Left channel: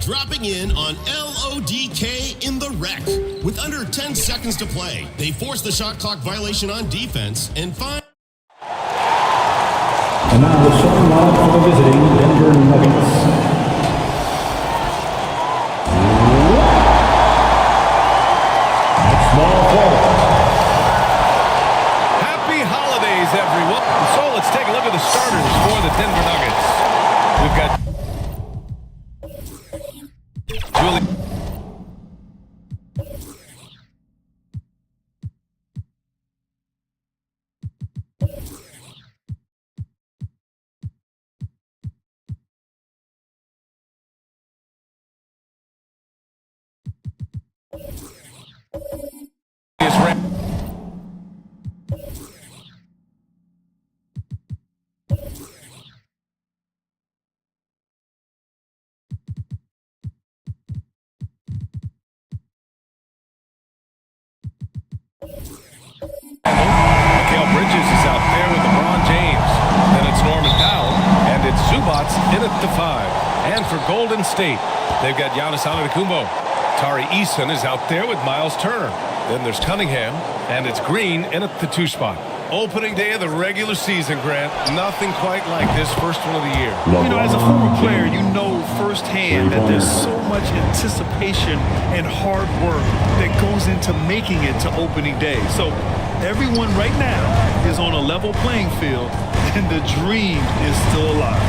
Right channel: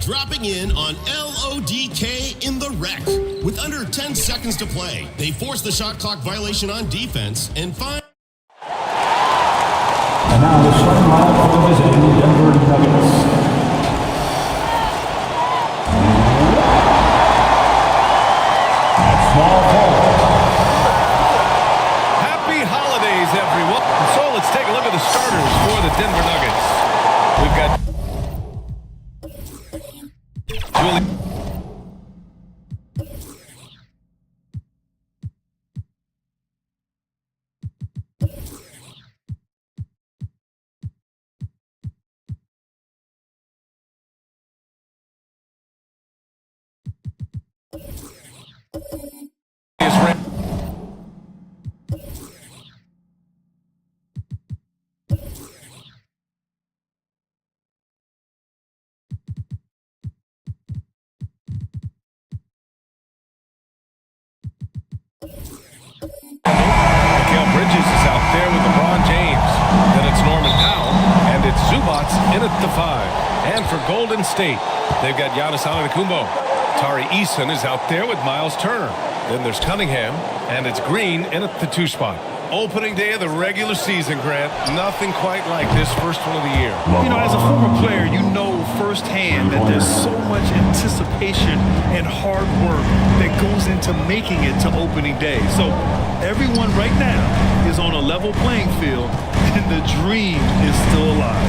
Dropping in on LODK in the wreck. With under 10 seconds to play, they force the shot clock violation on defense and find... And now the starting lineup for the visiting Denver Nuggets. Next ball forward. Happy holidays, everyone. And so let's take a look at the starters for the Denver Nuggets. We've got Julie. Is red. Mikal Bridges is out there with LeBron James. Then it's Norman Powell, and it's Zubats in at the 5. And for Golden State, they've got Giannis Antetokounmpo. Tari Eason is out there with Miles Turner. Then there's Cunningham, and it's Green in at the 2 spot. Opening day of the regular season, Grant. Nothing quite like this first one of the year. You know, as a former player, you know firsthand that there's so much anticipation and hard work that goes into making it to opening day. So everyone right now is on a level playing field, and the dream is still alive.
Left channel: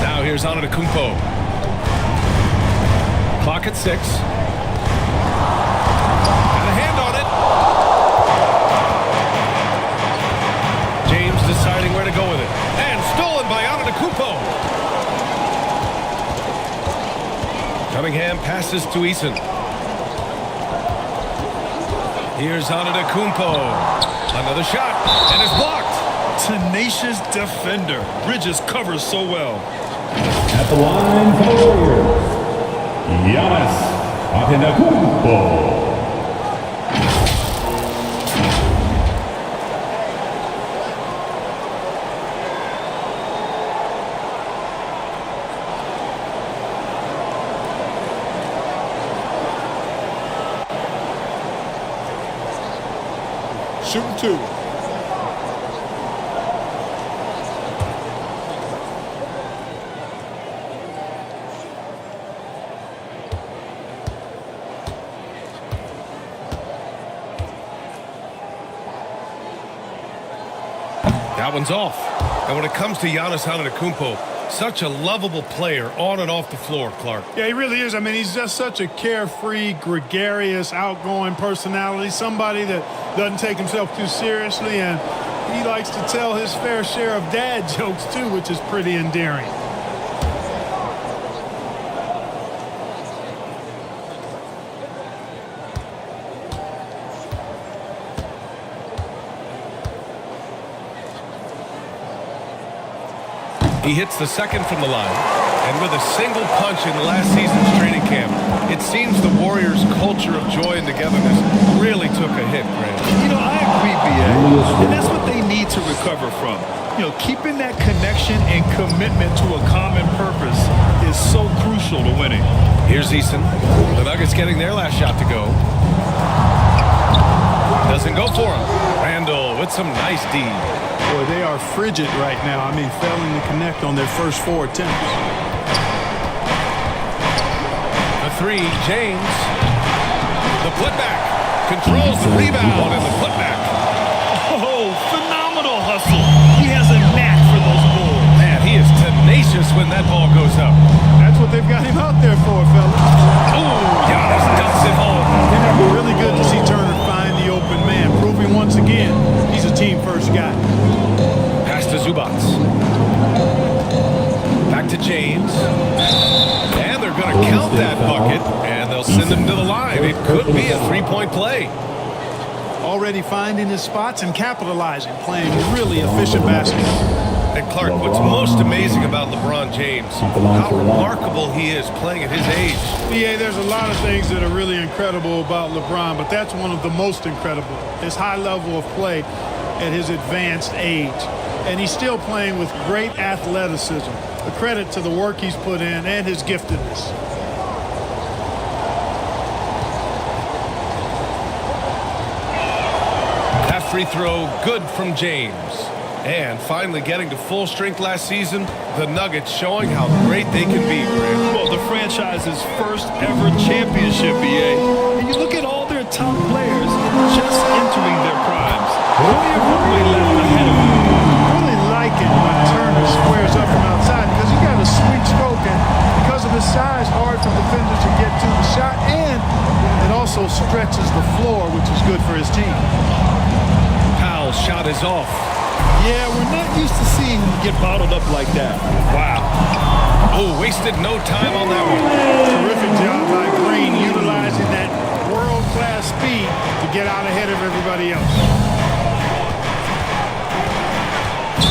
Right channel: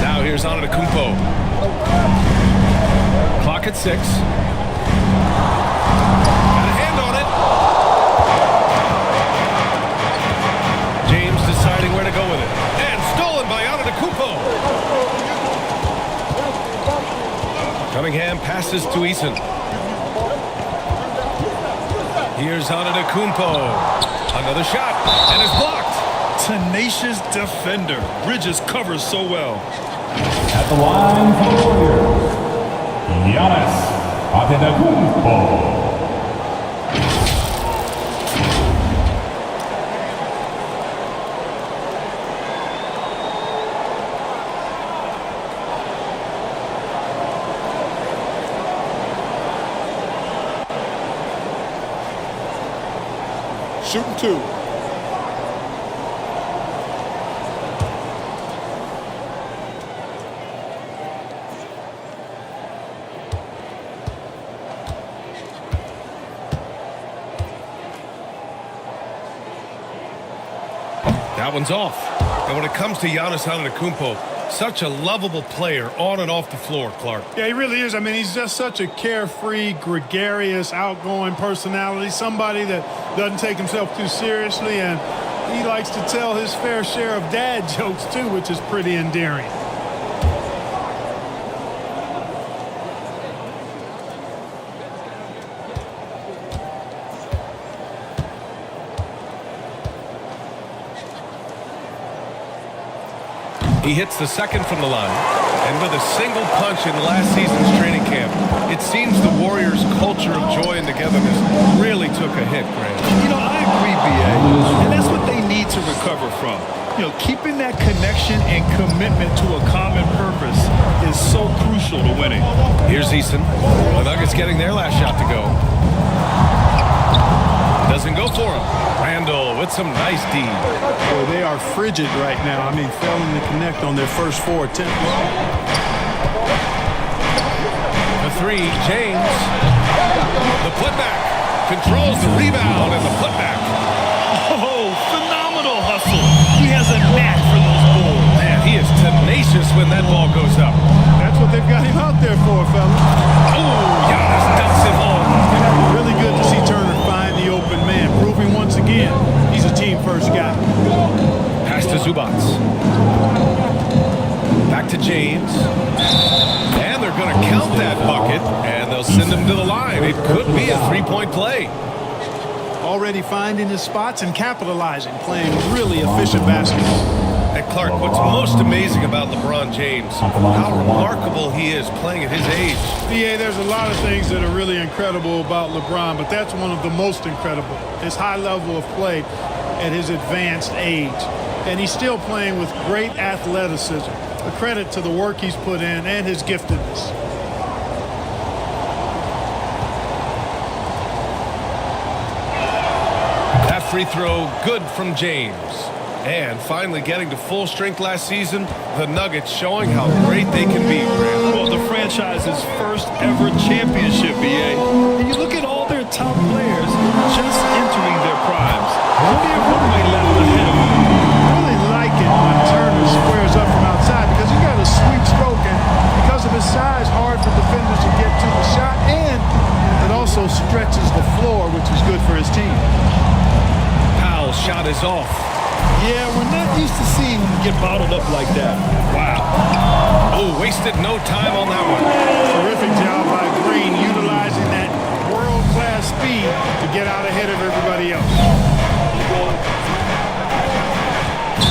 Now here's Antetokounmpo. Clock at 6. Got a hand on it. James deciding where to go with it. And stolen by Antetokounmpo. Cunningham passes to Eason. Here's Antetokounmpo. Another shot, and it's blocked. Tenacious defender. Bridges covers so well. At the line for the Warriors, Giannis Antetokounmpo. Shooting 2. That one's off. And when it comes to Giannis Antetokounmpo, such a lovable player on and off the floor, Clark. Yeah, he really is. I mean, he's just such a carefree, gregarious, outgoing personality, somebody that doesn't take himself too seriously, and he likes to tell his fair share of dad jokes, too, which is pretty endearing. He hits the second from the line, and with a single punch in last season's training camp, it seems the Warriors' culture of joy and togetherness really took a hit, Grant. You know, I agree, B.A., and that's what they need to recover from. You know, keeping that connection and commitment to a common purpose is so crucial to winning. Here's Eason. The Nuggets getting their last shot to go. Doesn't go for him. Randall with some nice D. Boy, they are frigid right now. I mean, failing to connect on their first 4 attempts. The 3, James. The putback. Controls the rebound and the putback. Oh, phenomenal hustle. He has a knack for those boards. Man, he is tenacious when that ball goes up. That's what they've got him out there for, fellas. Oh, Giannis dumps it home. Really good to see Turner find the open man, proving once again he's a team-first guy. Pass to Zubats. Back to James. And they're going to count that bucket, and they'll send him to the line. It could be a 3-point play. already finding his spots and capitalizing, playing really efficient basketball. And Clark, what's most amazing about LeBron James, how remarkable he is playing at his age. BA, there's a lot of things that are really incredible about LeBron, but that's one of the most incredible, his high level of play at his advanced age. And he's still playing with great athleticism, a credit to the work he's put in and his giftedness. That free throw, good from James. And finally getting to full strength last season, the Nuggets showing how great they can be, Grant. Well, the franchise's first ever championship, BA. And you look at all their top players just entering their primes. Plenty of runway left ahead of them. Really like it when Turner squares up from outside because he's got a sweet stroke, and because of his size, hard for defenders to get to the shot, and it also stretches the floor, which is good for his team. Powell's shot is off. Yeah, we're not used to seeing him get bottled up like that. Wow. Oh, wasted no time on that one. Terrific job by Green, utilizing that world-class speed to get out ahead of everybody else.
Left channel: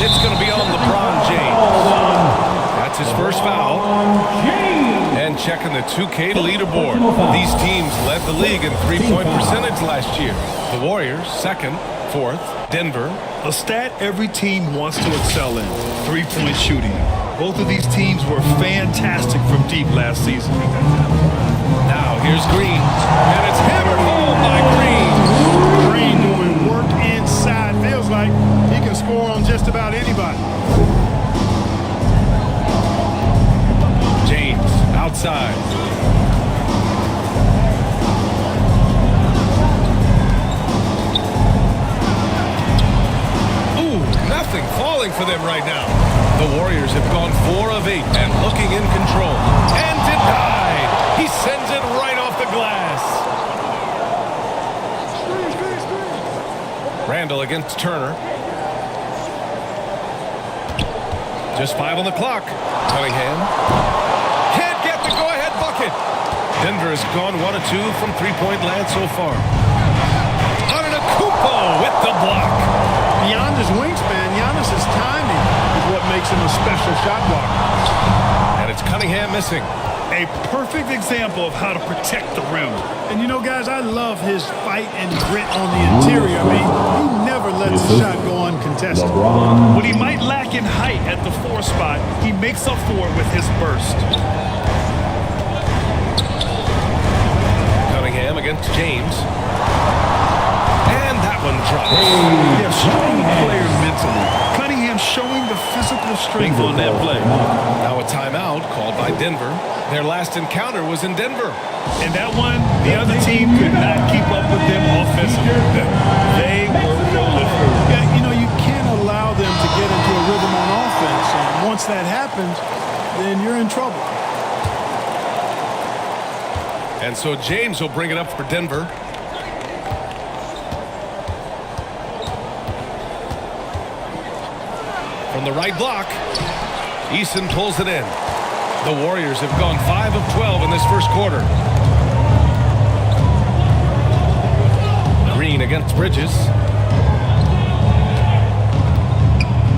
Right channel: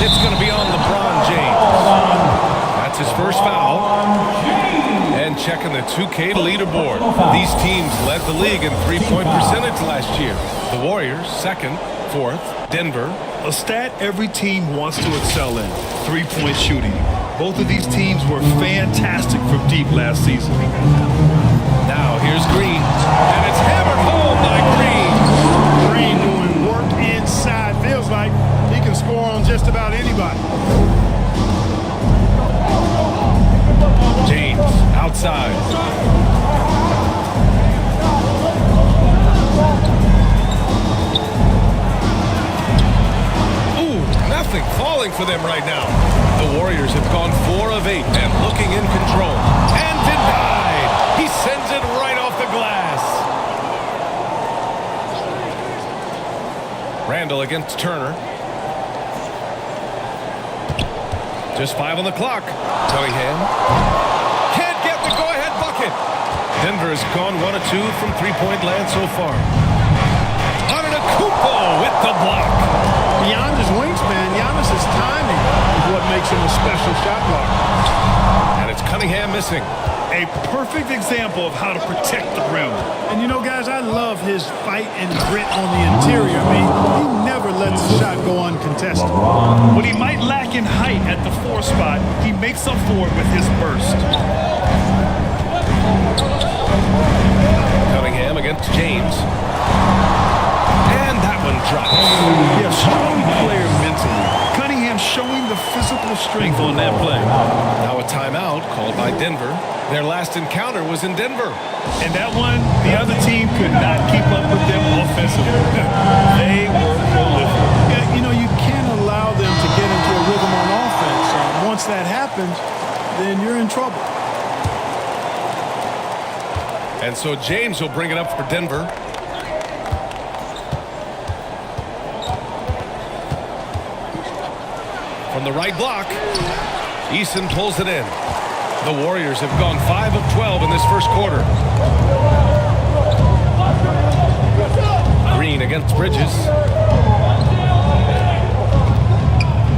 It's going to be on LeBron James. That's his first foul. And checking the 2K leaderboard. These teams led the league in three-point percentage last year. The Warriors, second, fourth. Denver. A stat every team wants to excel in, three-point shooting. Both of these teams were fantastic from deep last season. Now here's Green. And it's hammered home by Green. Green doing work inside. Feels like he can score on just about anybody. James outside. Ooh, nothing falling for them right now. The Warriors have gone 4 of 8 and looking in control. And denied. He sends it right off the glass. Randall against Turner. Just 5 on the clock. Cunningham can't get the go-ahead bucket. Denver has gone 1 of 2 from three-point land so far. Antetokounmpo with the block. Beyond his wingspan, Giannis's timing is what makes him a special shot blocker. And it's Cunningham missing. A perfect example of how to protect the rim. And you know, guys, I love his fight and grit on the interior. I mean, he never lets a shot go uncontested. What he might lack in height at the 4 spot, he makes up for it with his burst. Cunningham against James. And that one drops. Yeah, strong player mentally. Cunningham showing the physical strength on that play. Now a timeout called by Denver. Their last encounter was in Denver. And that one, the other team could not keep up with them offensively. They were prolific. Yeah, you know, you can't allow them to get into a rhythm on offense. Once that happens, then you're in trouble. And so James will bring it up for Denver. From the right block, Eason pulls it in. The Warriors have gone 5 of 12 in this first quarter. Green against Bridges.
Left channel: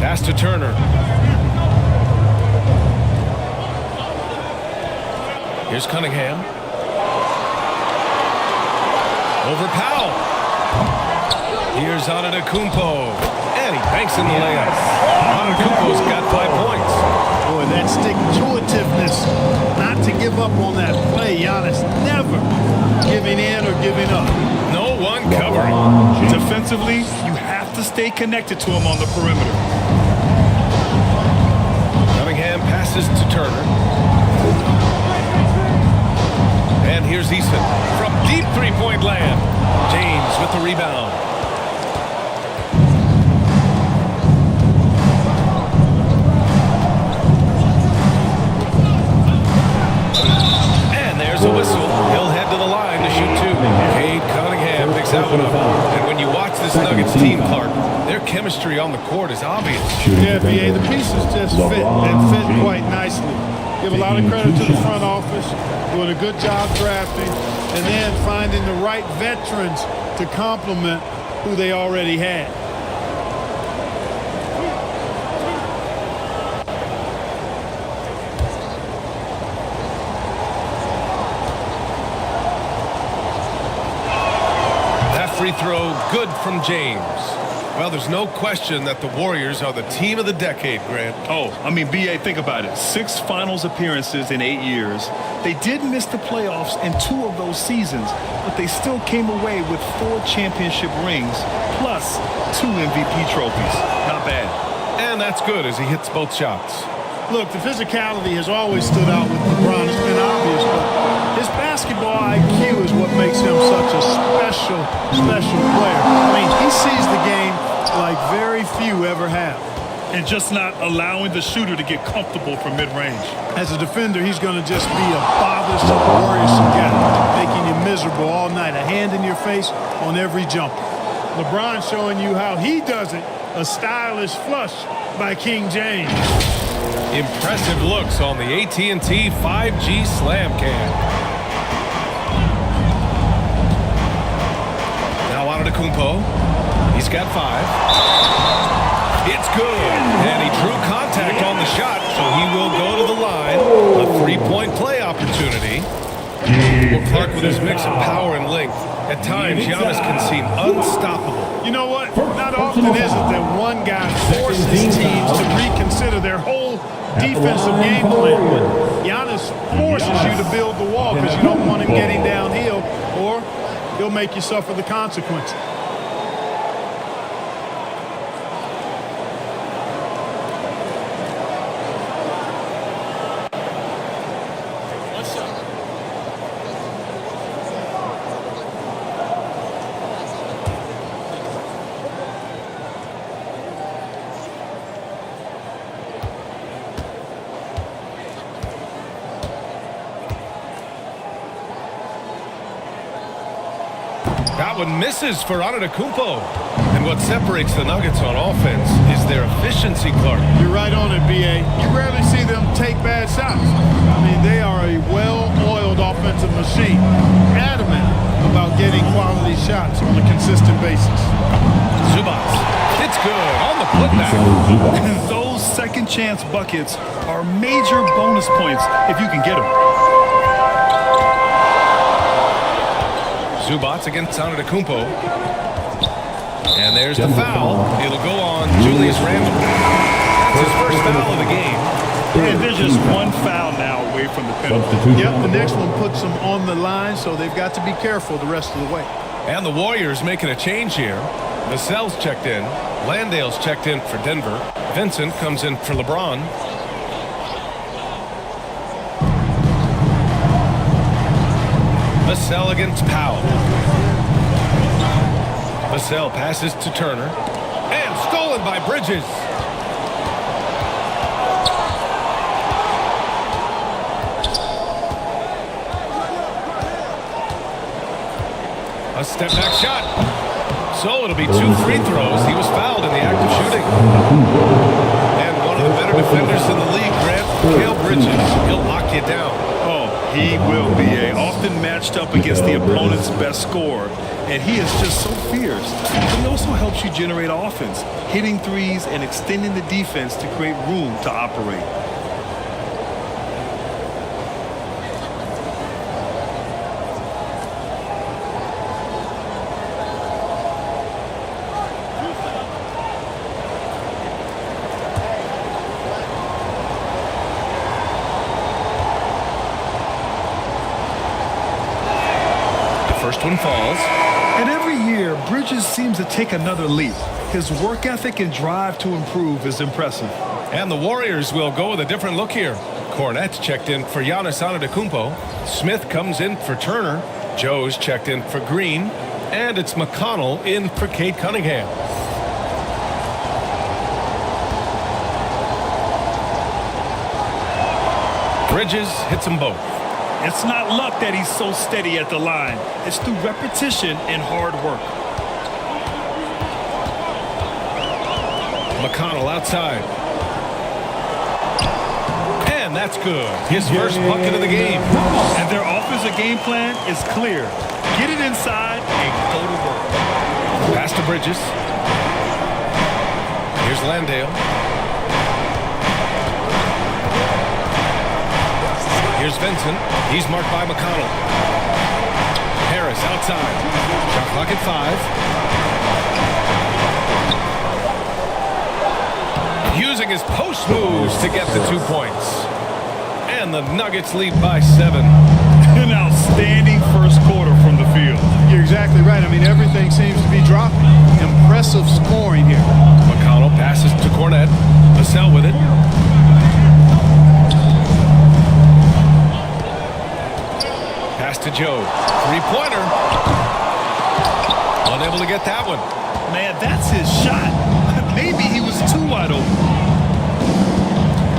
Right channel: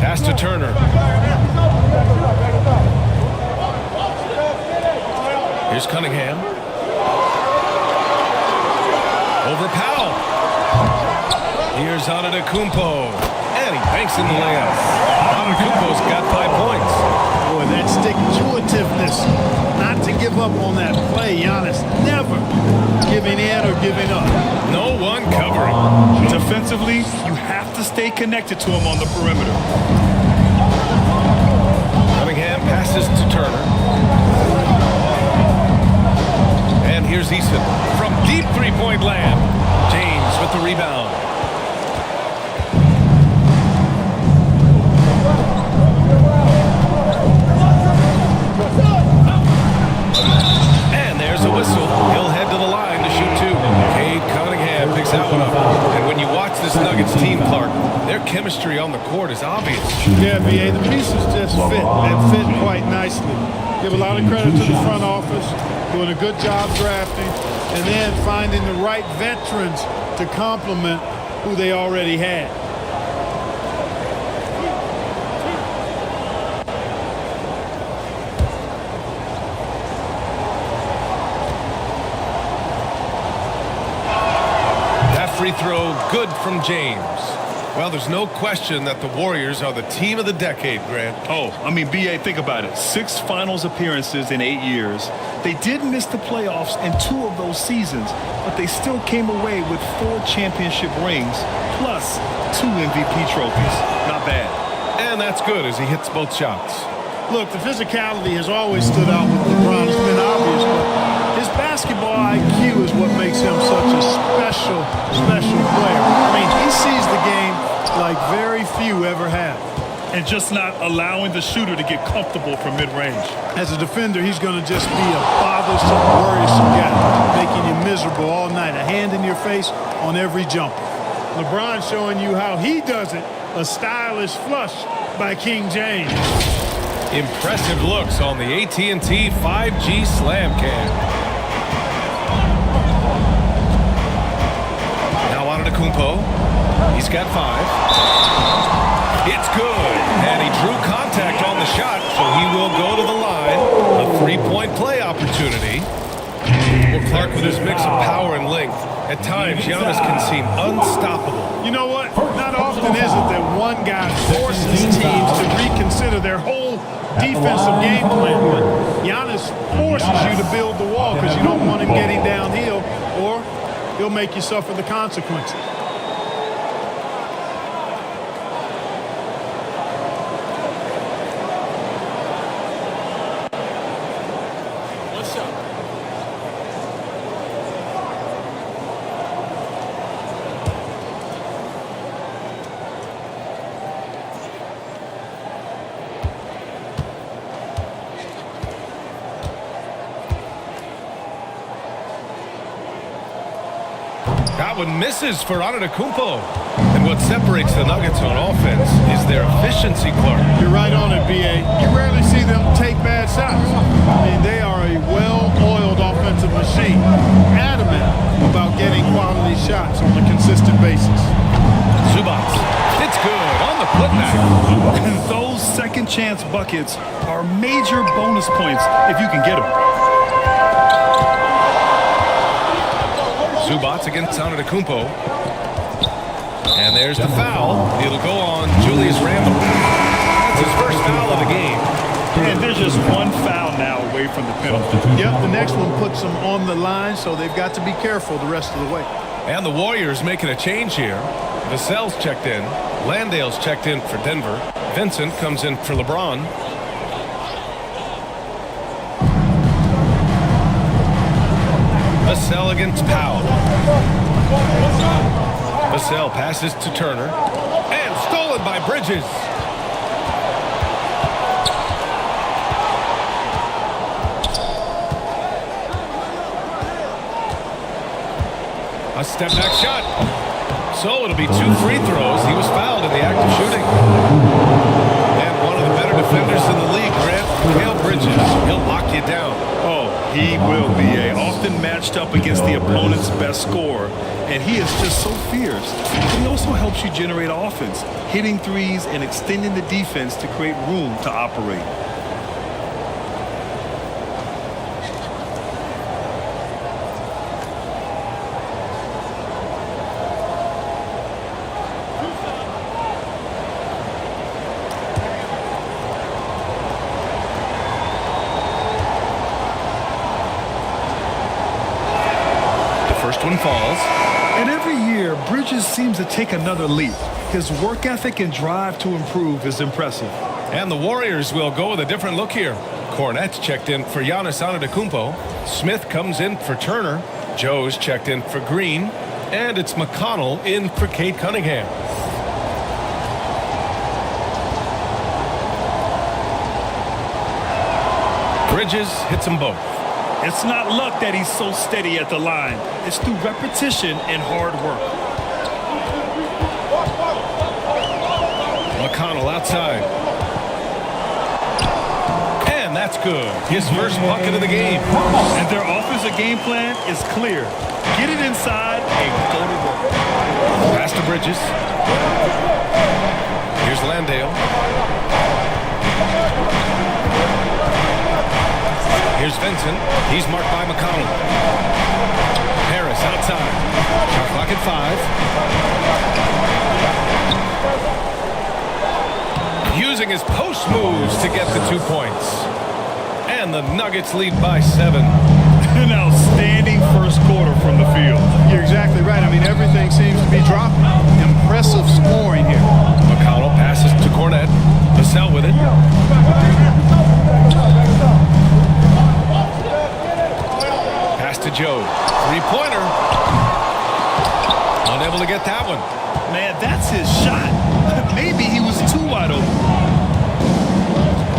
Pass to Turner. Here's Cunningham. Over Powell. Here's Antetokounmpo. And he banks in the layup. Antetokounmpo's got 5 points. Boy, that stick-to-itiveness, not to give up on that play. Giannis never giving in or giving up. No one covering. Defensively, you have to stay connected to him on the perimeter. Cunningham passes to Turner. And here's Eason from deep three-point land. James with the rebound. And there's a whistle. He'll head to the line to shoot 2. Cade Cunningham picks that one up. And when you watch this Nuggets team, Clark, their chemistry on the court is obvious. Yeah, BA, the pieces just fit and fit quite nicely. Give a lot of credit to the front office, doing a good job drafting, and then finding the right veterans to complement who they already had. That free throw good from James. Well, there's no question that the Warriors are the team of the decade, Grant. Oh, I mean, B.A., think about it. 6 finals appearances in 8 years. They did miss the playoffs in 2 of those seasons, but they still came away with 4 championship rings plus 2 MVP trophies. Not bad. And that's good as he hits both shots. Look, the physicality has always stood out with LeBron. It's been obvious, but his basketball IQ is what makes him such a special player. I mean, he sees the game like very few ever have. And just not allowing the shooter to get comfortable from mid-range. As a defender, he's going to just be a bothersome, worrisome guy, making you miserable all night, a hand in your face on every jumper. LeBron showing you how he does it, a stylish flush by King James. Impressive looks on the AT&T 5G Slam Cam. Now Antetokounmpo. He's got 5. It's good. And he drew contact on the shot, so he will go to the line. A 3-point play opportunity. Well, Clark, with his mix of power and length, at times Giannis can seem unstoppable. You know what? Not often is it that one guy forces teams to reconsider their whole defensive game plan, but Giannis forces you to build the wall because you don't want him getting downhill, or he'll make you suffer the consequences. One shot. That one misses for Antetokounmpo. And what separates the Nuggets on offense is their efficiency, Clark. You're right on it, B.A. You rarely see them take bad shots. I mean, they are a well-oiled offensive machine, adamant about getting quality shots on a consistent basis. Zubac. It's good on the putback. And those second chance buckets are major bonus points if you can get them. Zubac against Antetokounmpo. And there's the foul. It'll go on Julius Randle. That's his first foul of the game. And they're just one foul now away from the penalty. Yep, the next one puts them on the line, so they've got to be careful the rest of the way. And the Warriors making a change here. Vassell's checked in. Landale's checked in for Denver. Vincent comes in for LeBron. Vassell against Powell. Vassell passes to Turner. And stolen by Bridges. A step back shot. So it'll be 2 free throws. He was fouled in the act of shooting. And one of the better defenders in the league, Grant, Mikal Bridges. He'll lock you down. Oh, he will be often matched up against the opponent's best scorer. And he is just so fierce. But he also helps you generate offense, hitting threes and extending the defense to create room to operate. First one falls. And every year, Bridges seems to take another leap. His work ethic and drive to improve is impressive. And the Warriors will go with a different look here. Cornette's checked in for Giannis Antetokounmpo. Smith comes in for Turner. Joe's checked in for Green. And it's McConnell in for Cade Cunningham. Bridges hits them both. It's not luck that he's so steady at the line. It's through repetition and hard work. McConnell outside. And that's good. His first bucket of the game. And their offensive game plan is clear. Get it inside and go to work. Pass to Bridges. Here's Landale. Here's Vincent. He's marked by McConnell. Harris outside. Shot clock at 5. Using his post moves to get the 2 points. And the Nuggets lead by 7. An outstanding first quarter from the field. You're exactly right. I mean, everything seems to be dropping. Impressive scoring here. McConnell passes to Cornette. Vassell with it. Pass to Joe. Three-pointer. Unable to get that one. Man, that's his shot. Maybe he was too wide open.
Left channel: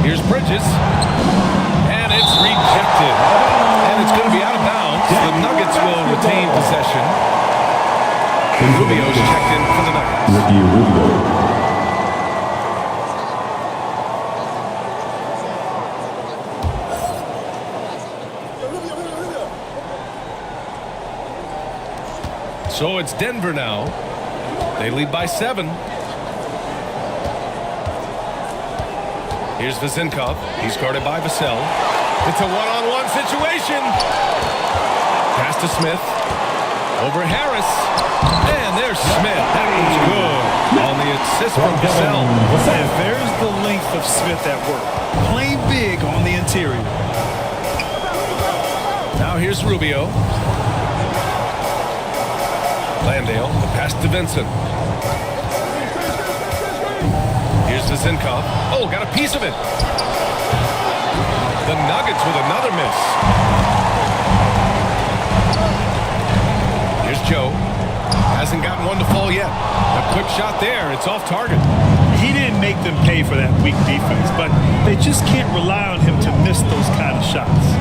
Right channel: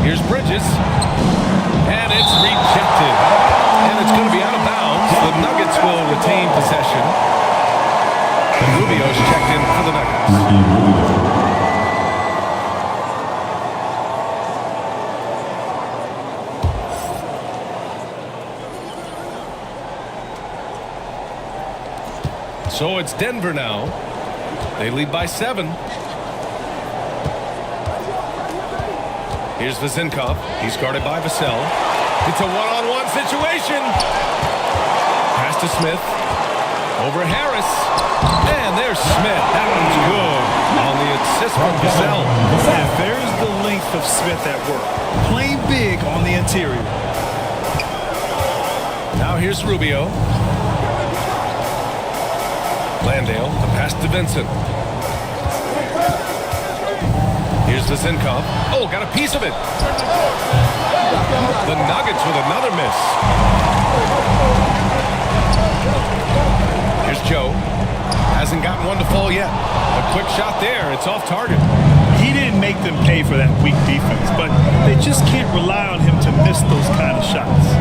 Here's Bridges. And it's rejected. And it's going to be out of bounds. The Nuggets will retain possession. Rubio's checked in for the Nuggets. Ricky Rubio. So it's Denver now. They lead by 7. Here's Vezinkov. He's guarded by Vassell. It's a one-on-one situation. Pass to Smith. Over Harris. And there's Smith. That one's good on the assist from Vassell. And there's the length of Smith at work. Playing big on the interior. Now here's Rubio. Landale, the pass to Vincent. Here's Vezinkov. Oh, got a piece of it. The Nuggets with another miss. Here's Joe. Hasn't gotten one to fall yet. A quick shot there. It's off target. He didn't make them pay for that weak defense, but they just can't rely on him to miss those kind of shots.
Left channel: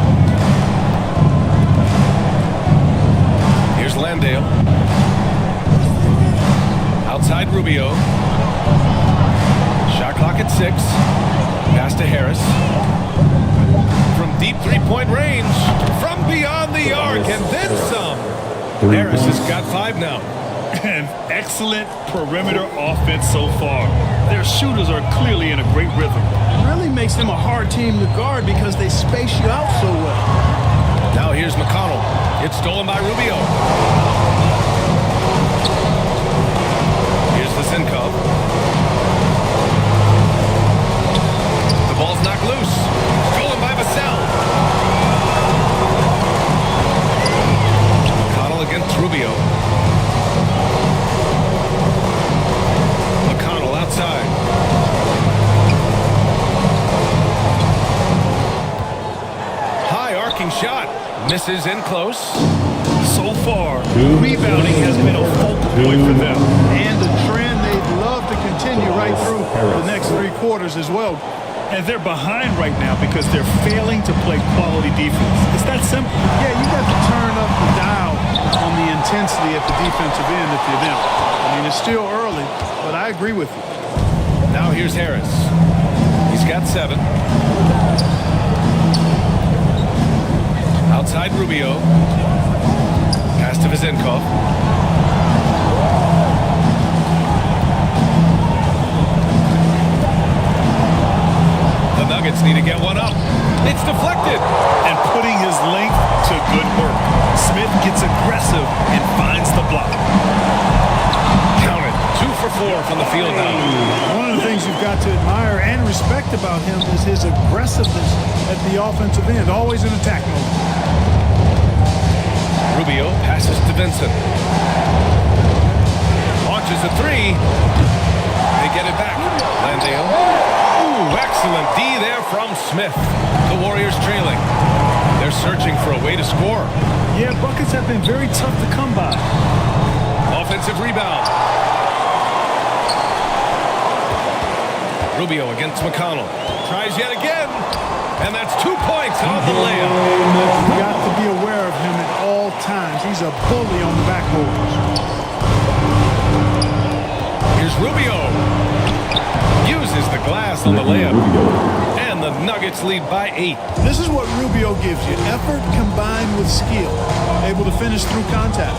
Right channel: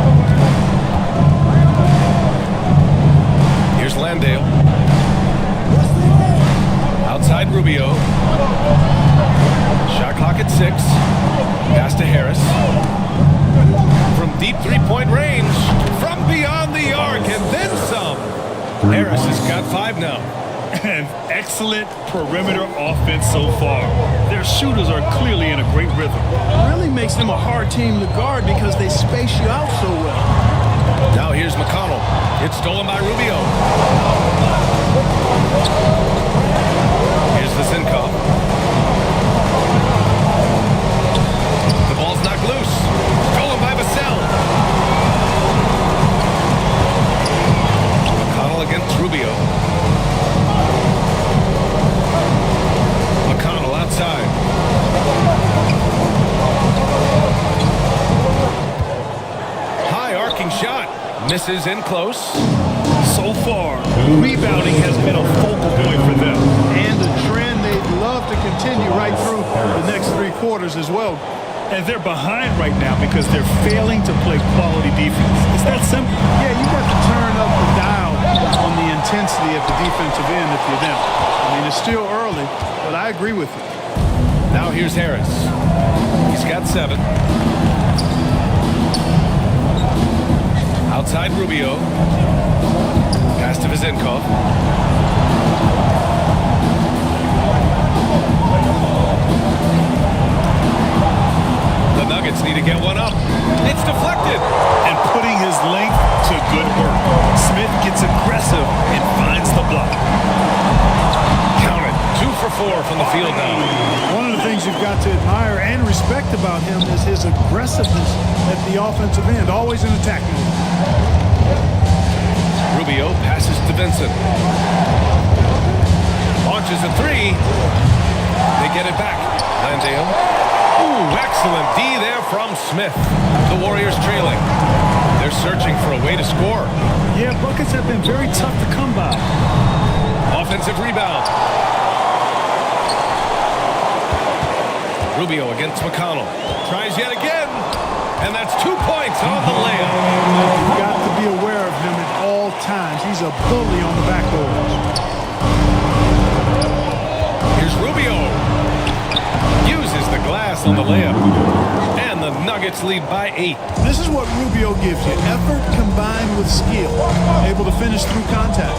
Here's Landale. Outside Rubio. Shot clock at 6. Pass to Harris. From deep three-point range. From beyond the arc and then some. Harris has got 5 now. An excellent perimeter offense so far. Their shooters are clearly in a great rhythm. Really makes them a hard team to guard because they space you out so well. Now here's McConnell. It's stolen by Rubio. Here's Vezinkov. The ball's knocked loose. Stolen by Vassell. McConnell against Rubio. McConnell outside. High arcing shot. Misses in close. So far, rebounding has been a focal point for them. And a trend they'd love to continue right through the next 3 quarters as well. And they're behind right now because they're failing to play quality defense. It's that simple. Yeah, you got to turn up the dial on the intensity at the defensive end if you're them. I mean, it's still early, but I agree with you. Now here's Harris. He's got 7. Outside Rubio. Pass to Vezinkov. The Nuggets need to get one up. It's deflected. And putting his length to good work. Smith gets aggressive and finds the block. Count it. 2 for 4 from the field now. One of the things you've got to admire and respect about him is his aggressiveness at the offensive end, always in attack mode. Rubio passes to Vincent. Launches a 3. They get it back. Landale. Ooh, excellent D there from Smith. The Warriors trailing. They're searching for a way to score. Yeah, buckets have been very tough to come by. Offensive rebound. Rubio against McConnell. Tries yet again. And that's 2 points on the layup. You've got to be aware of him at all times. He's a bully on the backboard. Here's Rubio. Uses the glass on the layup. And the Nuggets lead by 8. This is what Rubio gives you. Effort combined with skill. Able to finish through contact.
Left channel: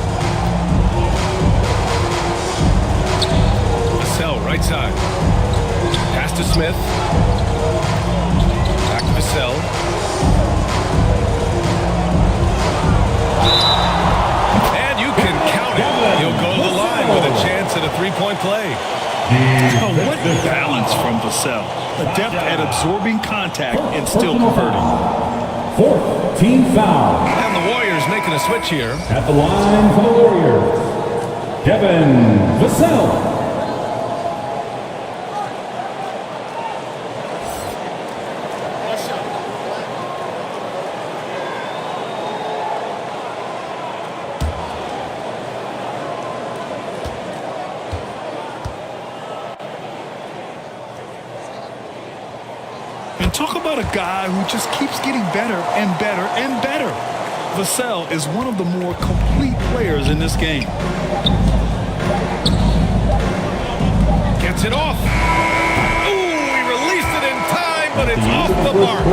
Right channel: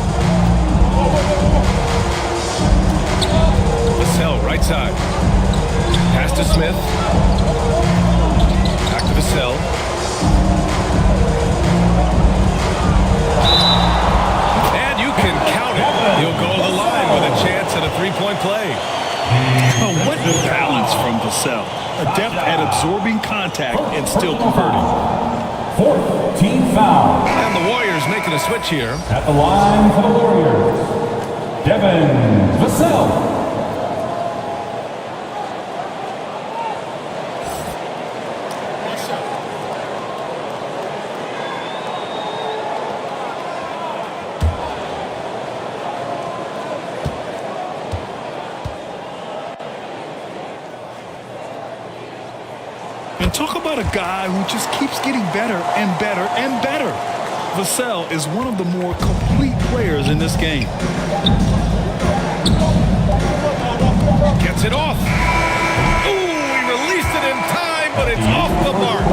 Vassell, right side. Pass to Smith. Back to Vassell. And you can count it. He'll go to the line with a chance at a three-point play. Oh, what balance from Vassell. Adept at absorbing contact and still converting. Fourth team foul. And the Warriors making a switch here. At the line for the Warriors, Devin Vassell. One shot. And talk about a guy who just keeps getting better and better and better. Vassell is one of the more complete players in this game. Gets it off. Ooh, he released it in time, but it's off the mark.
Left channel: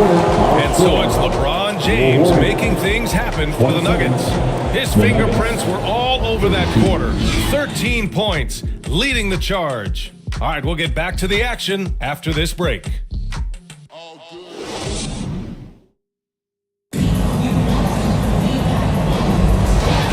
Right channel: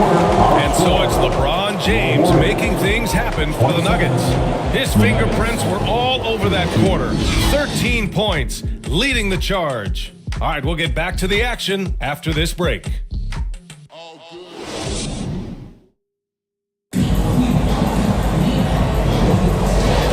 And so it's LeBron James making things happen for the Nuggets. His fingerprints were all over that quarter. 13 points, leading the charge. All right, we'll get back to the action after this break.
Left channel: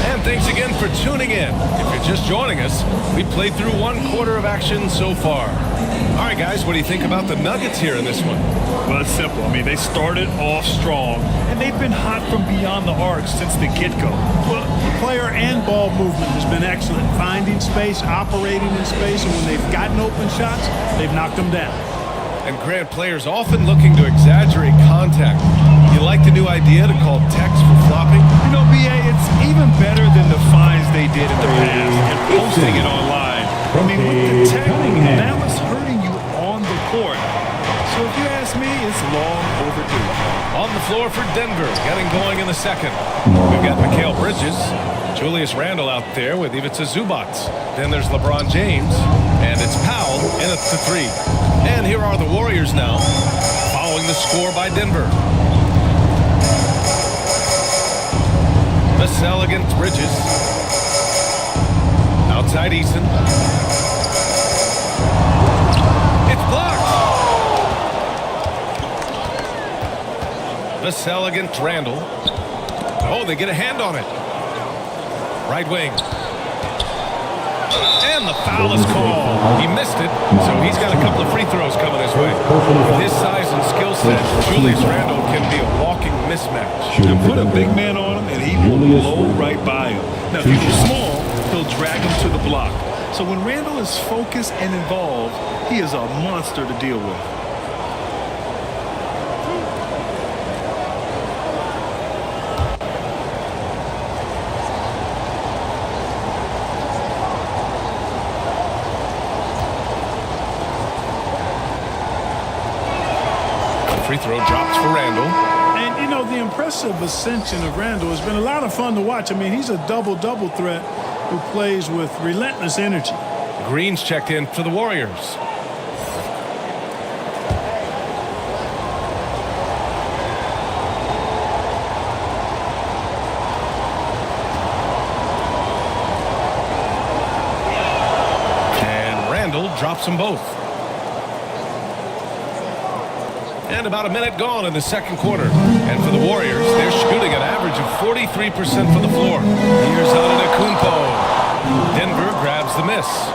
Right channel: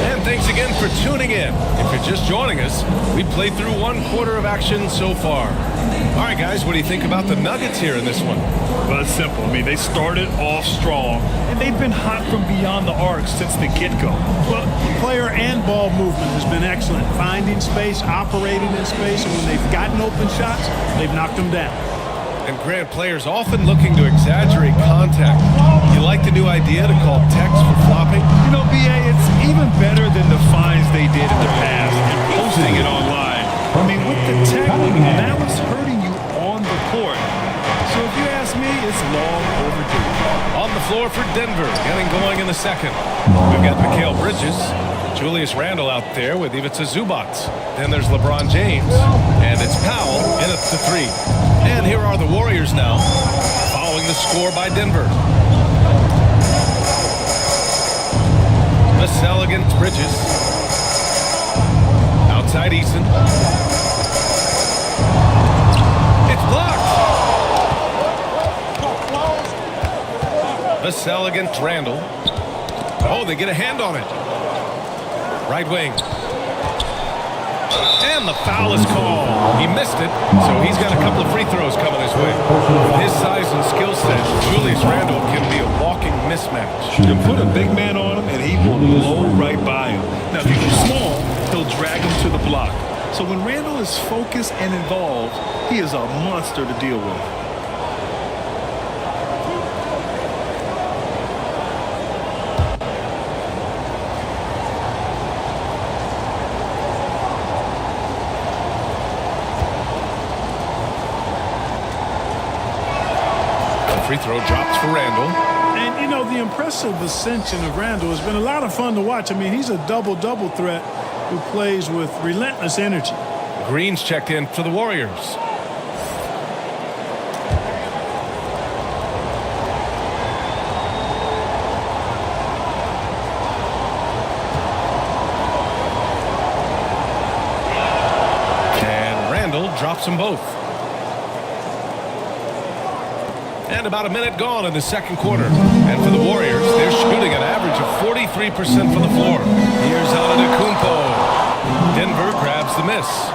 And thanks again for tuning in. If you're just joining us, we played through one quarter of action so far. All right, guys, what do you think about the Nuggets here in this one? Well, it's simple. I mean, they started off strong, and they've been hot from beyond the arc since the get-go. Well, the player and ball movement has been excellent. Finding space, operating in space, and when they've gotten open shots, they've knocked them down. And Grant, players often looking to exaggerate contact. You like the new idea to call text for flopping? You know, B.A., it's even better than the fines they did in the past and posting it online. I mean, with the tech, now it's hurting you on the court. So if you ask me, it's long overdue. On the floor for Denver, getting going in the second. We've got Mikal Bridges, Julius Randle out there with Ivica Zubac. Then there's LeBron James, and it's Powell in at the three. And here are the Warriors now, following the score by Denver. Vassell against Bridges. Outside Eason. It's blocked. Vassell against Randle. Oh, they get a hand on it. Right wing. And the foul is called. He missed it, so he's got a couple of free throws coming his way. With his size and skill set, Julius Randle can be a walking mismatch. You put a big man on him, and he will blow right by him. Now, if you go small, he'll drag him to the block. So when Randle is focused and involved, he is a monster to deal with. Free throw drops for Randle. And, you know, the impressive ascension of Randle has been a lot of fun to watch. I mean, he's a double-double threat who plays with relentless energy. Green's checked in for the Warriors. And Randle drops them both. And about a minute gone in the second quarter. And for the Warriors, they're shooting an average of 43% from the floor. Here's Antetokounmpo. Denver grabs the miss.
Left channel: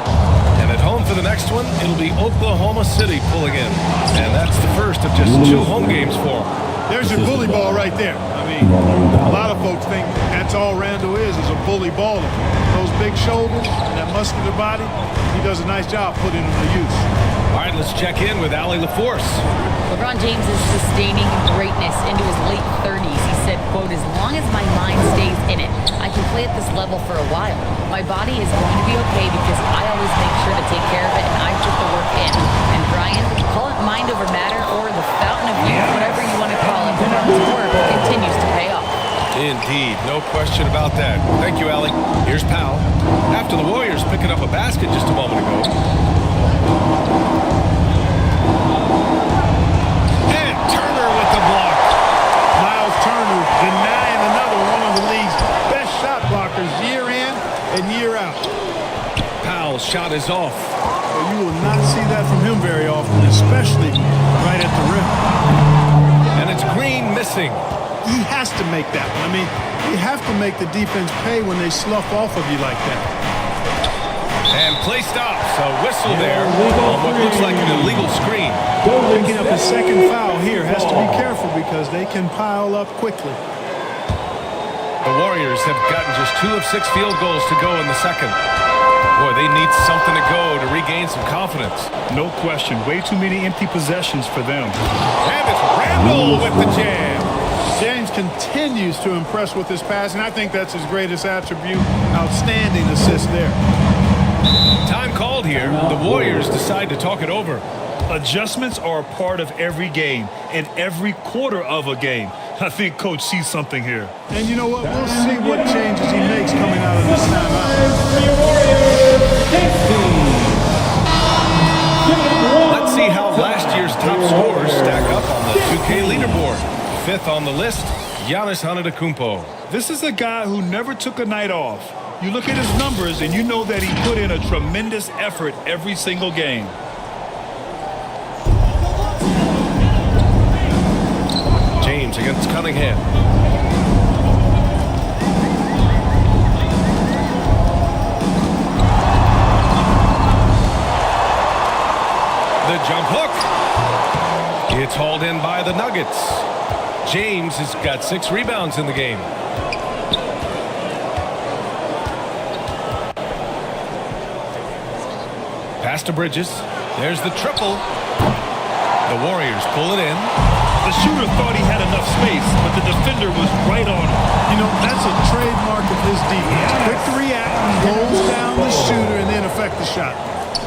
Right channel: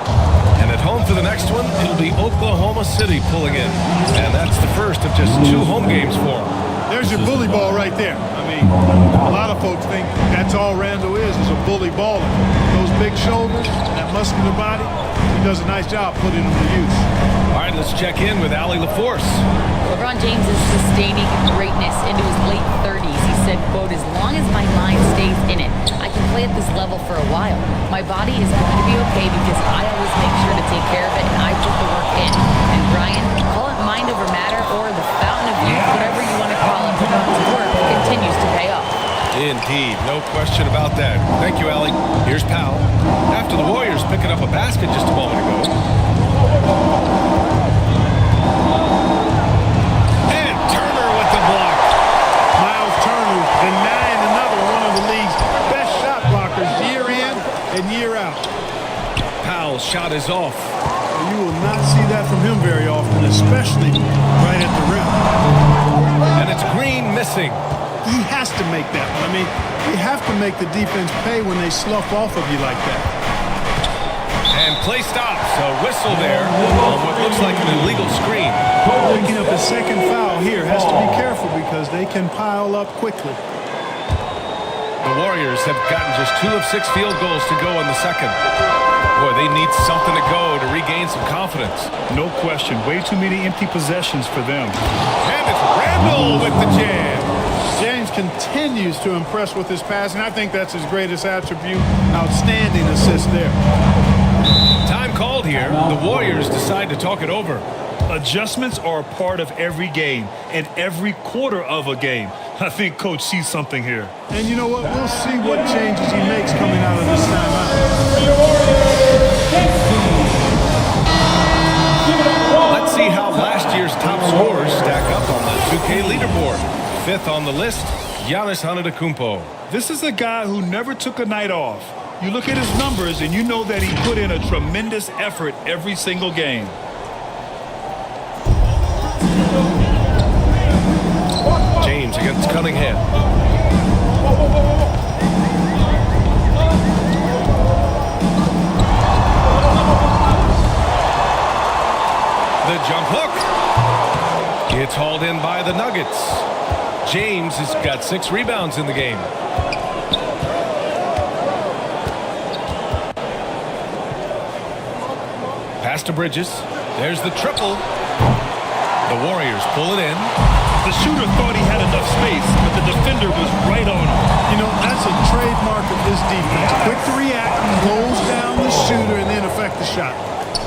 And at home for the next one, it'll be Oklahoma City pulling in. And that's the first of just 2 home games for them. There's your bully ball right there. I mean, a lot of folks think that's all Randle is a bully baller. Those big shoulders and that muscular body, he does a nice job putting them to use. All right, let's check in with Allie LaForce. LeBron James is sustaining greatness into his late 30s. He said, quote, "As long as my mind stays in it, I can play at this level for a while. My body is going to be okay because I always make sure to take care of it and I put the work in." And Brian, call it mind over matter or the fountain of youth, whatever you want to call it, LeBron's work continues to pay off. Indeed, no question about that. Thank you, Allie. Here's Powell. After the Warriors picking up a basket just a moment ago. And Turner with the block. Miles Turner denying another one of the league's best shot blockers year in and year out. Powell's shot is off. Well, you will not see that from him very often, especially right at the rim. And it's Green missing. He has to make that one. I mean, you have to make the defense pay when they slough off of you like that. And play stops. A whistle there on what looks like an illegal screen. Picking up his second foul here, has to be careful because they can pile up quickly. The Warriors have gotten just 2 of 6 field goals to go in the second. Boy, they need something to go to regain some confidence. No question. Way too many empty possessions for them. And it's Randall with the jam. James continues to impress with his passing. I think that's his greatest attribute. Outstanding assist there. Time called here. The Warriors decide to talk it over. Adjustments are a part of every game and every quarter of a game. I think Coach sees something here. And you know what? We'll see what changes he makes coming out of this timeout. Let's see how last year's top scorers stack up on the 2K leaderboard. 5th on the list, Giannis Antetokounmpo. This is a guy who never took a night off. You look at his numbers and you know that he put in a tremendous effort every single game. James against Cunningham. The jump hook. It's hauled in by the Nuggets. James has got 6 rebounds in the game. Pass to Bridges. There's the triple. The Warriors pull it in. The shooter thought he had enough space, but the defender was right on him. You know, that's a trademark of his defense. Quick to react, close down the shooter, and then affect the shot.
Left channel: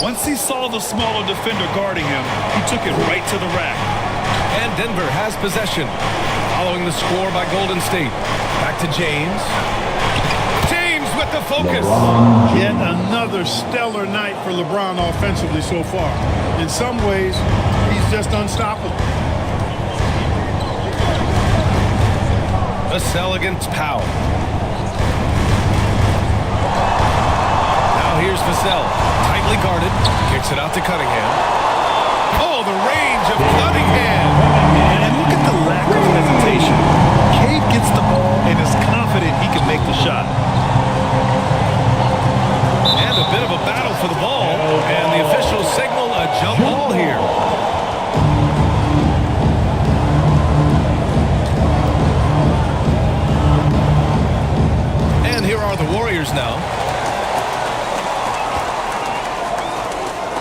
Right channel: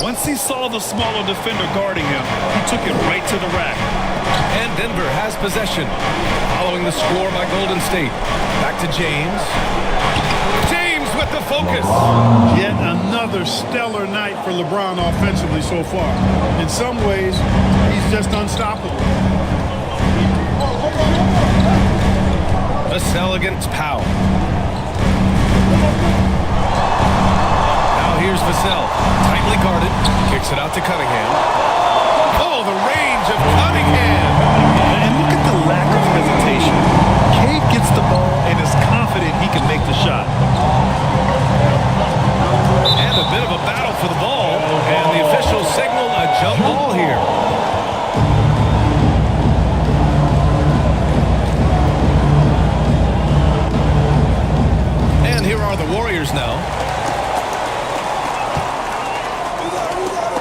Once he saw the smaller defender guarding him, he took it right to the rack. And Denver has possession. Following the score by Golden State. Back to James. James with the focus. Yet another stellar night for LeBron offensively so far. In some ways, he's just unstoppable. Vassell against Powell. Now here's Vassell. Tightly guarded. Kicks it out to Cunningham. Oh, the range of Cunningham. And look at the lack of hesitation. Cade gets the ball and is confident he can make the shot. And a bit of a battle for the ball. And the officials signal a jump ball here. And here are the Warriors now.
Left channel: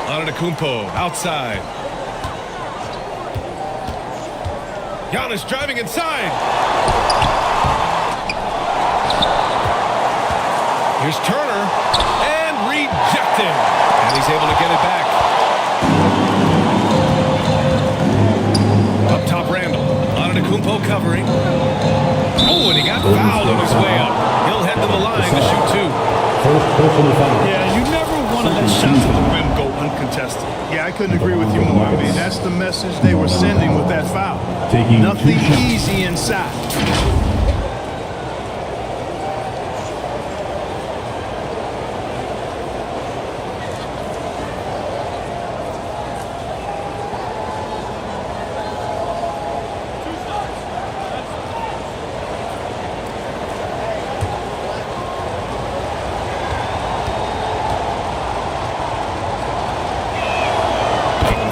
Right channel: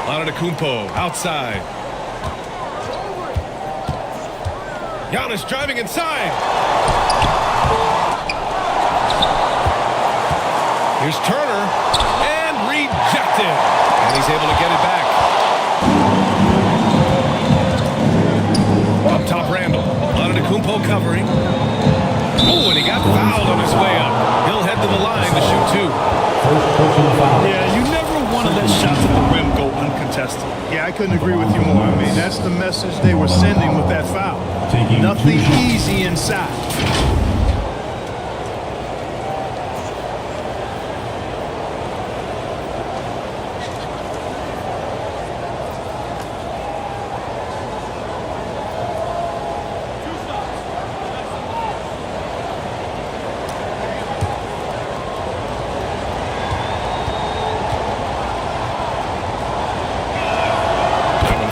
Antetokounmpo outside. Giannis driving inside. Here's Turner. And rejected. And he's able to get it back. Up top, Randall. Antetokounmpo covering. Oh, and he got fouled on his way up. He'll head to the line to shoot 2. Yeah, you never want to let shots at the rim go uncontested. Yeah, I couldn't agree with you more. I mean, that's the message they were sending with that foul. Nothing easy inside.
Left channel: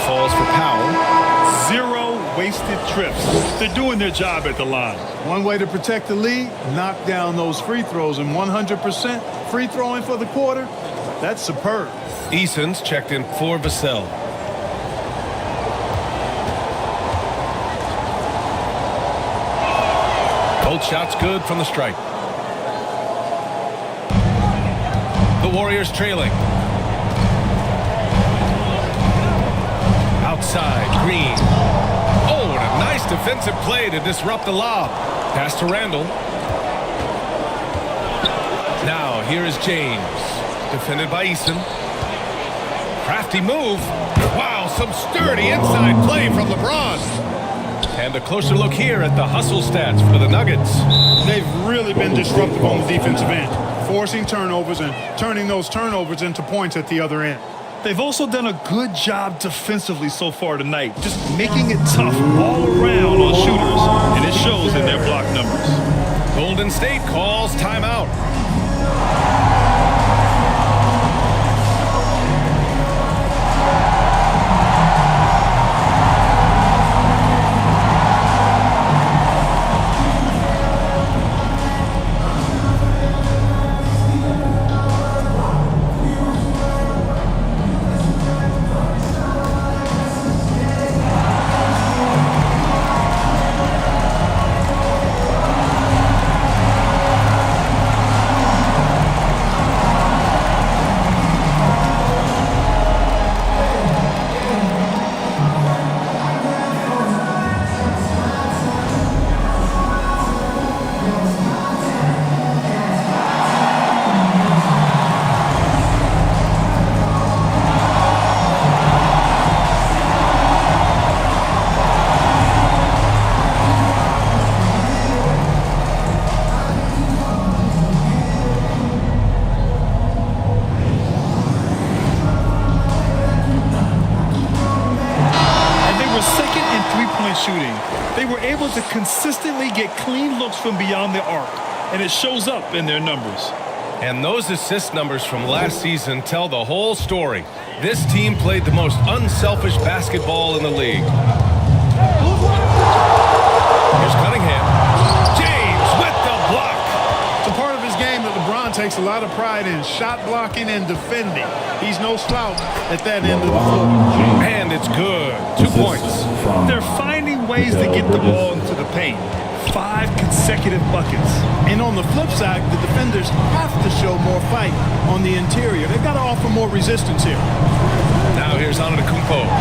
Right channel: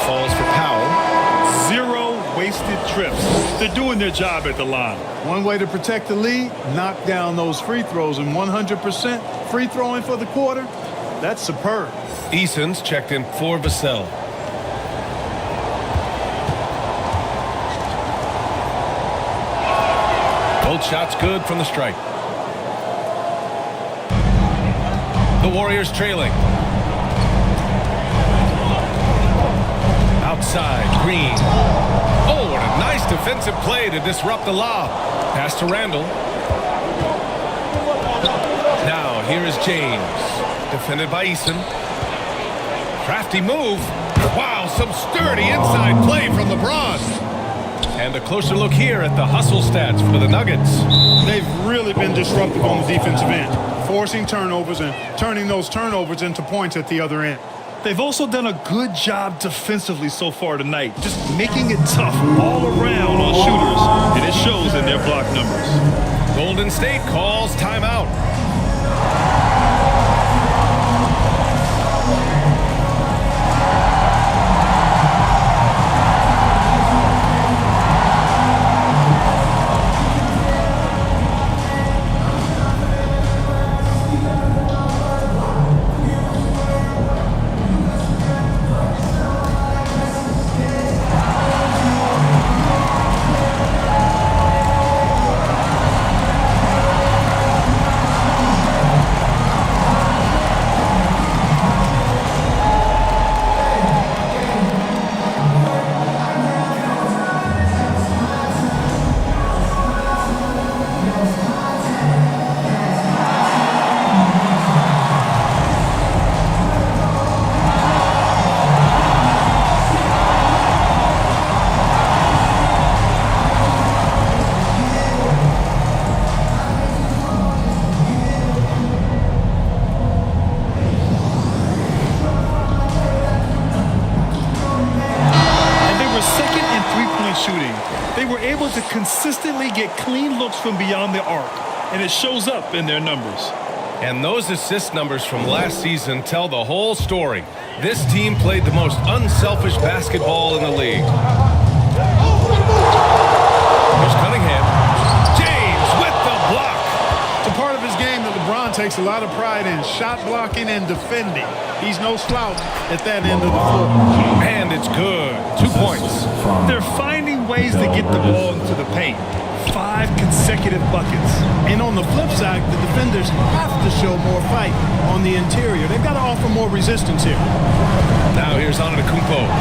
Falls for Powell. 0 wasted trips. They're doing their job at the line. One way to protect the lead, knock down those free throws, and 100% free throwing for the quarter, that's superb. Eason's checked in for Vassell. Both shots good from the stripe. The Warriors trailing. Outside, Green. Oh, and a nice defensive play to disrupt the lob. Pass to Randall. Now, here is James. Defended by Eason. Crafty move. Wow, some sturdy inside play from LeBron. And a closer look here at the hustle stats for the Nuggets. They've really been disruptive on the defensive end, forcing turnovers and turning those turnovers into points at the other end. They've also done a good job defensively so far tonight, just making it tough all around on shooters, and it shows in their block numbers. Golden State calls timeout. Were second in three-point shooting. They were able to consistently get clean looks from beyond the arc, and it shows up in their numbers. And those assist numbers from last season tell the whole story. This team played the most unselfish basketball in the league. Here's Cunningham. James with the block. It's a part of his game that LeBron takes a lot of pride in, shot blocking and defending. He's no slouch at that end of the floor. And it's good. 2 points. They're finding ways to get the ball into the paint. 5 consecutive buckets. And on the flip side, the defenders have to show more fight on the interior. They've got to offer more resistance here. Now here's Antetokounmpo.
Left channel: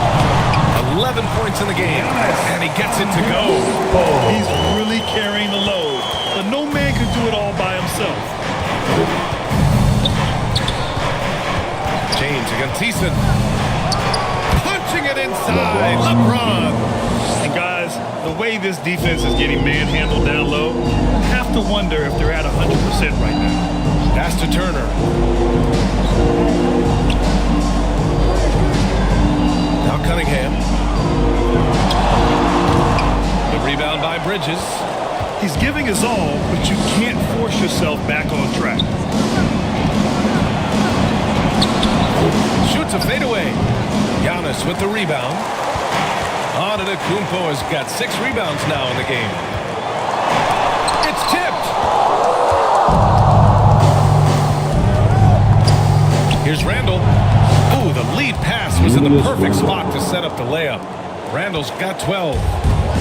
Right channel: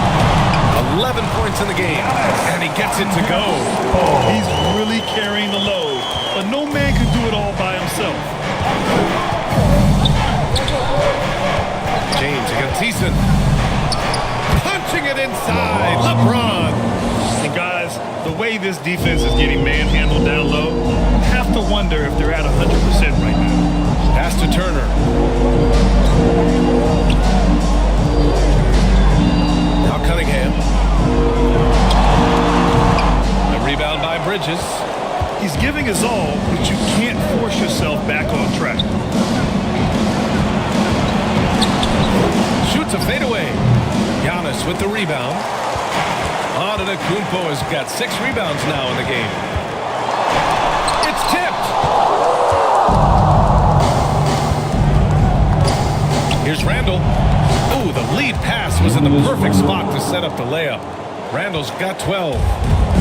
11 points in the game, and he gets it to go. He's really carrying the load, but no man can do it all by himself. James against Thiessen. Punching it inside. LeBron. And guys, the way this defense is getting manhandled down low, you have to wonder if they're at 100% right now. Pass to Turner. Now Cunningham. The rebound by Bridges. He's giving his all, but you can't force yourself back on track. Shoots a fadeaway. Giannis with the rebound. Antetokounmpo has got 6 rebounds now in the game. It's tipped. Here's Randall. Ooh, the lead pass was in the perfect spot to set up the layup. Randall's got 12.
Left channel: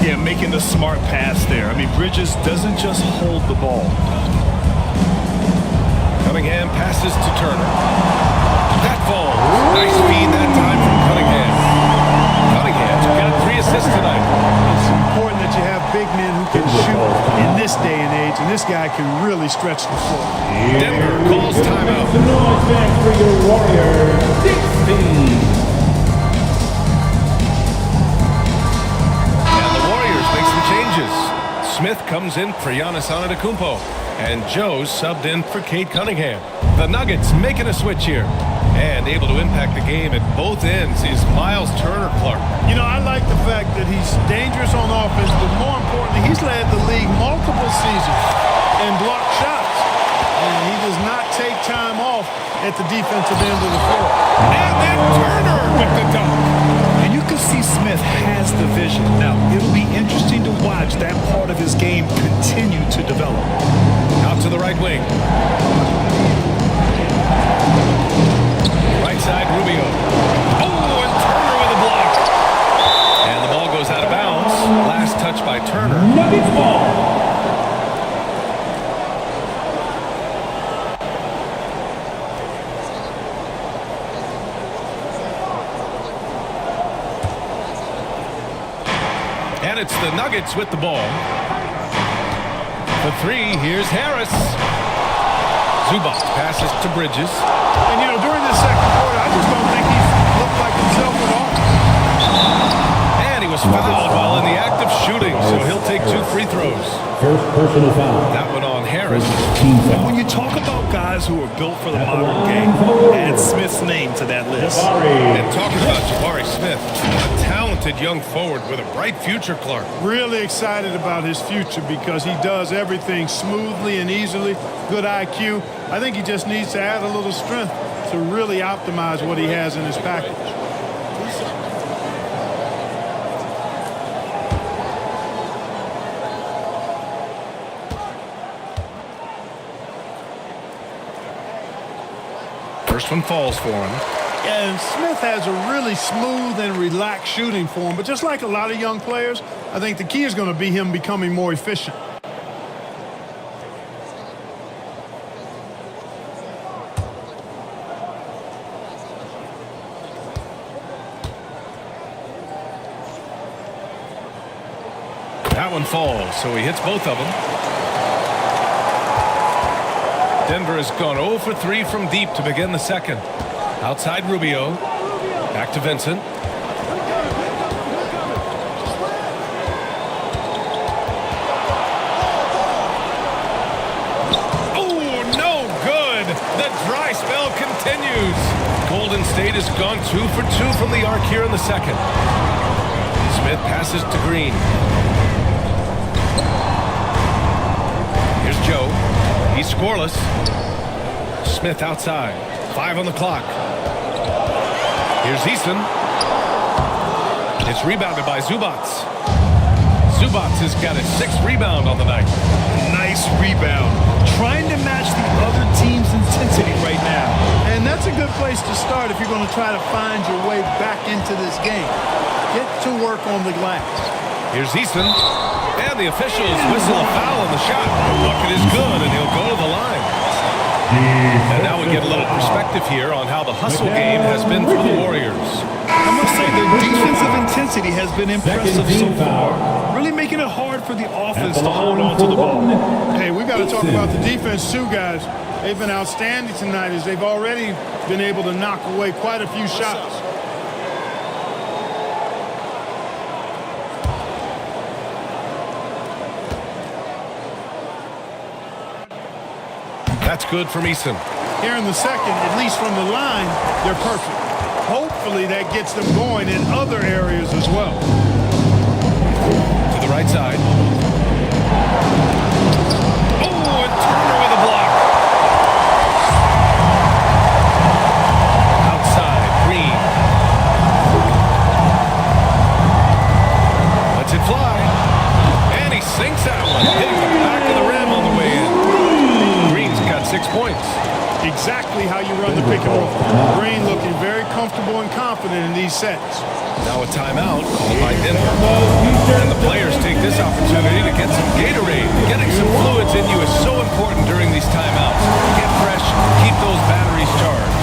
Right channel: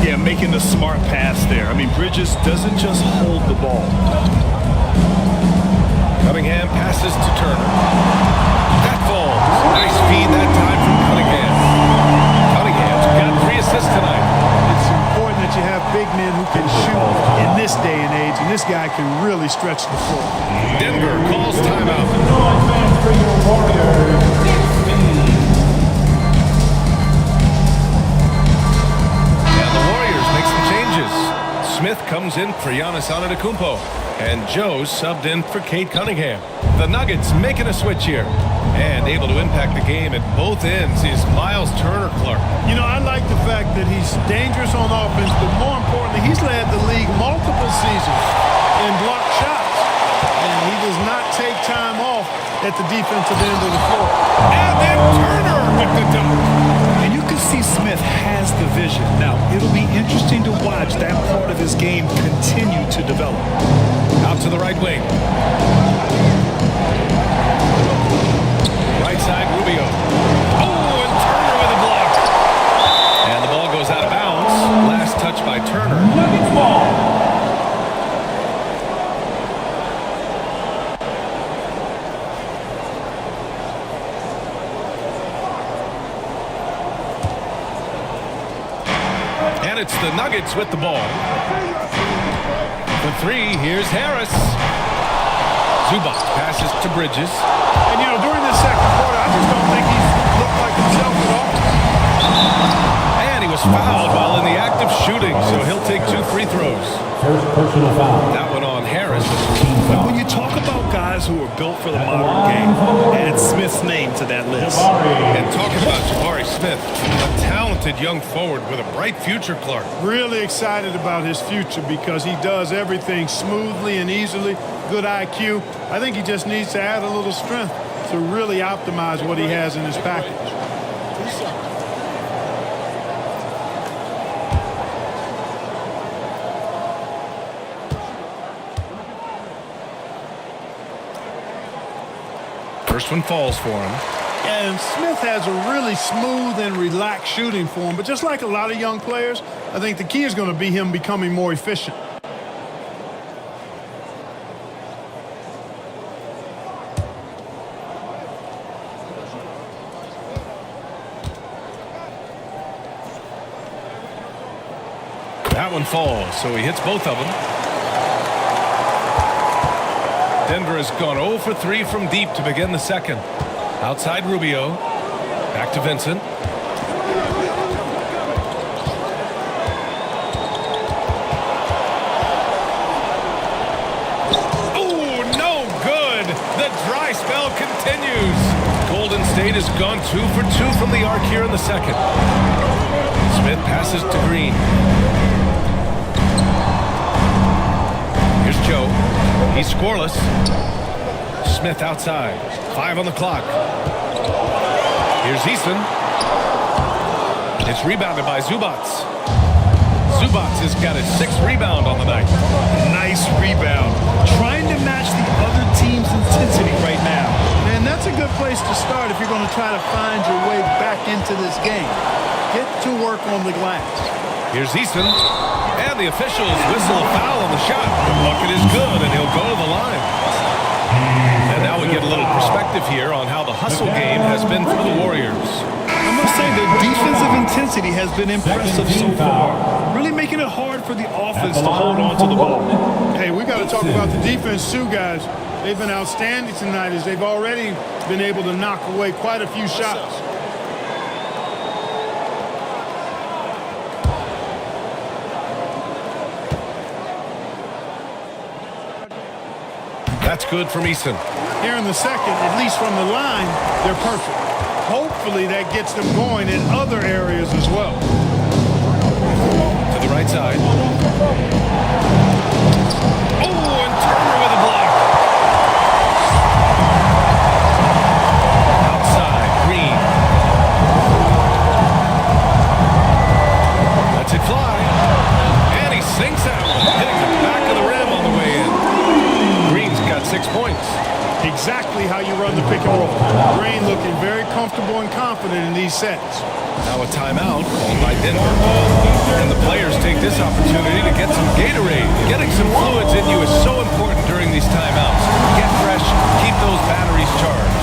Yeah, making the smart pass there. I mean, Bridges doesn't just hold the ball. Cunningham passes to Turner. That falls. Nice feed that time from Cunningham. Cunningham's got 3 assists tonight. It's important that you have big men who can shoot in this day and age, and this guy can really stretch the floor. Denver calls timeout. The noise fans for your Warriors, 16. And the Warriors make some changes. Smith comes in for Giannis Antetokounmpo, and Joe subbed in for Cade Cunningham. The Nuggets making a switch here. And able to impact the game at both ends is Miles Turner-Clark. You know, I like the fact that he's dangerous on offense, but more importantly, he's led the league multiple seasons and blocked shots. And he does not take time off at the defensive end of the floor. And then Turner with the dunk. And you can see Smith has the vision. Now, it'll be interesting to watch that part of his game continue to develop. Out to the right wing. Right side, Rubio. Oh, and Turner with a block. And the ball goes out of bounds. Last touch by Turner. Nuggets ball. And it's the Nuggets with the ball. The 3, here's Harris. Zubac passes to Bridges. And, you know, during this second quarter, I just don't think he's looked like himself at all. And he was fouled while in the act of shooting, so he'll take 2 free throws. First personal foul. That one on Harris. Team And foul. when you talk about guys who are built for the modern game, add Smith's name to that list. And talking about Jabari Smith, a talented young forward with a bright future, Clark. Really excited about his future because he does everything smoothly and easily. Good IQ. I think he just needs to add a little strength to really optimize what he has in his package. 2 seconds. First one falls for him. And Smith has a really smooth and relaxed shooting form, but just like a lot of young players, I think the key is going to be him becoming more efficient. That one falls, so he hits both of them. Denver has gone 0 for 3 from deep to begin the second. Outside Rubio. Back to Vincent. Oh, no good. The dry spell continues. Golden State has gone 2 for 2 from the arc here in the second. Smith passes to Green. Here's Joe. He's scoreless. Smith outside. 5 on the clock. Here's Eason. It's rebounded by Zubats. Zubats has got his 6th rebound on the night. Nice rebound. Trying to match the other team's intensity right now. And that's a good place to start if you're going to try to find your way back into this game. Get to work on the glass. Here's Eason. And the officials whistle a foul on the shot. The bucket is good, and he'll go to the line. And now we get a little perspective here on how the hustle game has been for the Warriors. I must say their defensive intensity has been impressive so far. Really making it hard for the offense to hold on to the ball. Hey, we got to talk about the defense too, guys. They've been outstanding tonight as they've already been able to knock away quite a few shots. That's good from Eason. Here in the second, at least from the line, they're perfect. Hopefully that gets them going in other areas as well. To the right side. Oh, and Turner with a block. Outside, Green. Lets it fly. And he sinks that one, hitting the back of the rim on the way in. Green's got 6 points. Exactly how you run the pick and roll. Green looking very comfortable and confident in these sets. Now a timeout called by Denver. And the players take this opportunity to get some Gatorade. Getting some fluids in you is so important during these timeouts. Get fresh, keep those batteries charged.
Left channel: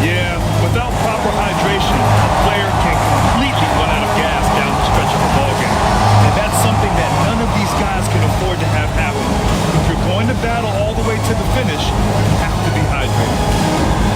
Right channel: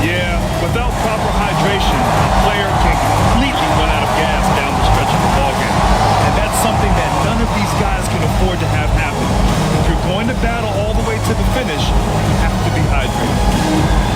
Yeah, without proper hydration, a player can completely run out of gas down the stretch of a ball game. And that's something that none of these guys can afford to have happen. If you're going to battle all the way to the finish, you have to be hydrated.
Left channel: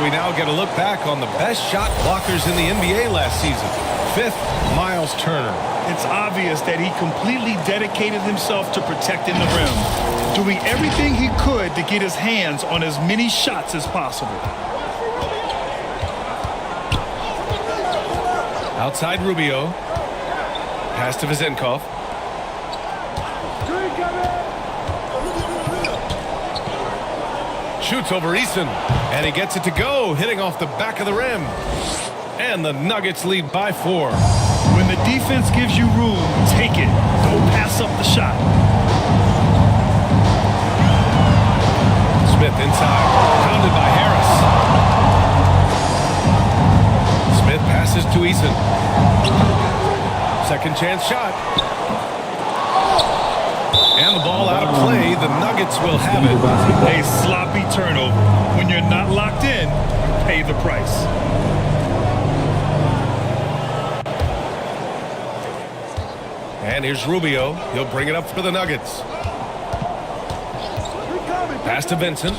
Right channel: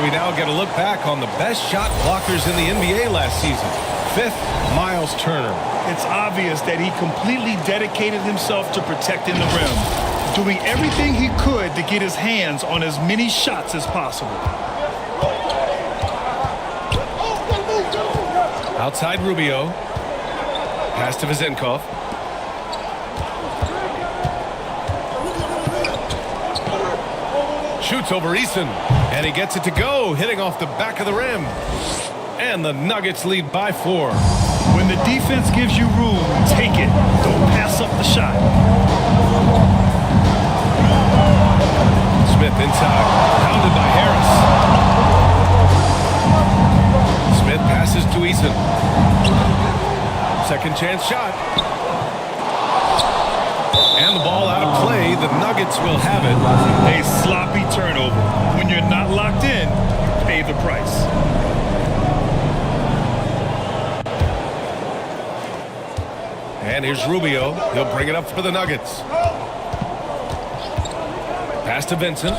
We now get a look back on the best shot blockers in the NBA last season. 5th, Miles Turner. It's obvious that he completely dedicated himself to protecting the rim, doing everything he could to get his hands on as many shots as possible. Outside Rubio. Pass to Vezenkov. Shoots over Eason, and he gets it to go, hitting off the back of the rim. And the Nuggets lead by 4. When the defense gives you room, take it. Don't pass up the shot. Smith inside, pounded by Harris. Smith passes to Eason. Second chance shot. And the ball out of play. The Nuggets will have it. A sloppy turnover. When you're not locked in, you pay the price. And here's Rubio. He'll bring it up for the Nuggets. Pass to Vincent.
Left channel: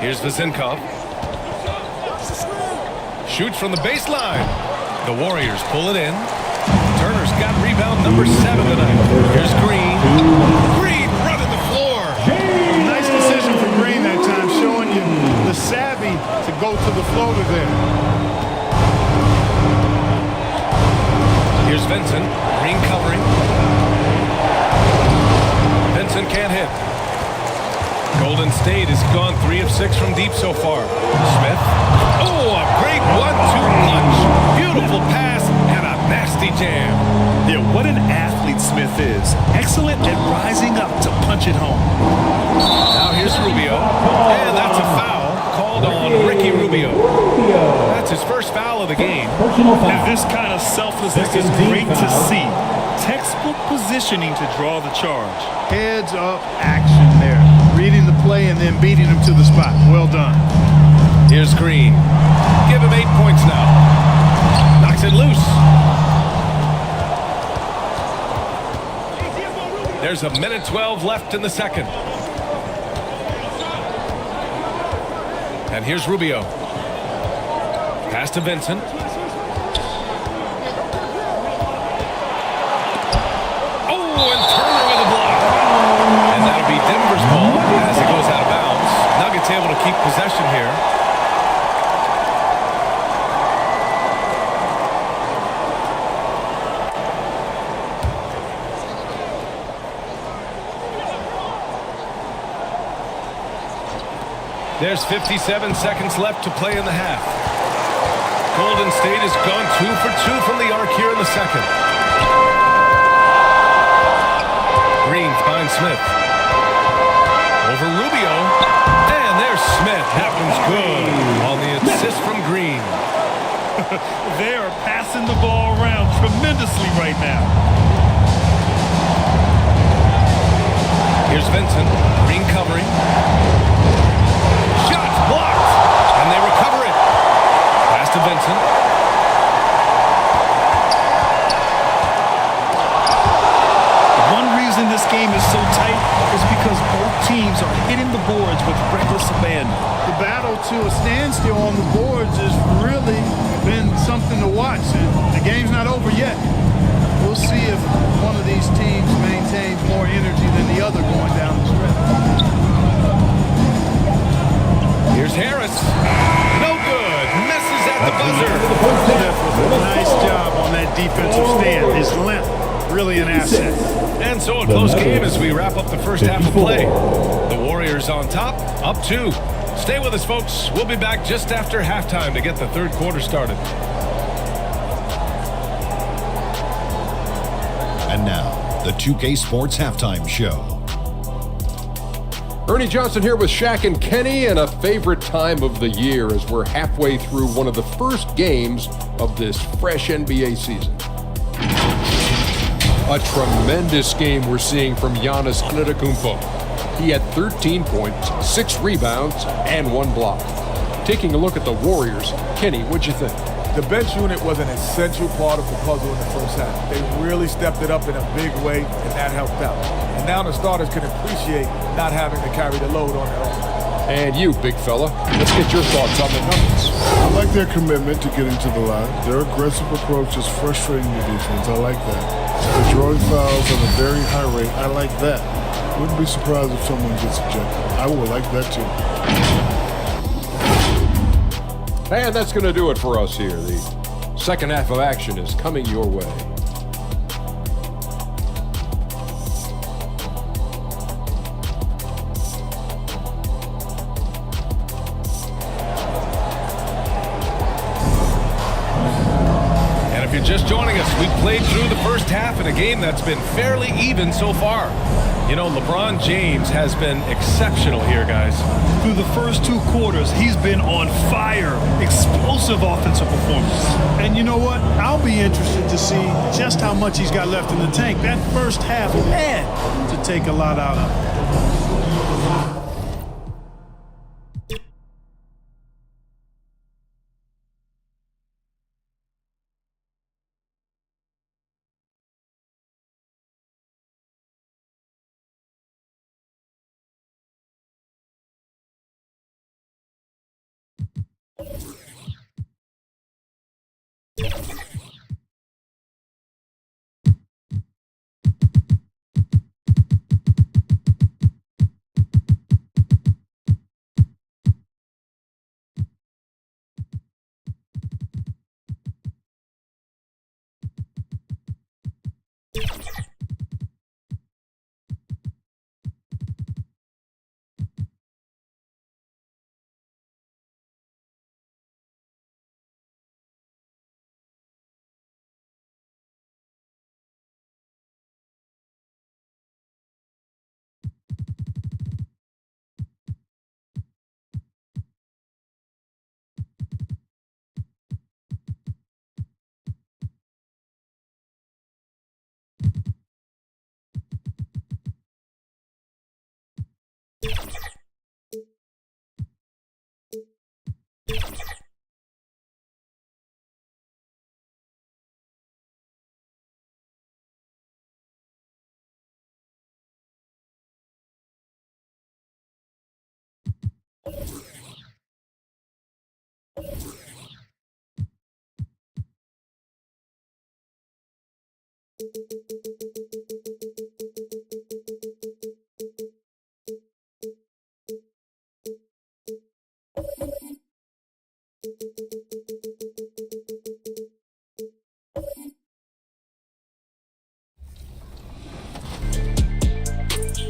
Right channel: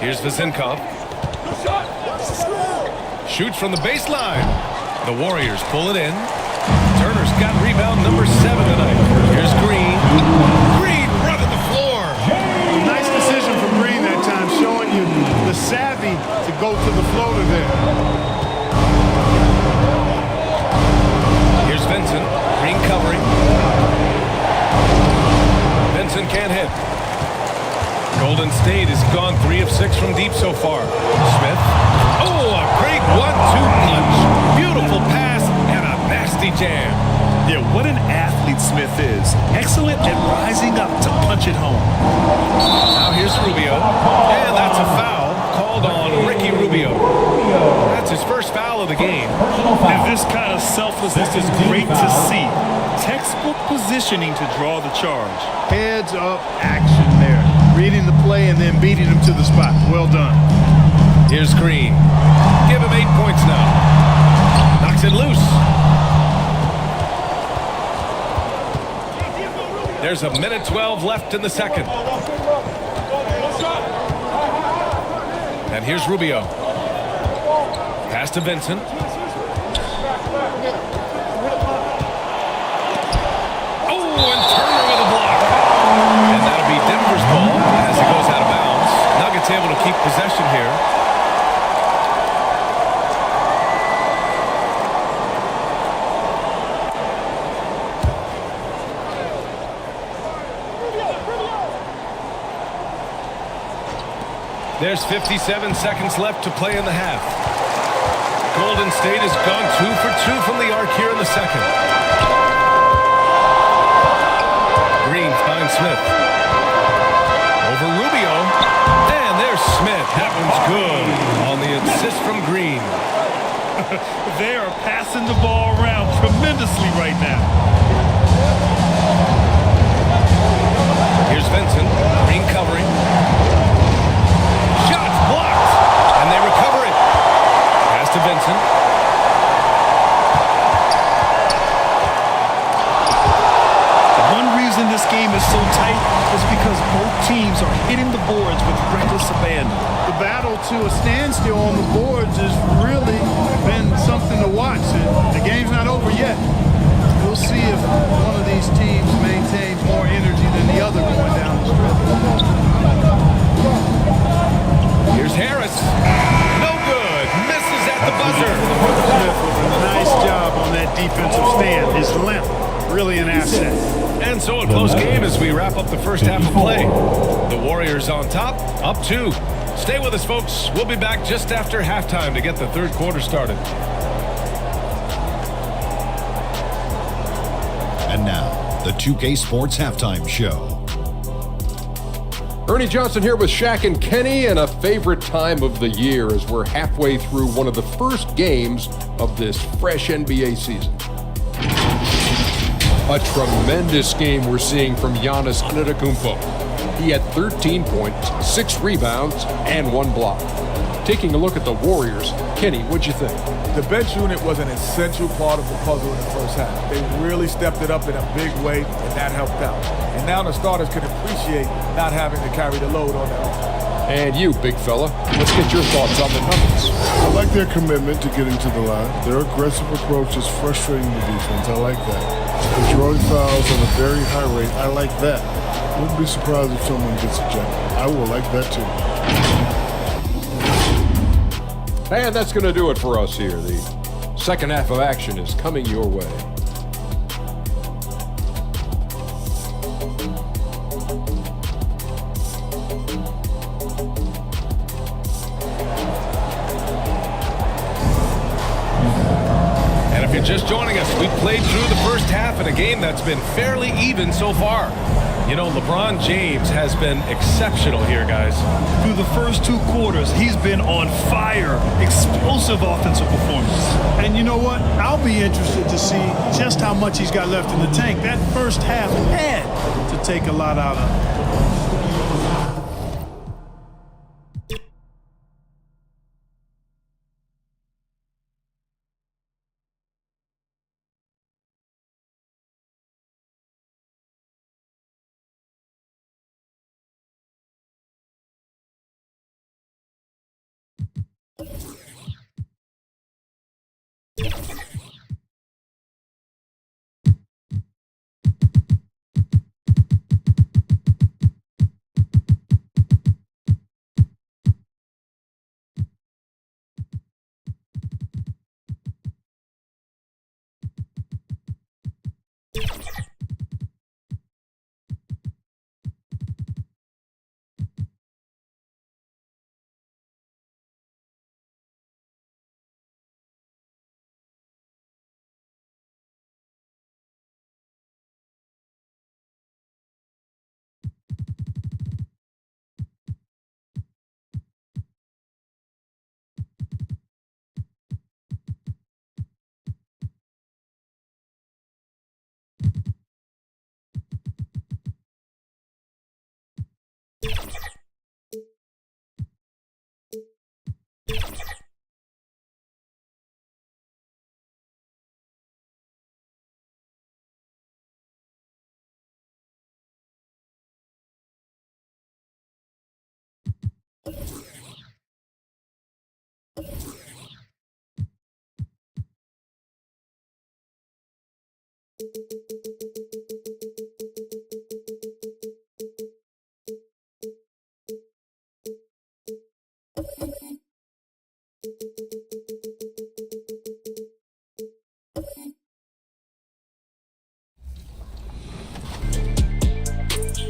Here's Vezenkov. Shoots from the baseline. The Warriors pull it in. Turner's got rebound number 7 tonight. Here's Green. Green running the floor. A nice decision from Green that time, showing you the savvy to go to the floater there. Here's Vincent. Green covering. Vincent can't hit. Golden State has gone 3 of 6 from deep so far. Smith. Oh, a great 1-2 punch. Beautiful pass and a nasty jam. Yeah, what an athlete Smith is. Excellent at rising up to punch it home. Now here's Rubio. And that's a foul called on Ricky Rubio. That's his first foul of the game. And this kind of selflessness is great to see. Textbook positioning to draw the charge. Heads up action there. Reading the play and then beating him to the spot. Well done. Here's Green. Give him 8 points now. Knocks it loose. There's a minute 12 left in the second. And here's Rubio. Pass to Vincent. Oh, and Turner with a block. And that'll be Denver's ball as it goes out of bounds. Nuggets able to keep possession here. There's 57 seconds left to play in the half. Golden State has gone 2 for 2 from the arc here in the second. Green finds Smith. Over Rubio. And there's Smith. That one's good on the assist from Green. They are passing the ball around tremendously right now. Here's Vincent. Green covering. Shots blocked. And they recover it. Pass to Vincent. One reason this game is so tight is because both teams are hitting the boards with reckless abandon. The battle to a standstill on the boards has really been something to watch. And the game's not over yet. We'll see if one of these teams maintains more energy than the other going down the stretch. Here's Harris. No good. Misses at the buzzer. Smith with a nice job on that defensive stand. His length, really an asset. And so a close game as we wrap up the first half of play. The Warriors on top, up 2. Stay with us, folks. We'll be back just after halftime to get the third quarter started. And now, the 2K Sports Halftime Show. Ernie Johnson here with Shaq and Kenny, and a favorite time of the year as we're halfway through one of the first games of this fresh NBA season. A tremendous game we're seeing from Giannis Antetokounmpo. He had 13 points, 6 rebounds, and 1 block. Taking a look at the Warriors, Kenny, what'd you think? The bench unit was an essential part of the puzzle in the first half. They really stepped it up in a big way, and that helped out. And now the starters can appreciate not having to carry the load on their own. And you, big fella, let's get your thoughts on the Nuggets. I like their commitment to getting to the line. Their aggressive approach is frustrating the defense. I like that. They're drawing fouls at a very high rate. I like that. Wouldn't be surprised if someone gets ejected. I will like that too. And that's going to do it for us here. The second half of action is coming your way. you're just joining us, we've played through the first half in a game that's been fairly even so far. You know, LeBron James has been exceptional here, guys. Through the first 2 quarters, he's been on fire. Explosive offensive performance. And you know what? I'll be interested to see just how much he's got left in the tank. That first half had to take a lot out of it.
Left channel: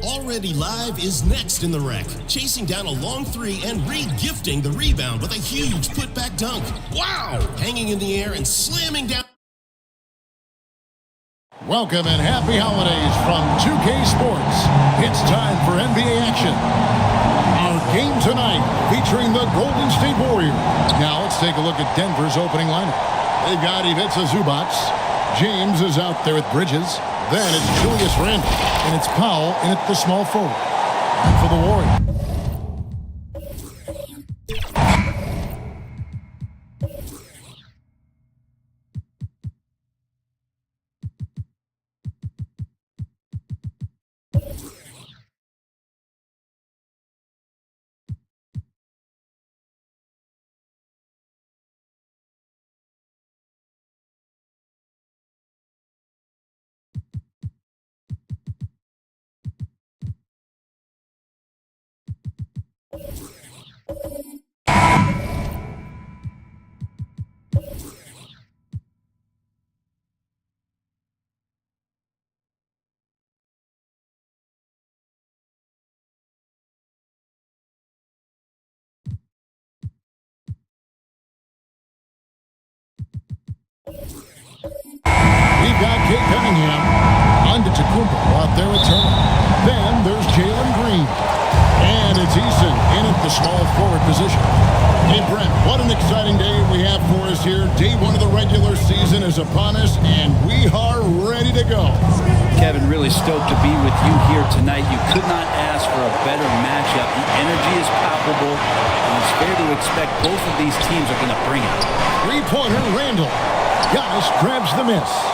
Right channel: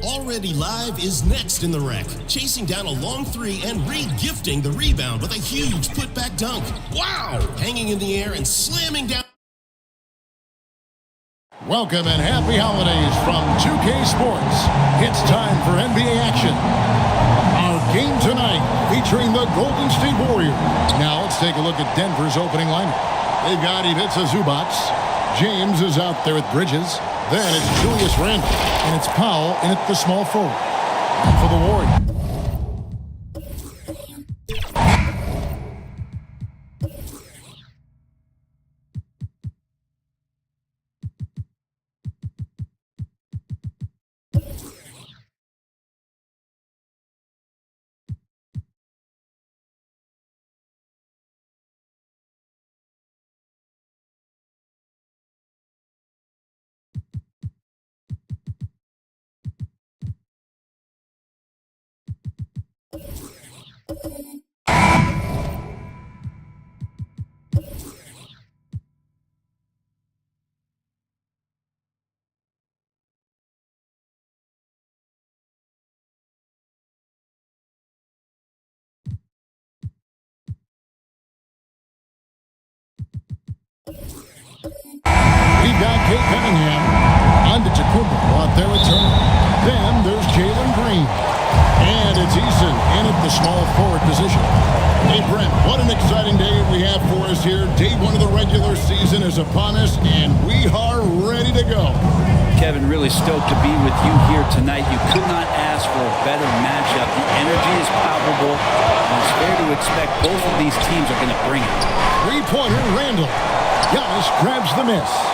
Already Live is next in the wreck, chasing down a long 3 and re-gifting the rebound with a huge putback dunk. Wow! Hanging in the air and slamming down. Welcome and happy holidays from 2K Sports. It's time for NBA action. Our game tonight featuring the Golden State Warriors. Now let's take a look at Denver's opening lineup. They've got Ivica Zubac. James is out there with Bridges. Then it's Julius Randle, and it's Powell in at the small forward. And for the Warriors. We've got Kate Cunningham on to Tacumbo out there with Turner. Then there's Jalen Green. And it's Eason in at the small forward position. Hey, Brent, what an exciting day we have for us here. Day 1 of the regular season is upon us, and we are ready to go. Kevin, really stoked to be with you here tonight. You could not ask for a better matchup. The energy is palpable, and it's fair to expect both of these teams are going to bring it. Three-pointer, Randall. Giannis grabs the miss.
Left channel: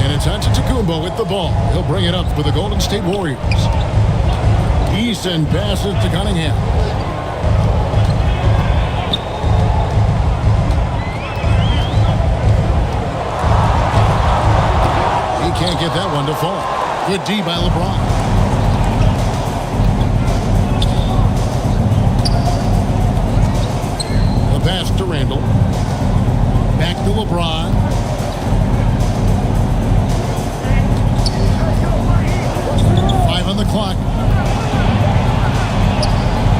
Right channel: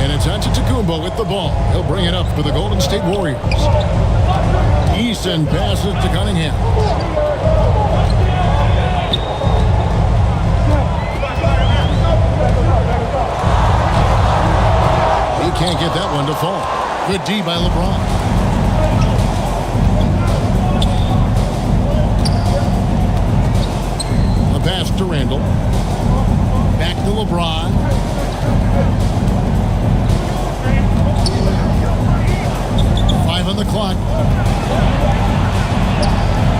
And it's Antetokounmpo with the ball. He'll bring it up for the Golden State Warriors. Eason passes to Cunningham. He can't get that one to fall. Good D by LeBron. The pass to Randall. Back to LeBron. Five on the clock.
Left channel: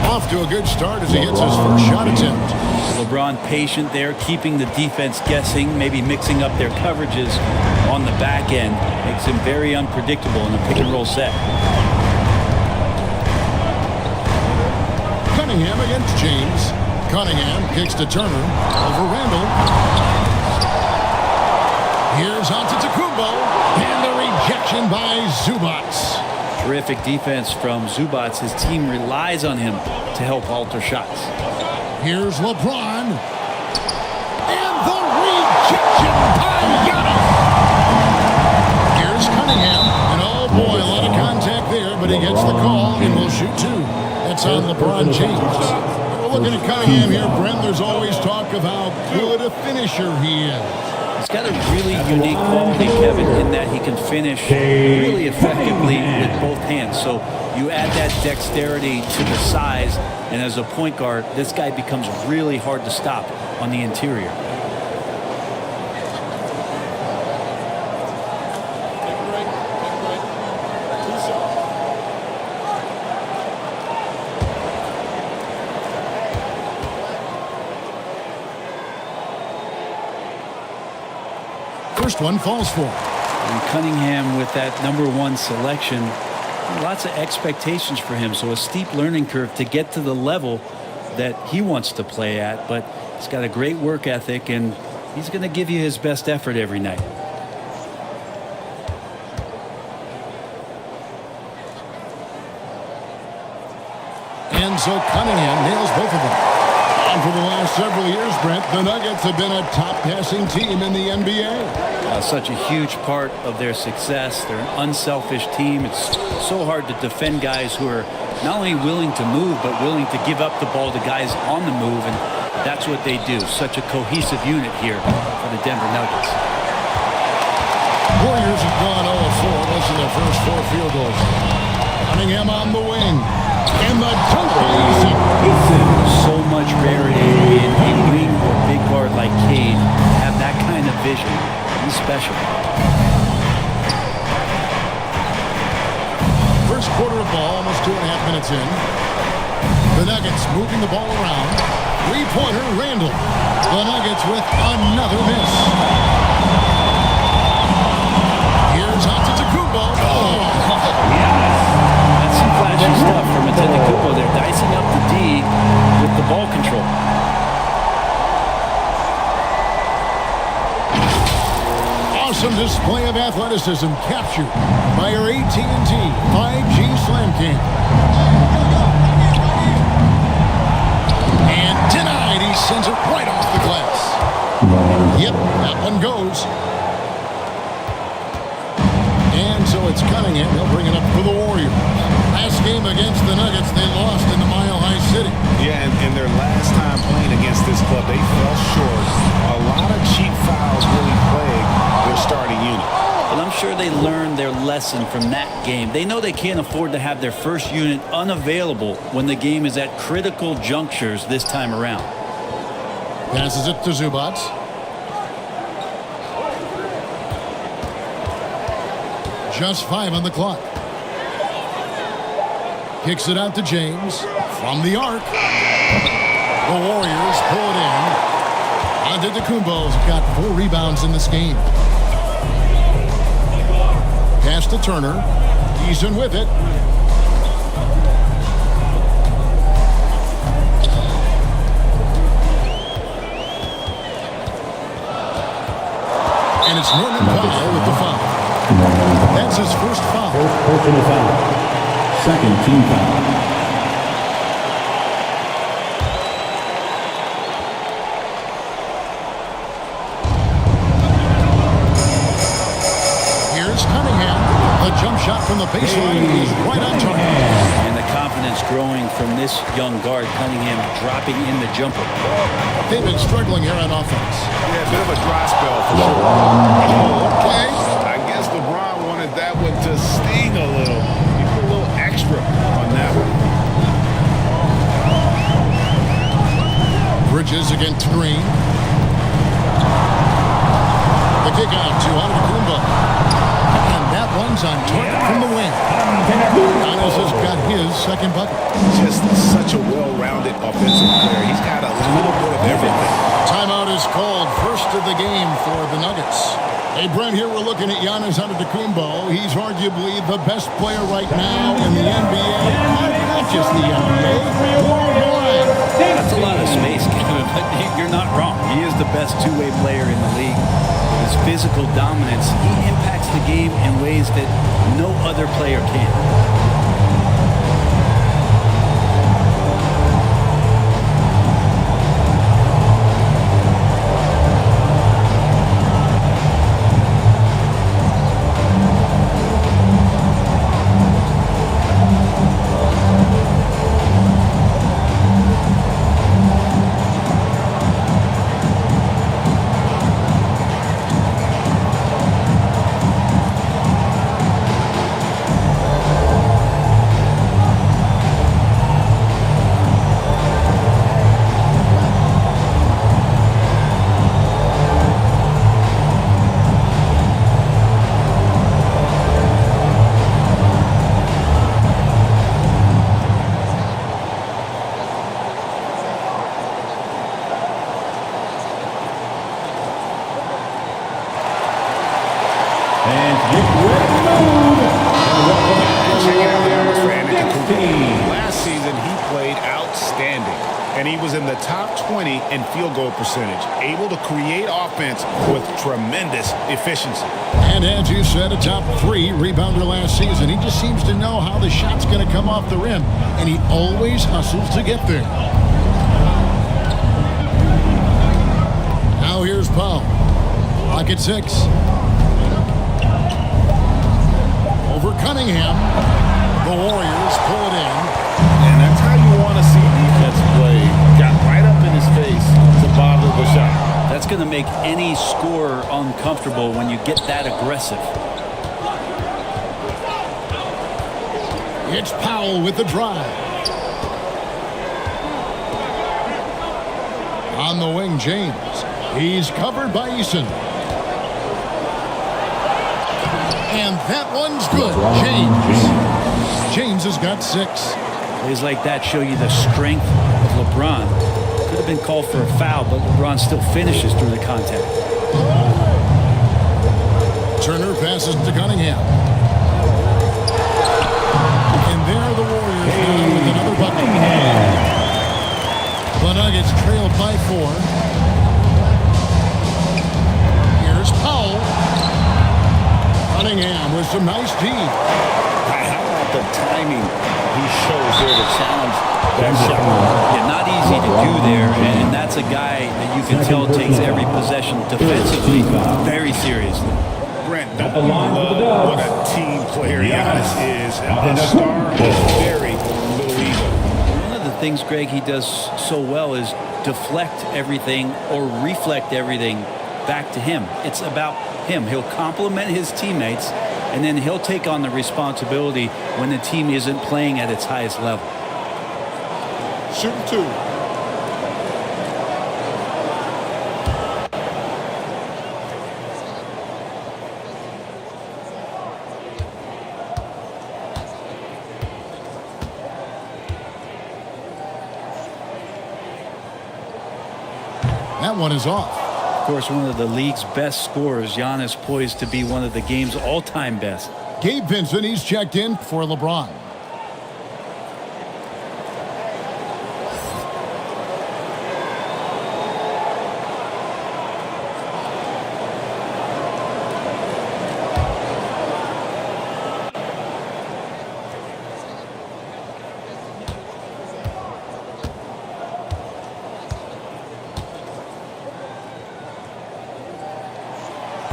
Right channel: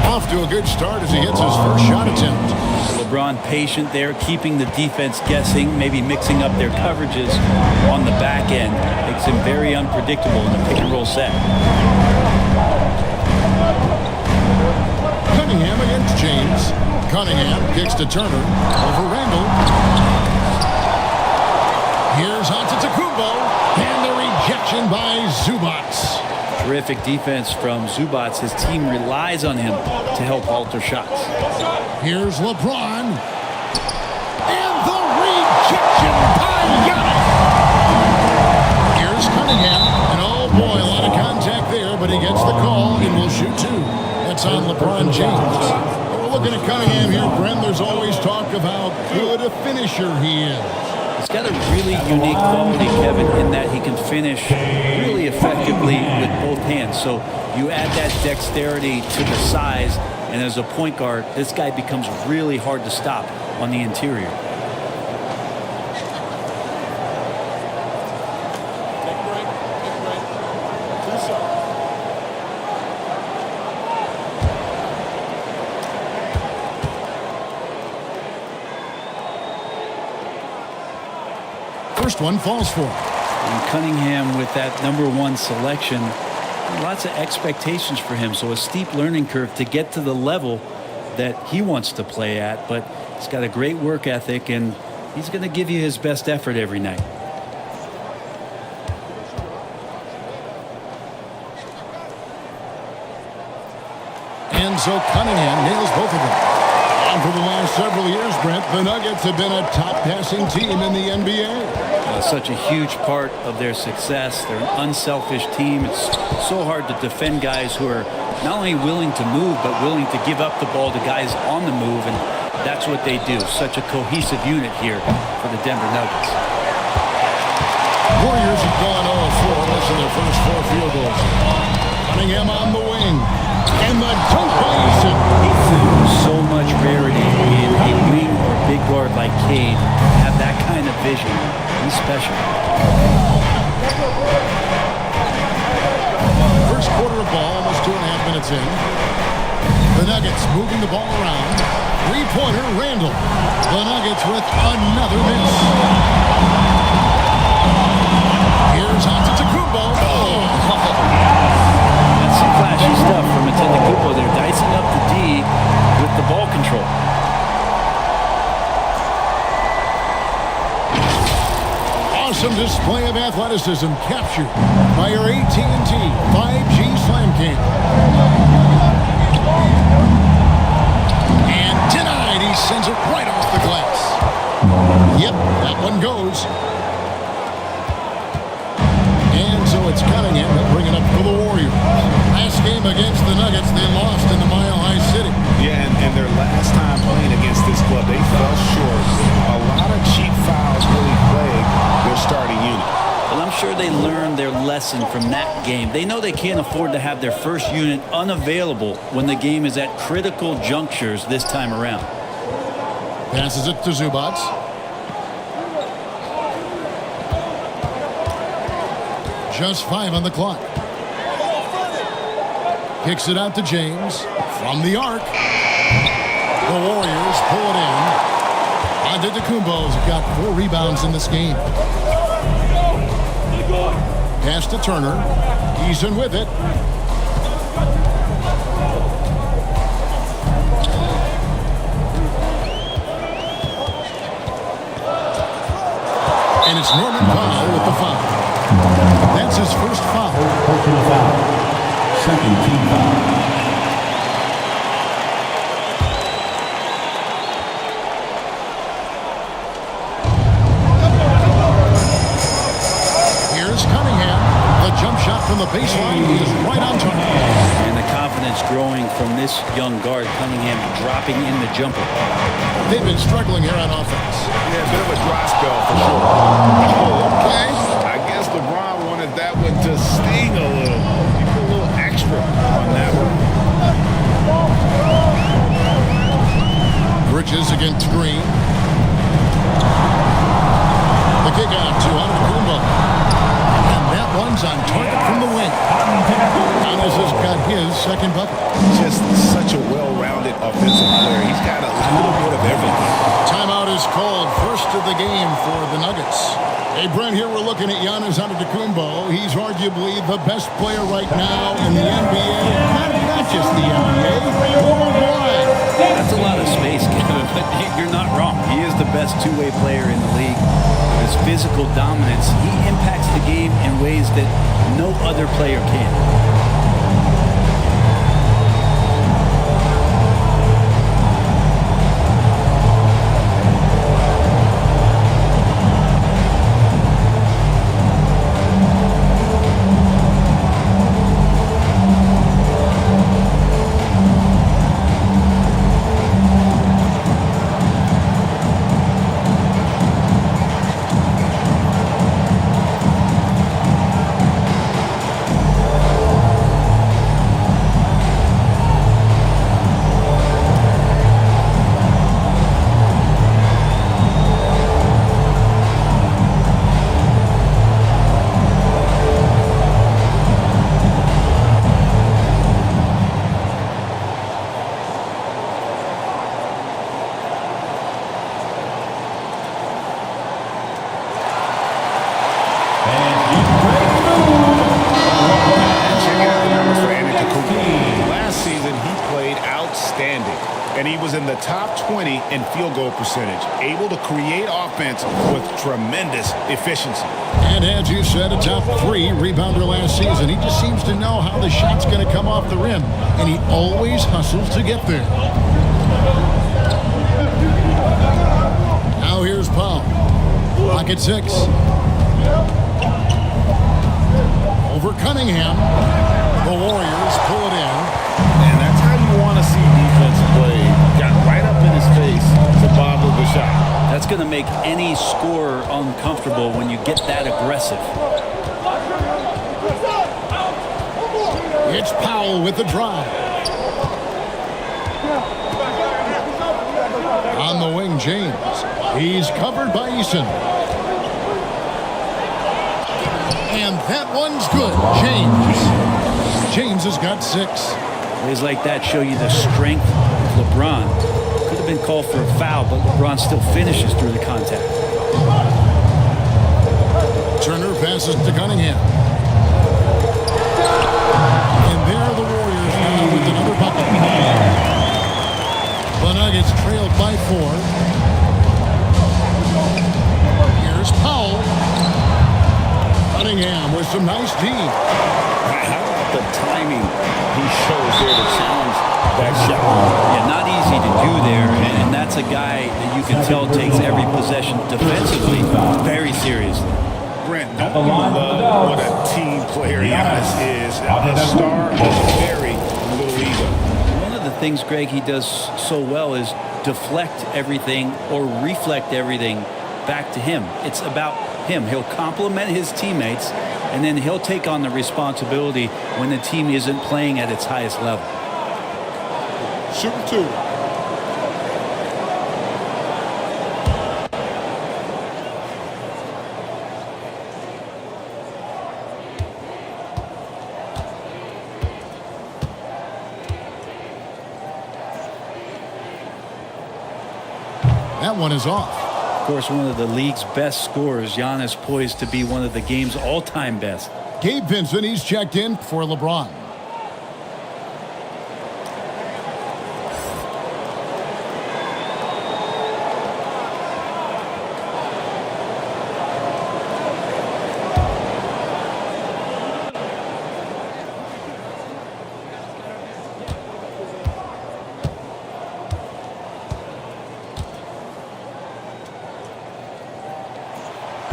Off to a good start as he hits his first shot attempt. LeBron patient there, keeping the defense guessing, maybe mixing up their coverages on the back end. Makes him very unpredictable in the pick and roll set. Cunningham against James. Cunningham kicks to Turner over Randall. Here's Antetokounmpo, and the rejection by Zubac. Terrific defense from Zubac. His team relies on him to help alter shots. Here's LeBron, and the rejection by Giannis. Here's Cunningham, and oh boy, a lot of contact there, but he gets the call and will shoot two. That's on LeBron James. But we're looking at Cunningham here, Brent. There's always talk of how good a finisher he is. He's got a really unique quality, Kevin, in that he can finish really effectively with both hands. So you add that dexterity to the size, and as a point guard, this guy becomes really hard to stop on the interior. Take a break. Take a break. 2 shots. First one falls for. And Cunningham with that #1 selection, lots of expectations for him. So a steep learning curve to get to the level that he wants to play at. But he's got a great work ethic, and he's going to give you his best effort every night. And so Cunningham nails both of them. And for the last several years, Brent, the Nuggets have been a top passing team in the NBA. Such a huge part of their success. They're an unselfish team. It's so hard to defend guys who are not only willing to move, but willing to give up the ball to guys on the move, and that's what they do. Such a cohesive unit here for the Denver Nuggets. Warriors have gone 0-4, missing their first 4 field goals. Cunningham on the wing. And the dunk by Eason. So much rarity in a wing or big guard like Cade to have that kind of vision. He's special. First quarter of ball, almost 2.5 minutes in. The Nuggets moving the ball around. Three-pointer, Randall. The Nuggets with another miss. Here's Antetokounmpo. Oh, yes. That's some flashy stuff from Antetokounmpo there, dicing up the D with the ball control. Awesome display of athleticism captured by your AT&T 5G Slam Cam. And denied. He sends it right off the glass. Yep, that one goes. And so it's Cunningham. He'll bring it up for the Warriors. Last game against the Nuggets, they lost in the Mile High City. Yeah, and their last time playing against this club, they fell short. A lot of cheap fouls really plagued their starting unit. Well, I'm sure they learned their lesson from that game. They know they can't afford to have their first unit unavailable when the game is at critical junctures this time around. Passes it to Zubac. Just 5 on the clock. Kicks it out to James from the arc. The Warriors pull it in. Antetokounmpo's got 4 rebounds in this game. Pass to Turner. Eason with it. And it's Norman Powell with the foul. That's his first foul. First personal foul. Second team foul. Here's Cunningham. The jump shot from the baseline is right on target. And the confidence growing from this young guard, Cunningham dropping in the jumper. They've been struggling here on offense. Yeah, a bit of a dry spell for sure. Okay. I guess LeBron wanted that one to sting a little. He put a little extra on that one. Bridges against Green. The kick out to Antetokounmpo. And that one's on target from the wing. Giannis has got his second bucket. Just such a well-rounded offensive player. He's got a little bit of everything. Timeout is called. First of the game for the Nuggets. Hey, Brent, here we're looking at Giannis Antetokounmpo. He's arguably the best player right now in the NBA. Not just the NBA, worldwide. That's a lot of space, Kevin, but you're not wrong. He is the best two-way player in the league. With his physical dominance, he impacts the game in ways that no other player can. Last season, he played outstanding, and he was in the top 20 in field goal percentage, able to create offense with tremendous efficiency. And as you said, a top 3 rebounder last season. He just seems to know how the shot's going to come off the rim, and he always hustles to get there. Now here's Powell. Lock at 6. Over Cunningham. The Warriors pull it in. And that's how you want to see defense play. Got right up in his face to bother the shot. That's going to make any scorer uncomfortable when you get that aggressive. It's Powell with the drive. On the wing, James. He's covered by Eason. And that one's good. James has got 6. Plays like that show you the strength of LeBron. Could have been called for a foul, but LeBron still finishes through the contact. Turner passes to Cunningham. And there are the Warriors now with another bucket. The Nuggets trailed by 4. Here's Powell. Cunningham with some nice D. How about the timing he shows there to challenge that shot? Yeah, not easy to do there, and that's a guy that you can tell takes every possession defensively very seriously. Brent, don't you love what a team player Giannis is? A star with very little ego. One of the things, Greg, he does so well is deflect everything or reflect everything back to him. It's about him. He'll compliment his teammates, and then he'll take on the responsibility when the team isn't playing at its highest level. Shooting 2. That one is off. Of course, one of the league's best scorers, Giannis, poised to be one of the game's all-time best. Gabe Vincent, he's checked in for LeBron.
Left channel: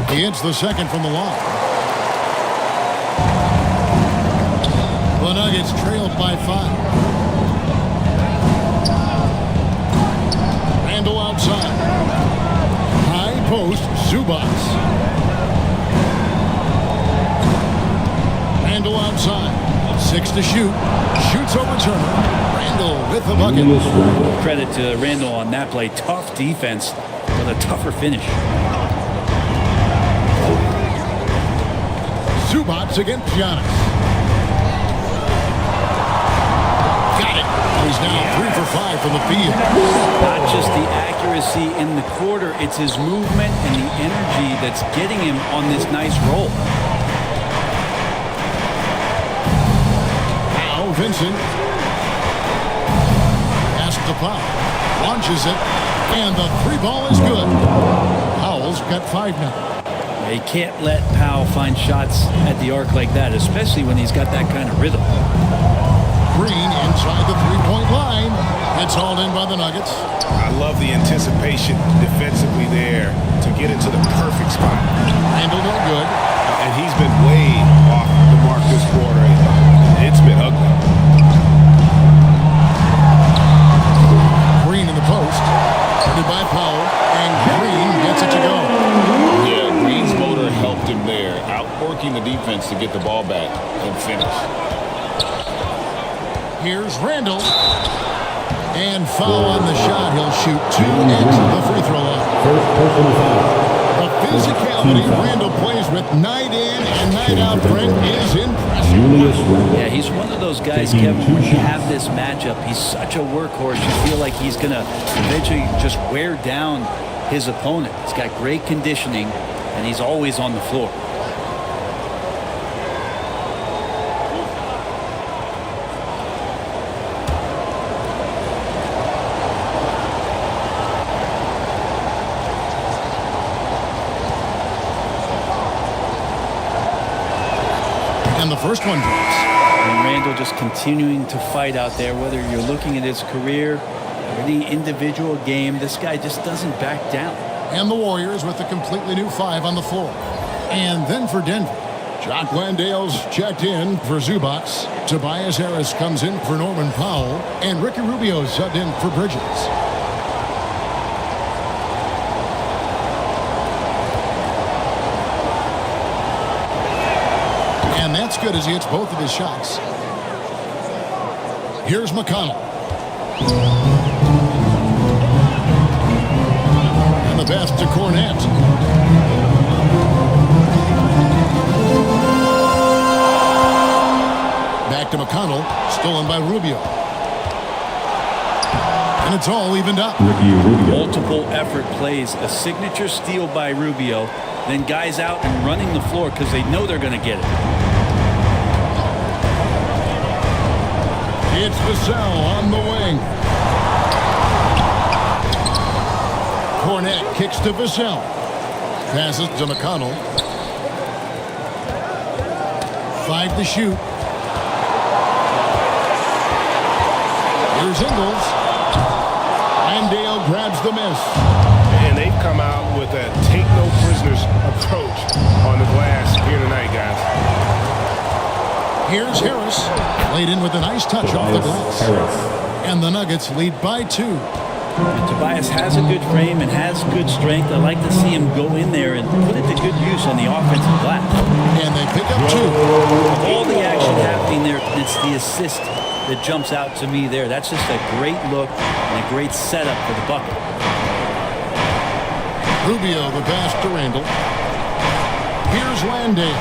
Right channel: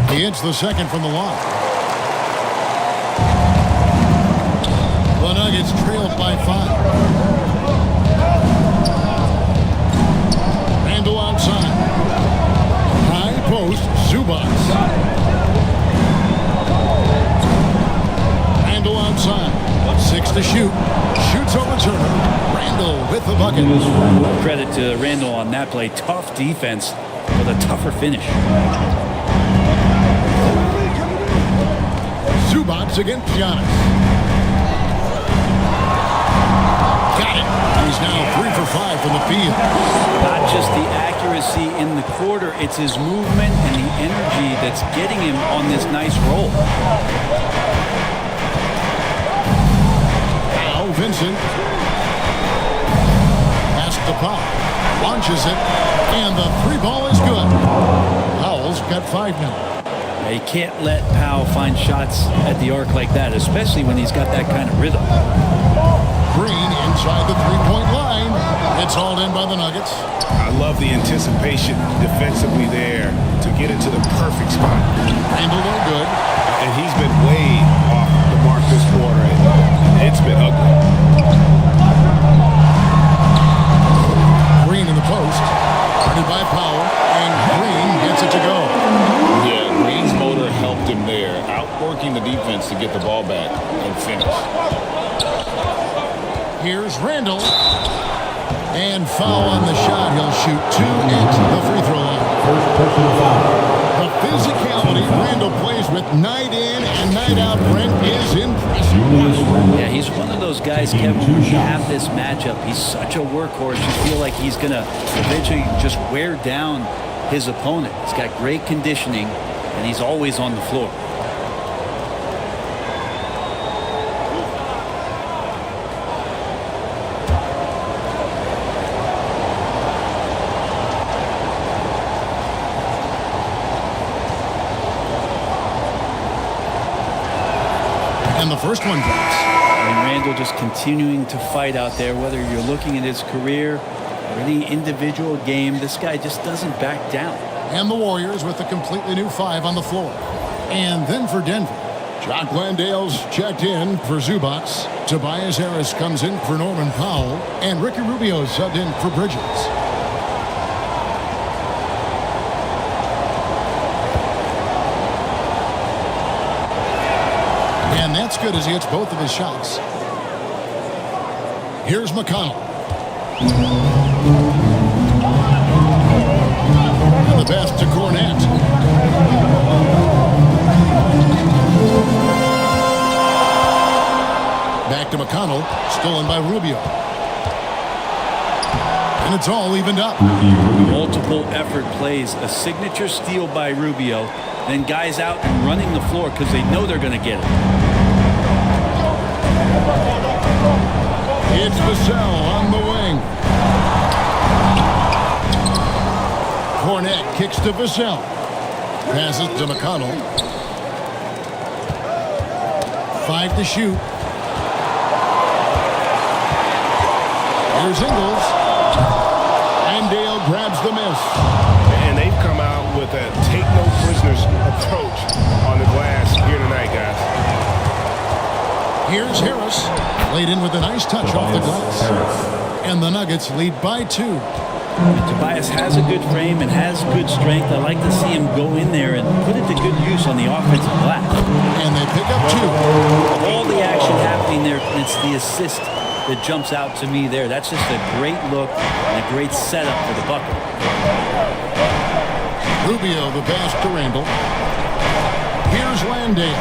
He hits the second from the line. The Nuggets trailed by 5. Randle outside. High post, Zubac. Randle outside. 6 to shoot. Shoots over Turner. Randle with the bucket. Credit to Randle on that play. Tough defense, but a tougher finish. Zubac against Giannis. Got it. And he's now 3 for 5 from the field. Not just the accuracy in the quarter, it's his movement and the energy that's getting him on this nice roll. Now Vincent. Pass to Powell. Launches it. And the 3 ball is good. Powell's got 5 now. Yeah, you can't let Powell find shots at the arc like that, especially when he's got that kind of rhythm. Green inside the 3-point line. It's hauled in by the Nuggets. I love the anticipation defensively there to get into the perfect spot. Randall no good. And he's been way off the mark this quarter. It's been ugly. Green in the post. Guarded by Powell. And Green gets it to go. Yeah, Green's motor helped him there, outworking the defense to get the ball back and finish. Here's Randall. And foul on the shot. He'll shoot 2 at the free throw line. First personal foul. The physicality Randall plays with night in and night out, Brent, is impressive. Yeah, he's one of those guys, Kevin, when you have this matchup, he's such a workhorse. You feel like he's going to eventually just wear down his opponent. He's got great conditioning, and he's always on the floor. And the first one drops. And Randall just continuing to fight out there, whether you're looking at his career or any individual game, this guy just doesn't back down. And the Warriors with a completely new 5 on the floor. And then for Denver, Jock Landale's checked in for Zubac. Tobias Harris comes in for Norman Powell. And Ricky Rubio subbed in for Bridges. And that's good as he hits both of his shots. Here's McConnell. And the pass to Cornette. Back to McConnell. Stolen by Rubio. And it's all evened up. Multiple effort plays. A signature steal by Rubio. Then guys out and running the floor because they know they're going to get it. It's Vassell on the wing. Cornette kicks to Vassell. Passes to McConnell. 5 to shoot. Here's Ingles. Landale grabs the miss. And they've come out with a take no prisoners approach on the glass here tonight, guys. Here's Harris. Laid in with a nice touch off the glass. And the Nuggets lead by 2. And Tobias has a good frame and has good strength. I like to see him go in there and put it to good use on the offensive glass. And they pick up 2. Of all the action happening there, it's the assist that jumps out to me there. That's just a great look and a great setup for the bucket. Rubio the pass to Randall. Here's Landale.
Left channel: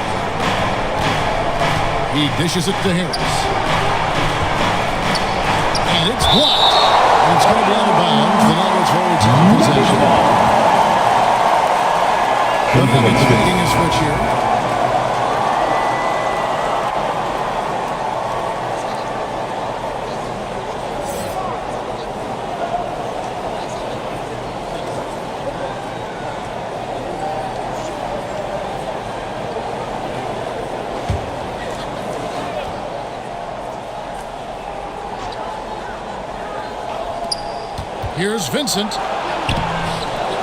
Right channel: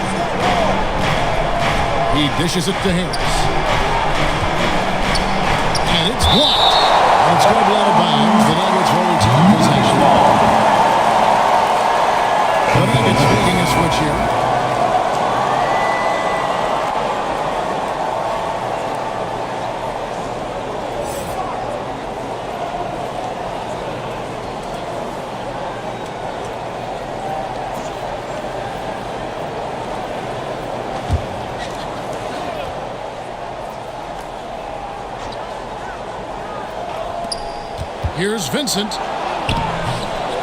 He dishes it to Harris. And it's blocked. And it's going to be out of bounds. The Nuggets will retain possession. The Nuggets making a switch here. Here's Vincent.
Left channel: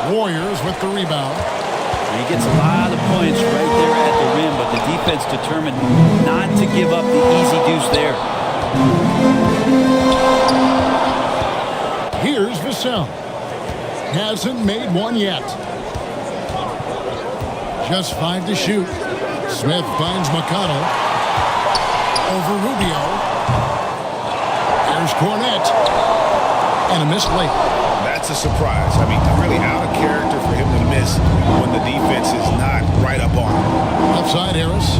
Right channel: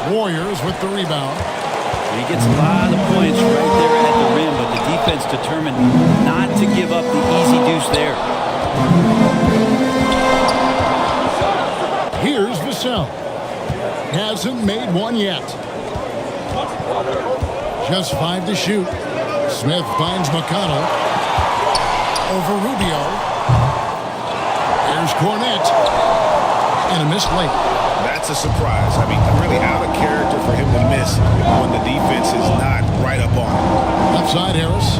Warriors with the rebound. And he gets a lot of points right there at the rim, but the defense determined not to give up the easy deuce there. Here's Vassell. Hasn't made one yet. Just 5 to shoot. Smith finds McConnell. Over Rubio. Here's Cornette. And a missed late. That's a surprise. I mean, really out of character for him to miss when the defense is not right up on him. Left side, Harris.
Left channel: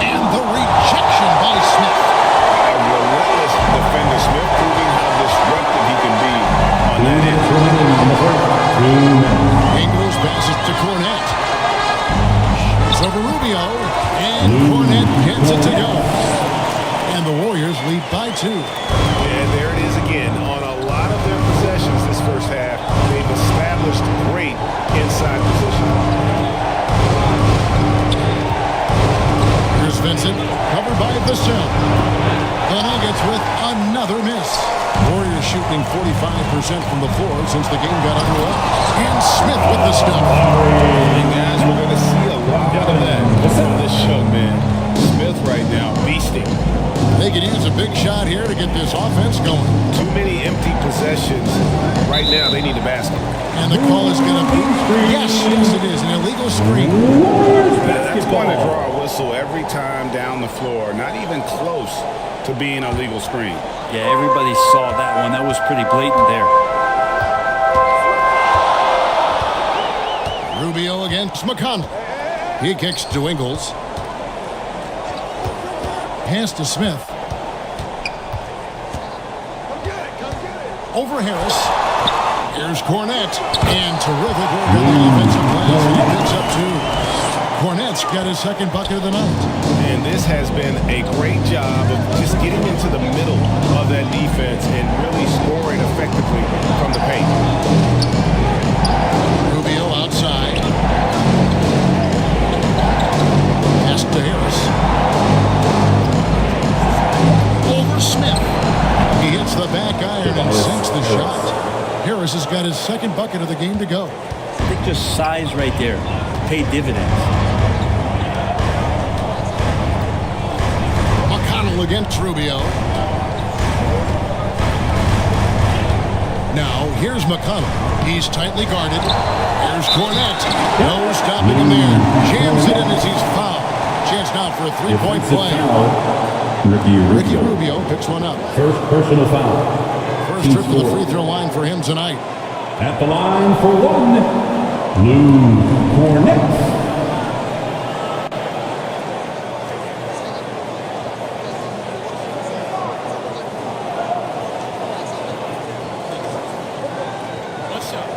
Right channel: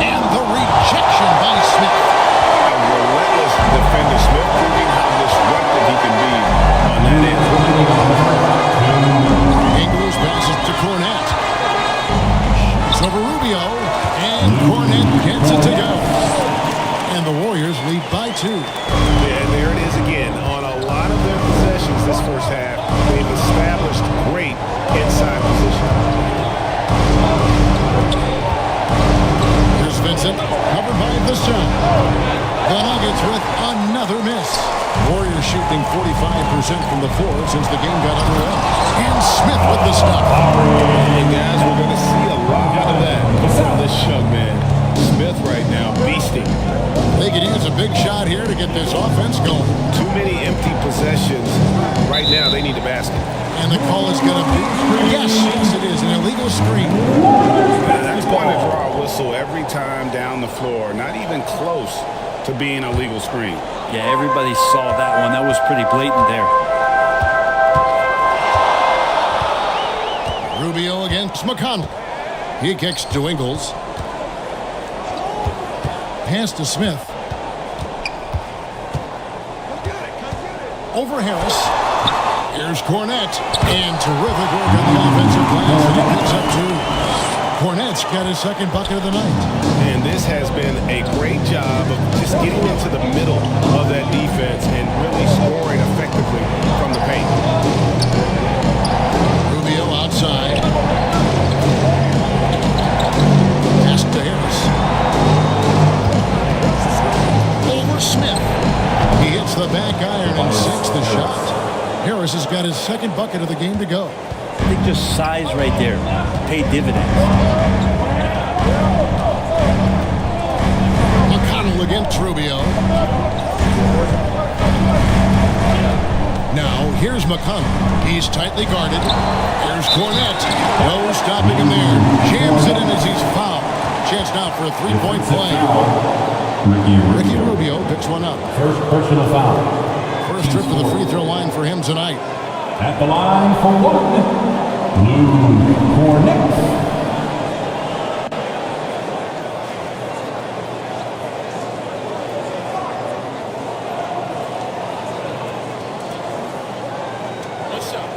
And the rejection by Smith. A relentless defender, Smith, proving how disruptive he can be on that end. Ingles passes to Cornette. Shoots over Rubio, and Cornette gets it to go. And the Warriors lead by 2. Yeah, and there it is again. On a lot of their possessions this first half, they've established great inside position. Here's Vincent, covered by Vassell. The Nuggets with another miss. Warriors shooting 45% from the floor since the game got underway. And Smith with the stop. And guys, we're going to see a lot of that from this young man. Smith right now beasting. They could use a big shot here to get this offense going. Too many empty possessions. Right now, they need a basket. And the call is going to be, yes, it is, an illegal screen. That's going to draw a whistle every time down the floor. Not even close to being a legal screen. Yeah, everybody saw that one. That was pretty blatant there. Rubio against McConnell. He kicks to Ingles. Pass to Smith. Come get it. Over Harris. Here's Cornette. And terrific work on the offensive glass, and he picks up 2. Cornette's got his second bucket of the night. And this has been a great job of just getting into the middle of that defense and really scoring effectively from the paint. Rubio outside. Pass to Harris. Over Smith. He hits the back iron and sinks the shot. Harris has got his second bucket of the game to go. I think just size right there paid dividends. McConnell against Rubio. Now, here's McConnell. He's tightly guarded. Here's Cornette. No stopping him there. Jams it in as he's fouled. Chance now for a three-point play. Ricky Rubio picks one up. First personal foul. First trip to the free throw line for him tonight. At the line for one, Lou Cornette. One shot.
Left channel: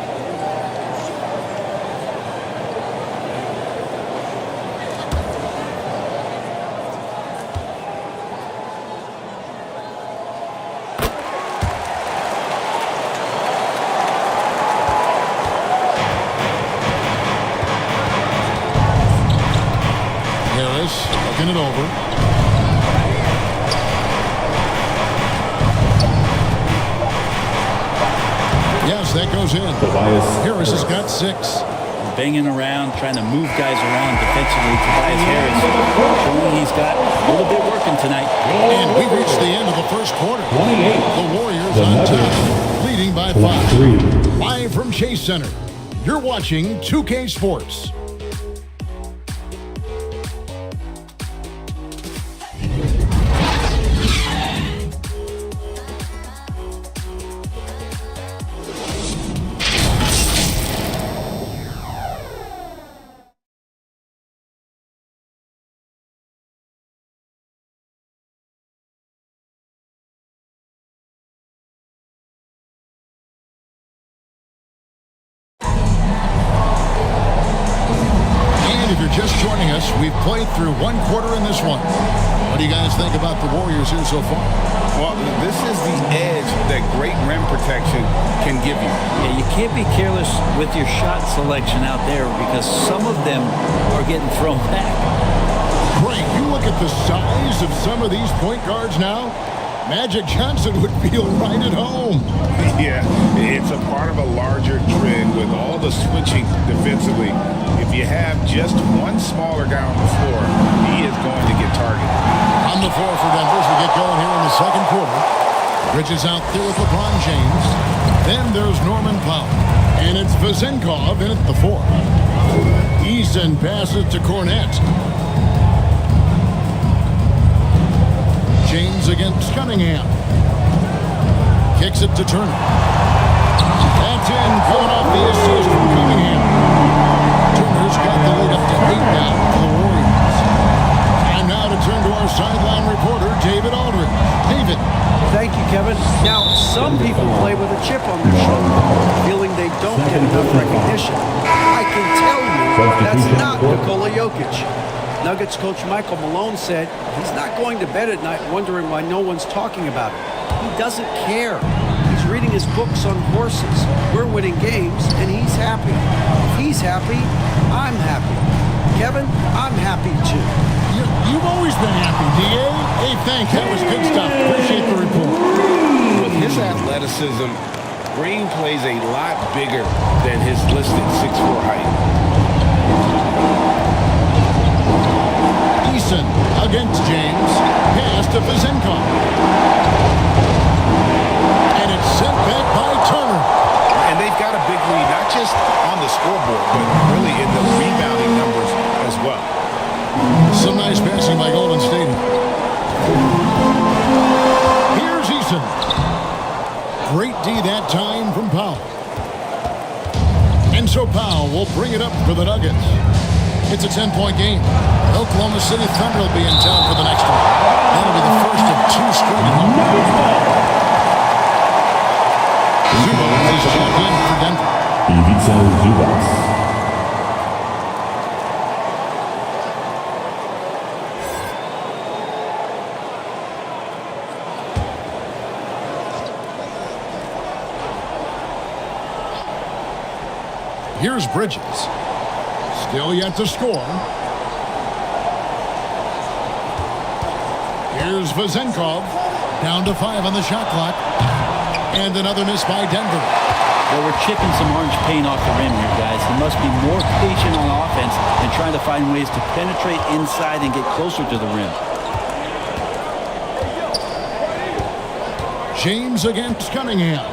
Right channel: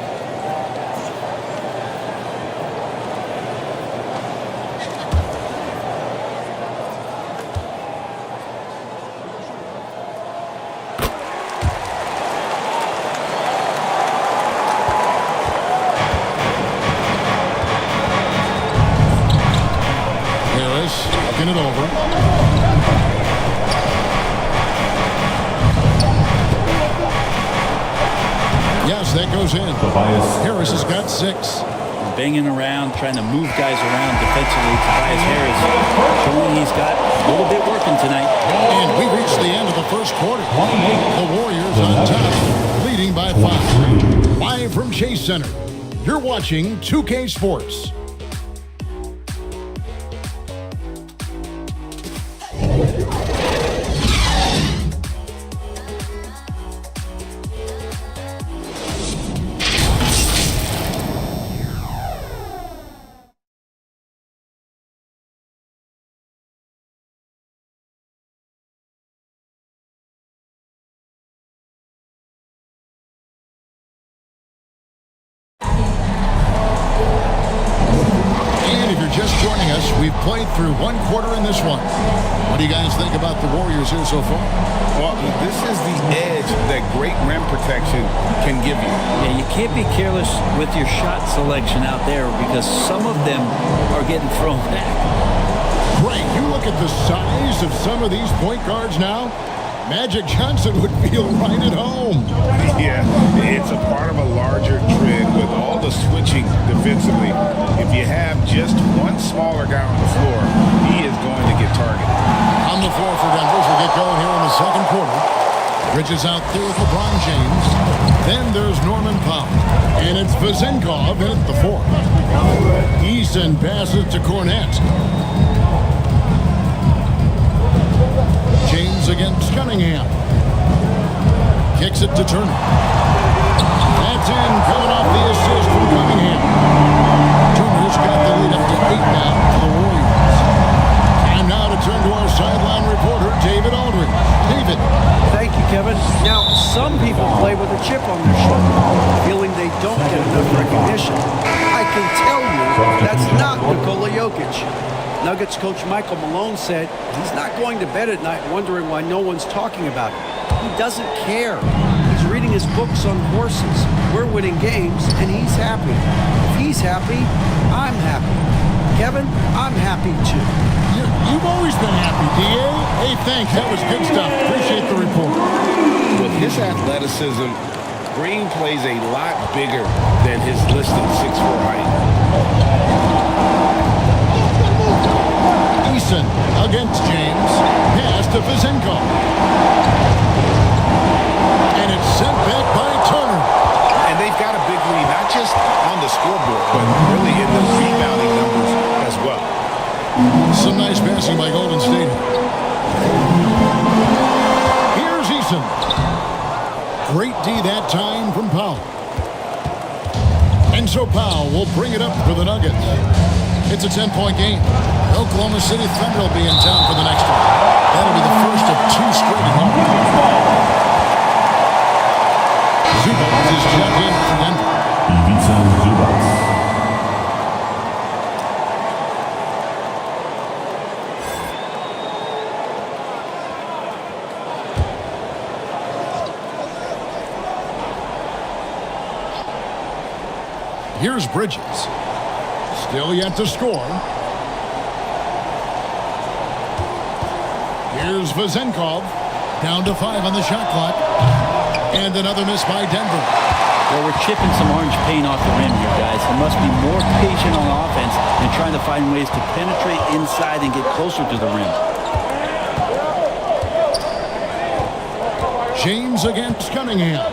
Harris looking it over. Yes, that goes in. Harris has got 6. Banging around, trying to move guys around defensively. Tobias Harris showing he's got a little bit working tonight. And we reached the end of the first quarter. The Warriors on top, leading by 5. Live from Chase Center, you're watching 2K Sports. And if you're just joining us, we've played through one quarter in this one. What do you guys think about the Warriors here so far? Well, this is the edge that great rim protection can give you. Yeah, you can't be careless with your shot selection out there because some of them are getting thrown back. Great. You look at the size of some of these point guards now. Magic Johnson would feel right at home. Yeah, it's a part of a larger trend with all the switching defensively. If you have just one smaller guy on the floor, he is going to get targeted. On the floor for Denver as we get going here in the second quarter. Bridges out there with LeBron James. Then there's Norman Powell. And it's Vazenkov in at the 4. Eason passes to Cornette. James against Cunningham. Kicks it to Turner. That's in, coming off the assist from Cunningham. Turner's got the lead up to 8 now for the Warriors. Time now to turn to our sideline reporter, David Aldridge. David. Thank you, Kevin. Now, some people play with a chip on their shoulder, feeling they don't get enough recognition. I can tell you that's not Nikola Jokic. Nuggets coach Michael Malone said he's not going to bed at night wondering why no one's talking about him. He doesn't care. He's reading his books on horses. We're winning games, and he's happy. If he's happy, I'm happy. Kevin, I'm happy too. You've always been happy, D.A. Hey, thanks. That was good stuff. Appreciate the report. With his athleticism, Green plays a lot bigger than his listed 6'4" height. Eason against James. Pass to Vizenkov. And it's sent back by Turner. And they've got a big lead, not just on the scoreboard, but really in the rebounding numbers as well. Some nice passing by Golden State. Here's Eason. Great D that time from Powell. And so Powell will bring it up for the Nuggets. It's a 10-point game. The Oklahoma City Thunder will be in town for the next one. That'll be the first of 2 straight at home. Zubac is checked in for Denver. Ivica Zubac. Here's Bridges. Still yet to score. Here's Vizenkov. Down to 5 on the shot clock. And another miss by Denver. Well, we're chipping some orange paint off the rim here, guys. He must be more patient on offense and trying to find ways to penetrate inside and get closer to the rim. James against Cunningham.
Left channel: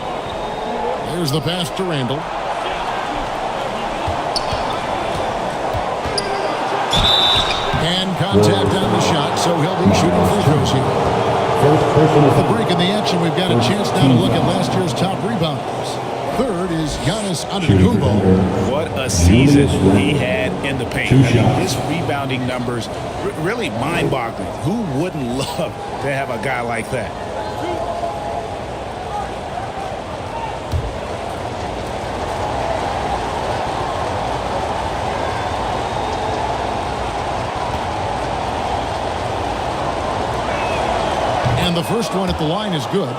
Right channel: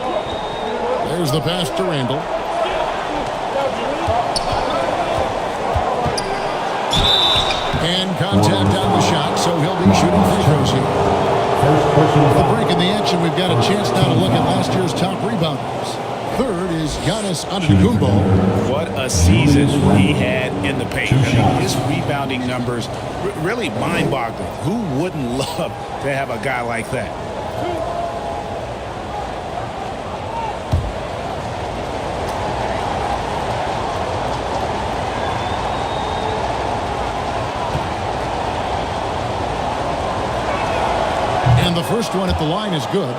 There's the pass to Randall. And contact on the shot, so he'll be shooting free throws here. With the break in the action, we've got a chance now to look at last year's top rebounders. Third is Giannis Antetokounmpo. What a season he had in the paint. I mean, his rebounding numbers really mind-boggling. Who wouldn't love to have a guy like that? And the first one at the line is good.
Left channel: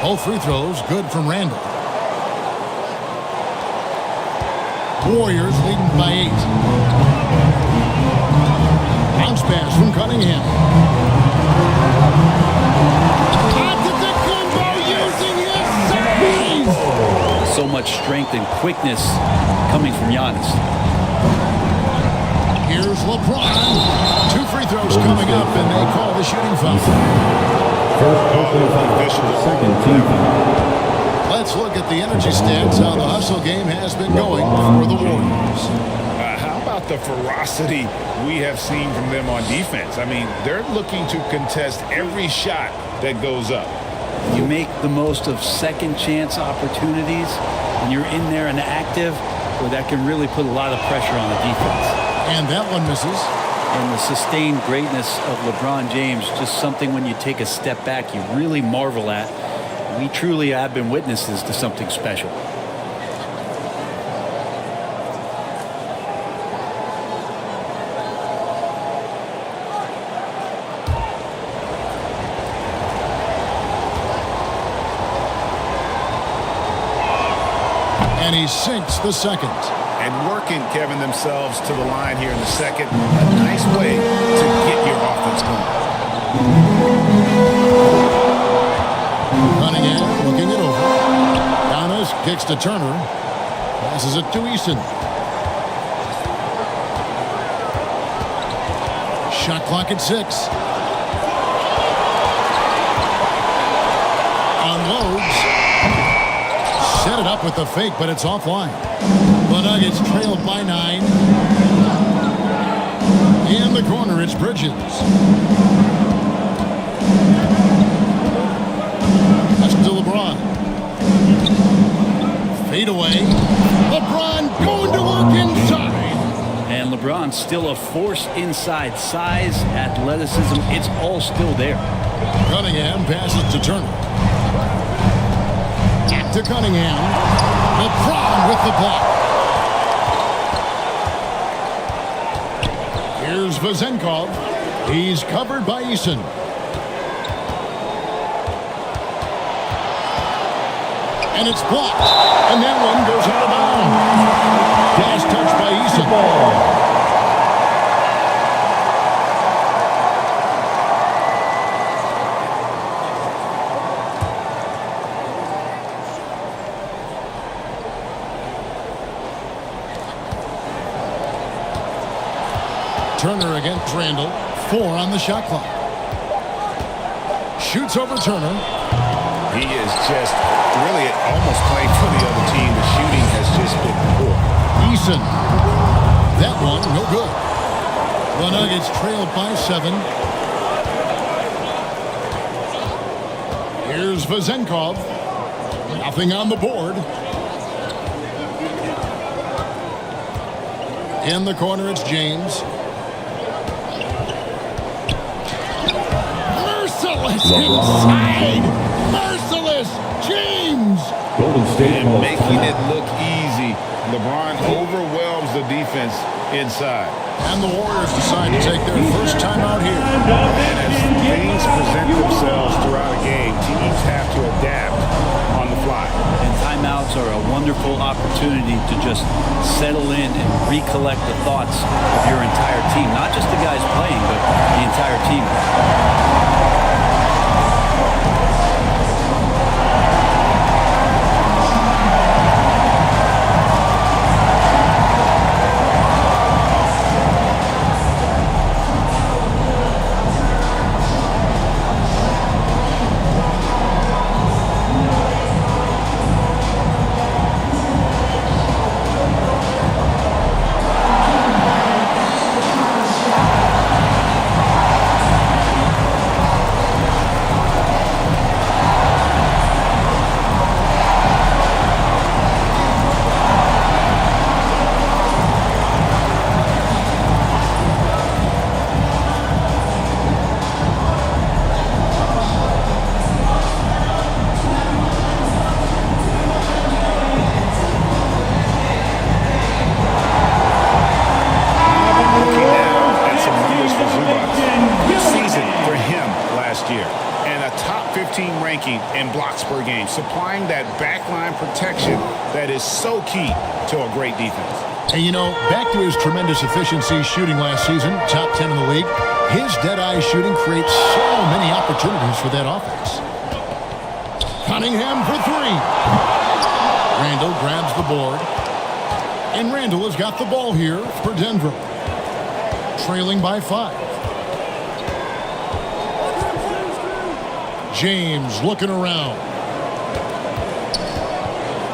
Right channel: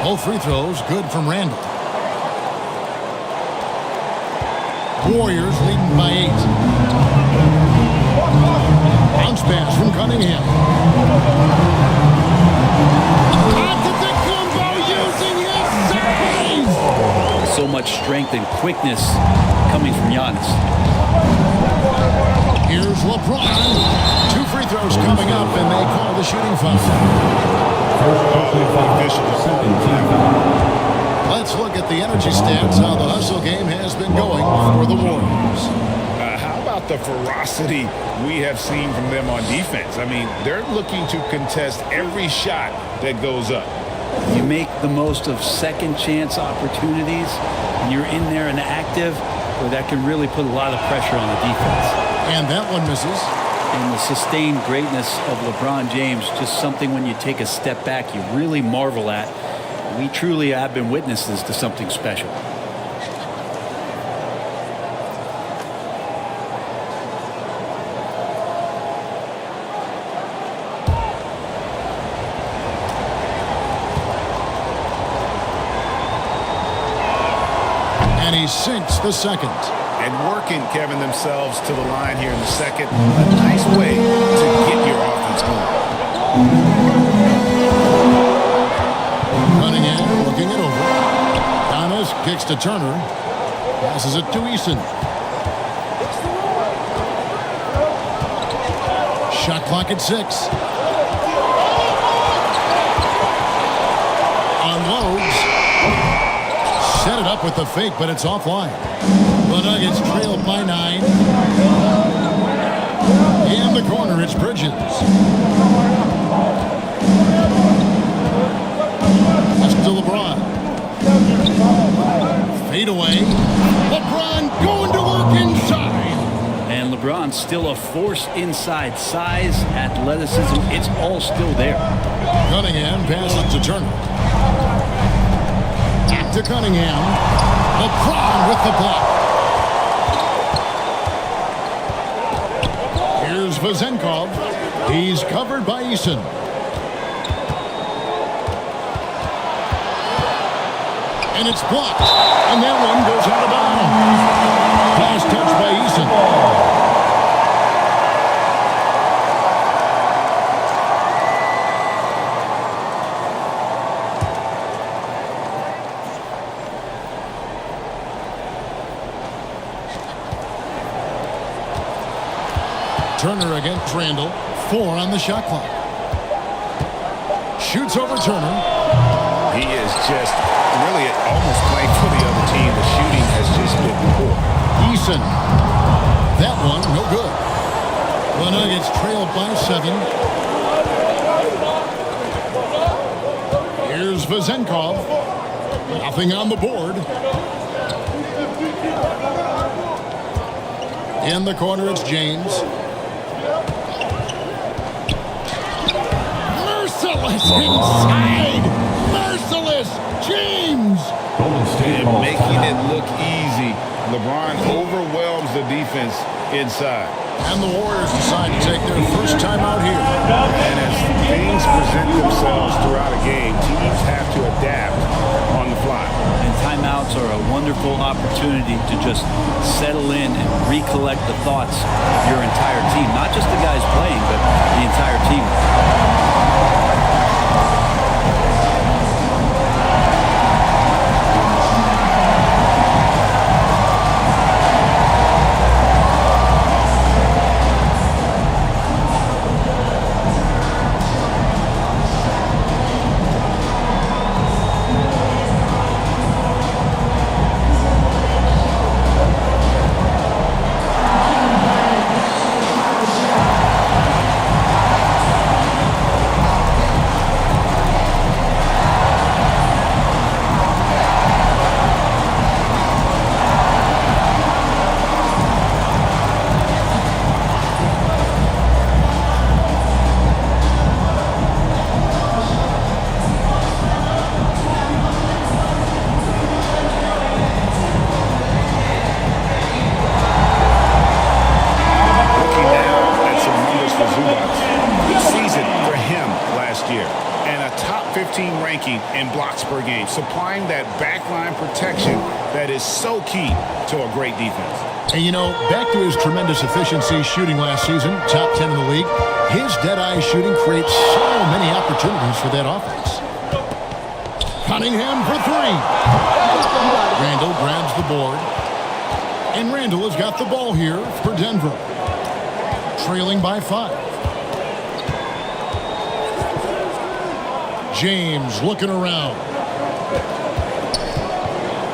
Both free throws good from Randall. Warriors leading by 8. Bounce pass from Cunningham. Antetokounmpo using his size. So much strength and quickness coming from Giannis. Here's LeBron. 2 free throws coming up, and they call the shooting foul. The officials are all over that one. Let's look at the energy stats, how the hustle game has been going for the Warriors. How about the ferocity we have seen from them on defense? I mean, they're looking to contest every shot that goes up. You make the most of second chance opportunities, and you're in there and active, boy, that can really put a lot of pressure on the defense. And that one misses. And the sustained greatness of LeBron James, just something when you take a step back, you really marvel at. We truly have been witnesses to something special. And he sinks the second. And working, Kevin, themselves to the line here in the second. A nice way to get your offense going. Cunningham looking it over. Giannis kicks to Turner. Passes it to Eason. Shot clock at 6. Unloads. Set it up with the fake, but it's offline. The Nuggets trail by 9. In the corner, it's Bridges. Pass to LeBron. Fade away. LeBron going to work inside. And LeBron's still a force inside. Size, athleticism, it's all still there. Cunningham passes to Turner. Back to Cunningham. LeBron with the block. Here's Vezenkov. He's covered by Eason. And it's blocked. And that one goes out of bounds. Last touch by Eason. Turner against Randall. 4 on the shot clock. Shoots over Turner. He is just really almost playing for the other team. The shooting has just been poor. Eason. That one, no good. The Nuggets trail by 7. Here's Vezenkov. Nothing on the board. In the corner, it's James. Merciless inside. Merciless. James. Golden State and making it look easy. LeBron overwhelms the defense inside. And the Warriors decide to take their first time out here. And as things present themselves throughout a game, teams have to adapt on the fly. And timeouts are a wonderful opportunity to just settle in and recollect the thoughts of your entire team. Not just the guys playing, but the entire team. For Zubats. Good season for him last year. And a top 15 ranking in blocks per game, supplying that backline protection that is so key to a great defense. And you know, back to his tremendous efficiency shooting last season, top 10 in the league, his dead-eye shooting creates so many opportunities for that offense. Cunningham for 3. Randall grabs the board. And Randall has got the ball here for Denver. Trailing by 5. James looking around.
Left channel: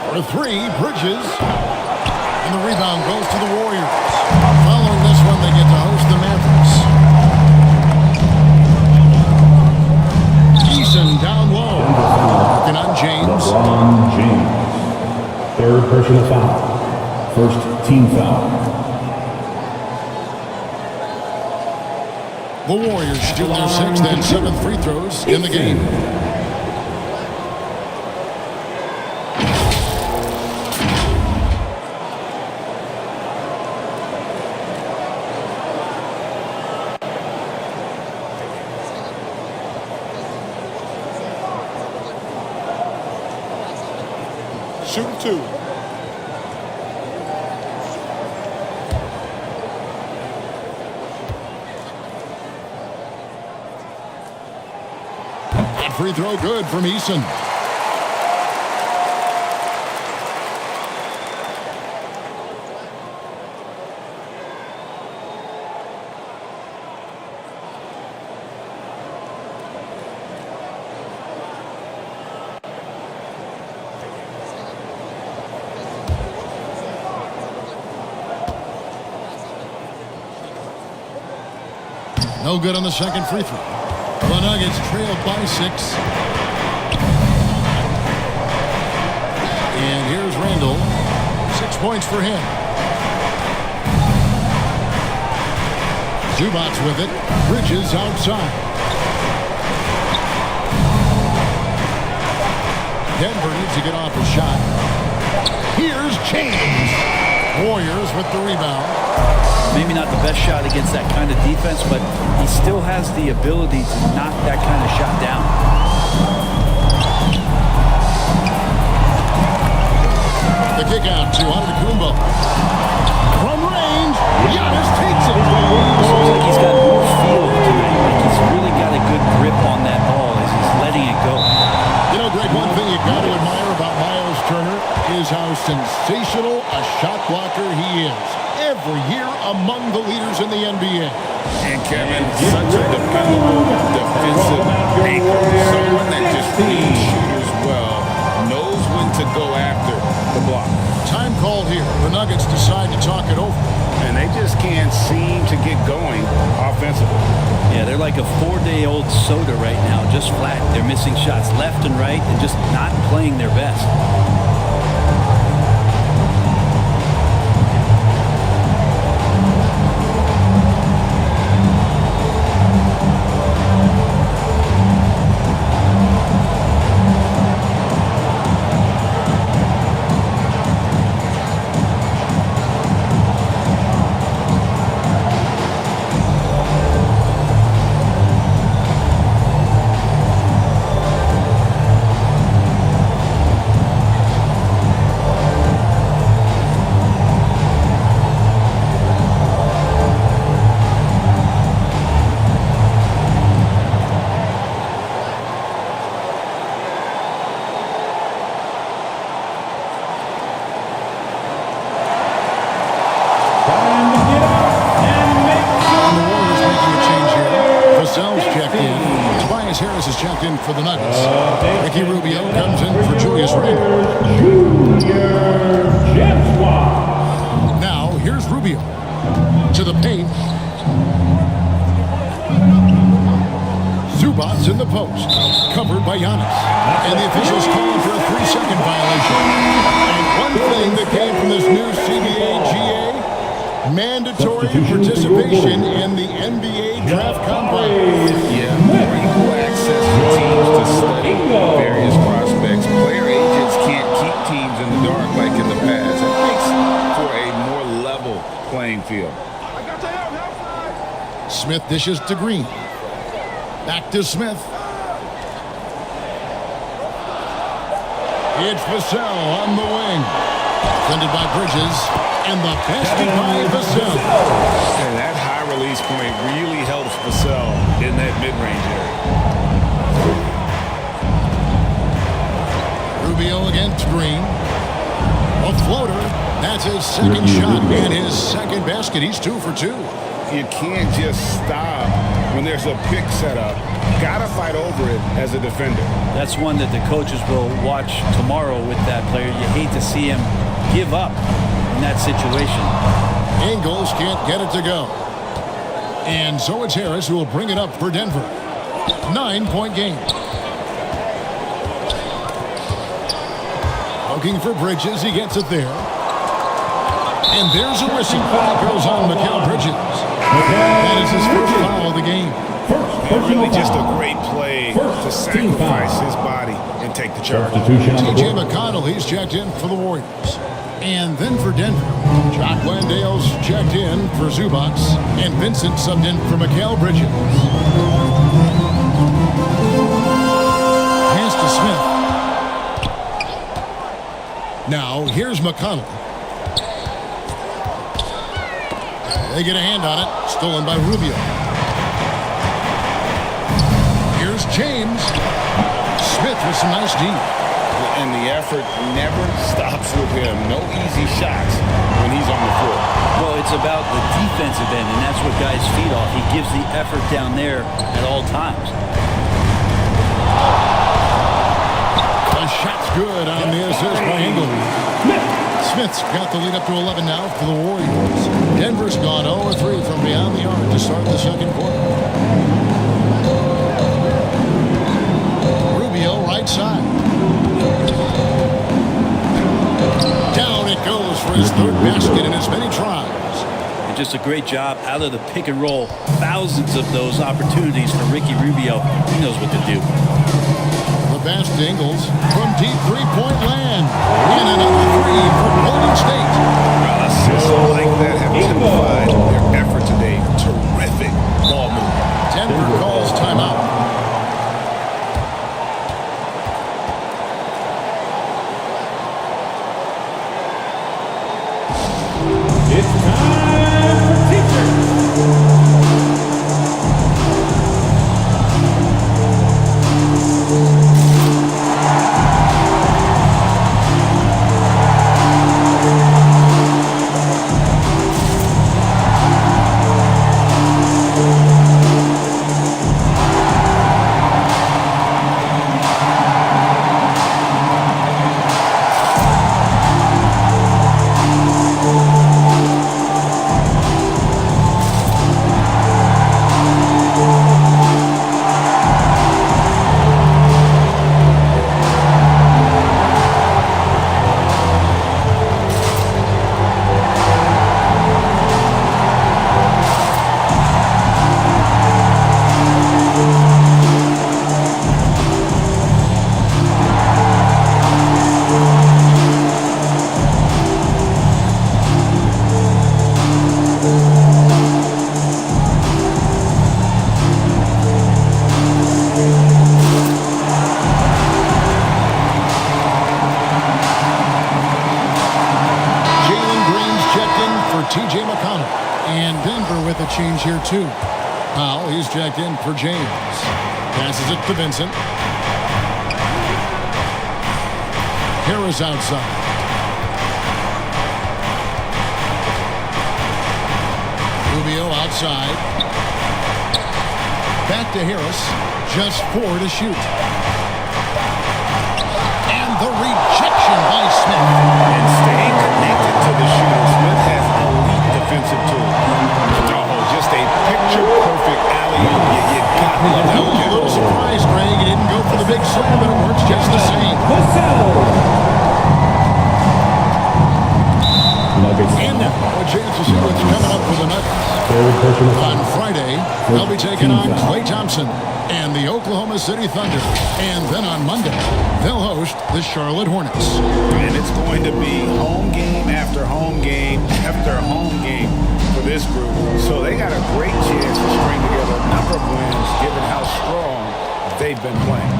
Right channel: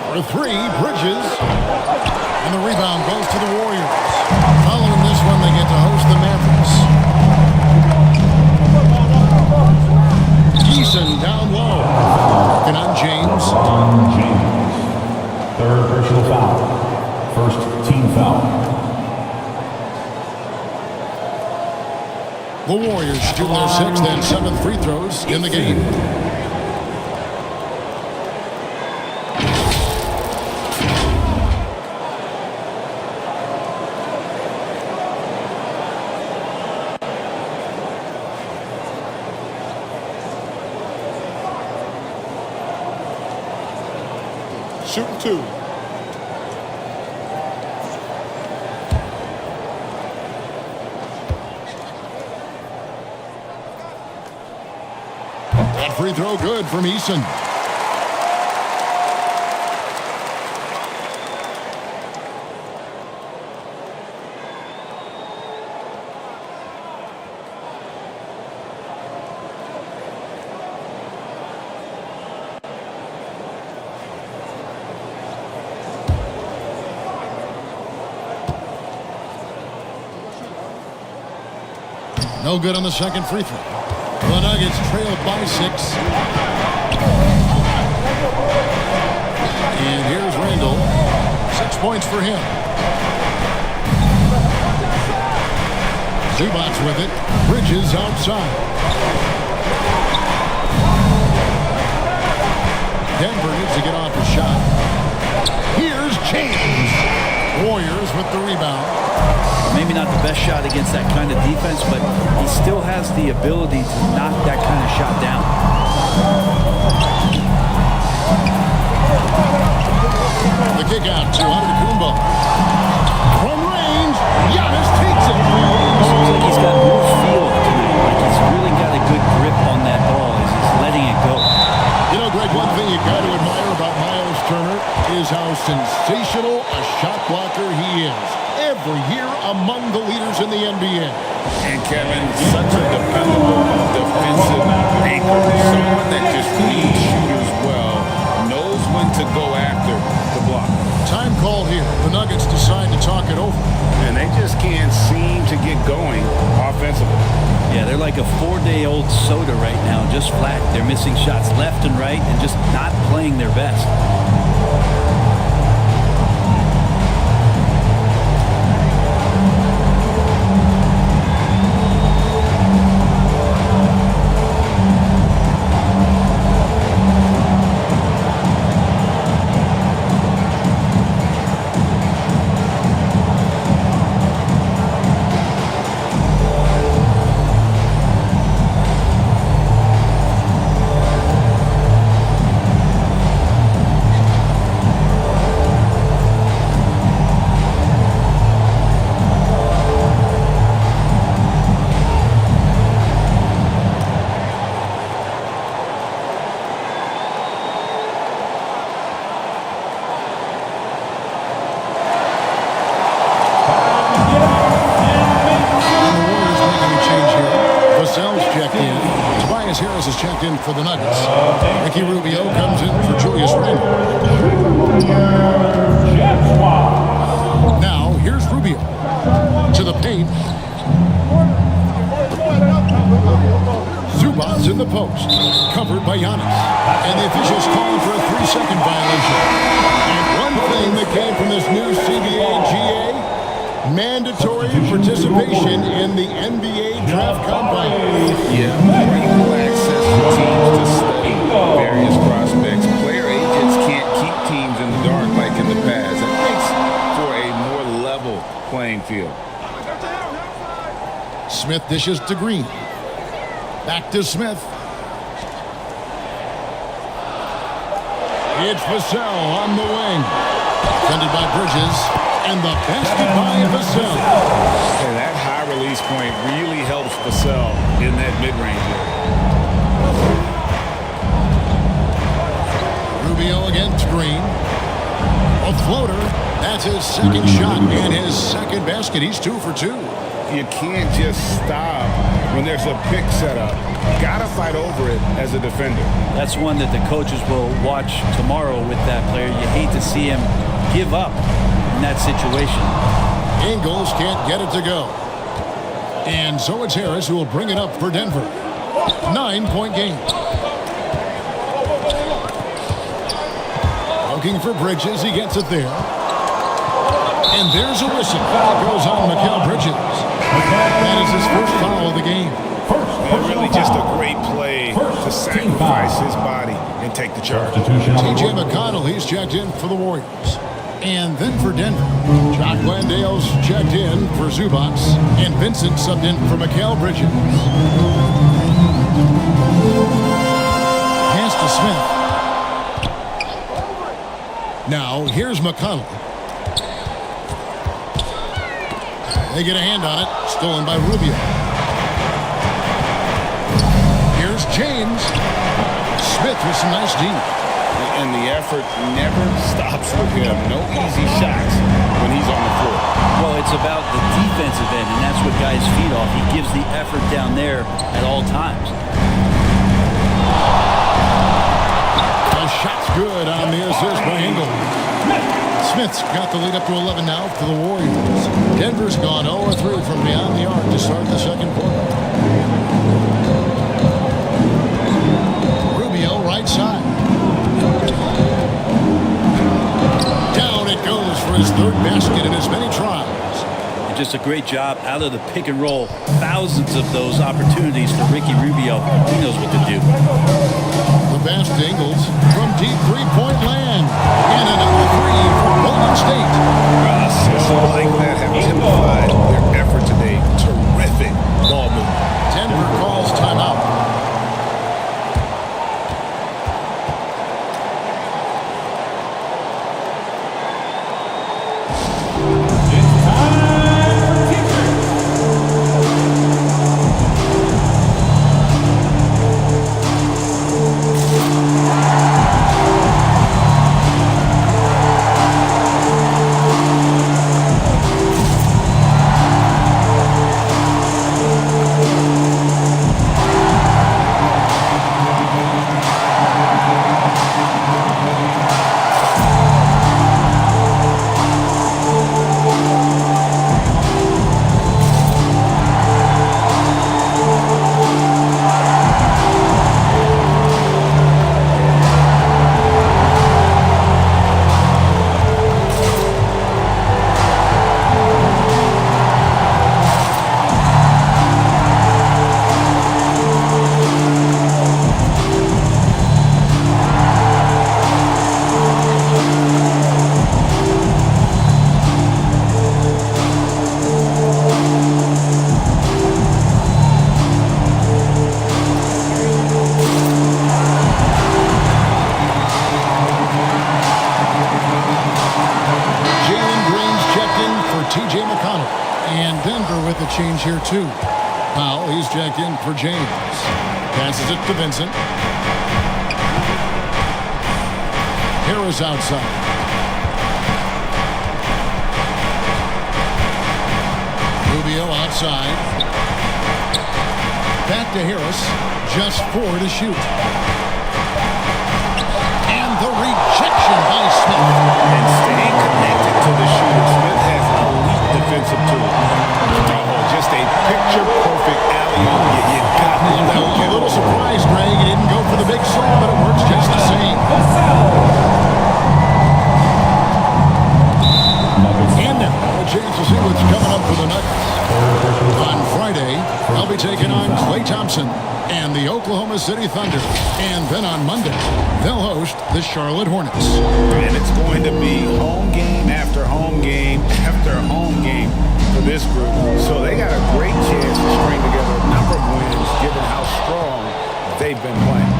For 3, Bridges. And the rebound goes to the Warriors. Following this one, they get to host the Mavericks. Eason down low. Working on James. LeBron James. 3rd personal foul. 1st team foul. The Warriors shooting their 6th and 7th free throws in the game. Shooting 2. That free throw good from Eason. No good on the second free throw. The Nuggets trailed by 6. And here's Randall. 6 points for him. Zubac's with it. Bridges outside. Denver needs to get off his shot. Here's James. Warriors with the rebound. Well, maybe not the best shot against that kind of defense, but he still has the ability to knock that kind of shot down. The kick out to Antetokounmpo. From range, Giannis takes it. Looks like he's got more feel tonight. Like he's really got a good grip on that ball as he's letting it go. You know, Greg, one thing you got to admire about Miles Turner is how sensational a shot blocker he is. Every year among the leaders in the NBA. And Kevin, such a dependable defensive anchor. Someone that just reads shooters well, knows when to go after the block. Time called here. The Nuggets decide to talk it over. And they just can't seem to get going offensively. Yeah, they're like a 4-day-old soda right now, just flat. They're missing shots left and right and just not playing their best. Vassell's checked in. Tobias Harris is checked in for the Nuggets. Ricky Rubio comes in for Julius Randle. Now, here's Rubio. To the paint. Zubac's in the post. Covered by Giannis. And the officials calling for a 3-second violation. And one thing that came from this new CBA GA, mandatory participation in the NBA draft combine. Yeah, more equal access for teams to study various prospects. Player agents can't keep teams in the dark like in the past. That makes for a more level playing field. Smith dishes to Green. Back to Smith. It's Vassell on the wing. Defended by Bridges. And the basket by Vassell. And that high release point really helps Vassell in that mid-range area. Rubio against Green. A floater. That's his second shot and his second basket. He's 2 for 2. You can't just stop when there's a pick set up. Gotta fight over it as a defender. That's one that the coaches will watch tomorrow with that player. You hate to see him give up in that situation. Ingles can't get it to go. And so it's Harris who will bring it up for Denver. 9-point game. Looking for Bridges. He gets it there. And there's a whistle. That goes on Mikal Bridges. That is his first foul of the game. And really just a great play to sacrifice his body and take the charge. TJ McConnell, he's checked in for the Warriors. And then for Denver, Jock Landale's checked in for Zubac, and Vincent subbed in for Mikal Bridges. Pass to Smith. Now, here's McConnell. They get a hand on it, stolen by Rubio. Here's James. Smith with some nice D. And the effort never stops with him. No easy shots when he's on the floor. Well, it's about the defensive end, and that's what guys feed off. He gives the effort down there at all times. The shot's good on the assist by Ingles. Smith's got the lead up to 11 now for the Warriors. Denver's gone 0-3 from beyond the arc to start the second quarter. Rubio right side. Down it goes for his third basket in as many tries. And just a great job out of the pick and roll. Thousands of those opportunities for Ricky Rubio. He knows what to do. The pass to Ingles from deep three-point land. And another three for Golden State. Assists like that have typified their effort today. Terrific ball movement. Denver calls timeout. It's time for teachers. Checked in for T.J. McConnell. And Denver with a change here, too. Powell, he's checked in for James. Passes it to Vincent. Harris outside. Rubio outside. Back to Harris. Just 4 to shoot. And the rejection by Smith. And staying connected to the shooter, Smith has elite defensive tools. Oh, just a picture-perfect alley-oop. You gotta love that one. A little surprised, Greg. He didn't go for the big slam, but it works just the same. Nuggets. And now, a chance to see what's coming up for the Nuggets. On Friday, they'll be taking on Klay Thompson and the Oklahoma City Thunder. And then on Monday, they'll host the Charlotte Hornets. And it's going to be home game after home game after home game for this group. So they got a great chance to string together a number of wins given how strong they've been playing.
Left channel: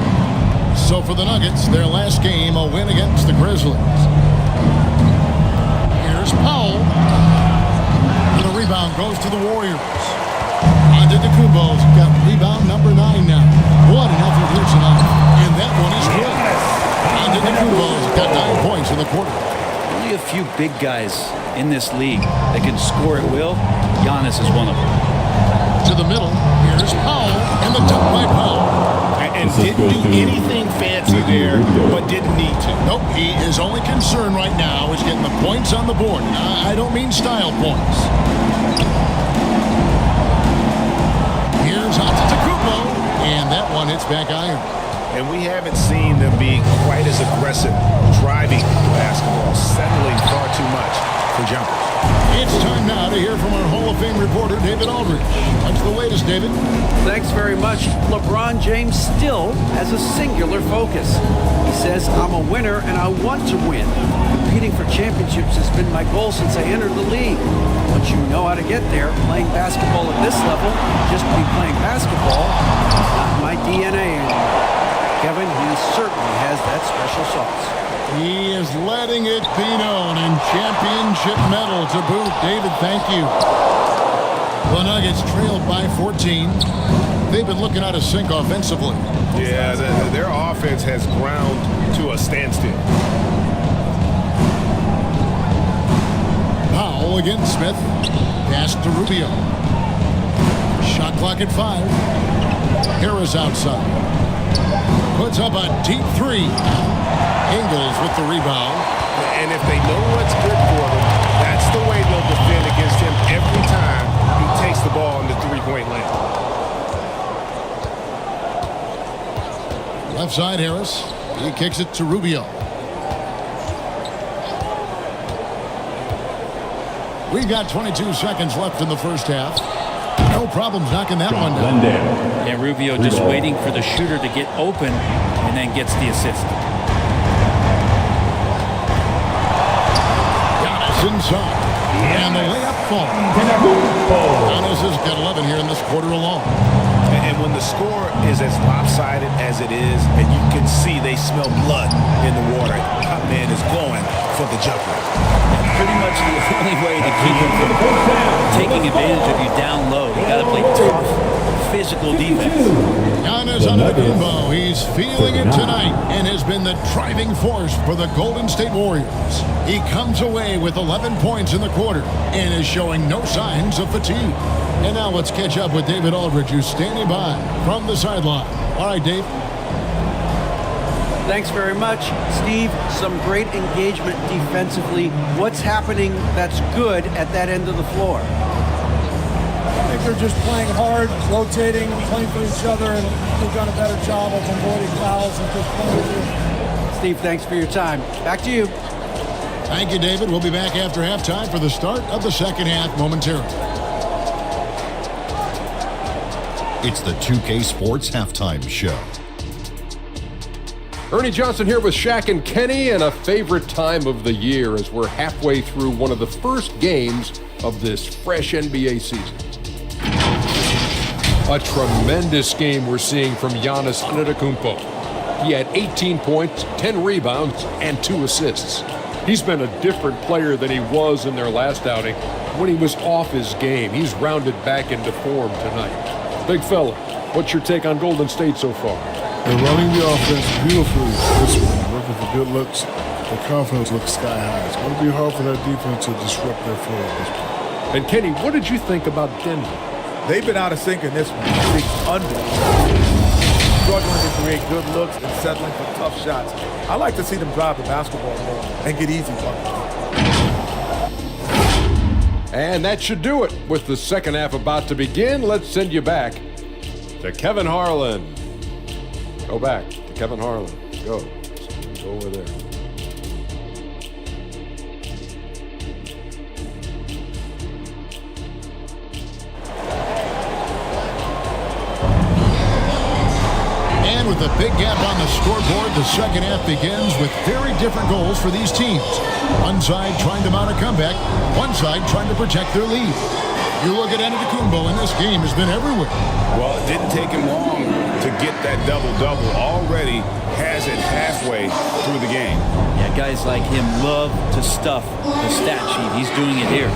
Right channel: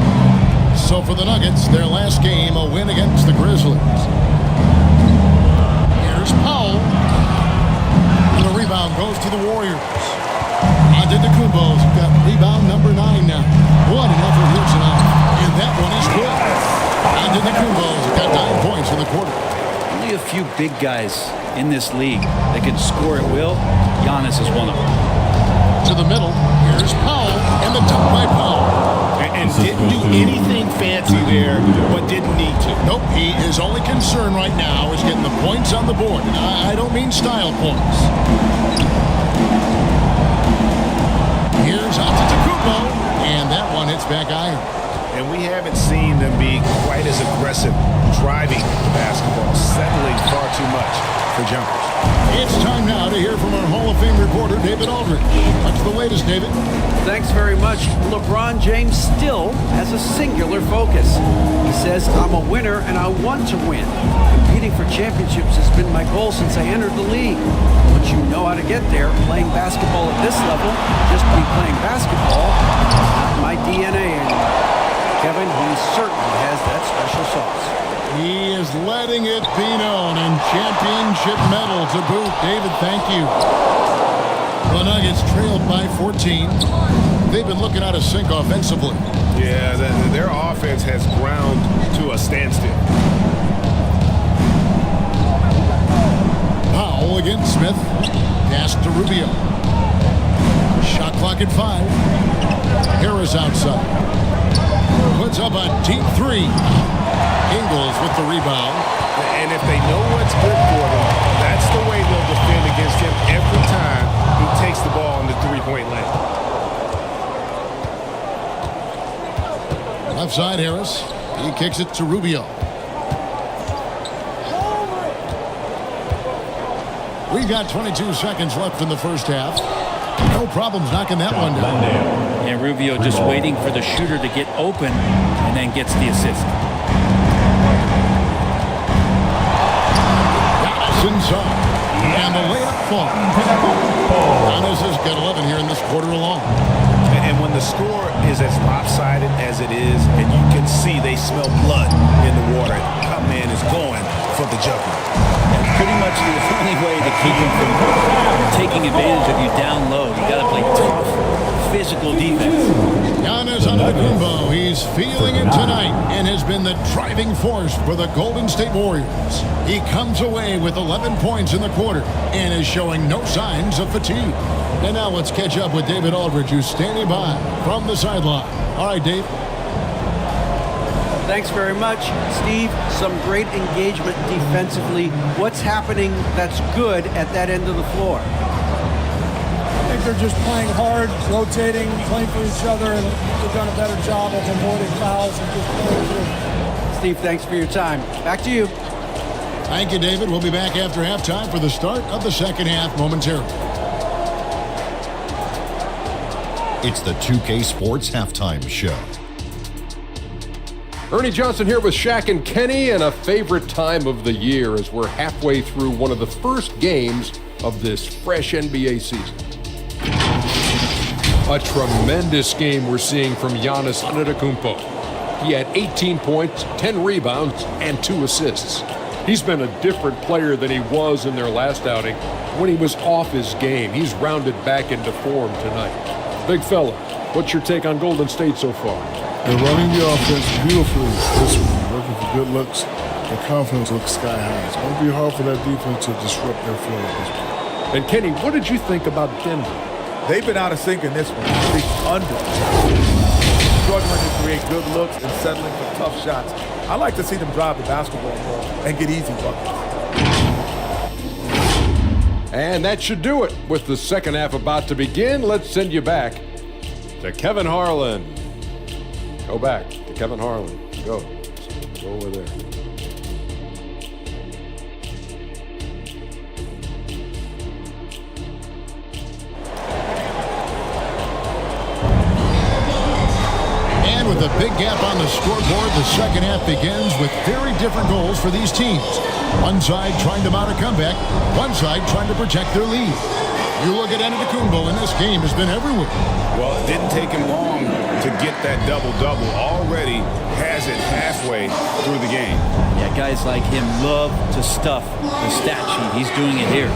So for the Nuggets, their last game, a win against the Grizzlies. Here's Powell. And the rebound goes to the Warriors. Antetokounmpo's got rebound number 9 now. What an effort here tonight. And that one is good. Antetokounmpo's got 9 points in the quarter. Only a few big guys in this league that can score at will. Giannis is one of them. To the middle, here's Powell, and the dunk by Powell. And didn't do anything fancy there, but didn't need to. Nope, he is only concerned right now is getting the points on the board. I don't mean style points. Here's Antetokounmpo, and that one hits back iron. And we haven't seen them be quite as aggressive driving the basketball, settling far too much for jumpers. It's time now to hear from our Hall of Fame reporter, David Aldridge. What's the latest, David? Thanks very much. LeBron James still has a singular focus. He says, I'm a winner and I want to win. Competing for championships has been my goal since I entered the league. Once you know how to get there, playing basketball at this level, just to be playing basketball, is not in my DNA anymore. Kevin, he certainly has that special sauce. He is letting it be known, and championship medal to boot. David, thank you. The Nuggets trailed by 14. They've been looking out of sync offensively. Yeah, their offense has ground to a standstill. Powell against Smith. Pass to Rubio. Shot clock at 5. Harris outside. Puts up a deep 3. Ingles with the rebound. And if they know what's good for them, that's the way they'll defend against him every time he takes the ball in the three-point lane. Left side, Harris. He kicks it to Rubio. We've got 22 seconds left in the first half. No problems knocking that one down. Yeah, Rubio just waiting for the shooter to get open and then gets the assist. Giannis inside. And the layup falls. Giannis has got 11 here in this quarter alone. And when the score is as lopsided as it is, and you can see they smell blood in the water, my man is going for the jugular. That's pretty much the only way to keep him from taking advantage of you down low. You got to play tough, physical defense. Giannis Antetokounmpo, he's feeling it tonight and has been the driving force for the Golden State Warriors. He comes away with 11 points in the quarter and is showing no signs of fatigue. And now let's catch up with David Aldridge, who's standing by from the sideline. All right, Dave. Thanks very much, Steve. Some great engagement defensively. What's happening that's good at that end of the floor? I think they're just playing hard, rotating, playing for each other, and they've done a better job of avoiding fouls and just playing through. Steve, thanks for your time. Back to you. Thank you, David. We'll be back after halftime for the start of the second half momentarily. It's the 2K Sports Halftime Show. Ernie Johnson here with Shaq and Kenny, and a favorite time of the year as we're halfway through one of the first games of this fresh NBA season. A tremendous game we're seeing from Giannis Antetokounmpo. He had 18 points, 10 rebounds, and 2 assists. He's been a different player than he was in their last outing when he was off his game. He's rounded back into form tonight. Big fella, what's your take on Golden State so far? They're running the offense beautifully this one, working for good looks. Their confidence looks sky high. It's going to be hard for that defense to disrupt their flow at this point. And Kenny, what did you think about Denver? They've been out of sync in this one, shooting under. Struggling to create good looks and settling for tough shots. I like to see them drive the basketball more and get easy buckets. And that should do it. With the second half about to begin, let's send you back to Kevin Harlan. Go back to Kevin Harlan. Go over there. And with a big gap on the scoreboard, the second half begins with very different goals for these teams. One side trying to mount a comeback, one side trying to protect their lead. You look at Antetokounmpo, and this game has been everywhere. Well, it didn't take him long to get that double-double. Already has it halfway through the game. Yeah, guys like him love to stuff the stat sheet. He's doing it here.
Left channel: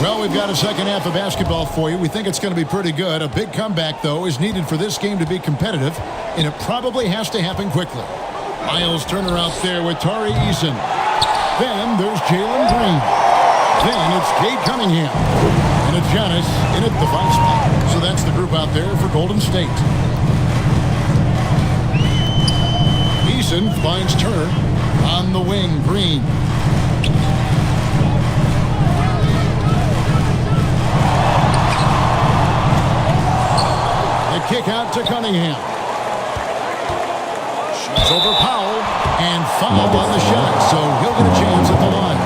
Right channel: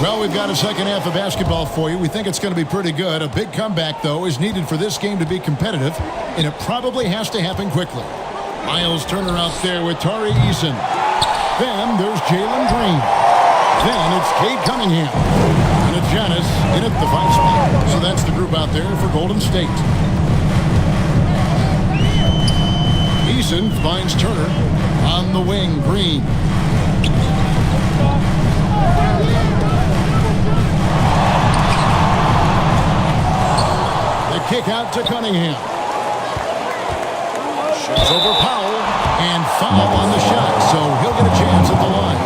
Well, we've got a second half of basketball for you. We think it's going to be pretty good. A big comeback, though, is needed for this game to be competitive, and it probably has to happen quickly. Miles Turner out there with Tari Eason. Then there's Jalen Green. Then it's Cade Cunningham. And it's Giannis in at the 5 spot. So that's the group out there for Golden State. Eason finds Turner on the wing. Green. The kick out to Cunningham. Shoots over Powell and foul on the shot, so he'll get a chance at the line.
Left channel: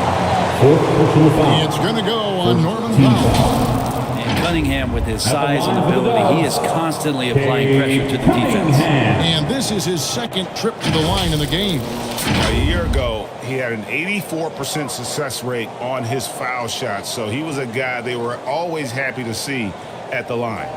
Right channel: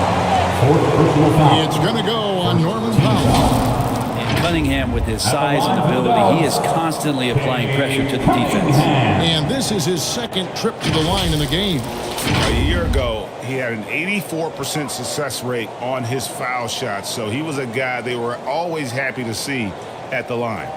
4th personal foul. It's going to go on Norman Powell. And Cunningham, with his size and ability, he is constantly applying pressure to the defense. And this is his second trip to the line in the game. A year ago, he had an 84% success rate on his foul shots, so he was a guy they were always happy to see at the line.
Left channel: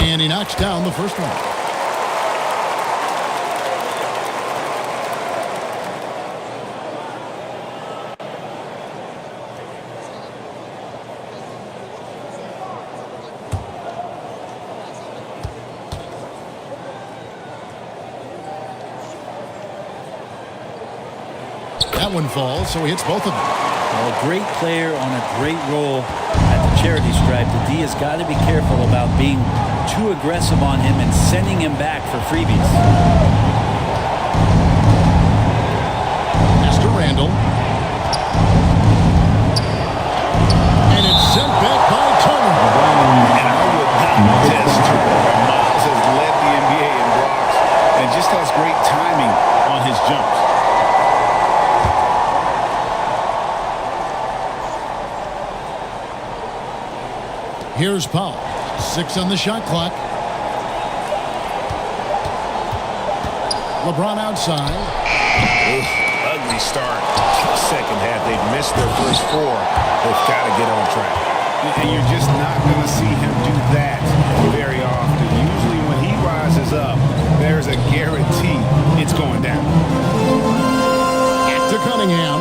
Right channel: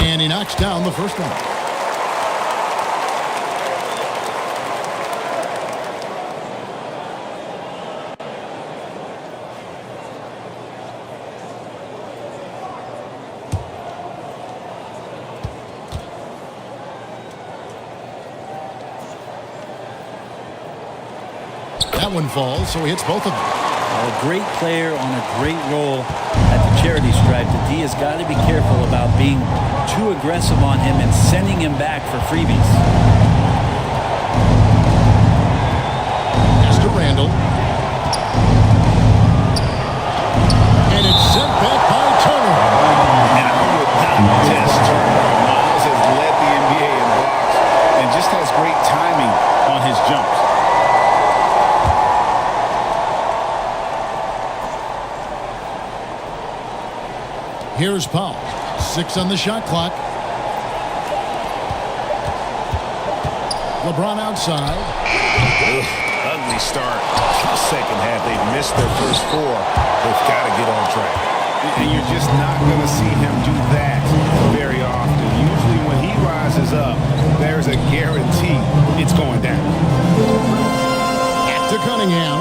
And he knocks down the first one. That one falls, so he hits both of them. A great player on a great role. at the charity stripe, the D has got to be careful about being too aggressive on him and sending him back for freebies. Pass to Randall. And it's sent back by Turner. And I would not test Turner. And Miles has led the NBA in blocks and just has great timing on his jumps. Here's Powell. 6 on the shot clock. LeBron outside. Ugh, ugly start to the second half. They've missed their first 4. They've got to get on track. And you're just not going to see him do that very often. Usually when he rises up, there's a guarantee it's going down. Back to Cunningham.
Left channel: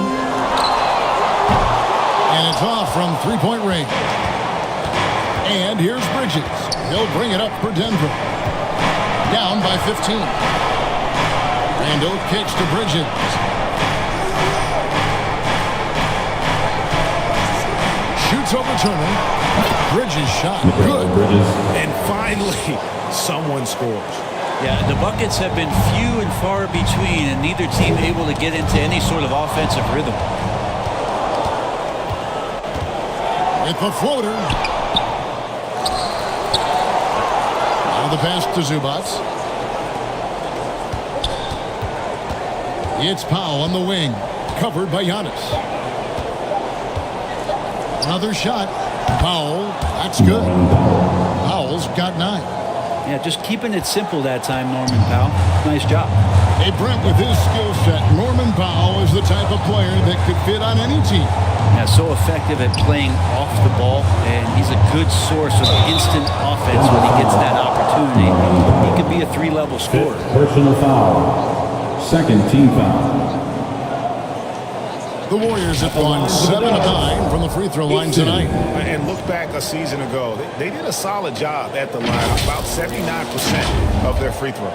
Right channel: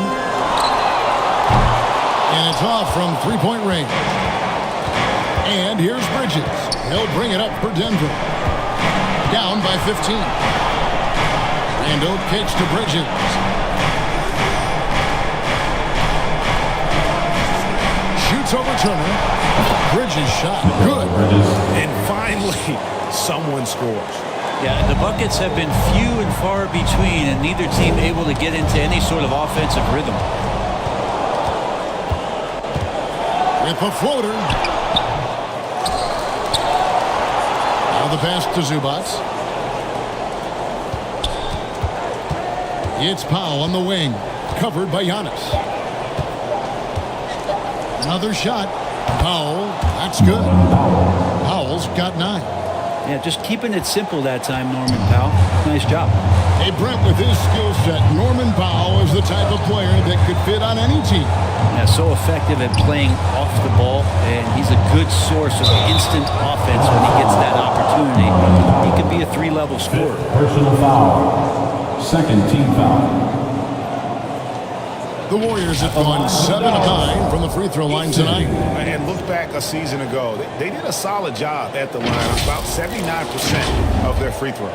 And it's off from three-point range. And here's Bridges. He'll bring it up for Denver. Down by 15. Randall kicks to Bridges. Shoots over Turner. Bridges shot. Good. And finally, someone scores. Yeah, the buckets have been few and far between, and neither team able to get into any sort of offensive rhythm. With a floater. Now the pass to Zubac. It's Powell on the wing. Covered by Giannis. Another shot. Powell. That's good. Powell's got 9. Yeah, just keeping it simple that time, Norman Powell. Nice job. Hey, Brent, with his skill set, Norman Powell is the type of player that could fit on any team. Yeah, so effective at playing off the ball, and he's a good source of instant offense when he gets that opportunity. He can be a 3-level scorer. Personal foul. Second team foul. The Warriors have gone 7 of 9 from the free throw line tonight. And look back a season ago. They did a solid job at the line, about 79% of their free throws.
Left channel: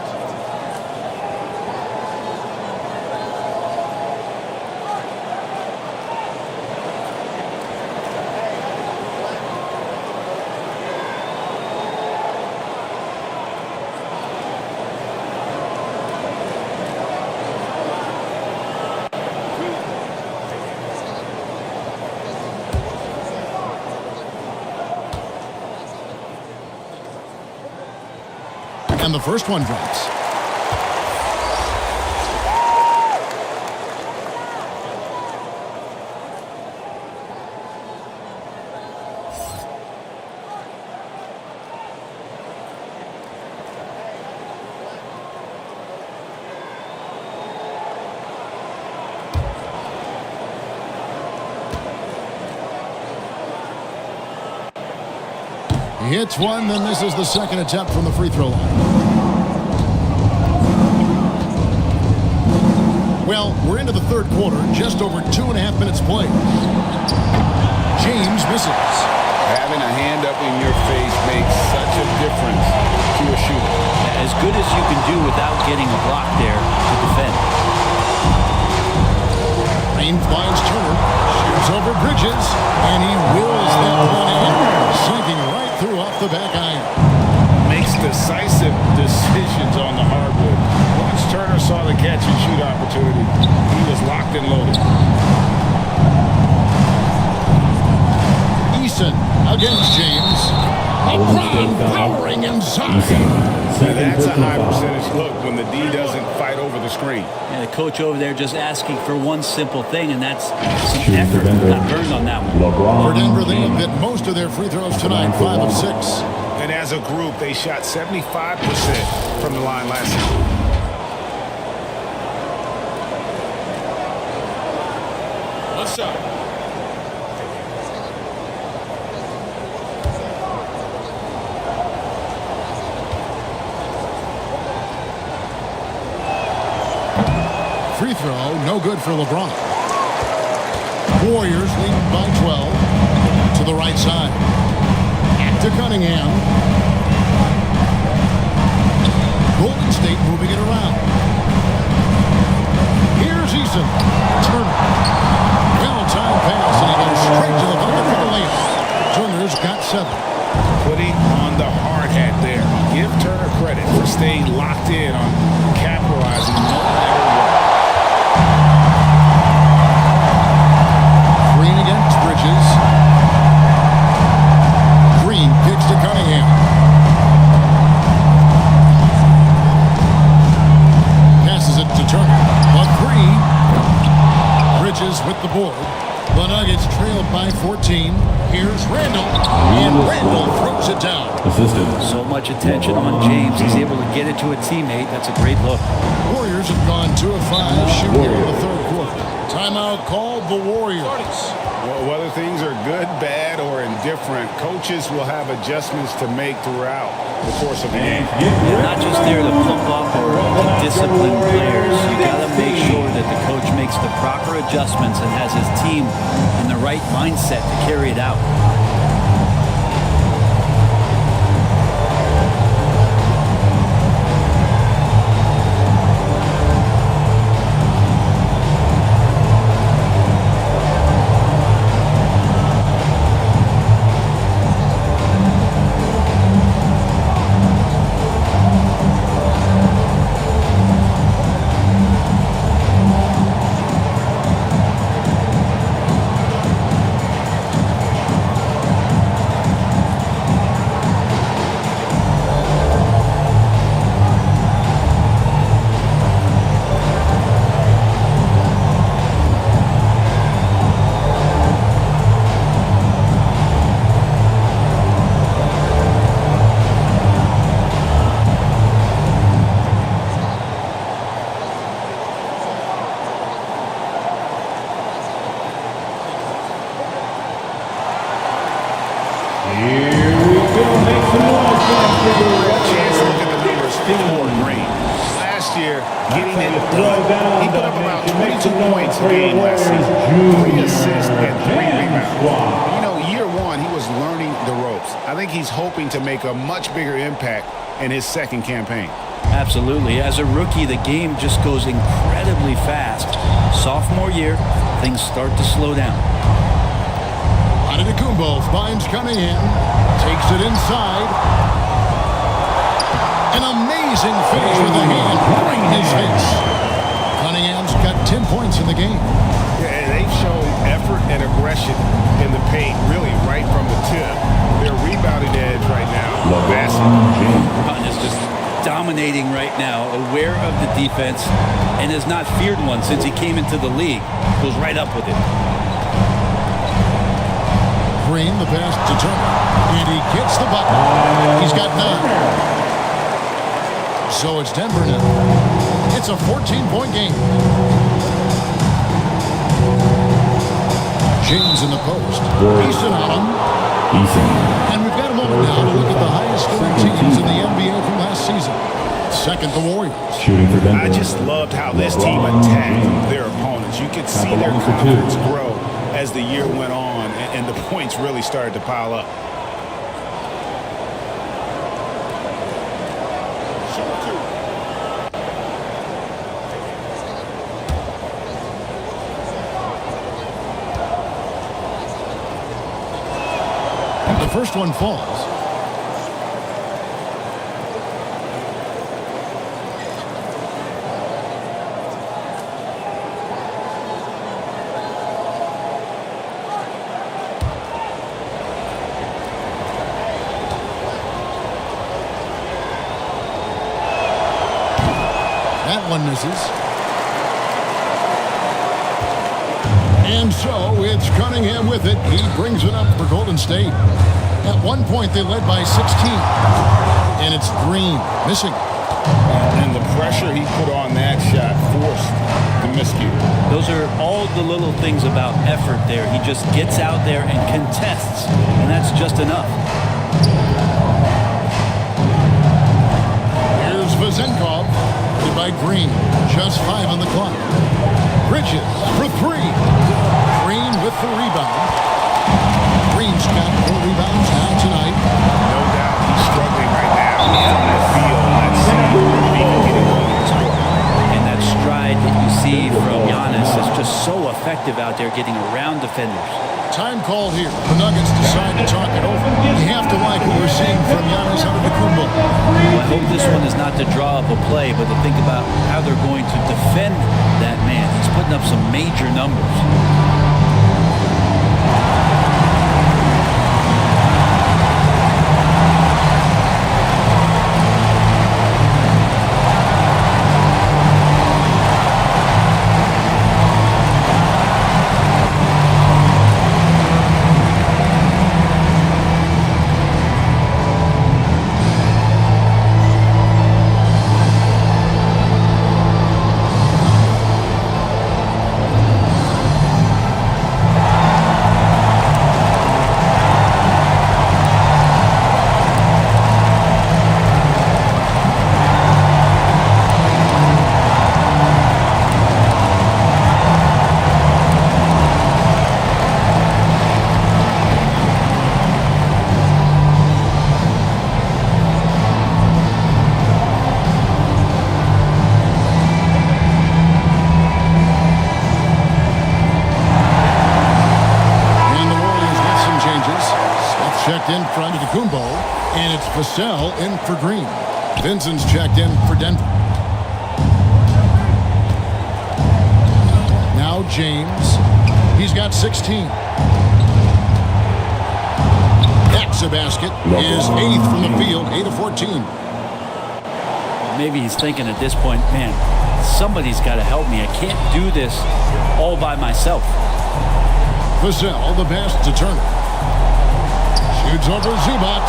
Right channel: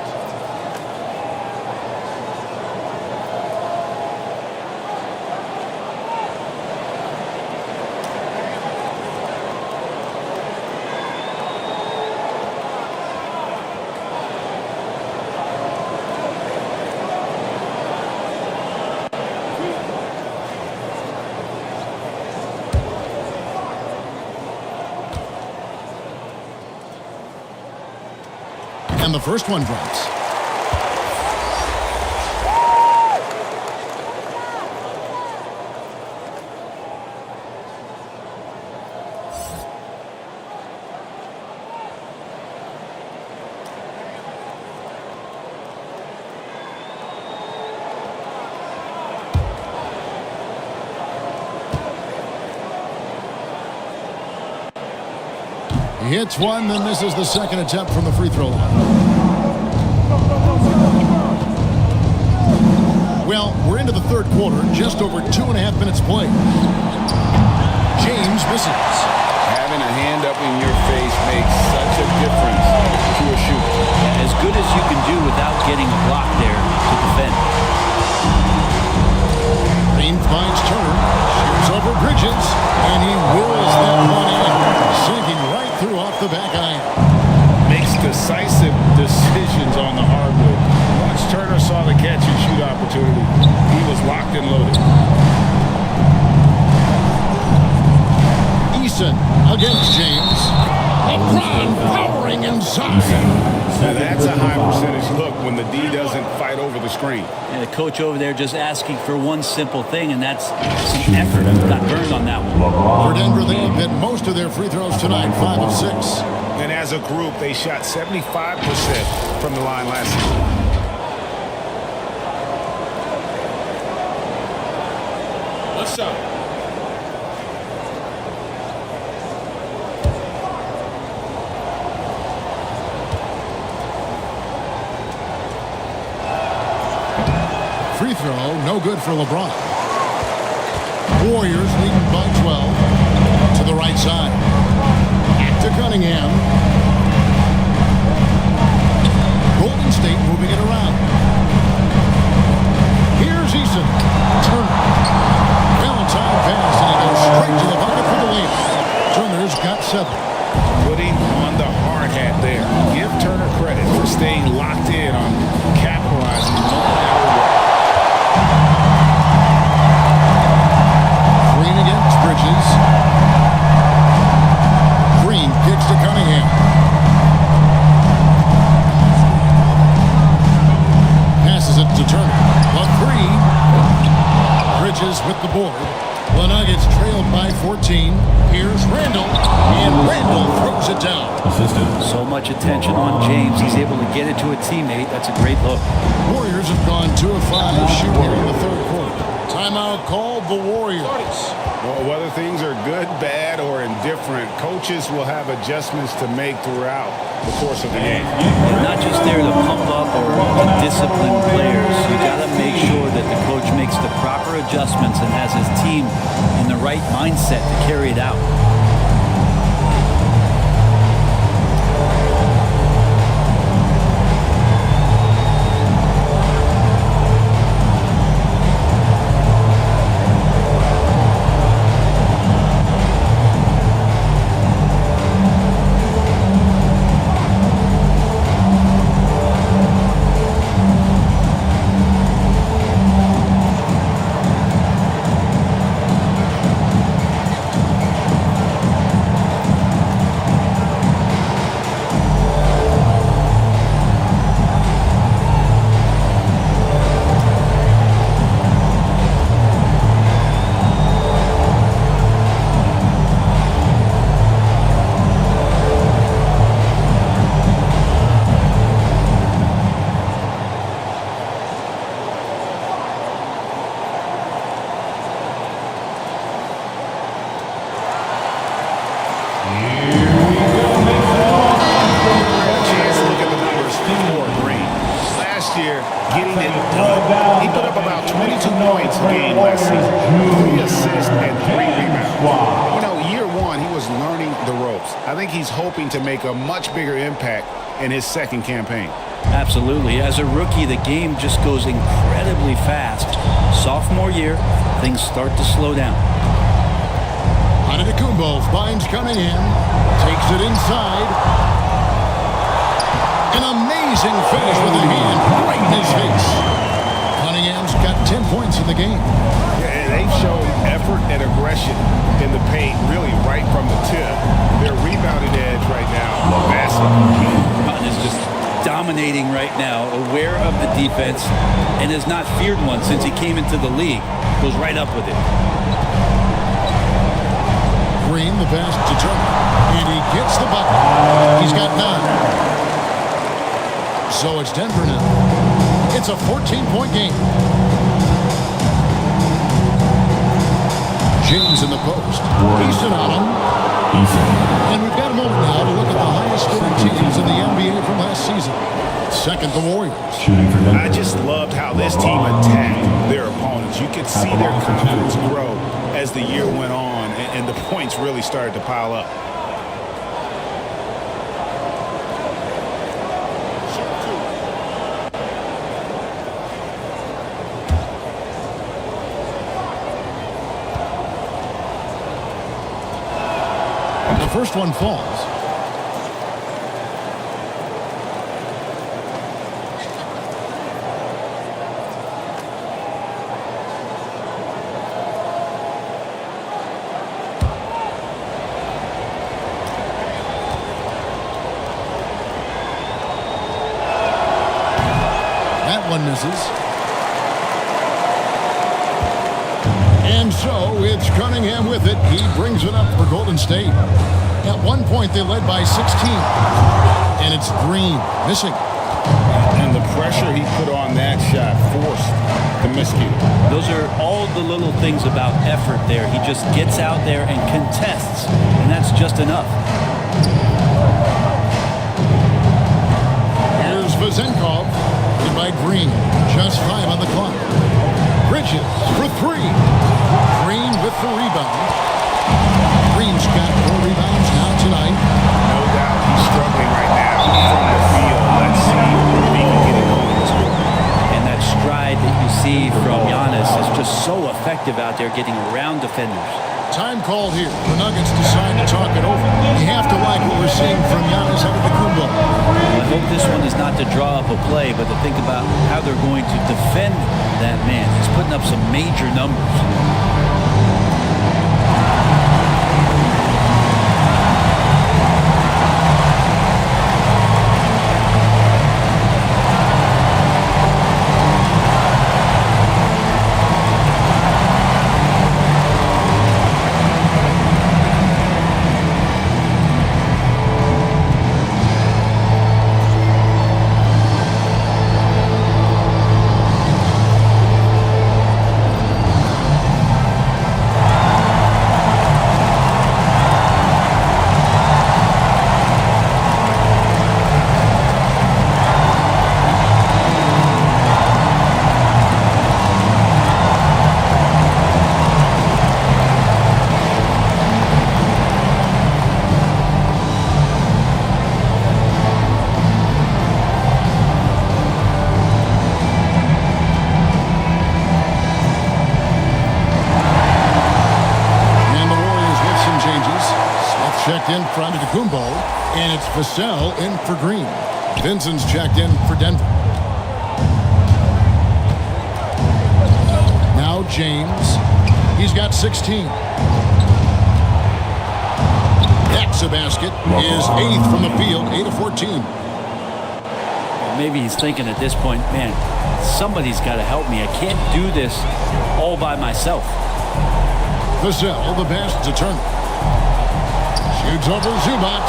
And the first one drops. He hits one, then misses the second attempt from the free throw line. Well, we're into the third quarter, just over 2.5 minutes played. James misses. Having a hand up in your face makes such a difference to a shooter. Yeah, as good as you can do without getting a block there to defend. Green finds Turner, shoots over Bridges, and he wills that one in, sinking right through off the back iron. Makes decisive decisions on the hardwood. Once Turner saw the catch and shoot opportunity, he was locked and loaded. Eason against James. LeBron powering inside. Now that's a high percentage look when the D doesn't fight over the screen. Yeah, the coach over there just asking for one simple thing, and that's some effort. Got burned on that one. For Denver, they have hit most of their free throws tonight, 5 of 6. And as a group, they shot 75% from the line last season. One side. Free throw, no good for LeBron. Warriors leading by 12 to the right side. Back to Cunningham. Golden State moving it around. Here's Eason. Turner. Well-timed pass, and he goes straight to the bucket for the layup. Turner's got 7. Putting on the hard hat there. Give Turner credit for staying locked in on capitalizing no matter what. Green against Bridges. Green kicks to Cunningham. Passes it to Turner. But 3. Bridges with the board. The Nuggets trailed by 14. Here's Randall, and Randall throws it down. So much attention on James. He's able to get it to a teammate. That's a great look. Warriors have gone 2 of 5 shooting here in the third quarter. Timeout called the Warriors. Whether things are good, bad, or indifferent, coaches will have adjustments to make throughout the course of the game. Yeah, not just there to pump up or to discipline players. You got to make sure that the coach makes the proper adjustments and has his team in the right mindset to carry it out. For Green. Last year, getting it done. He put up about 22 points a game last season. 3 assists and 3 rebounds. You know, year one, he was learning the ropes. I think he's hoping to make a much bigger impact in his second campaign. Absolutely. As a rookie, the game just goes incredibly fast. Sophomore year, things start to slow down. Antetokounmpo finds Cunningham. Takes it inside. An amazing finish with a hand right in his face. Cunningham's got 10 points in the game. Yeah, they've shown effort and aggression in the paint, really right from the tip. Their rebounding edge right now, massive. LeBron is just dominating right now, aware of the defense, and has not feared one since he came into the league. Goes right up with it. Green, the pass to Turner, and he gets the bucket. He's got 9. So it's Denver now. It's a 14-point game. James in the post. Easton on him. And we've got a moment now to look at the highest scoring teams in the NBA from last season. Second, the Warriors. I just loved how this team attacked their opponents. You could see their confidence grow as the year went on, and the points really started to pile up. The first one falls. That one misses. And so it's Cunningham with it. He brings it up for Golden State. At one point, they led by 16. And it's Green missing. And the pressure he put on that shot forced the miscue. Those are all the little things about effort there. He just gets out there and contests, and that's just enough. Here's Vezenkov, guarded by Green. Just 5 on the clock. Bridges for 3. Green with the rebound. Green's got 4 rebounds now tonight. No doubt he's struggling right now from the field. Let's see if he can get it going this quarter. And that stride that you see from Giannis is just so effective out there getting around defenders. Time called here. The Nuggets decide to talk it over. You have to like what we're seeing from Giannis Antetokounmpo. Well, I hope this one is not to draw up a play, but to think about how they're going to defend that man. He's putting up some major numbers. Some changes. Smith checked in for Antetokounmpo, and it's Vassell in for Green. Vincent's checked in for Denver. Now James. He's got 16. That's a basket. His 8th from the field, 8 of 14. Maybe he's thinking at this point, man, somebody's got to help me. I can't do this all by myself. Vassell, the pass to Turner. Shoots over Zubac,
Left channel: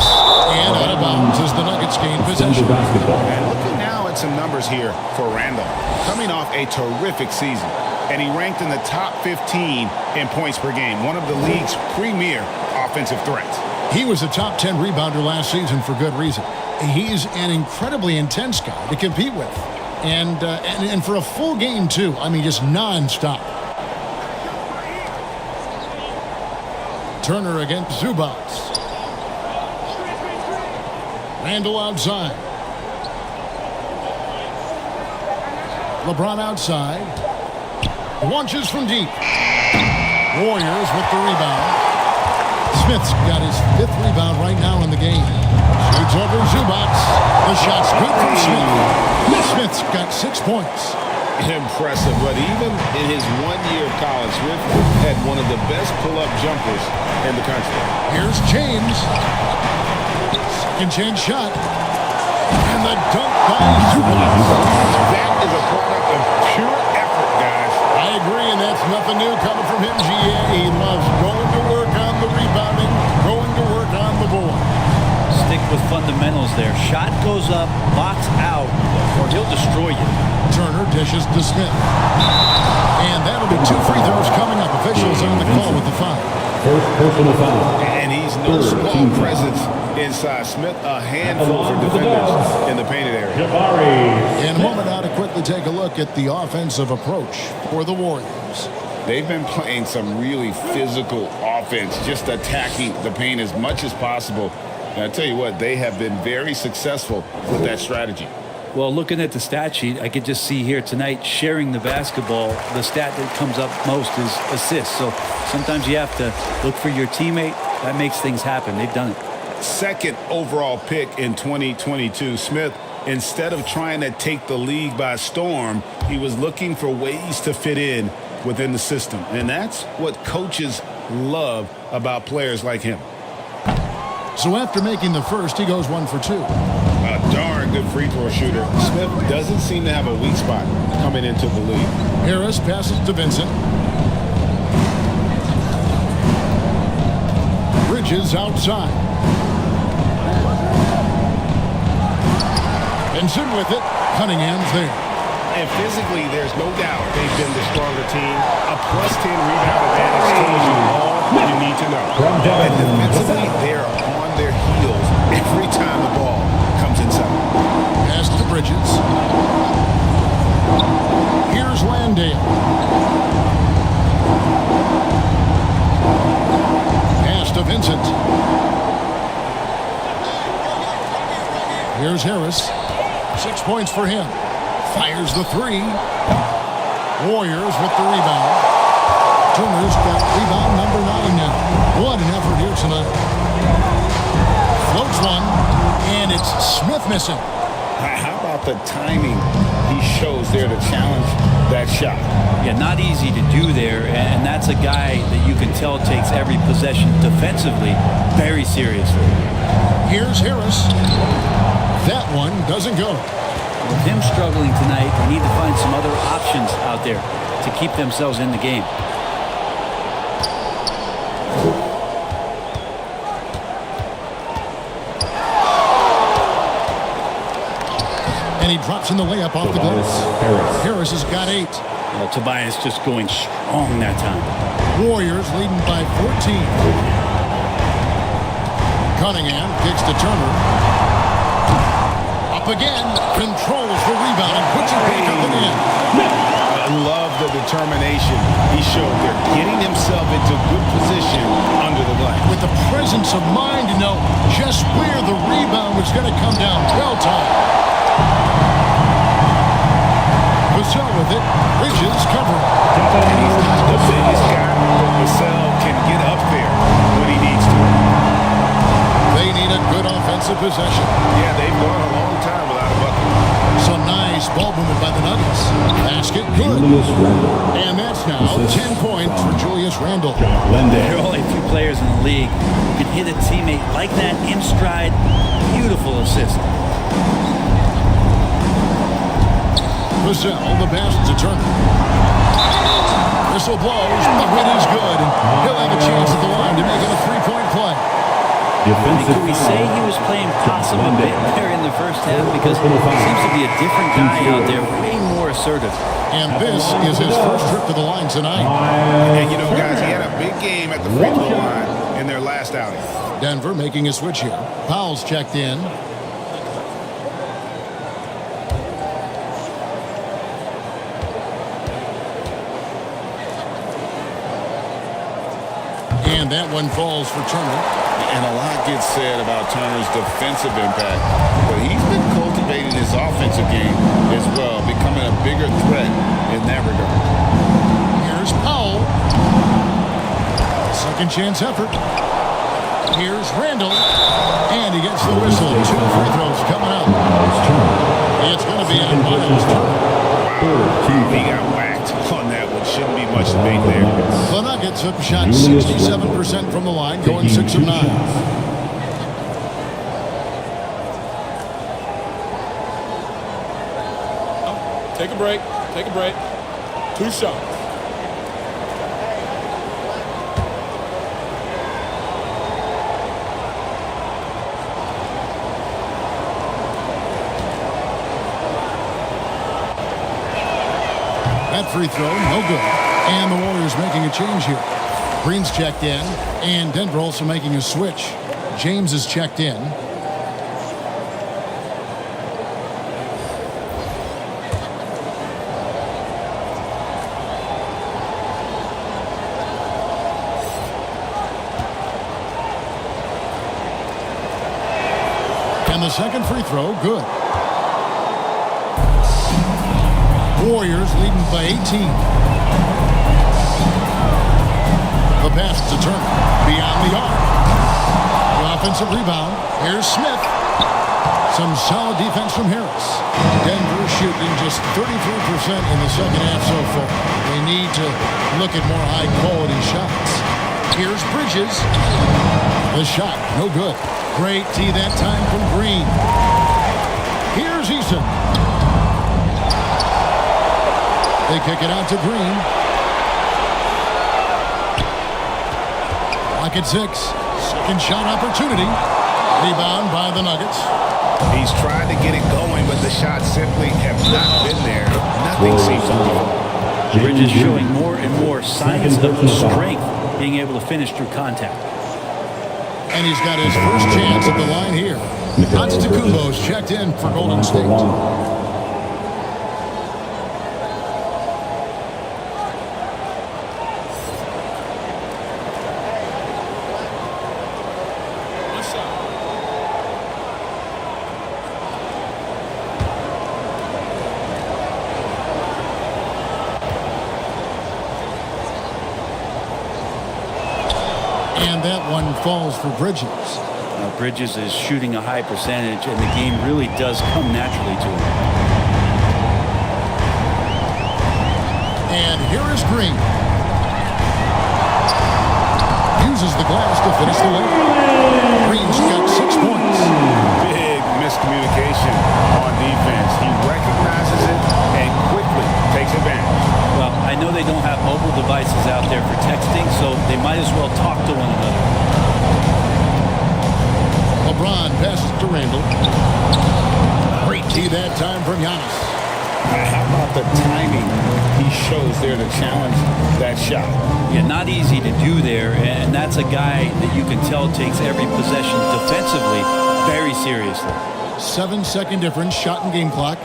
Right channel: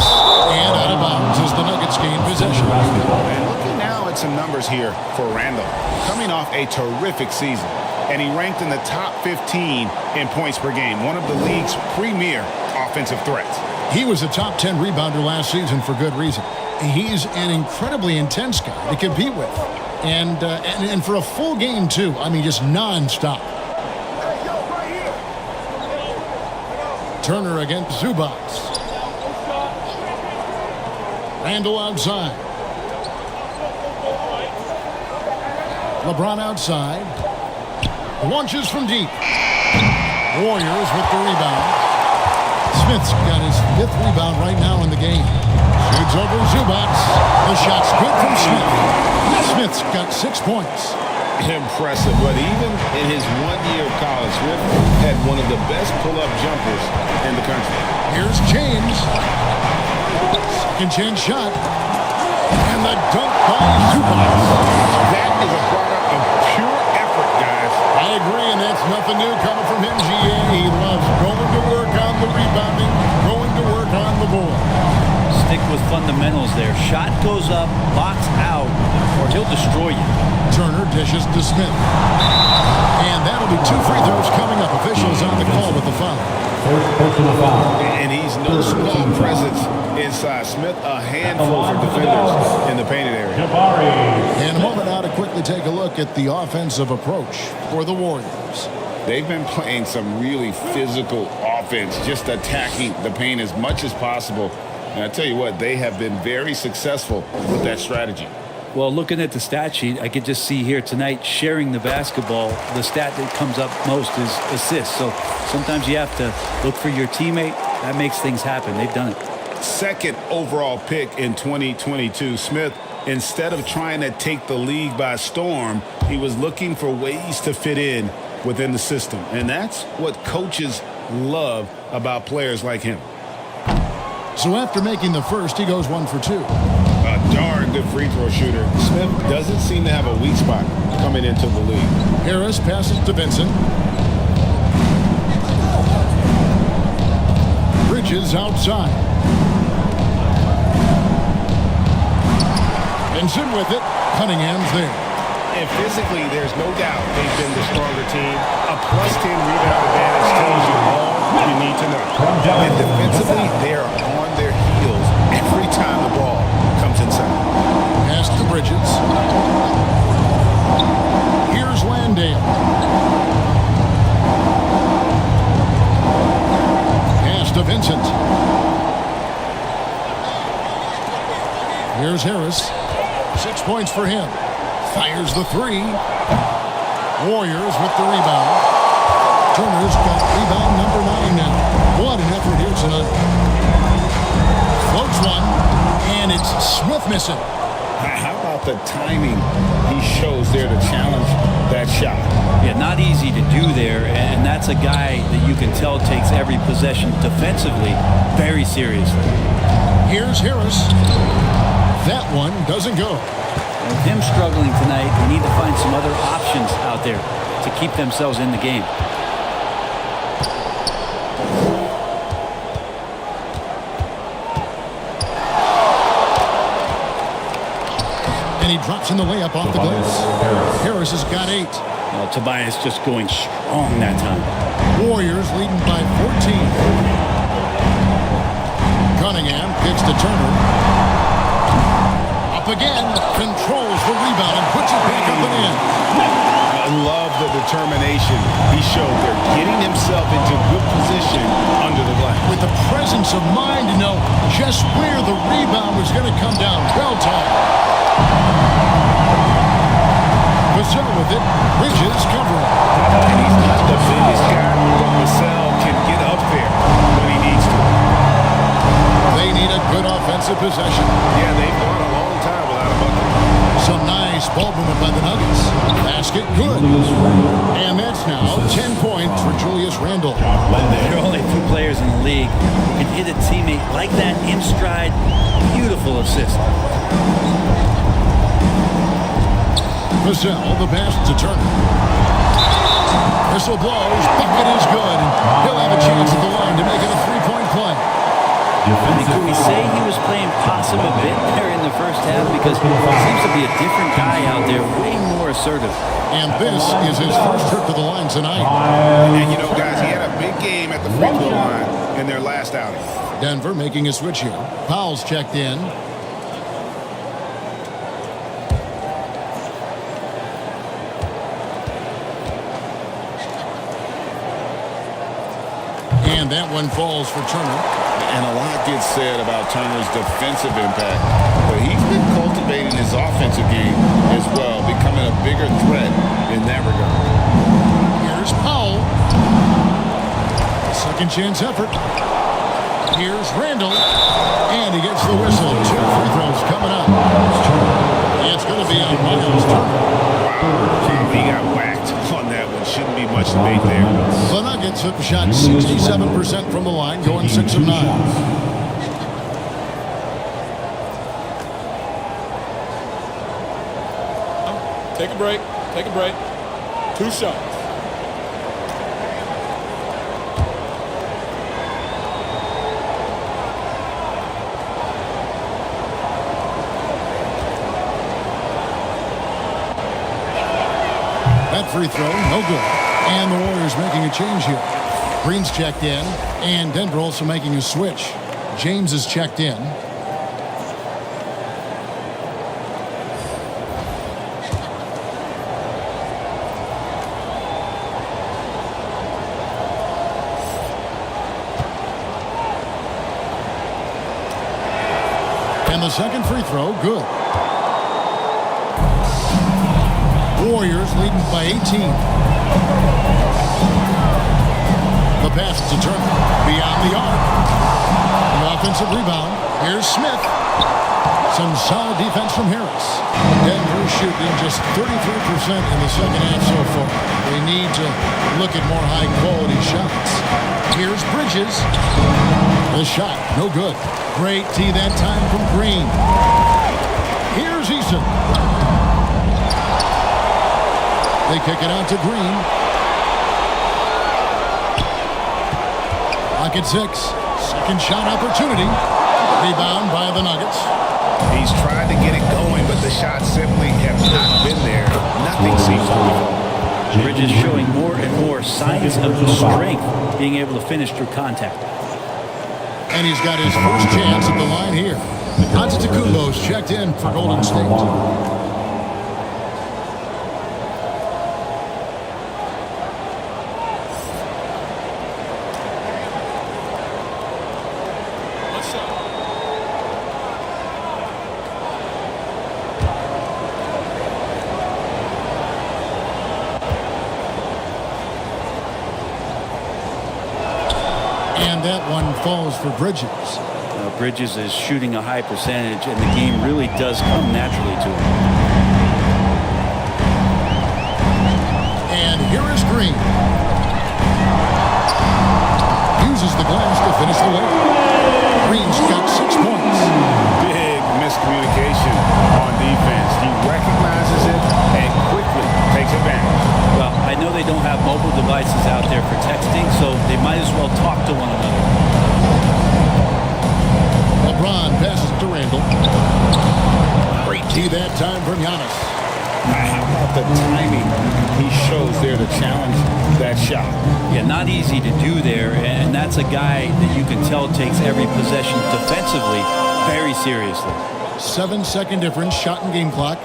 and out of bounds as the Nuggets gain possession. And looking now at some numbers here for Randall. Coming off a terrific season, and he ranked in the top 15 in points per game, one of the league's premier offensive threats. He was a top 10 rebounder last season for good reason. He's an incredibly intense guy to compete with. And for a full game, too. I mean, just nonstop. Turner against Zubac. Randall outside. LeBron outside. Launches from deep. Warriors with the rebound. Smith's got his 5th rebound right now in the game. Shoots over Zubac. The shot's good from Smith. Smith's got 6 points. Impressive, but even in his 1 year of college, Smith had one of the best pull-up jumpers in the country. Here's James. Second chance shot. And the dunk by Zubac. That is a product of pure effort, guys. I agree, and that's nothing new coming from him, GA. He loves going to work on the rebounding, going to work on the board. Stick with fundamentals there. Shot goes up, box out, or he'll destroy you. Turner dishes to Smith. And that'll be 2 free throws coming up. Officials on the call with the foul. First personal foul. And he's no small presence inside. Smith, a handful for defenders in the painted area. In a moment now to quickly take a look at the offensive approach for the Warriors. They've been playing some really physical offense, just attacking the paint as much as possible. And I tell you what, they have been very successful with that strategy. Well, looking at the stat sheet, I could just see here tonight sharing the basketball. The stat that comes up most is assists. So sometimes you have to look for your teammate. That makes things happen. They've done it. Second overall pick in 2022. Smith, instead of trying to take the league by storm, he was looking for ways to fit in within the system. And that's what coaches love about players like him. So after making the first, he goes 1 for 2. A darn good free throw shooter. Smith doesn't seem to have a weak spot coming into the league. Harris passes to Vincent. Bridges outside. Vincent with it. Cunningham's there. And physically, there's no doubt they've been the stronger team. A +10 rebound advantage tells you all you need to know. And defensively, they're on their heels every time the ball comes inside. Pass to Bridges. Here's Landale. Pass to Vincent. Here's Harris. 6 points for him. Fires the 3. Warriors with the rebound. Turner's got rebound number 9 now. What an effort here tonight. Floats one, and it's Smith missing. How about the timing he shows there to challenge that shot? Yeah, not easy to do there, and that's a guy that you can tell takes every possession defensively very seriously. Here's Harris. That one doesn't go. With him struggling tonight, they need to find some other options out there to keep themselves in the game. And he drops in the layup off the glass. Harris has got 8. Tobias just going strong that time. Warriors leading by 14. Cunningham kicks to Turner. Up again, controls the rebound and puts it back up and in. I love the determination he showed there, getting himself into good position under the glass. With the presence of mind to know just where the rebound was going to come down. Well timed. Vassell with it. Bridges covering. And he's not the biggest guy, but Vassell can get up there when he needs to. They need a good offensive possession. Yeah, they've gone a long time without a bucket. Some nice ball movement by the Nuggets. Basket good. And that's now 10 points for Julius Randle. There are only a few players in the league who can hit a teammate like that in stride. Beautiful assist. Vassell, the pass to Turner. Whistle blows, bucket is good, and he'll have a chance at the line to make it a 3-point play. Could we say he was playing possum a bit there in the first half? Because he seems to be a different guy out there, way more assertive. And this is his first trip to the line tonight. And you know, guys, he had a big game at the free throw line in their last outing. Denver making a switch here. Powell's checked in. And that one falls for Turner. And a lot gets said about Turner's defensive impact, but he's been cultivating his offensive game as well, becoming a bigger threat in that regard. Here's Powell. A second chance effort. Here's Randle. And he gets the whistle. 2 free throws coming up. It's going to be on Miles Turner. Wow, he got whacked on that one. Shouldn't be much debate there. The Nuggets have shot 67% from the line, going 6 of 9. Take a break. Take a break. 2 shots. That free throw, no good. And the Warriors making a change here. Green's checked in, and Denver also making a switch. James is checked in. And the second free throw, good. Warriors leading by 18. The pass to Turner. Beyond the arc. The offensive rebound. Here's Smith. Some solid defense from Harris. Denver shooting just 33% in the second half so far. They need to look at more high-quality shots. Here's Bridges. The shot, no good. Great tee that time from Green. Here's Eason. They kick it out to Green. Lock at 6. Second shot opportunity. Rebound by the Nuggets. He's tried to get it going, but the shots simply have not been there. Nothing seems to be falling. Bridges showing more and more signs of strength, being able to finish through contact. And he's got his first chance at the line here. Antetokounmpo's checked in for Golden State. And that one falls for Bridges. Bridges is shooting a high percentage, and the game really does come naturally to him. And here is Green. Uses the glass to finish the layup. Green's got 6 points. Big miscommunication on defense. He recognizes it and quickly takes advantage. Well, I know they don't have mobile devices out there for texting, so they might as well talk to one another. LeBron passes to Randall. Great D that time from Giannis. How about the timing he shows there to challenge that shot? Yeah, not easy to do there, and that's a guy that you can tell takes every possession defensively very seriously. 7-second difference, shot and game clock.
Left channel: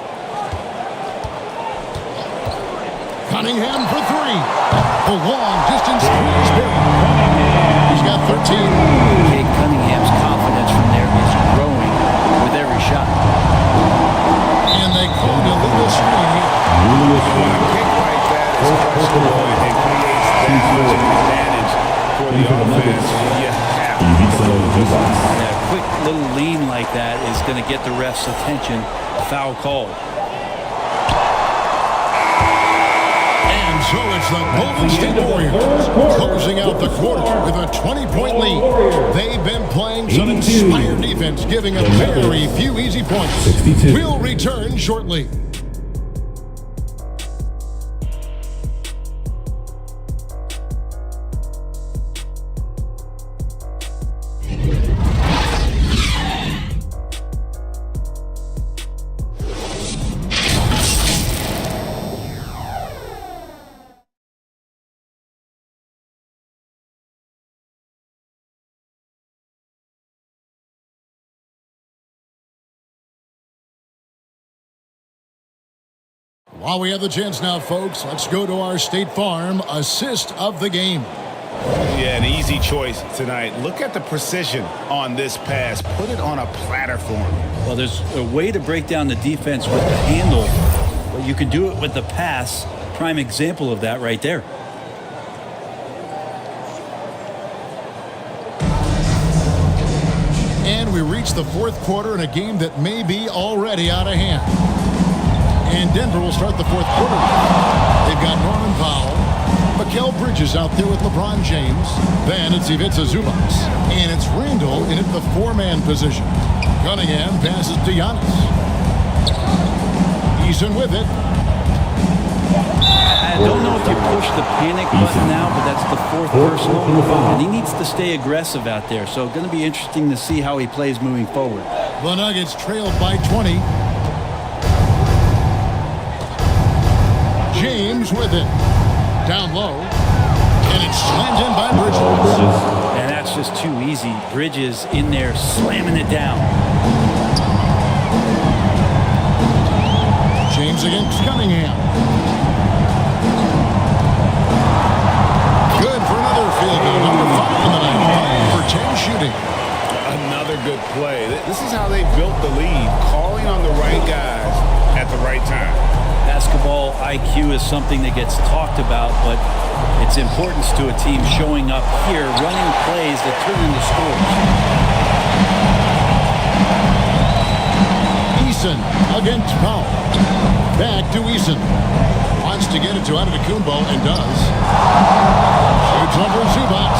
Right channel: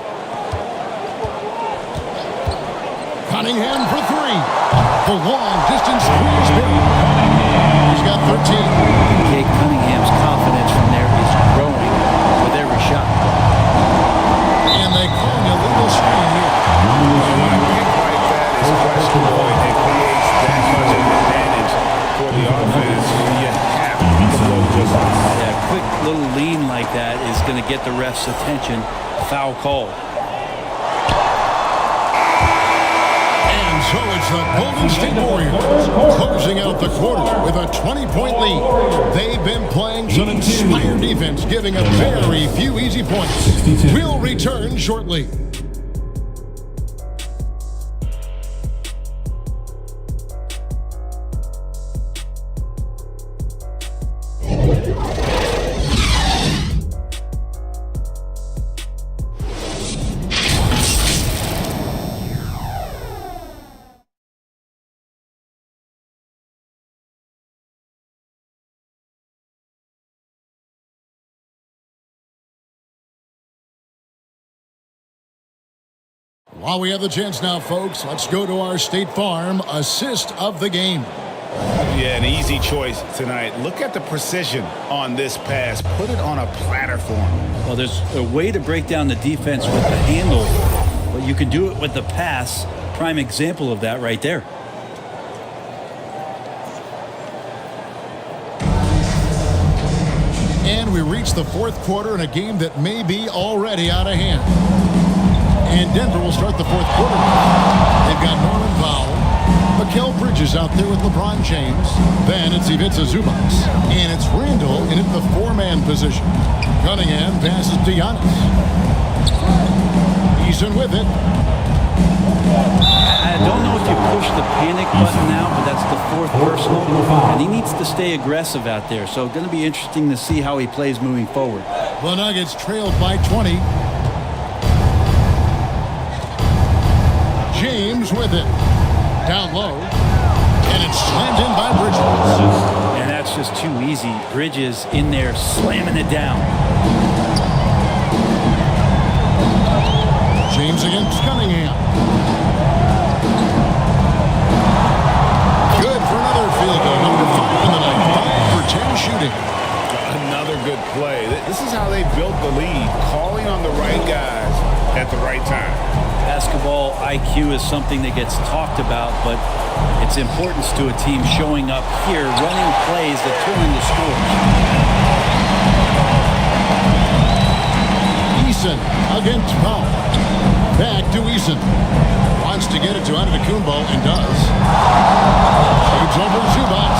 Cunningham for 3. The long distance 3 is buried. He's got 13. Kate Cunningham's confidence from there is growing with every shot. And they call an illegal screen here. Well, when a pick like that is questionable and creates that much of an advantage for the offense, you have to blow the whistle. Yeah, a quick little lean like that is going to get the ref's attention. Foul called. And so it's the Golden State Warriors closing out the quarter with a 20-point lead. They've been playing some inspired defense, giving up very few easy points. We'll return shortly. While we have the chance now, folks, let's go to our State Farm assist of the game. Yeah, an easy choice tonight. Look at the precision on this pass. Put it on a platter for him. Well, there's a way to break down the defense with the handle, but you can do it with the pass. Prime example of that right there. And we reach the fourth quarter in a game that may be already out of hand. And Denver will start the fourth quarter with. They've got Norman Powell, Mikal Bridges out there with LeBron James. Then it's Ivica Zubac. And it's Randall in at the 4-man position. Cunningham passes to Giannis. Eason with it. I don't know if you push the panic button now, but that's the fourth personal. And he needs to stay aggressive out there. So going to be interesting to see how he plays moving forward. The Nuggets trailed by 20. James with it. Down low. And it's slammed in by Bridges. And that's just too easy. Bridges in there slamming it down. James against Cunningham. Good for another field goal. Number 5 in the night. 5 for 10 shooting. Another good play. This is how they built the lead. Calling on the right guys at the right time. Basketball IQ is something that gets talked about, but its importance to a team showing up here, running plays that turn into scores. Eason against Powell. Back to Eason. Wants to get it to Antetokounmpo and does. Shoots over Zubac.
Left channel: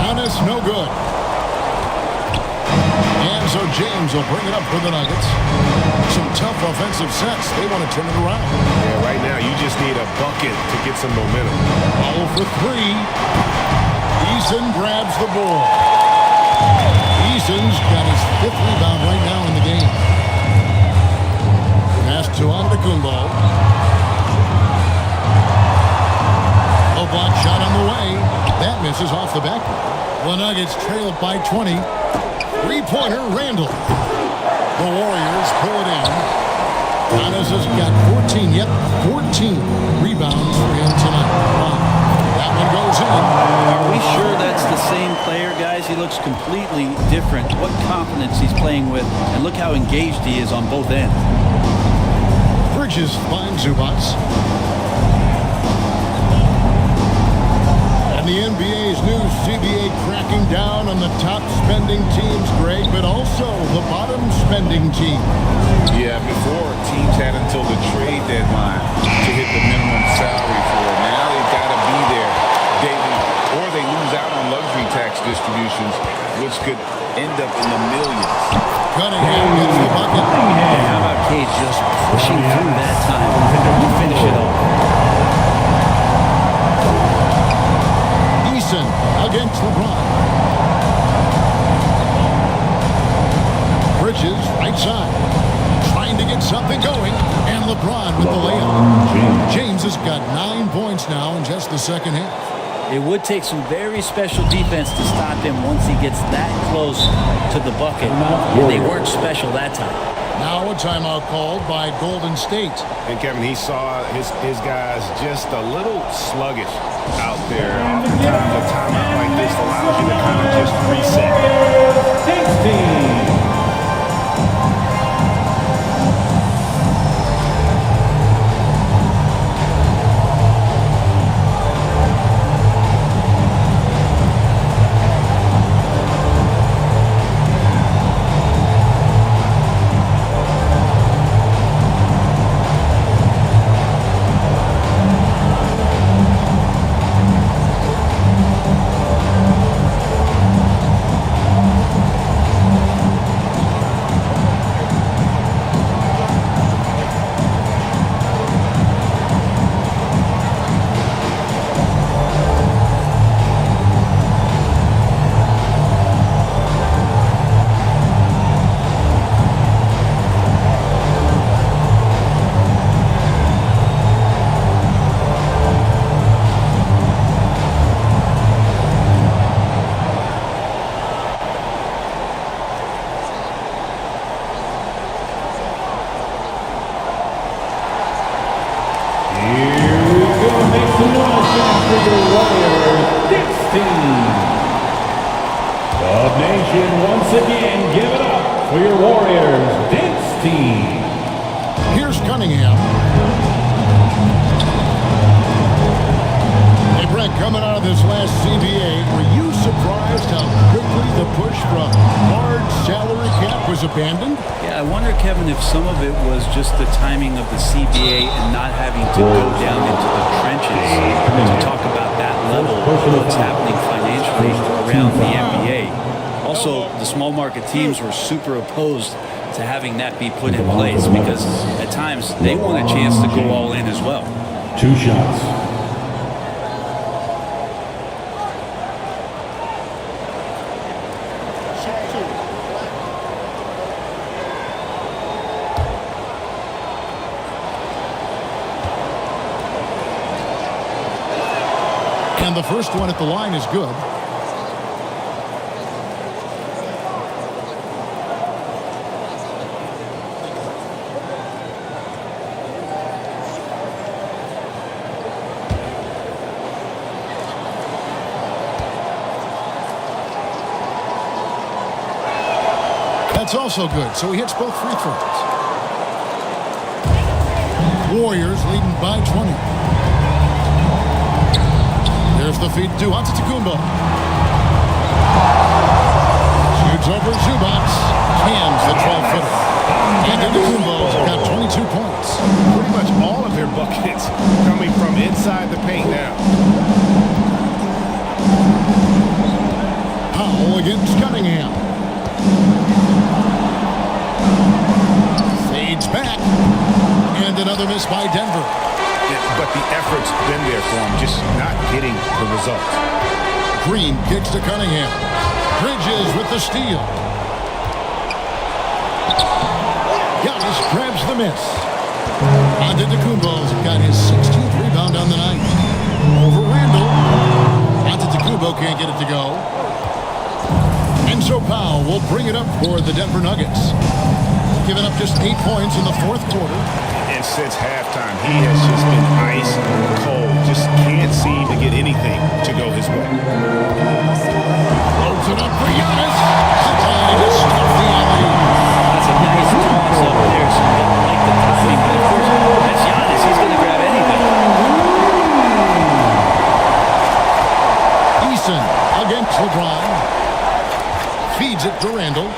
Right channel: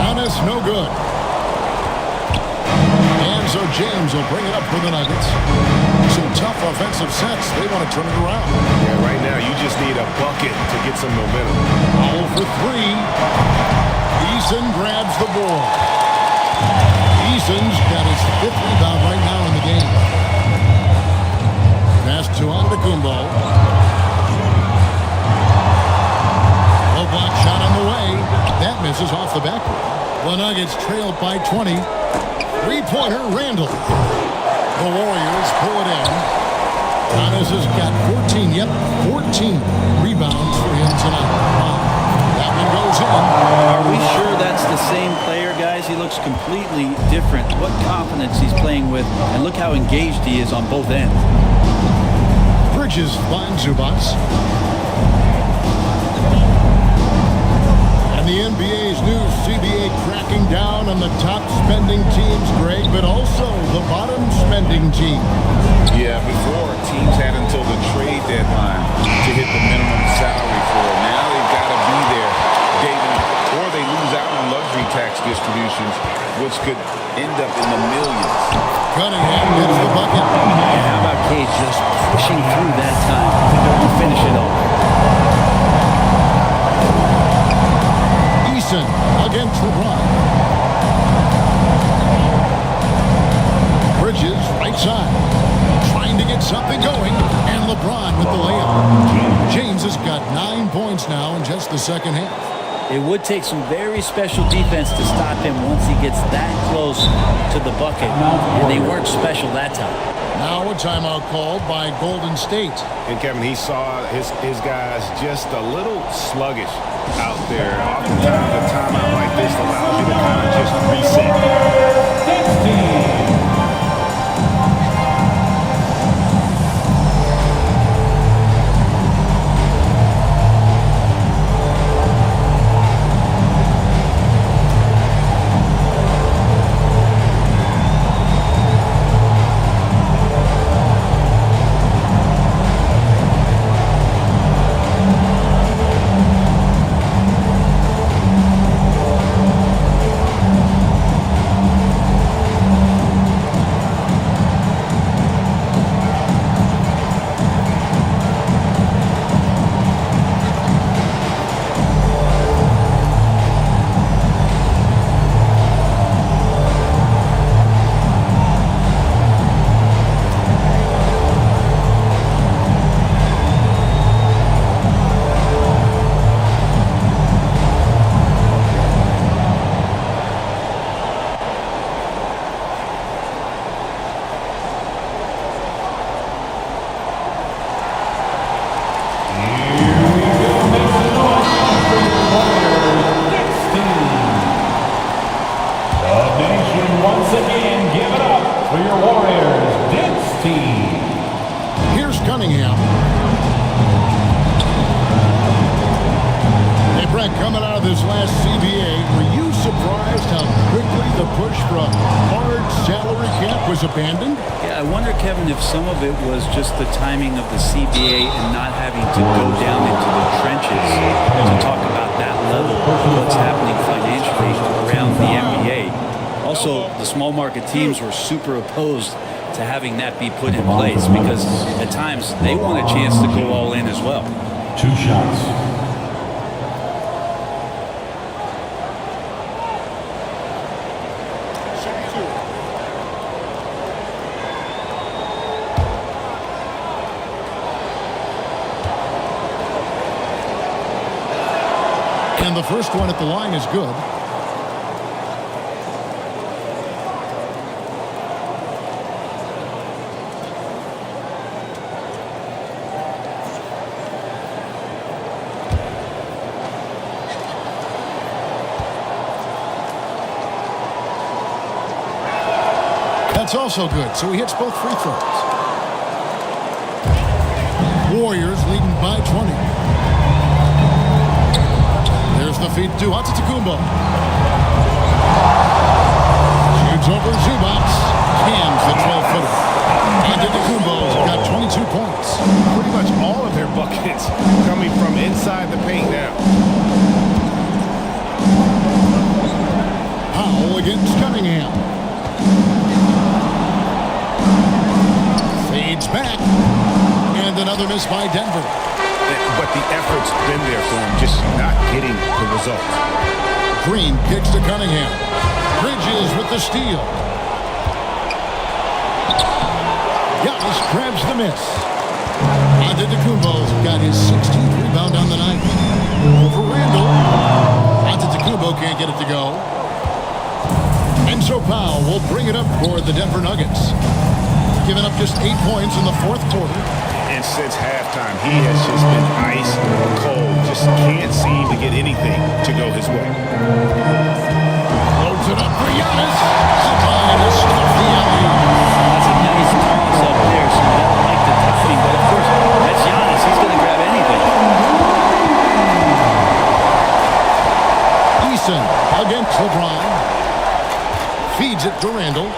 Giannis no good. And so James will bring it up for the Nuggets. Some tough offensive sets. They want to turn it around. Yeah, right now you just need a bucket to get some momentum. Powell for 3. Eason grabs the board. Eason's got his 5th rebound right now in the game. Pass to Antetokounmpo. Low block shot on the way. That misses off the backboard. The Nuggets trail by 20. Three-pointer, Randall. The Warriors pull it in. Giannis has got 14. Yep, 14 rebounds for him tonight. Wow. That one goes in. Are we sure that's the same player, guys? He looks completely different. What confidence he's playing with, and look how engaged he is on both ends. Bridges finds Zubac. And the NBA's new CBA cracking down on the top spending teams, Greg, but also the bottom spending teams. Yeah, before teams had until the trade deadline to hit the minimum salary floor. Now they've got to be there day one, or they lose out on luxury tax distributions, which could end up in the millions. Cunningham gets the bucket. And how about Cade just pushing through that time to finish it off? Eason against LeBron. Bridges, right side. Trying to get something going. And LeBron with the layup. James has got 9 points now in just the second half. It would take some very special defense to stop him once he gets that close to the bucket. And they weren't special that time. Now a timeout called by Golden State. And Kevin, he saw his guys just a little sluggish out there. Oftentimes a timeout like this allows you to kind of just reset. 16. Once again, give it up for your Warriors dance team. Here's Cunningham. Hey, Brett, coming out of this last CBA, were you surprised how quickly the push for a hard salary cap was abandoned? Yeah, I wonder, Kevin, if some of it was just the timing of the CBA and not having to go down into the trenches to talk about that level of what's happening financially around the NBA. Also, the small market teams were super opposed to having that be put in place because at times they want a chance to go all in as well. 2 shots. And the first one at the line is good. That's also good, so he hits both free throws. Warriors leading by 20. There's the feed to Antetokounmpo. Shoots over Zubac. Cams the 12-footer. Antetokounmpo's got 22 points. Pretty much all of their buckets coming from inside the paint now. Powell against Cunningham. Fades back. And another miss by Denver. But the effort's been there for him, just not getting the results. Green kicks to Cunningham. Bridges with the steal. Giannis grabs the miss. Antetokounmpo's got his 16th rebound on the night. Over Randall. Antetokounmpo can't get it to go. And so Powell will bring it up for the Denver Nuggets. They've given up just 8 points in the fourth quarter. And since halftime, he has just been ice cold. Just can't seem to get anything to go his way. Loads it up for Giannis. Up high to stuff the alley-oop. That's a nice toss up there, so you got to like the timing. But, of course, that's Giannis. He's going to grab anything. Eason against LeBron. Feeds it to Randall.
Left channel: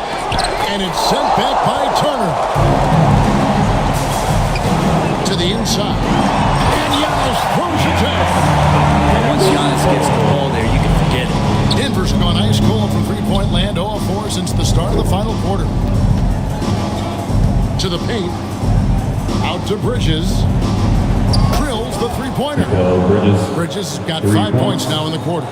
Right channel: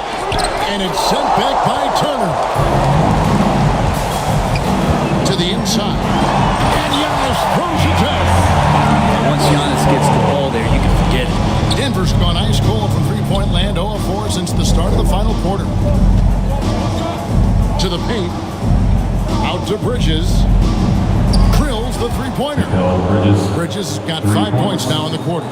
And it's sent back by Turner. To the inside. And Giannis throws it down. Yeah, once Giannis gets the ball there, you can forget it. Denver's gone ice cold from three-point land, 0 of 4 since the start of the final quarter. To the paint. Out to Bridges. Drills the three-pointer. Bridges has got 5 points now in the quarter.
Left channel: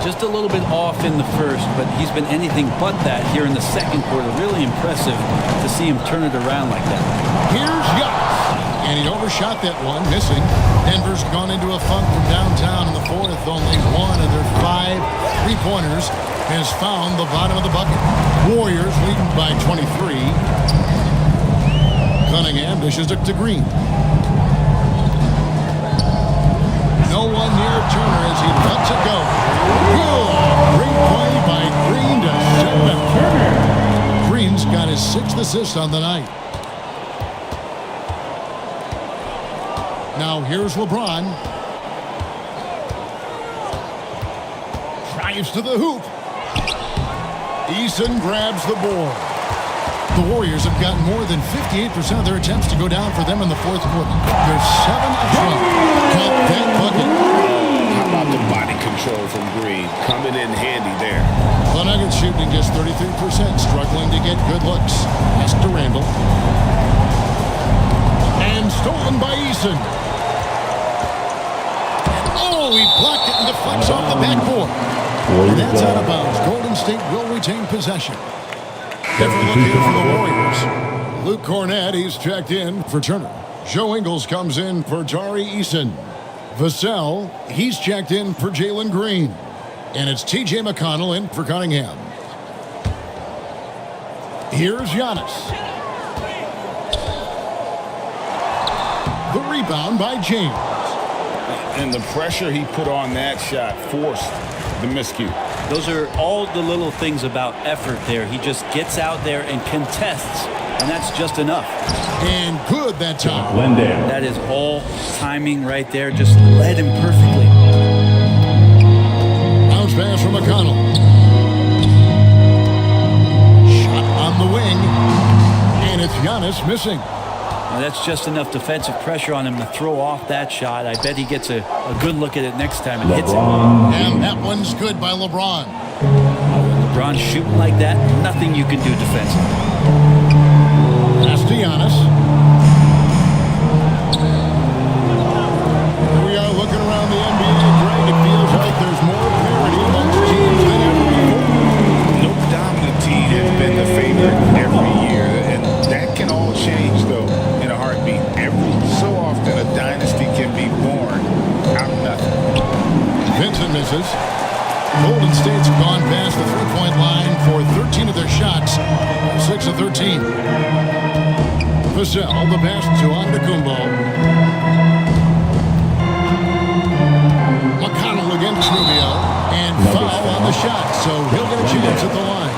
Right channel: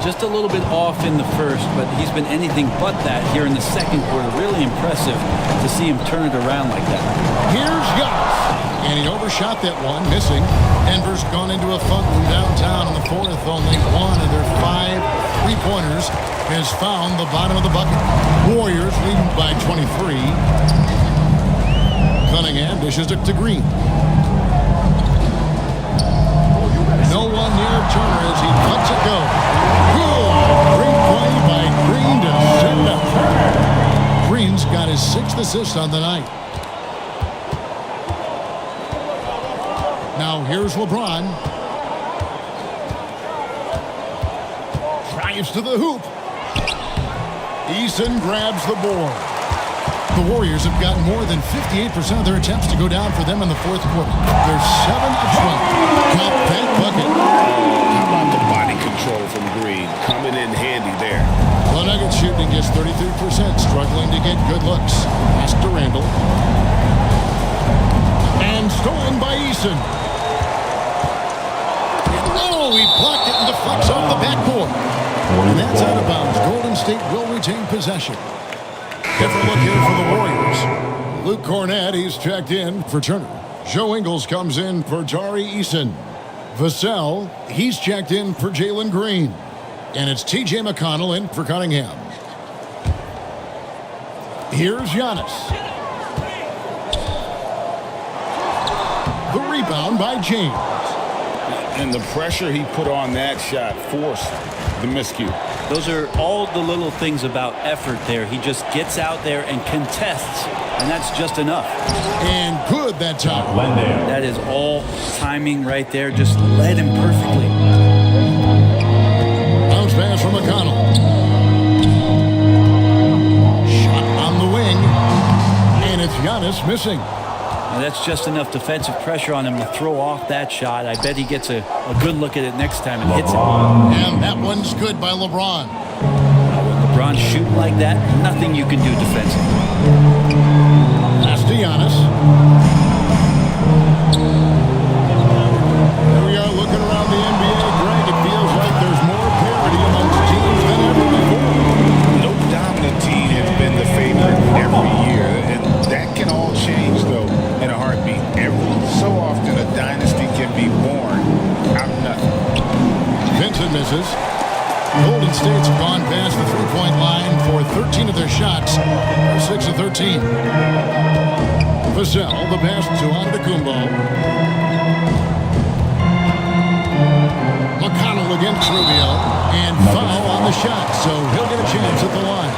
Just a little bit off in the first, but he's been anything but that here in the second quarter. Really impressive to see him turn it around like that. Here's Giannis. And he overshot that one, missing. Denver's gone into a funk from downtown in the fourth. Only one of their 5 three-pointers has found the bottom of the bucket. Warriors leading by 23. Cunningham dishes it to Green. No one near Turner as he lets it go. Good. Great play by Green to set it up. Green's got his 6th assist on the night. Now here's LeBron. Drives to the hoop. Eason grabs the board. The Warriors have gotten more than 58% of their attempts to go down for them in the fourth quarter. They're 7 of 12. Count that bucket. Oh, how about the body control from Green? Coming in handy there. The Nuggets shooting just 33%, struggling to get good looks. Pass to Randall. And stolen by Eason. Oh, he blocked it and deflects off the backboard. And that's out of bounds. Golden State will retain possession. Different look here for the Warriors. Luke Cornett, he's checked in for Turner. Joe Ingles comes in for Tari Eason. Vassell, he's checked in for Jalen Green. And it's T.J. McConnell in for Cunningham. Here's Giannis. The rebound by James. And the pressure he put on that shot forced the miscue. Those are all the little things about effort there. He just gets out there and contests, and that's just enough. And good that time. That is all timing right there. Just led him perfectly. Bounce pass from McConnell. Shot on the wing. And it's Giannis missing. Now that's just enough defensive pressure on him to throw off that shot. I bet he gets a good look at it next time and hits it. And that one's good by LeBron. Now when LeBron's shooting like that, nothing you can do defensively. Pass to Giannis. Here we are looking around the NBA. Greg, it feels like there's more parity amongst teams than ever before. No dominant team has been the favorite every year. And that can all change, though, in a heartbeat. Every so often, a dynasty can be born out of nothing. Vincent misses. Golden State's gone past the three-point line for 13 of their shots. 6 of 13. Vassell, the pass to Antetokounmpo. McConnell against Rubio. And foul on the shot, so he'll get a chance at the line.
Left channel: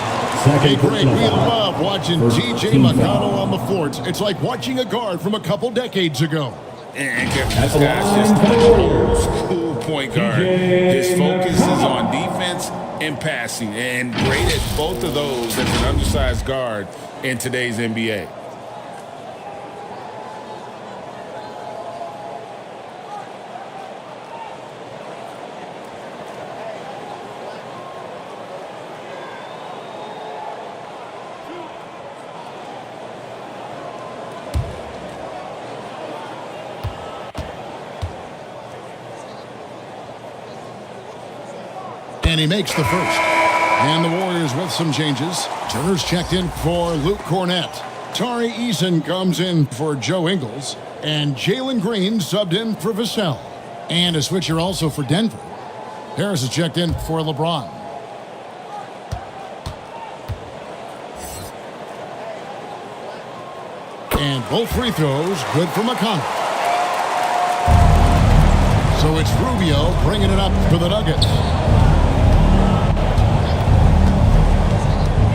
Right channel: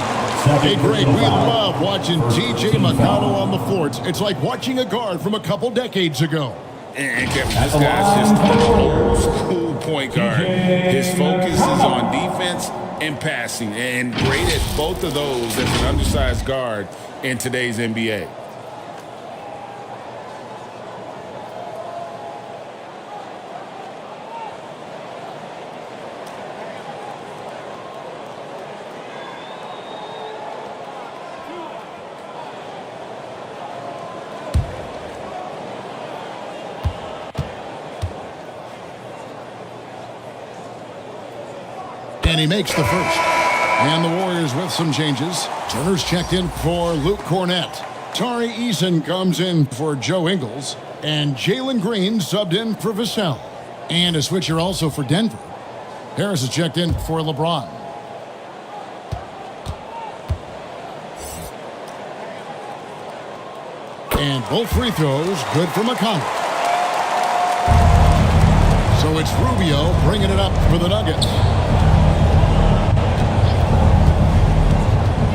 Hey, Greg, we love watching T.J. McConnell on the floor. It's like watching a guard from a couple decades ago. And Kevin, this guy's just an old school point guard. His focus is on defense and passing, and great at both of those as an undersized guard in today's NBA. And he makes the first. And the Warriors with some changes. Turner's checked in for Luke Cornett. Tari Eason comes in for Joe Ingles. And Jalen Green subbed in for Vassell. And a switcher also for Denver. Harris is checked in for LeBron. And both free throws good for McConnell. So it's Rubio bringing it up for the Nuggets.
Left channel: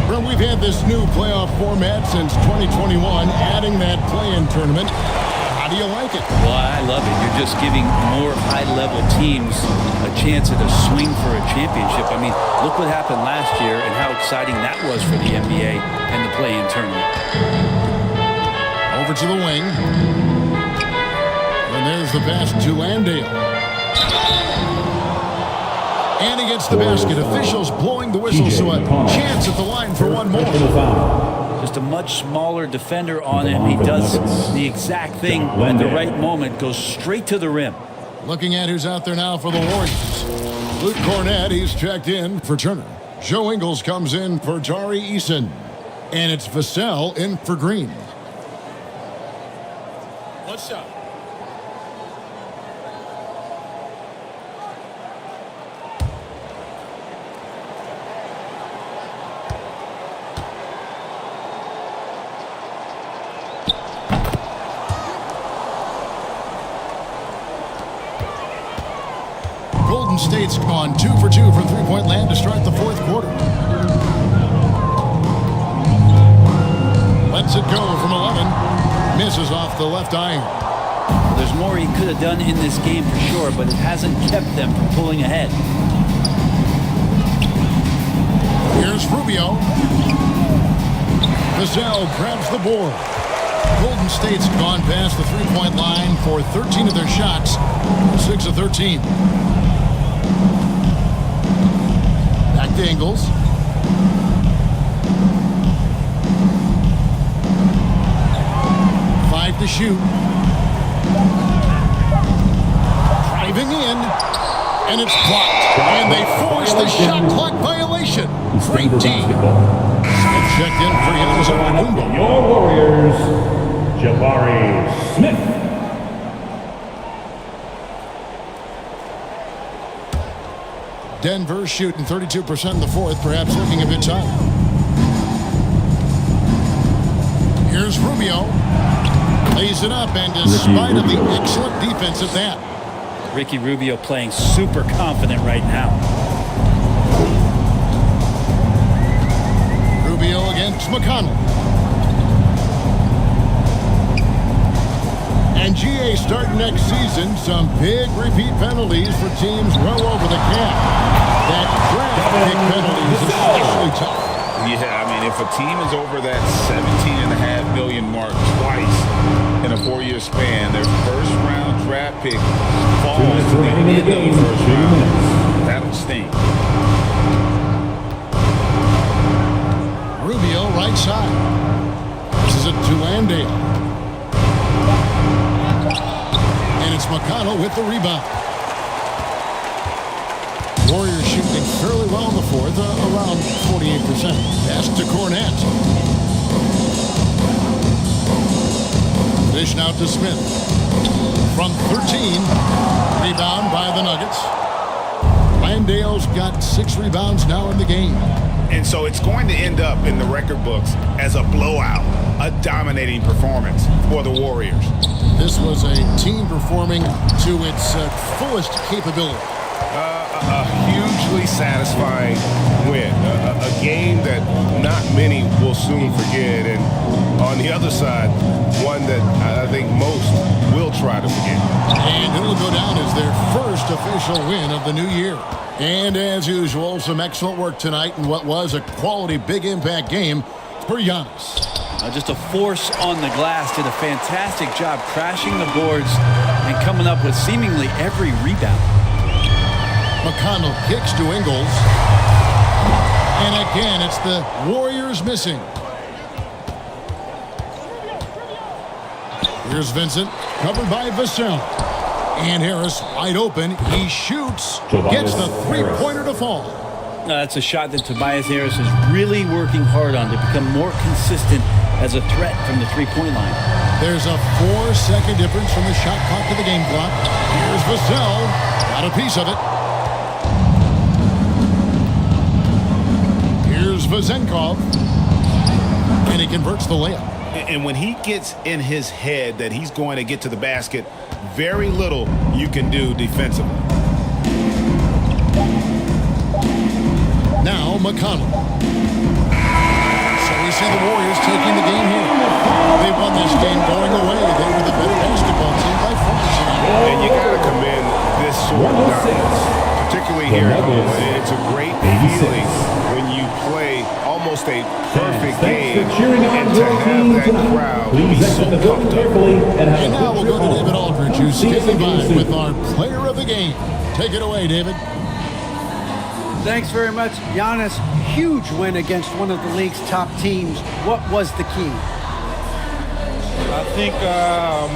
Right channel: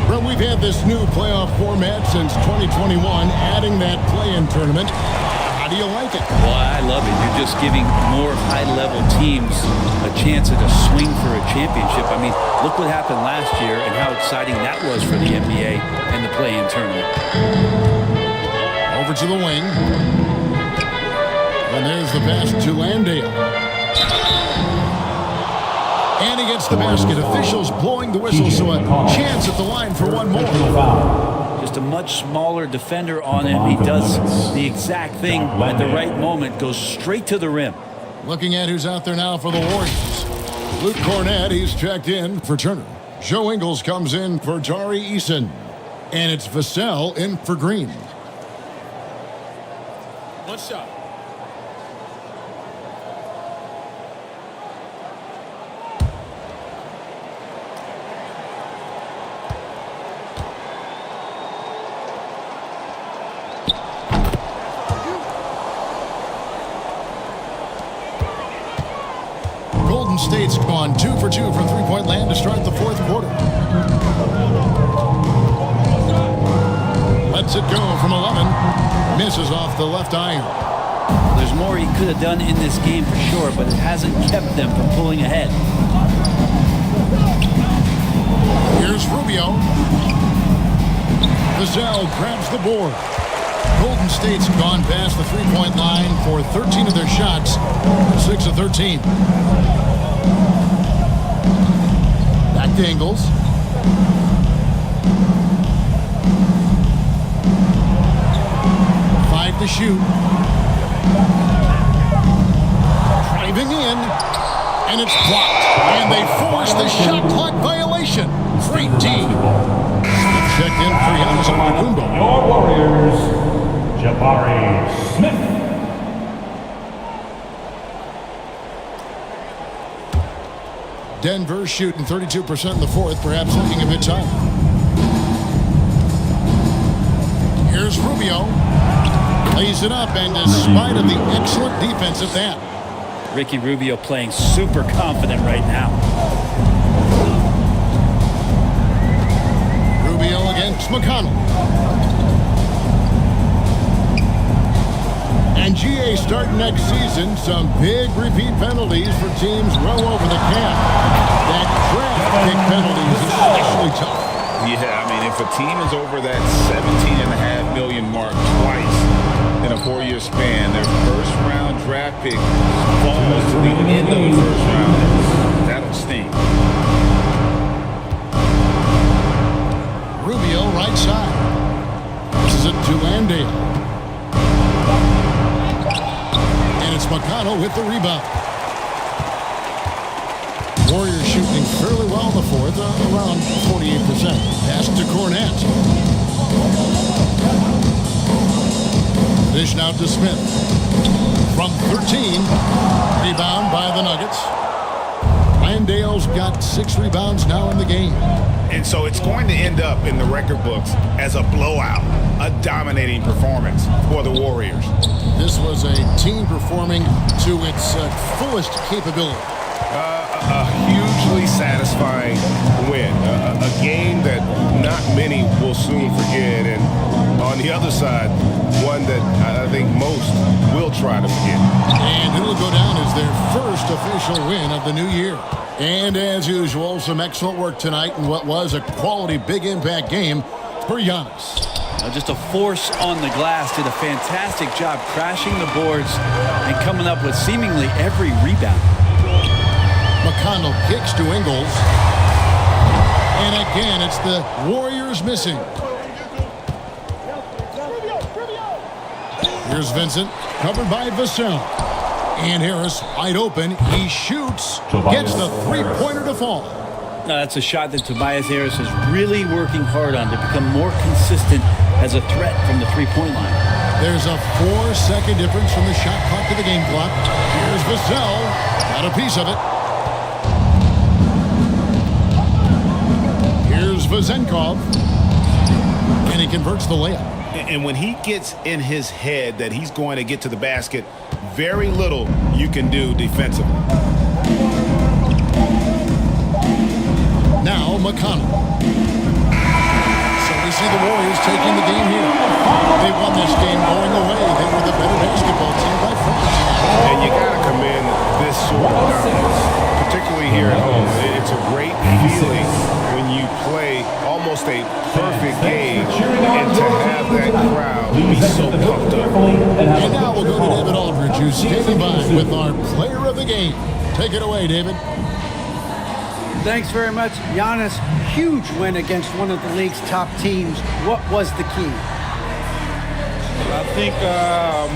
Well, we've had this new playoff format since 2021, adding that play-in tournament. How do you like it? Well, I love it. You're just giving more high-level teams a chance at a swing for a championship. I mean, look what happened last year and how exciting that was for the NBA and the play-in tournament. Over to the wing. And there's the pass to Landale. And he gets the basket. Officials blowing the whistle, so a chance at the line for one more. Just a much smaller defender on him. He does the exact thing at the right moment, goes straight to the rim. Looking at who's out there now for the Warriors. Luke Cornett, he's checked in for Turner. Joe Ingles comes in for Tari Eason. And it's Vassell in for Green. One shot. Golden State's gone 2 for 2 from three-point land to start the fourth quarter. Lets it go from 11. Misses off the left iron. Well, there's more he could have done in this game for sure, but it hasn't kept them from pulling ahead. Here's Rubio. Vassell grabs the board. Golden State's gone past the three-point line for 13 of their shots. 6 of 13. Back to Ingles. Five to shoot. Driving in. And it's blocked. And they force the shot clock violation. Great D. Smith checked in for Giannis Antetokounmpo. Your Warriors, Jabari Smith. Denver shooting 32% in the fourth, perhaps looking a bit tired. Here's Rubio. Lays it up, and despite of the excellent defense at that. Ricky Rubio playing super confident right now. Rubio against McConnell. And GA starting next season, some big repeat penalties for teams well over the cap. That draft pick penalty is especially tough. Yeah, I mean, if a team is over that $17.5 million mark twice in a 4-year span, their first-round draft pick falls to the end of the first round, that'll sting. Rubio right side. Passes it to Landale. And it's McConnell with the rebound. Warriors shooting fairly well in the fourth, around 48%. Pass to Cornett. The dish now to Smith. From 13, rebound by the Nuggets. Landale's got 6 rebounds now in the game. And so it's going to end up in the record books as a blowout, a dominating performance for the Warriors. This was a team performing to its fullest capability. A hugely satisfying win. A game that not many will soon forget. And on the other side, one that I think most will try to forget. And it'll go down as their first official win of the new year. And as usual, some excellent work tonight in what was a quality big impact game for Giannis. Just a force on the glass. Did a fantastic job crashing the boards and coming up with seemingly every rebound. McConnell kicks to Ingles. And again, it's the Warriors missing. Here's Vincent, covered by Vassell. And Harris wide open. He shoots, gets the three-pointer to fall. That's a shot that Tobias Harris is really working hard on to become more consistent as a threat from the three-point line. There's a 4-second difference from the shot clock to the game clock. Here's Vassell. Got a piece of it. Here's Vazenkov. And he converts the layup. And when he gets in his head that he's going to get to the basket, very little you can do defensively. Now McConnell. So we see the Warriors taking the game here. They won this game going away. They were the better basketball team by far tonight. And you got to commend this sort of dominance, particularly here at home. It's a great feeling when you play almost a perfect game and to have that crowd be so pumped up. And now we'll go to David Aldridge, who's standing by with our player of the game. Take it away, David. Thanks very much. Giannis, huge win against one of the league's top teams. What was the key? I think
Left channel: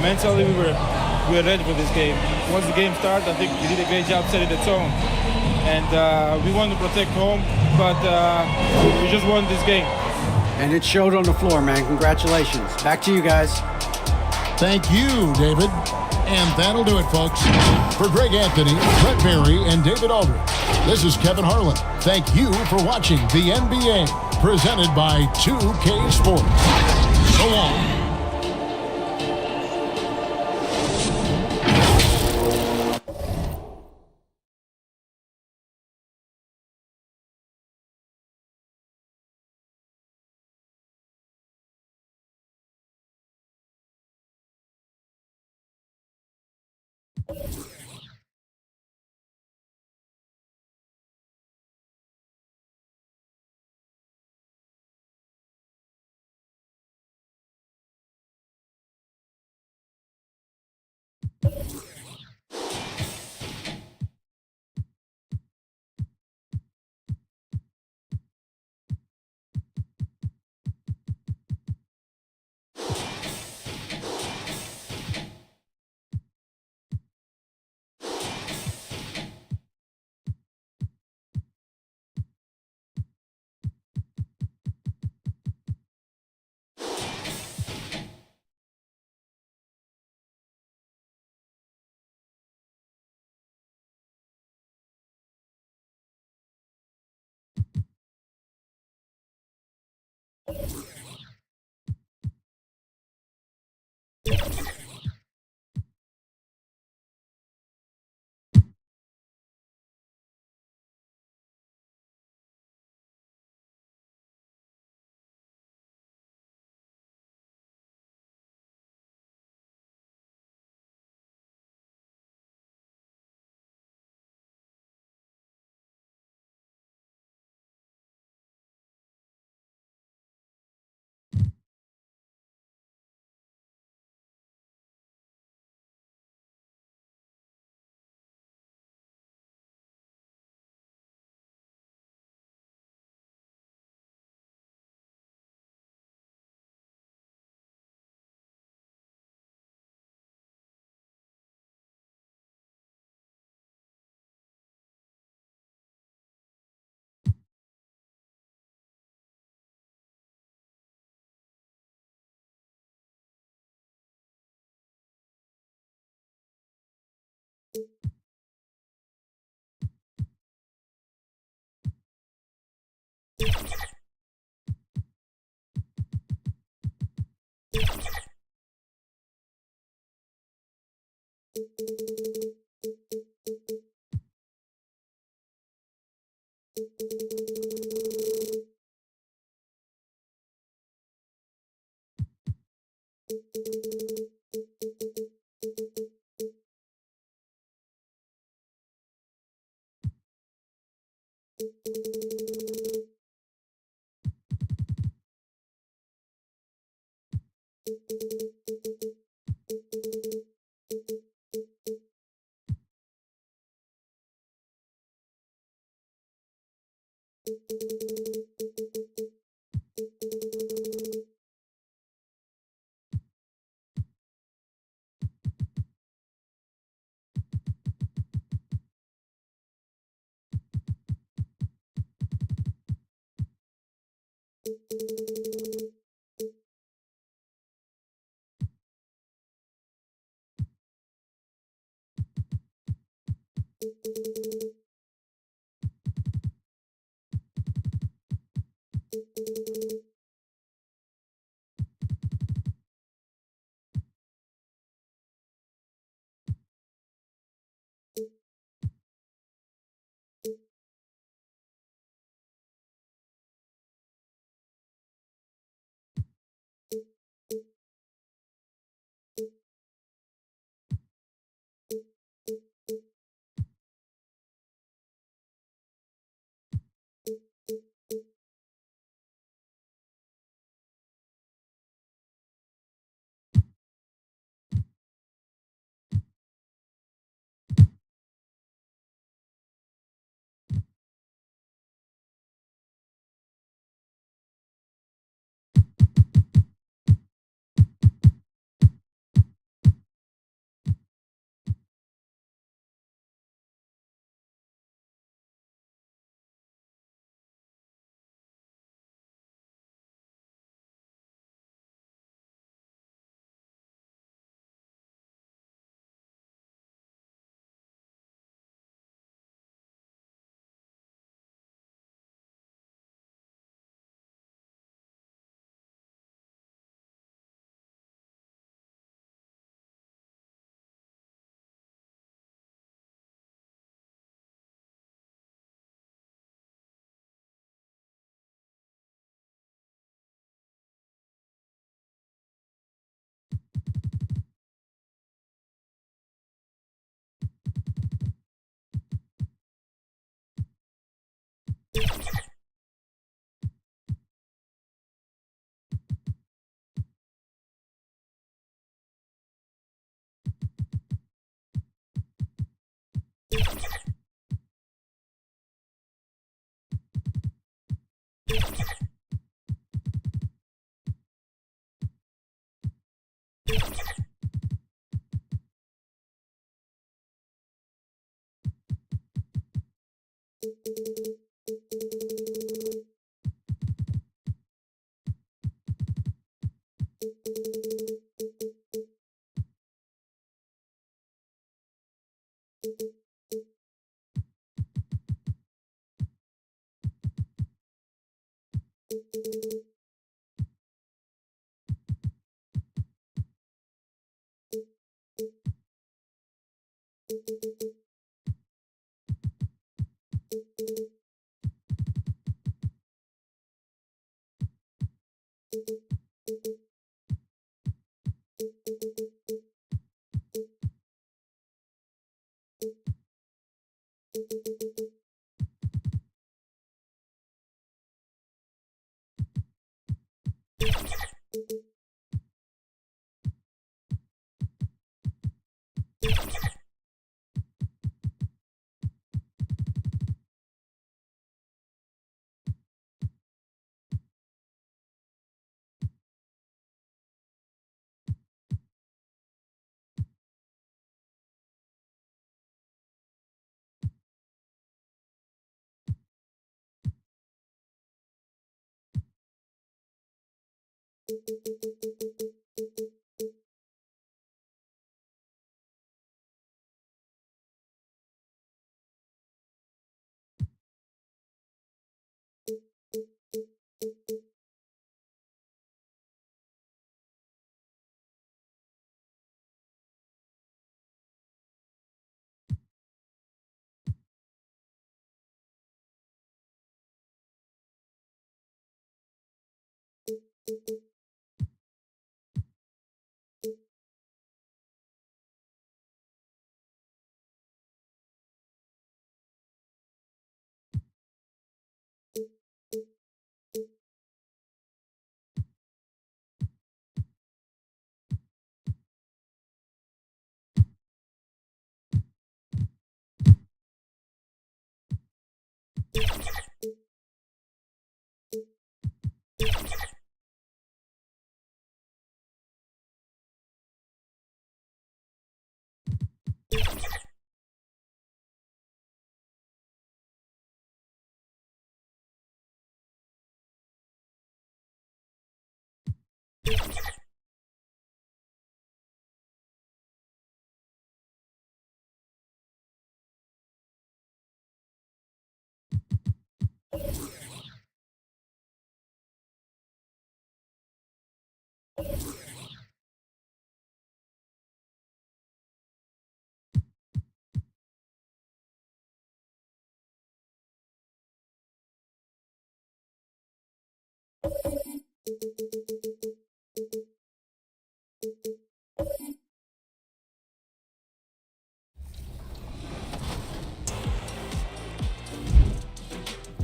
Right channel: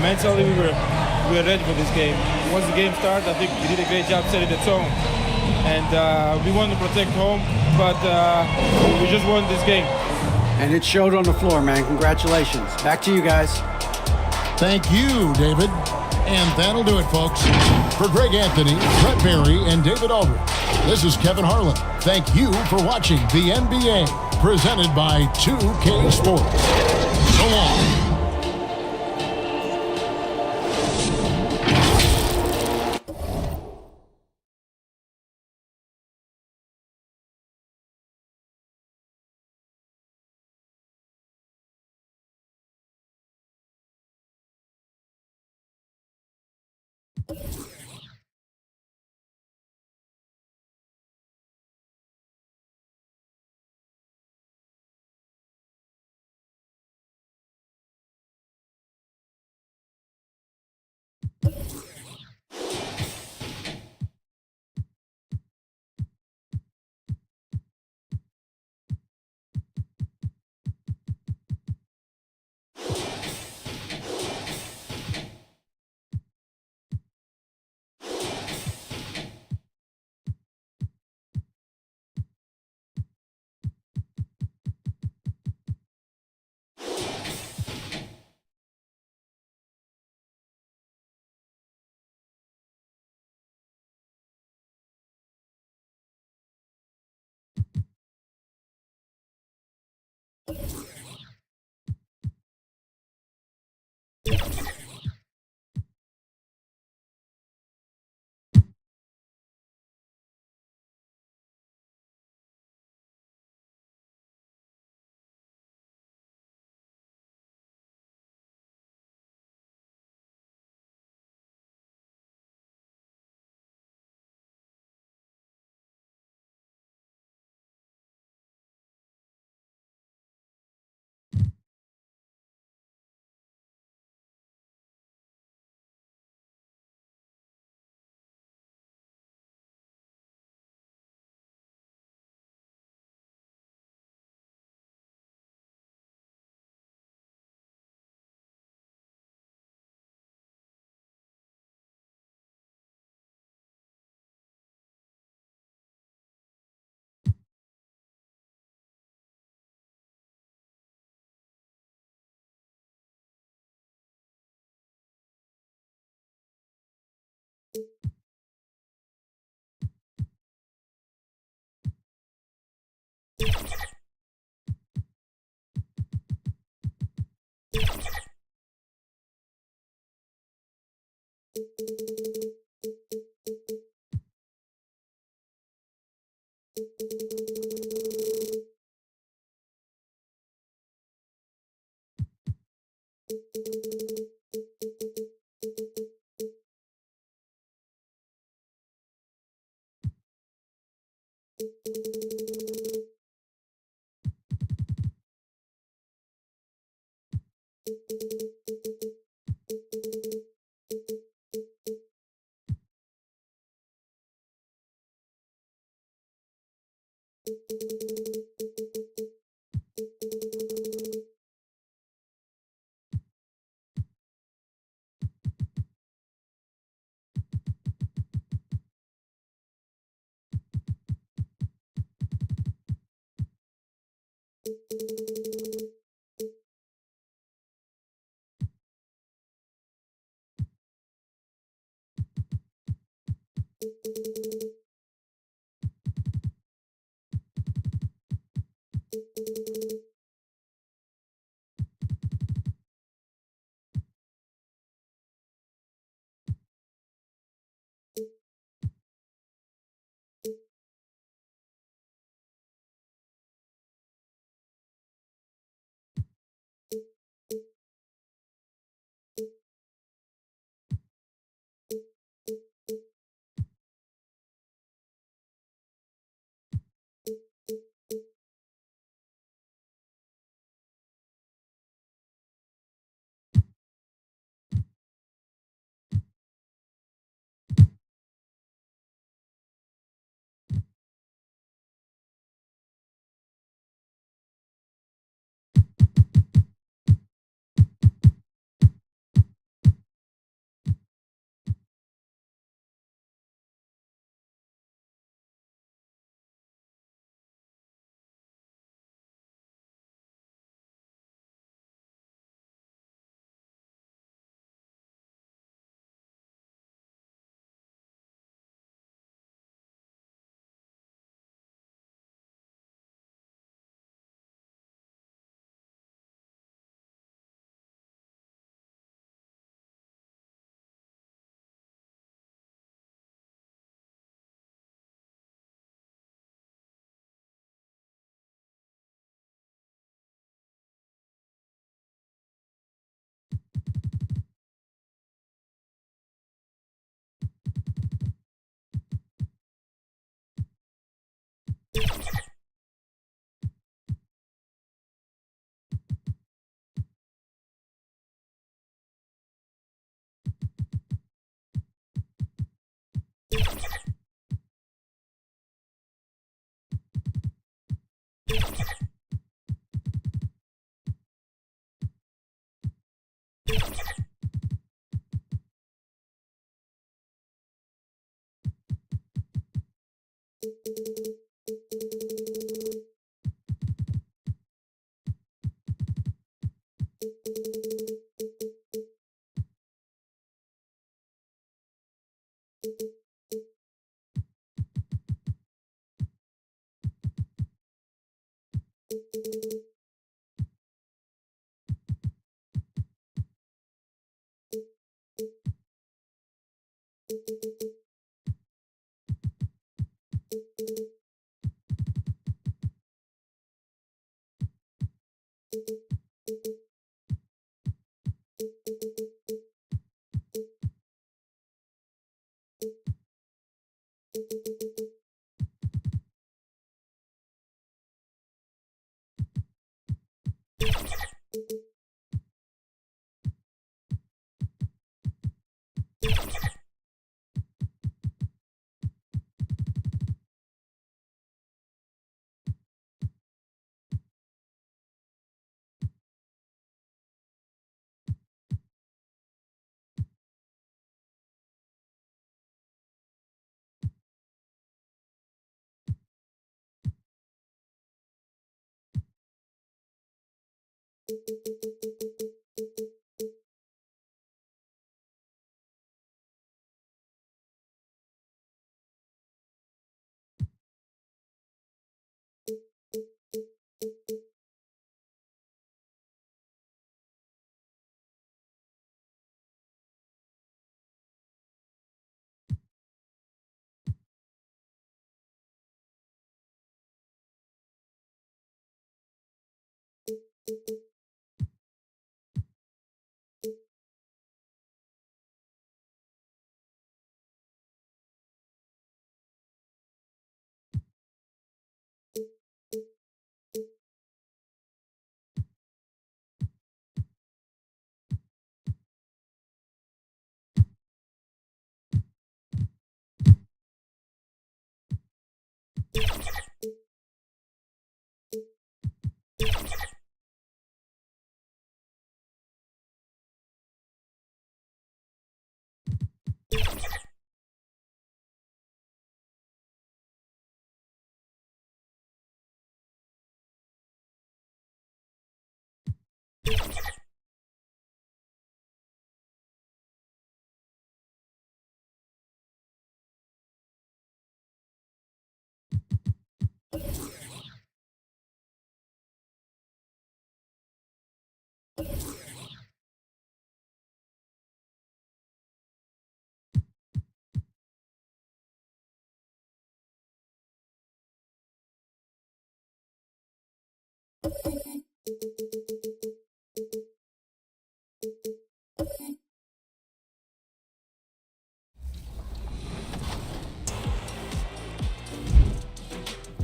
mentally we were ready for this game. Once the game started, I think we did a great job setting the tone. And we wanted to protect home, but we just won this game. And it showed on the floor, man. Congratulations. Back to you guys. Thank you, David. And that'll do it, folks. For Greg Anthony, Brett Berry, and David Aldridge, this is Kevin Harlan. Thank you for watching the NBA, presented by 2K Sports. So long.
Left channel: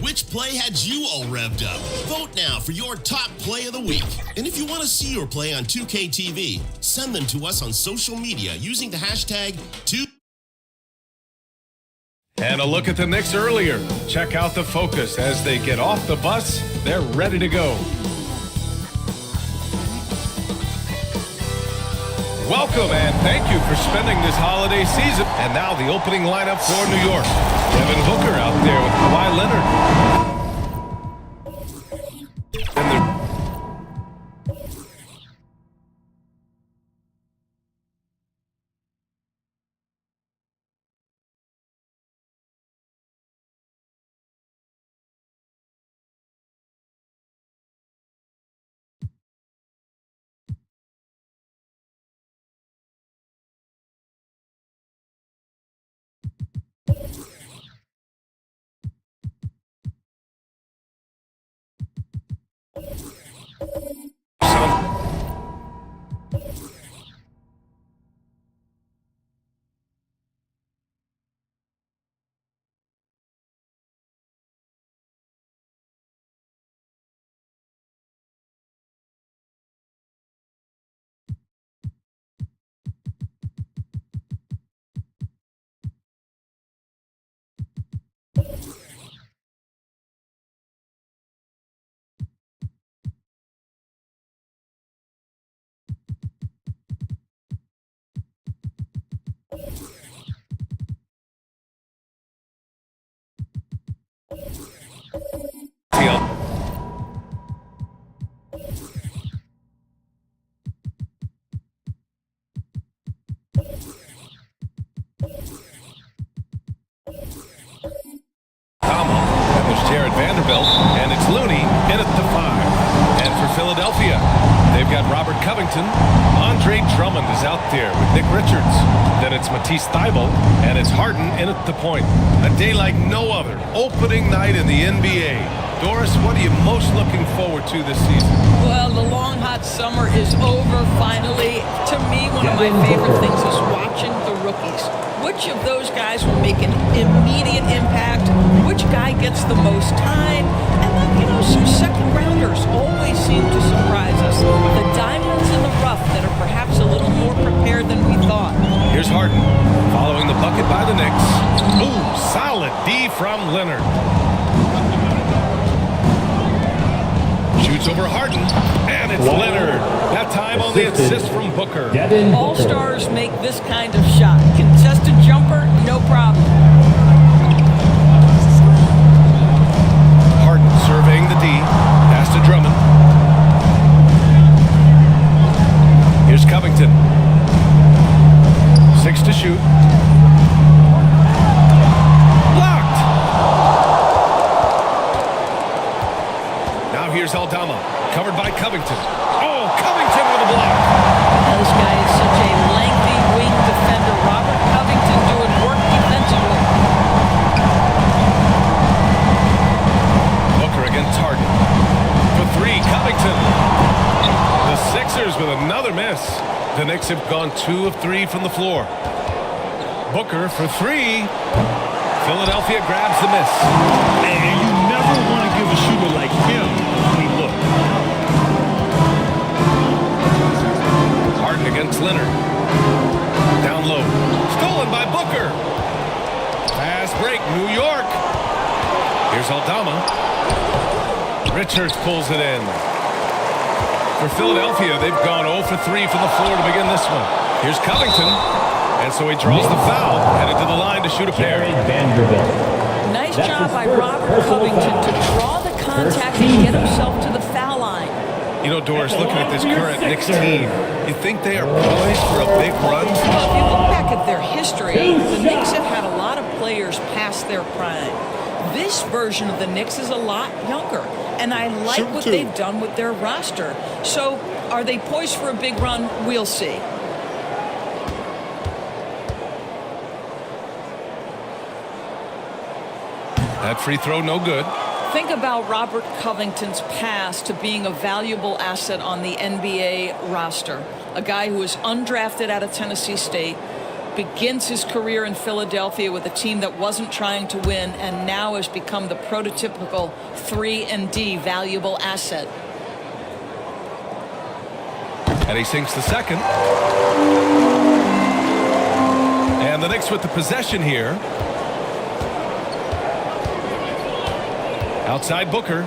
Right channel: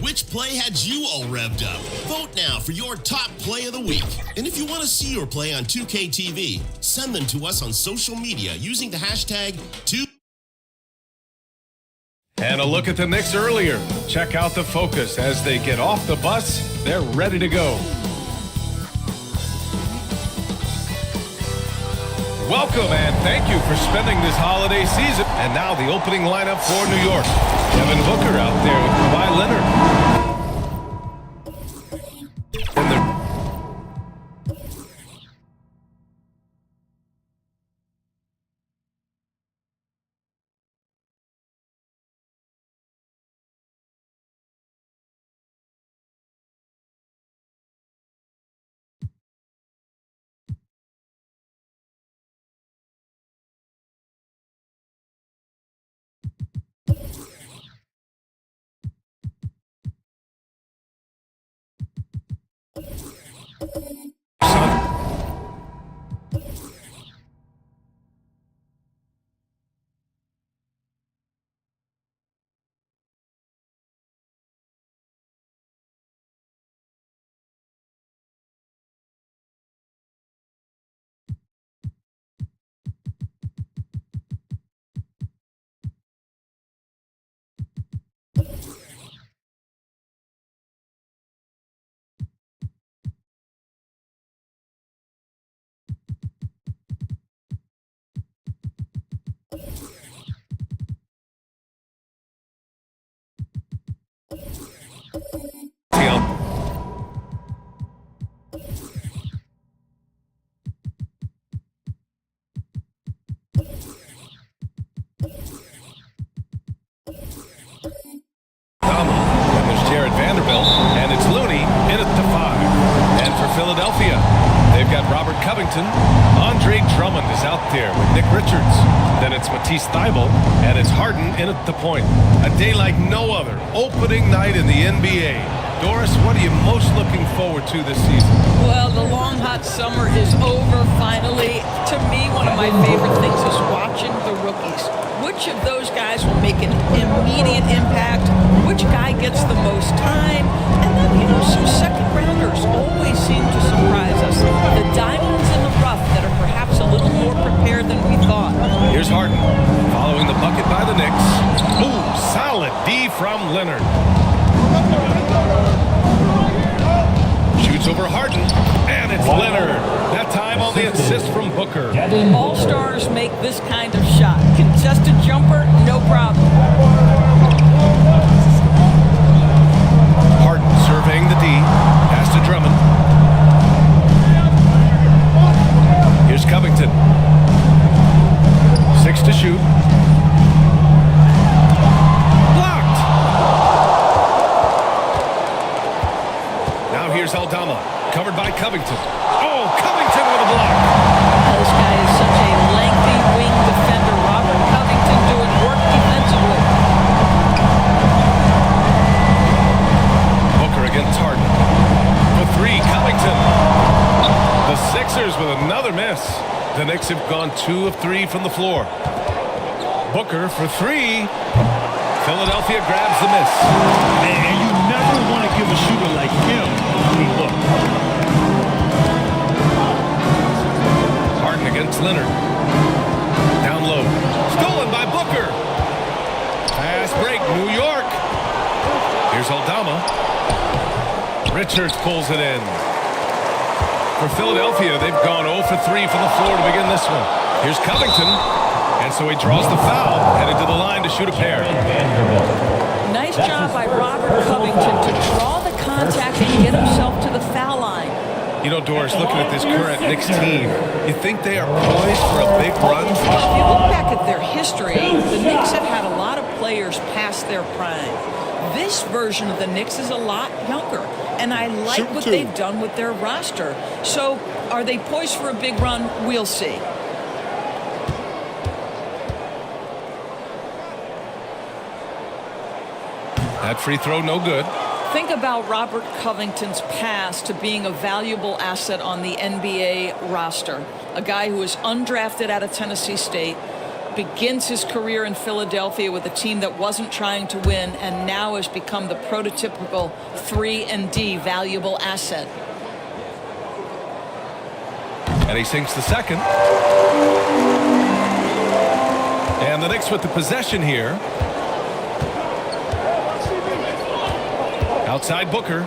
Which play had you all revved up? Vote now for your top play of the week. And if you want to see your play on 2K TV, send them to us on social media using the hashtag 2. And a look at the Knicks earlier. Check out the focus as they get off the bus. They're ready to go. Welcome and thank you for spending this holiday season. And now the opening lineup for New York. Devin Booker out there with Kawhi Leonard. And they're Aldama. Then there's Jared Vanderbilt. And it's Looney in at the 5. And for Philadelphia, they've got Robert Covington. Andre Drummond is out there with Nick Richards. Then it's Matisse Thybulle. And it's Harden in at the point. A day like no other. Opening night in the NBA. Doris, what are you most looking forward to this season? Well, the long, hot summer is over finally. To me, one of my favorite things is watching the rookies. Which of those guys will make an immediate impact? Which guy gets the most time? And then, some second rounders always seem to surprise us. The diamonds in the rough that are perhaps a little more prepared than we thought. Here's Harden following the bucket by the Knicks. Ooh, solid D from Leonard. Shoots over Harden, and it's Leonard. That time on the assist from Booker. All-stars make this kind of shot. Contested jumper, no problem. Harden surveying the D. Pass to Drummond. Here's Covington. 6 to shoot. Blocked. Now here's Aldama, covered by Covington. Oh, Covington with a block. This guy is such a lengthy wing defender. Robert Covington doing work defensively. Booker against Harden. For 3, Covington. The Sixers with another miss. The Knicks have gone 2 of 3 from the floor. Booker for 3. Philadelphia grabs the miss. And you never want to give a shooter like him a clean look. Harden against Leonard. Down low. Stolen by Booker. Fast break, New York. Here's Aldama. Richards pulls it in. For Philadelphia, they've gone 0 for 3 from the floor to begin this one. Here's Covington. And so he draws the foul, headed to the line to shoot a pair. Nice job by Robert Covington to draw the contact and get himself to the foul line. Doris, looking at this current Knicks team, you think they are poised for a big run? Well, if you look back at their history, the Knicks have had a lot of players past their prime. This version of the Knicks is a lot younger, and I like what they've done with their roster. So, are they poised for a big run? We'll see. That free throw, no good. Think about Robert Covington's path to being a valuable asset on the NBA roster. A guy who was undrafted out of Tennessee State, begins his career in Philadelphia with a team that wasn't trying to win, and now has become the prototypical 3-and-D valuable asset. And he sinks the second. And the Knicks with the possession here. Outside Booker.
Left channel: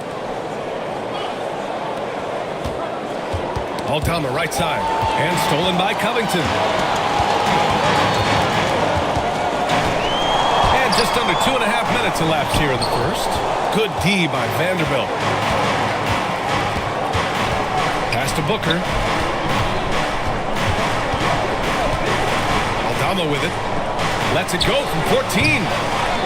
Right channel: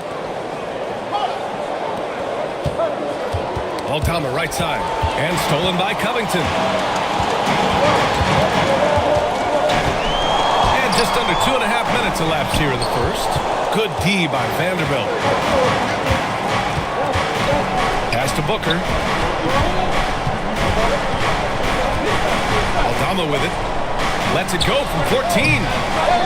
Aldama right side. And stolen by Covington. And just under 2.5 minutes elapsed here in the first. Good D by Vanderbilt. Pass to Booker. Aldama with it. Lets it go from 14.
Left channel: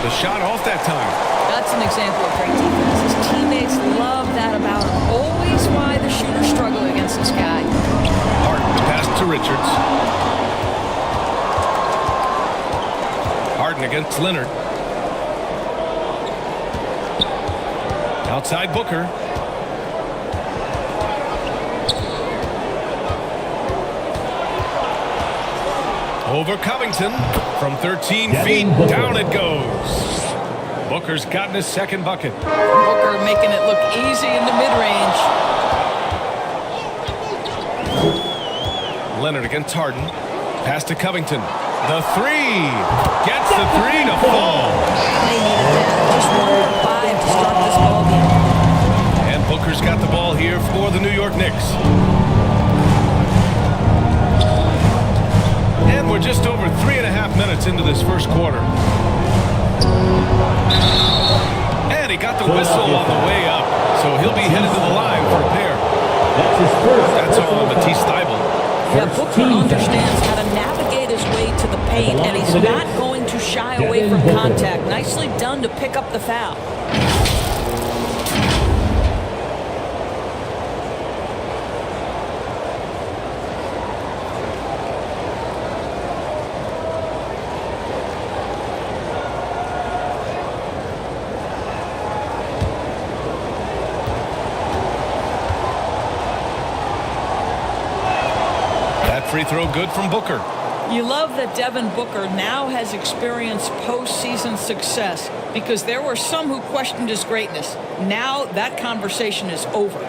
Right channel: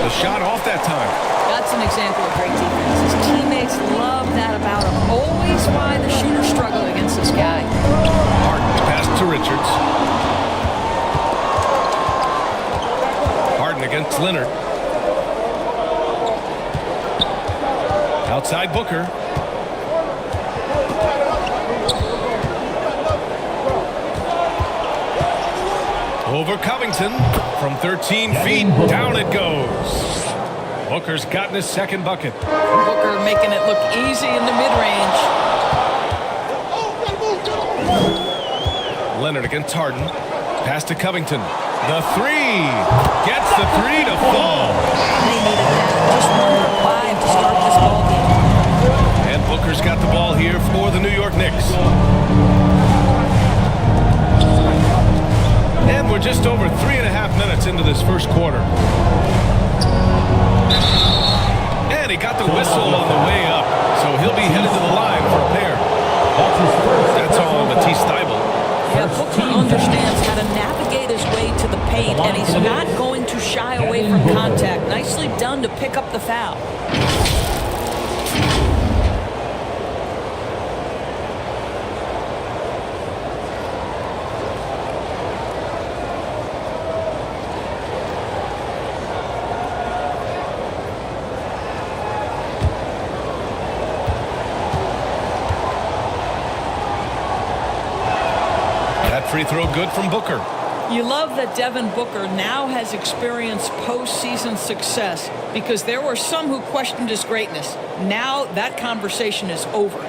The shot off that time. That's an example of great defense. His teammates love that about him. Always why the shooters struggle against this guy. Harden, the pass to Richards. Harden against Leonard. Outside Booker. Over Covington. From 13 feet, down it goes. Booker's gotten his second bucket. And Booker making it look easy in the mid-range. Leonard against Harden. Pass to Covington. The 3. Gets the 3 to fall. They needed that. Just 1 for 5 to start this ball game. And Booker's got the ball here for the New York Knicks. And we're just over 3.5 minutes into this first quarter. And he got the whistle on the way up, so he'll be headed to the line for a pair. That's on Matisse Thybulle. Yeah, Booker understands how to navigate his way to the paint, and he's not going to shy away from contact. Nicely done to pick up the foul. That free throw good from Booker. You love that Devin Booker now has experienced postseason success because there were some who questioned his greatness. Now that conversation is over.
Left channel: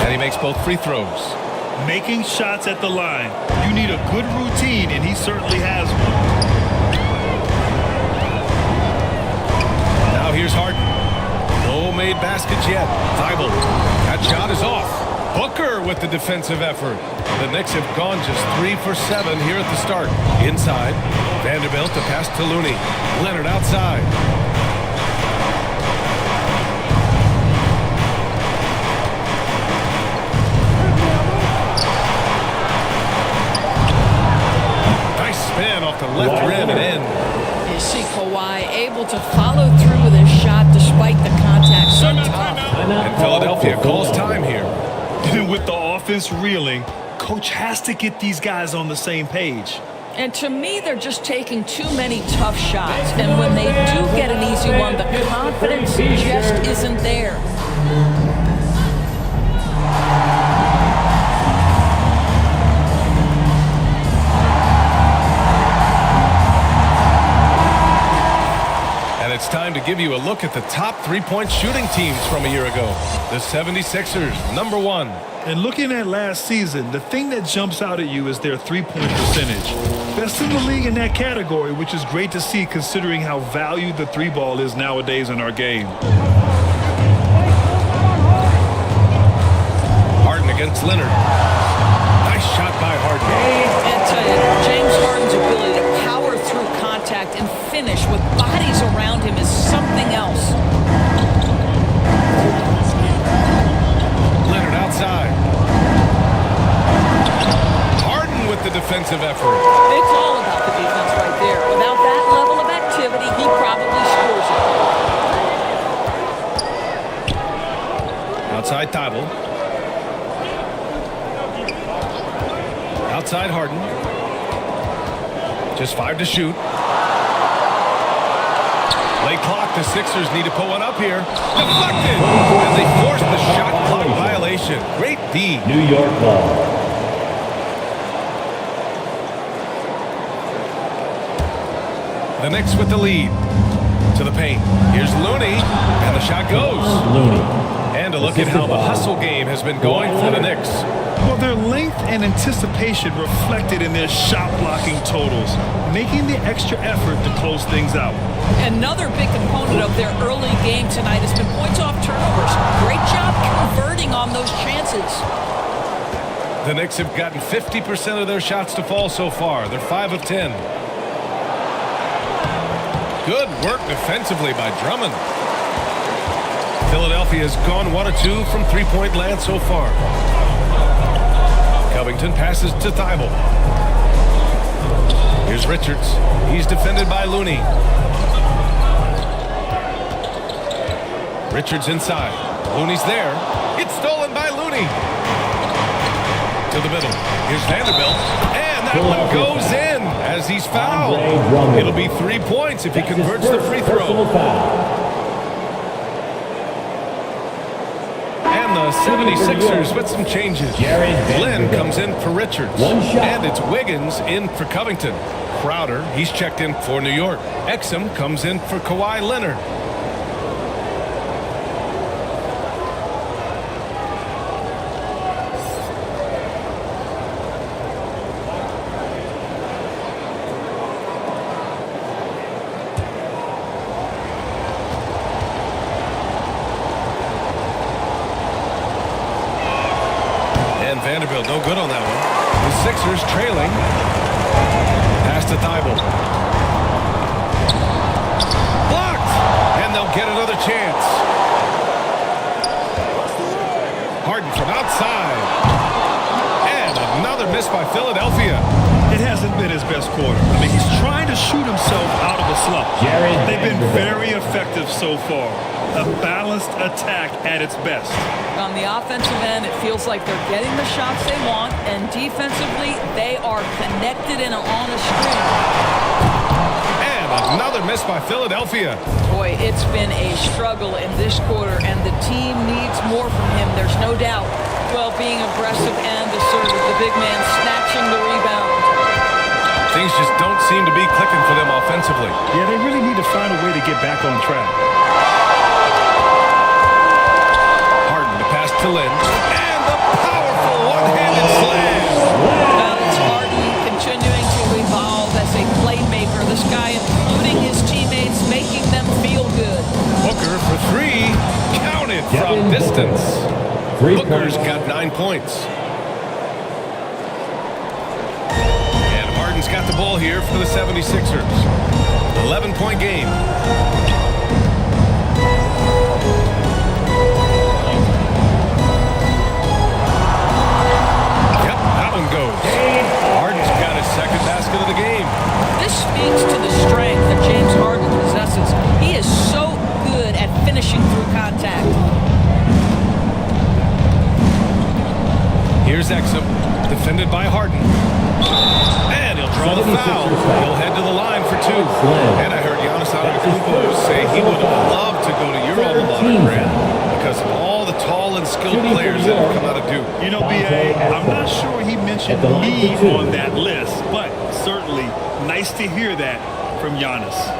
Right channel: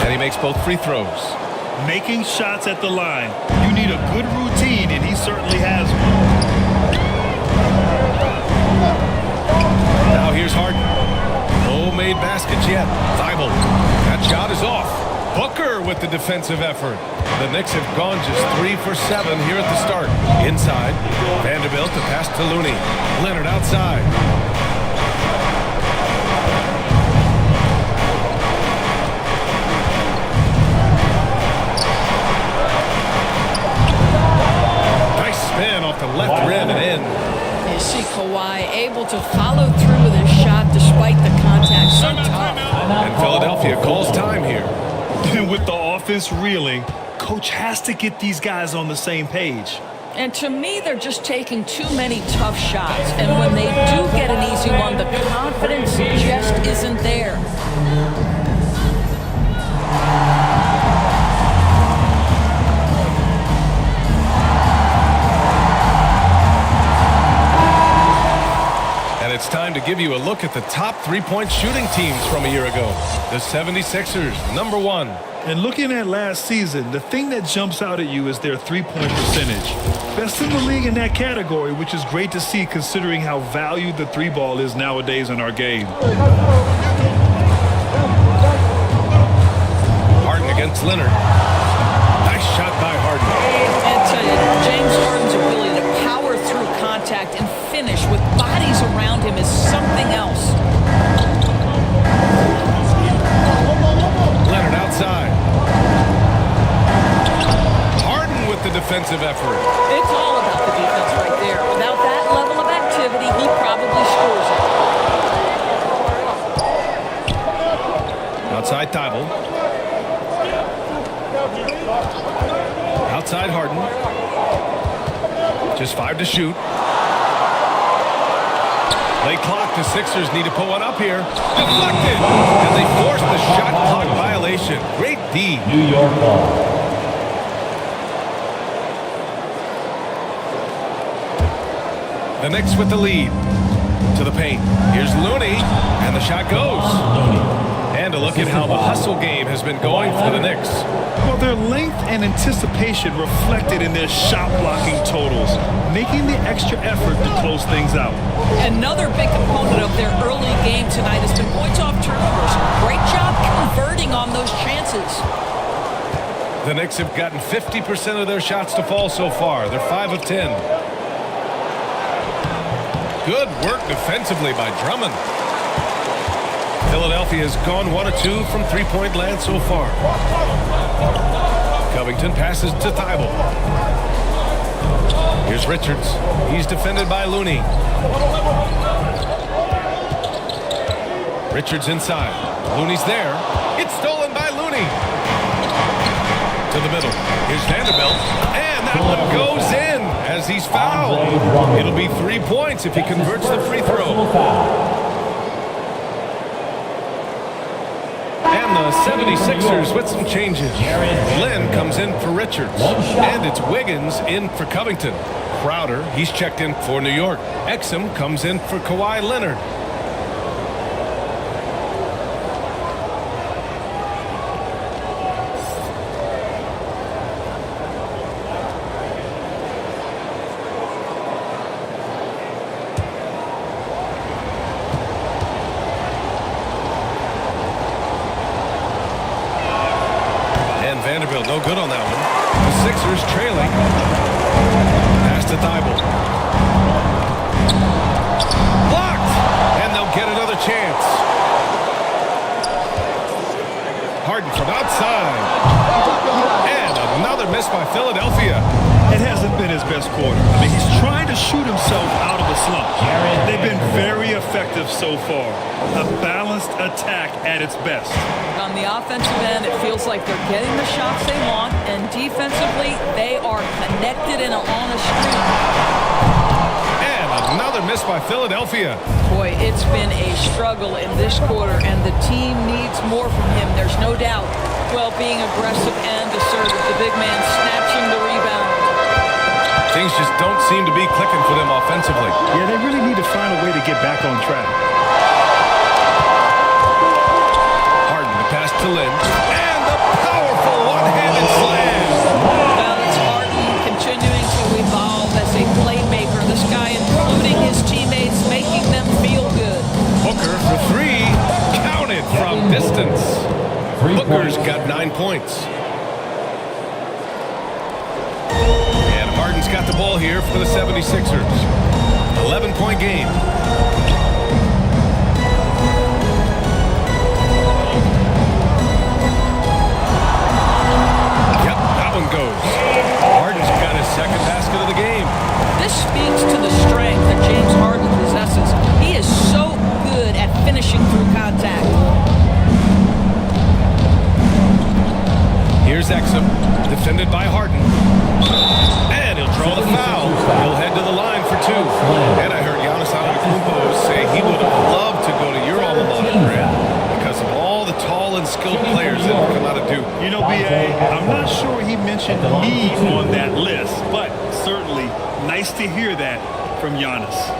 And he makes both free throws. Making shots at the line. You need a good routine, and he certainly has one. Now here's Harden. No made baskets yet. Thibault. That shot is off. Booker with the defensive effort. The Knicks have gone just 3 for 7 here at the start. Inside. Vanderbilt to pass to Looney. Leonard outside. Nice spin off the left rim and in. You see Kawhi able to follow through with his shot despite the contact. So tough. And Philadelphia calls time here. With the offense reeling, coach has to get these guys on the same page. And to me, they're just taking too many tough shots. And when they do get an easy one, the confidence just isn't there. And it's time to give you a look at the top three-point shooting teams from a year ago. The 76ers, number 1. And looking at last season, the thing that jumps out at you is their three-point percentage. Best in the league in that category, which is great to see considering how valued the three ball is nowadays in our game. Harden against Leonard. Nice shot by Harden. And tell you, James Harden's ability to power through contact and finish with bodies around him is something else. Leonard outside. Harden with the defensive effort. It's all about the defense right there. Without that level of activity, he probably scores it. Outside Thibault. Outside Harden. Just 5 to shoot. Late clock. The Sixers need to put one up here. Deflected. And they forced the shot clock violation. Great D. New York ball. The Knicks with the lead. To the paint. Here's Looney. And the shot goes. And a look at how the hustle game has been going for the Knicks. Well, their length and anticipation reflected in their shot blocking totals, making the extra effort to close things out. Another big component of their early game tonight has been points off turnovers. Great job converting on those chances. The Knicks have gotten 50% of their shots to fall so far. They're 5 of 10. Good work defensively by Drummond. Philadelphia has gone 1 of 2 from three-point land so far. Covington passes to Thibault. Here's Richards. He's defended by Looney. Richards inside. Looney's there. It's stolen by Looney. To the middle. Here's Vanderbilt. And that one goes in as he's fouled. It'll be 3 points if he converts the free throw. And the 76ers with some changes. Lynn comes in for Richards. And it's Wiggins in for Covington. Crowder, he's checked in for New York. Exum comes in for Kawhi Leonard. And Vanderbilt no good on that one. The Sixers trailing. Pass to Thibault. Blocked! And they'll get another chance. Harden from outside. And another miss by Philadelphia. It hasn't been his best quarter. I mean, he's trying to shoot himself out of a slump. They've been very effective so far. A balanced attack at its best. On the offensive end, it feels like they're getting the shots they want, and defensively, they are connected and on a string. And another miss by Philadelphia. Boy, it's been a struggle in this quarter, and the team needs more from him. There's no doubt. Well, being aggressive and assertive, the big man snatching the rebound. Things just don't seem to be clicking for them offensively. Yeah, they really need to find a way to get back on track. Harden the pass to Lynn. And the powerful one-handed slam. Well, it's Harden continuing to evolve as a playmaker. This guy, including his teammates, making them feel good. Booker for three. Counted from distance. Booker's got 9 points. And Harden's got the ball here for the 76ers. 11-point game. Yep, that one goes. Harden's got his second basket of the game. This speaks to the strength that James Harden possesses. He is so good at finishing through contact. Here's Exum, defended by Harden. And he'll draw the foul. He'll head to the line for two. And I heard Giannis Antetokounmpo say he would have loved to go to your alma mater, Grant, because of all the tall and skilled players that have come out of Duke. You know, B.A., I'm not sure he mentioned me on that list, but certainly nice to hear that from Giannis.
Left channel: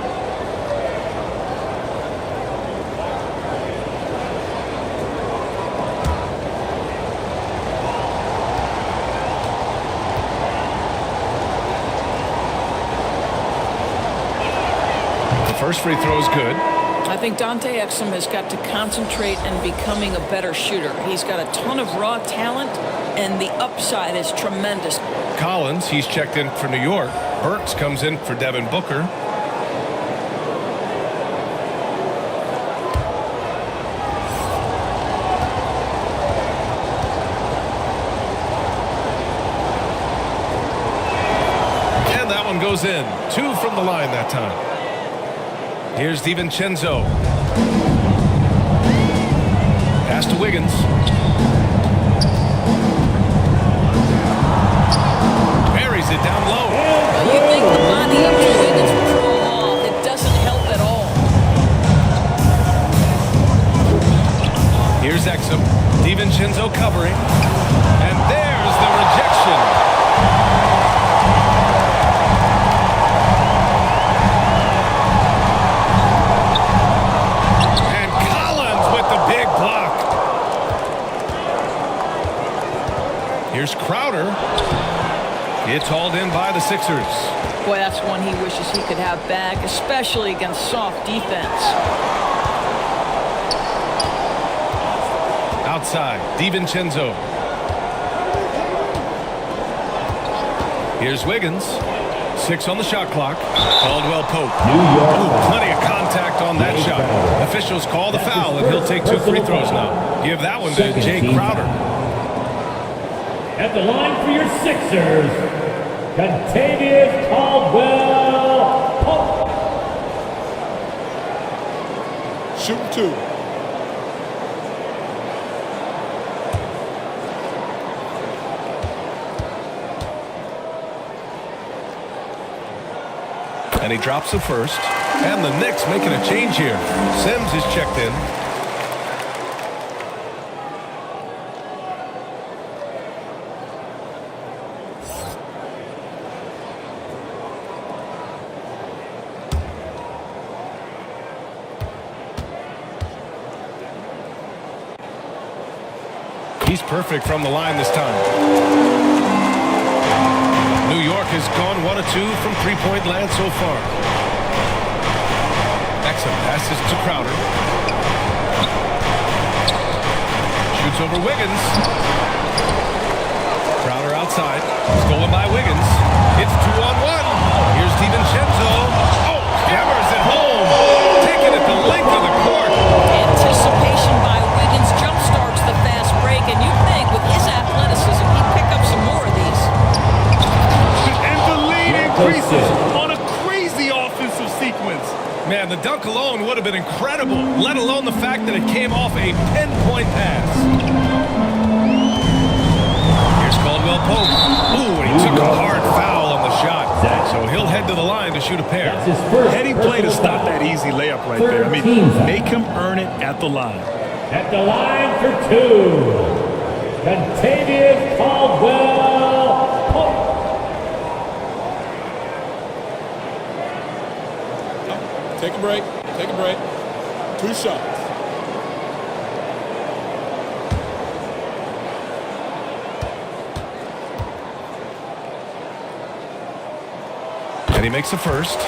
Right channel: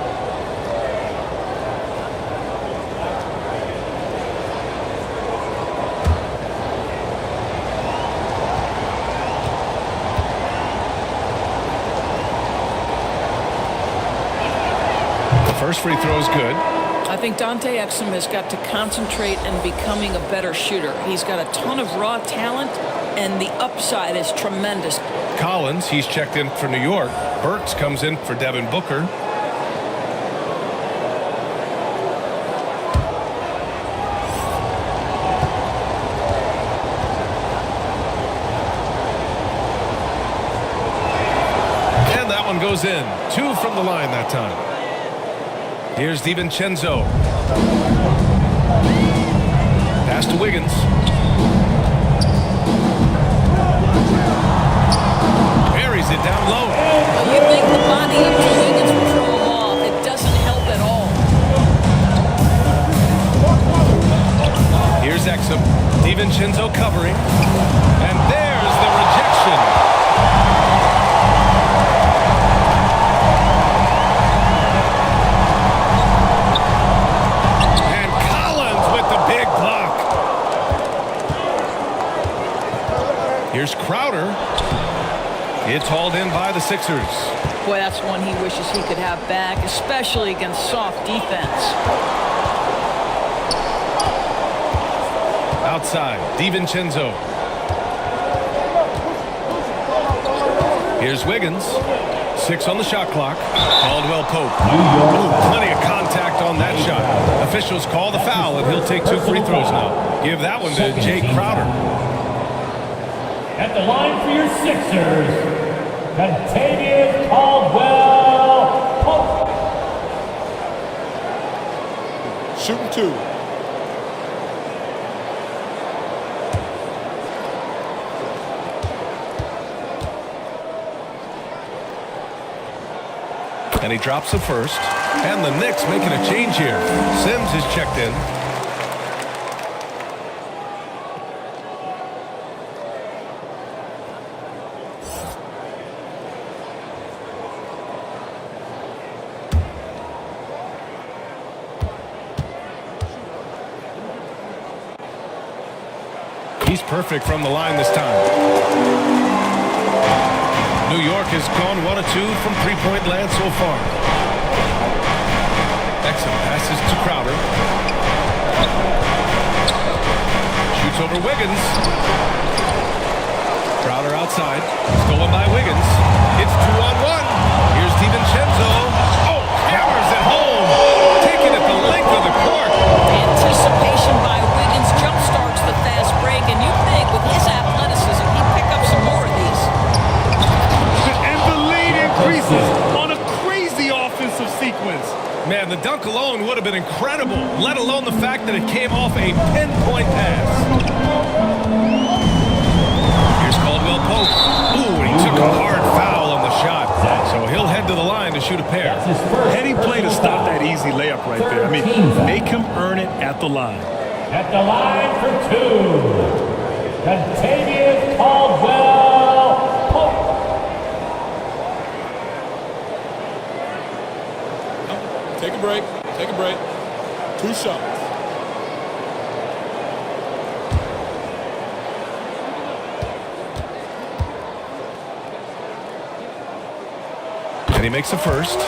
The first free throw is good. I think Dante Exum has got to concentrate and becoming a better shooter. He's got a ton of raw talent, and the upside is tremendous. Collins, he's checked in for New York. Burks comes in for Devin Booker. And that one goes in. 2 from the line that time. Here's DiVincenzo. Pass to Wiggins. Buries it down low. Well, you think the body up to Wiggins would throw him off. It doesn't help at all. Here's Exum. DiVincenzo covering. And there's the rejection. And Collins with the big block. Here's Crowder. It's hauled in by the Sixers. Boy, that's one he wishes he could have back, especially against soft defense. Outside, DiVincenzo. Here's Wiggins. 6 on the shot clock. Caldwell Pope. Ooh, plenty of contact on that shot. Officials call the foul, and he'll take 2 free throws now. Give that one to Jay Crowder. At the line for your Sixers, Contavious Caldwell Pope. Shooting 2. And he drops the first. And the Knicks making a change here. Sims is checked in. He's perfect from the line this time. New York has gone 1 of 2 from three-point land so far. Exum passes to Crowder. Shoots over Wiggins. Crowder outside. Stolen by Wiggins. It's 2-on-1. Here's DiVincenzo. Oh, hammers it home. Taken it at the length of the court. Anticipation by Wiggins jumpstarts the fast break, and you'd think with his athleticism, he'd pick up some more of these. And the lead increases on a crazy offensive sequence. Man, the dunk alone would have been incredible, let alone the fact that it came off a pinpoint pass. Here's Caldwell Pope. Ooh, and he took a hard foul on the shot. So he'll head to the line to shoot a pair. Heady play to stop that easy layup right there. I mean, make him earn it at the line. At the line for two, Contavious Caldwell Pope. Take a break. Take a break. 2 shots. And he makes the first.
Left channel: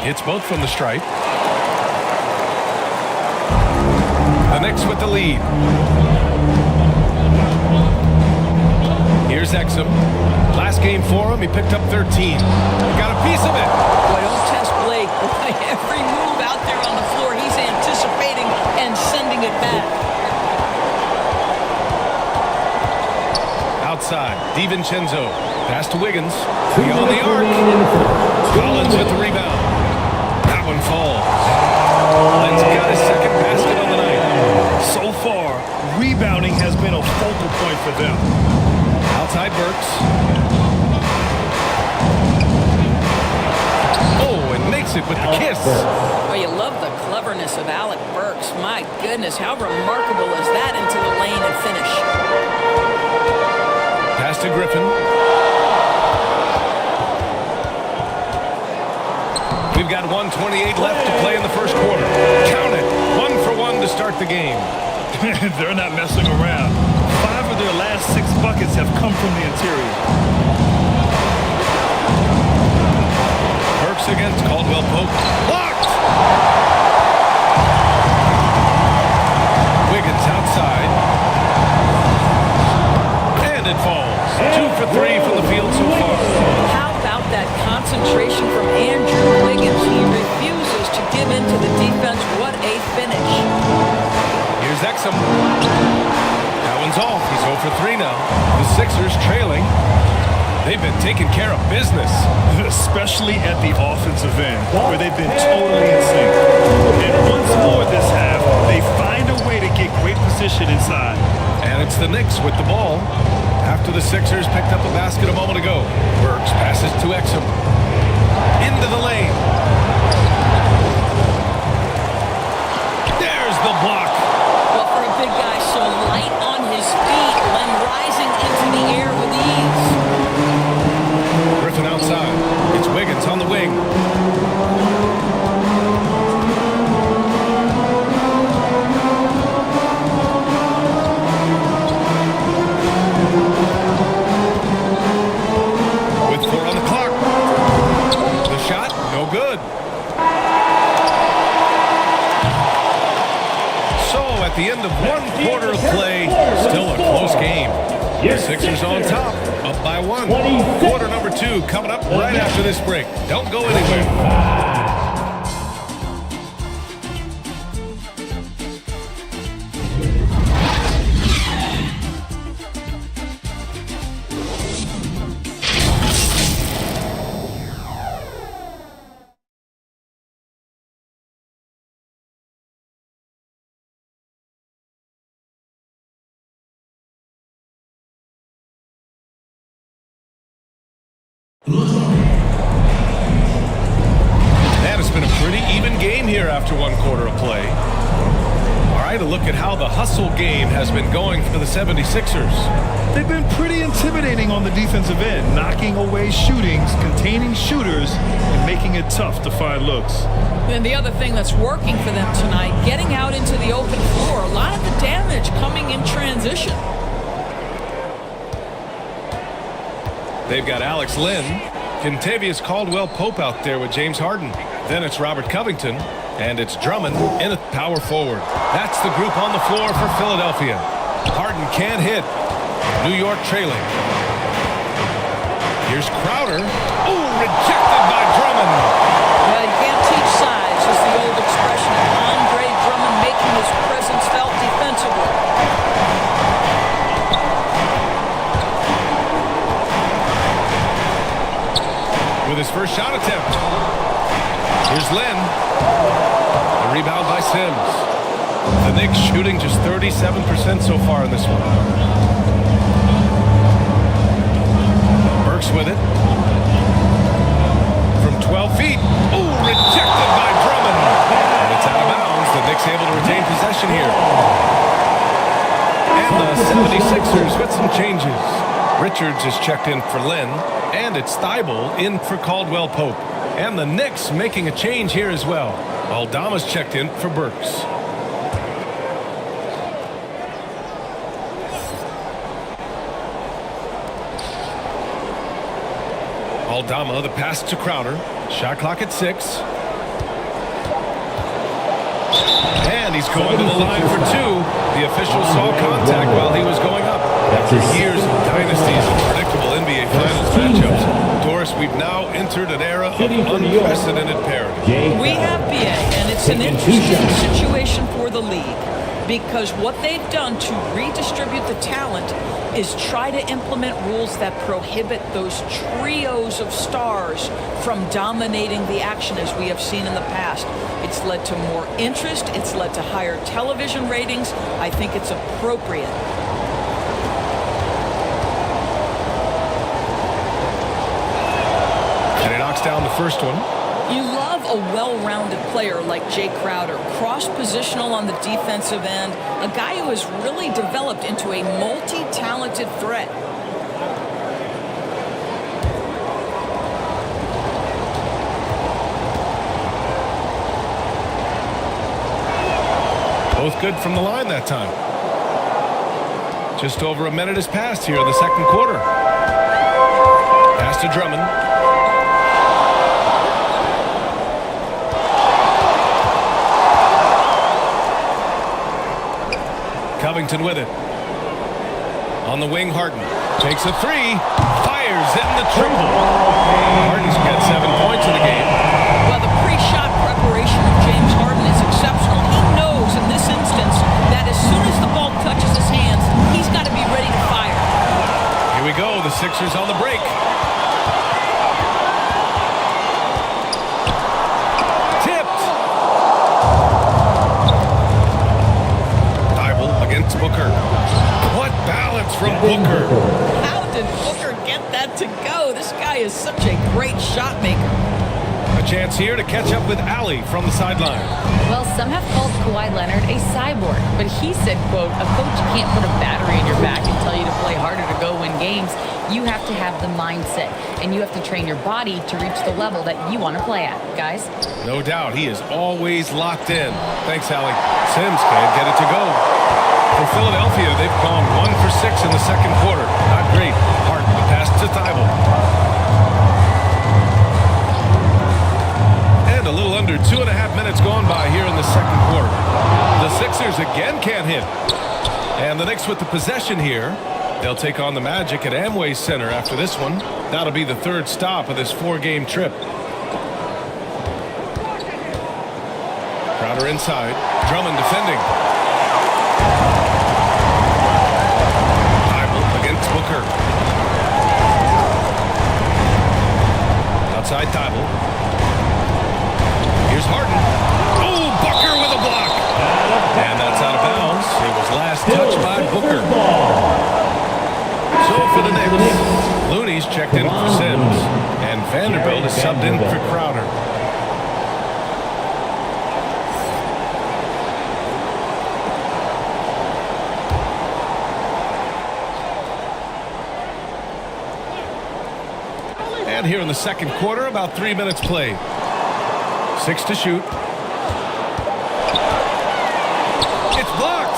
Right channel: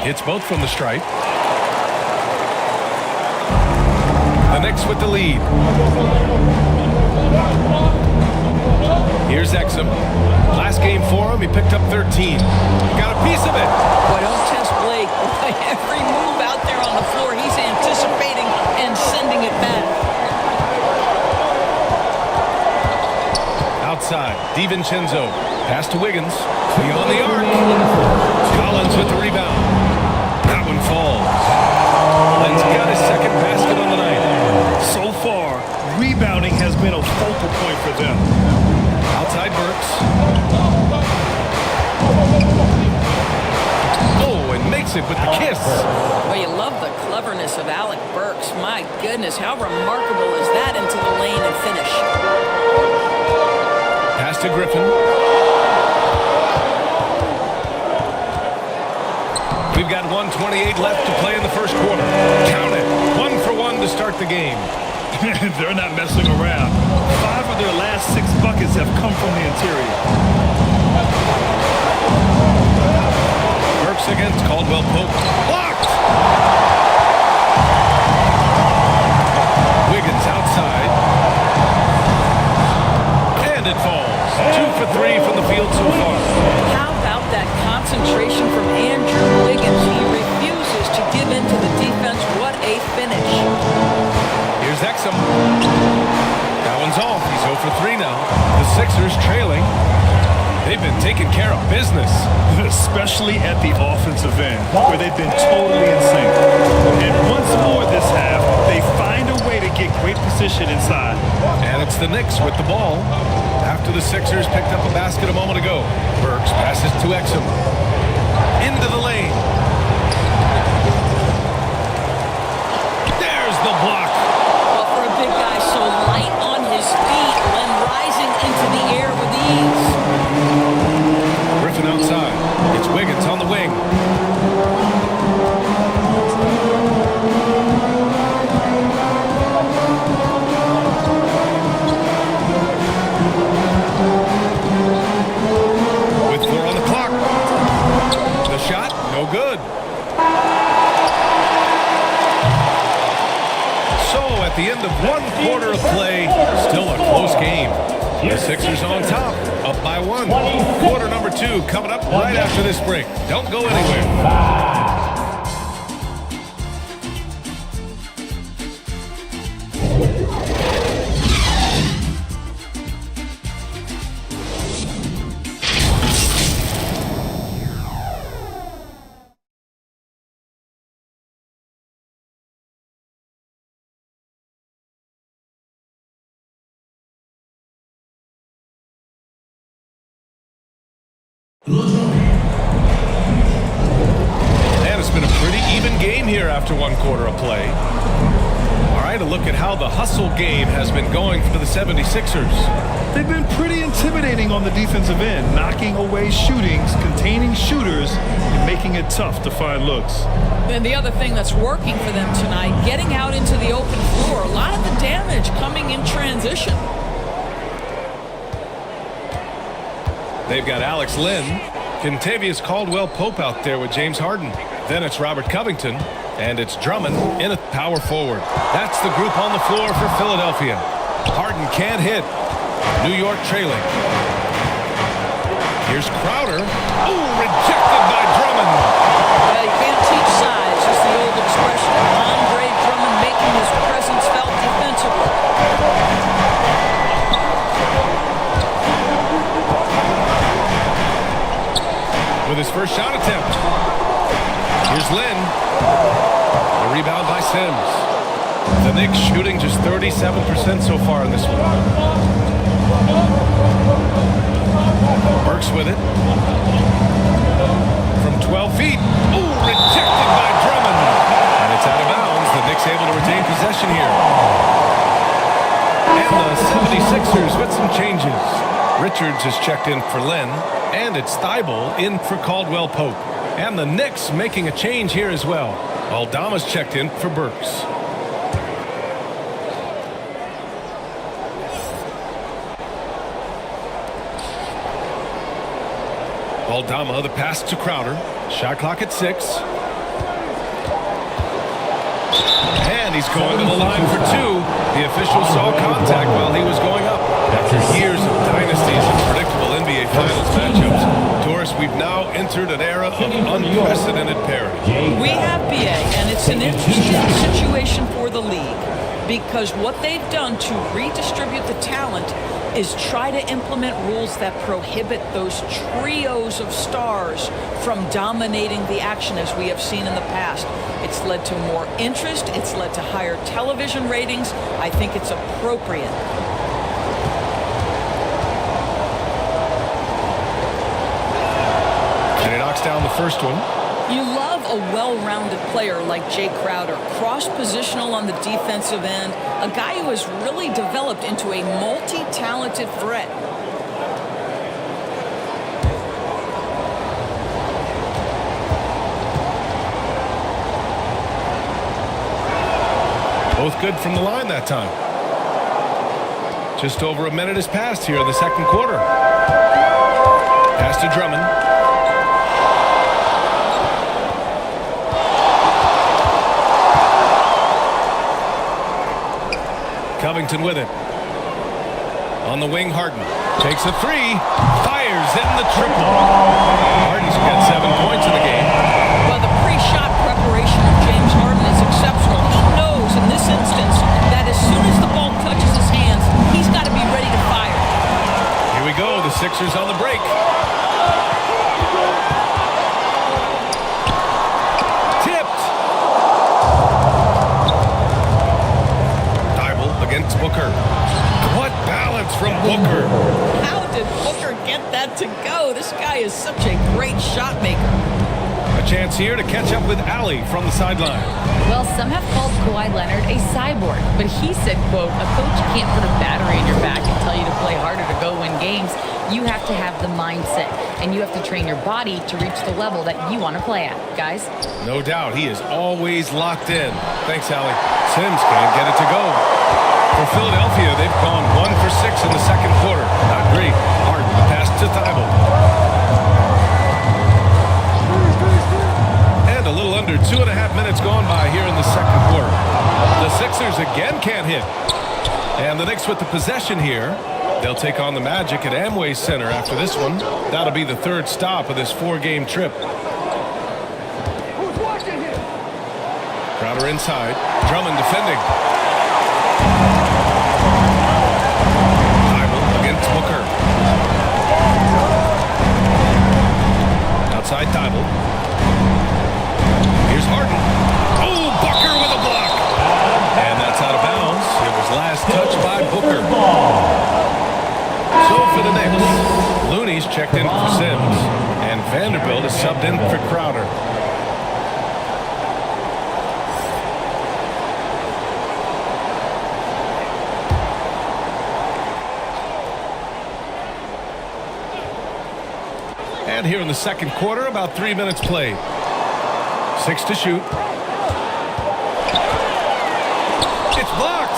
Hits both from the stripe. The Knicks with the lead. Here's Exum. Last game for him, he picked up 13. Got a piece of it. Boy, don't test Blake. Boy, every move out there on the floor, he's anticipating and sending it back. Outside, DiVincenzo. Pass to Wiggins. Beyond the arc. Collins with the rebound. That one falls. Len's got his second basket on the night. So far, rebounding has been a focal point for them. Outside Burks. Oh, and makes it with the kiss. Well, you love the cleverness of Alec Burks. My goodness, how remarkable is that into the lane and finish? Pass to Griffin. We've got 1:28 left to play in the first quarter. Count it. 1 for 1 to start the game. They're not messing around. 5 of their last 6 buckets have come from the interior. Burks against Caldwell Pope. Blocked! Wiggins outside. And it falls. 2 for 3 from the field so far. How about that concentration from Andrew Wiggins? He refuses to give in to the defense. What a finish. Here's Exum. That one's off. He's 0 for 3 now. The Sixers trailing. They've been taking care of business. Especially at the offensive end, where they've been totally in sync. And once more this half, they find a way to get great position inside. And it's the Knicks with the ball. After the Sixers picked up a basket a moment ago. Burks passes to Exum. Into the lane. There's the block. Well, for a big guy so light on his feet, Len rising into the air with ease. Griffin outside. It's Wiggins on the wing. With 4 on the clock. The shot, no good. So at the end of 1 quarter of play, still a close game. The Sixers on top, up by 1. Quarter number 2 coming up right after this break. Don't go anywhere. And it's been a pretty even game here after 1 quarter of play. All right, a look at how the hustle game has been going for the 76ers. They've been pretty intimidating on the defensive end, knocking away shootings, containing shooters, and making it tough to find looks. And the other thing that's working for them tonight, getting out into the open floor. A lot of the damage coming in transition. They've got Alex Len, Contavious Caldwell Pope out there with James Harden. Then it's Robert Covington, And it's Drummond in a power forward. That's the group on the floor for Philadelphia. Harden can't hit. New York trailing. Here's Crowder. Oh, rejected by Drummond. Well, you can't teach size, is the old expression. And Andre Drummond making his presence felt defensively. With his first shot attempt. Here's Lynn. The rebound by Sims. The Knicks shooting just 37% so far in this one. Burks with it. From 12 feet. Oh, rejected by Drummond. And it's out of bounds. The Knicks able to retain possession here. And the 76ers with some changes. Richards is checked in for Lynn. And it's Thibault in for Caldwell Pope. And the Knicks making a change here as well. Aldama's checked in for Burks. Aldama, the pass to Crowder. Shot clock at 6. And he's going to the line for 2. The official saw contact while he was going up. After years of dynasties and predictable NBA Finals matchups, Doris, we've now entered an era of unprecedented parity. We have BA, and it's an interesting situation for the league because what they've done to redistribute the talent is try to implement rules that prohibit those trios of stars from dominating the action as we have seen in the past. It's led to more interest. It's led to higher television ratings. I think it's appropriate. And he knocks down the first one. You love a well-rounded player like Jay Crowder, cross-positional on the defensive end, a guy who has really developed into a multi-talented threat. Both good from the line that time. Just over a minute has passed here in the second quarter. Pass to Drummond. Covington with it. On the wing, Harden. Takes a 3. Fires in the triple. Harden's got 7 points in the game. Well, the pre-shot preparation of James Harden is exceptional. He knows in this instance that as soon as the ball touches his hands, he's got to be ready to fire. Here we go. The Sixers on the break. Tipped. Thibault against Booker. What balance from Booker. How did Booker get that to go? This guy is such a great shot maker. A chance here to catch up with Allie from the sideline. Well, some have called Kawhi Leonard a cyborg, but he said, quote, a coach can't put a battery in your back and tell you to play harder to go win games. You have to have the mindset, and you have to train your body to reach the level that you want to play at, guys. No doubt, he is always locked in. Thanks, Allie. Sims can't get it to go. For Philadelphia, they've gone 1 for 6 in the second quarter. Not great. Harden, the pass to Thibault. And a little under 2.5 minutes gone by here in the second quarter. The Sixers again can't hit. And the Knicks with the possession here. They'll take on the Magic at Amway Center after this one. That'll be the third stop of this 4-game trip. Crowder inside. Drummond defending. Thibault against Booker. Outside Thibault. Here's Harden. Oh, Booker with a block. And that's out of bounds. It was last touched by Booker. So for the Knicks, Looney's checked in for Sims, and Vanderbilt is subbed in for Crowder. And here in the second quarter, about 3 minutes played. 6 to shoot. It's blocked.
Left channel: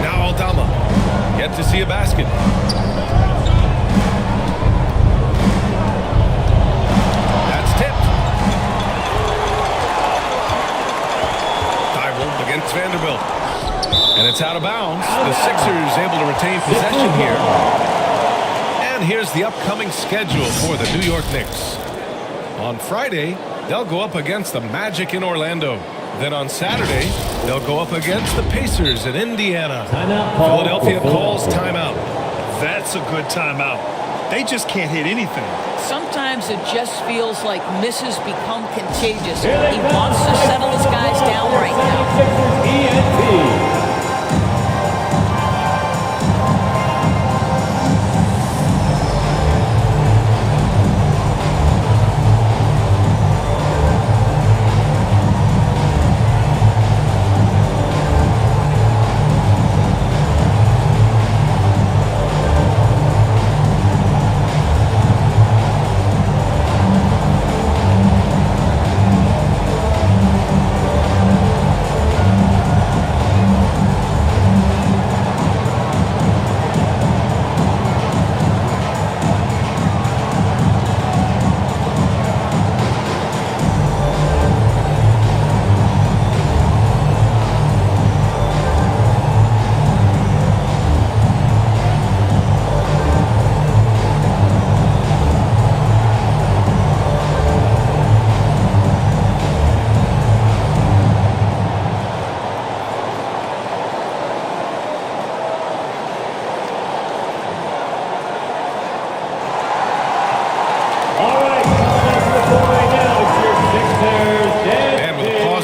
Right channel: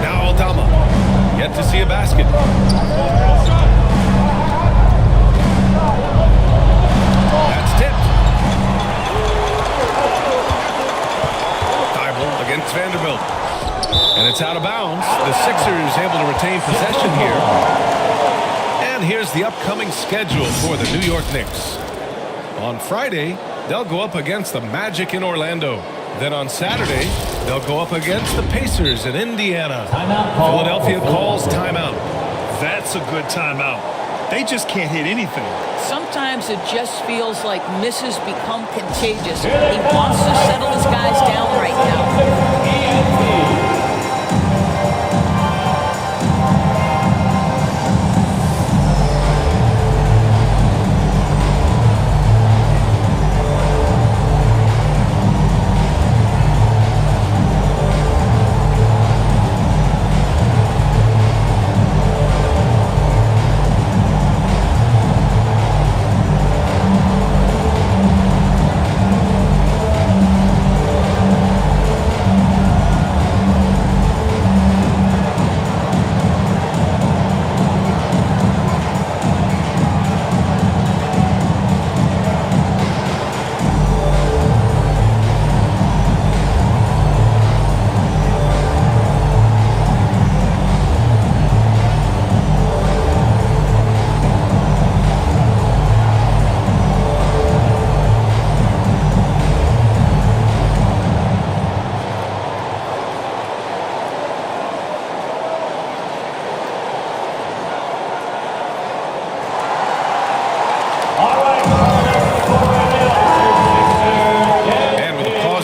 Now Aldama. Yet to see a basket. That's tipped. Thibault against Vanderbilt. And it's out of bounds. The Sixers able to retain possession here. And here's the upcoming schedule for the New York Knicks. On Friday, they'll go up against the Magic in Orlando. Then on Saturday, they'll go up against the Pacers in Indiana. Philadelphia calls timeout. That's a good timeout. They just can't hit anything. Sometimes it just feels like misses become contagious. He wants to settle his guys down right now.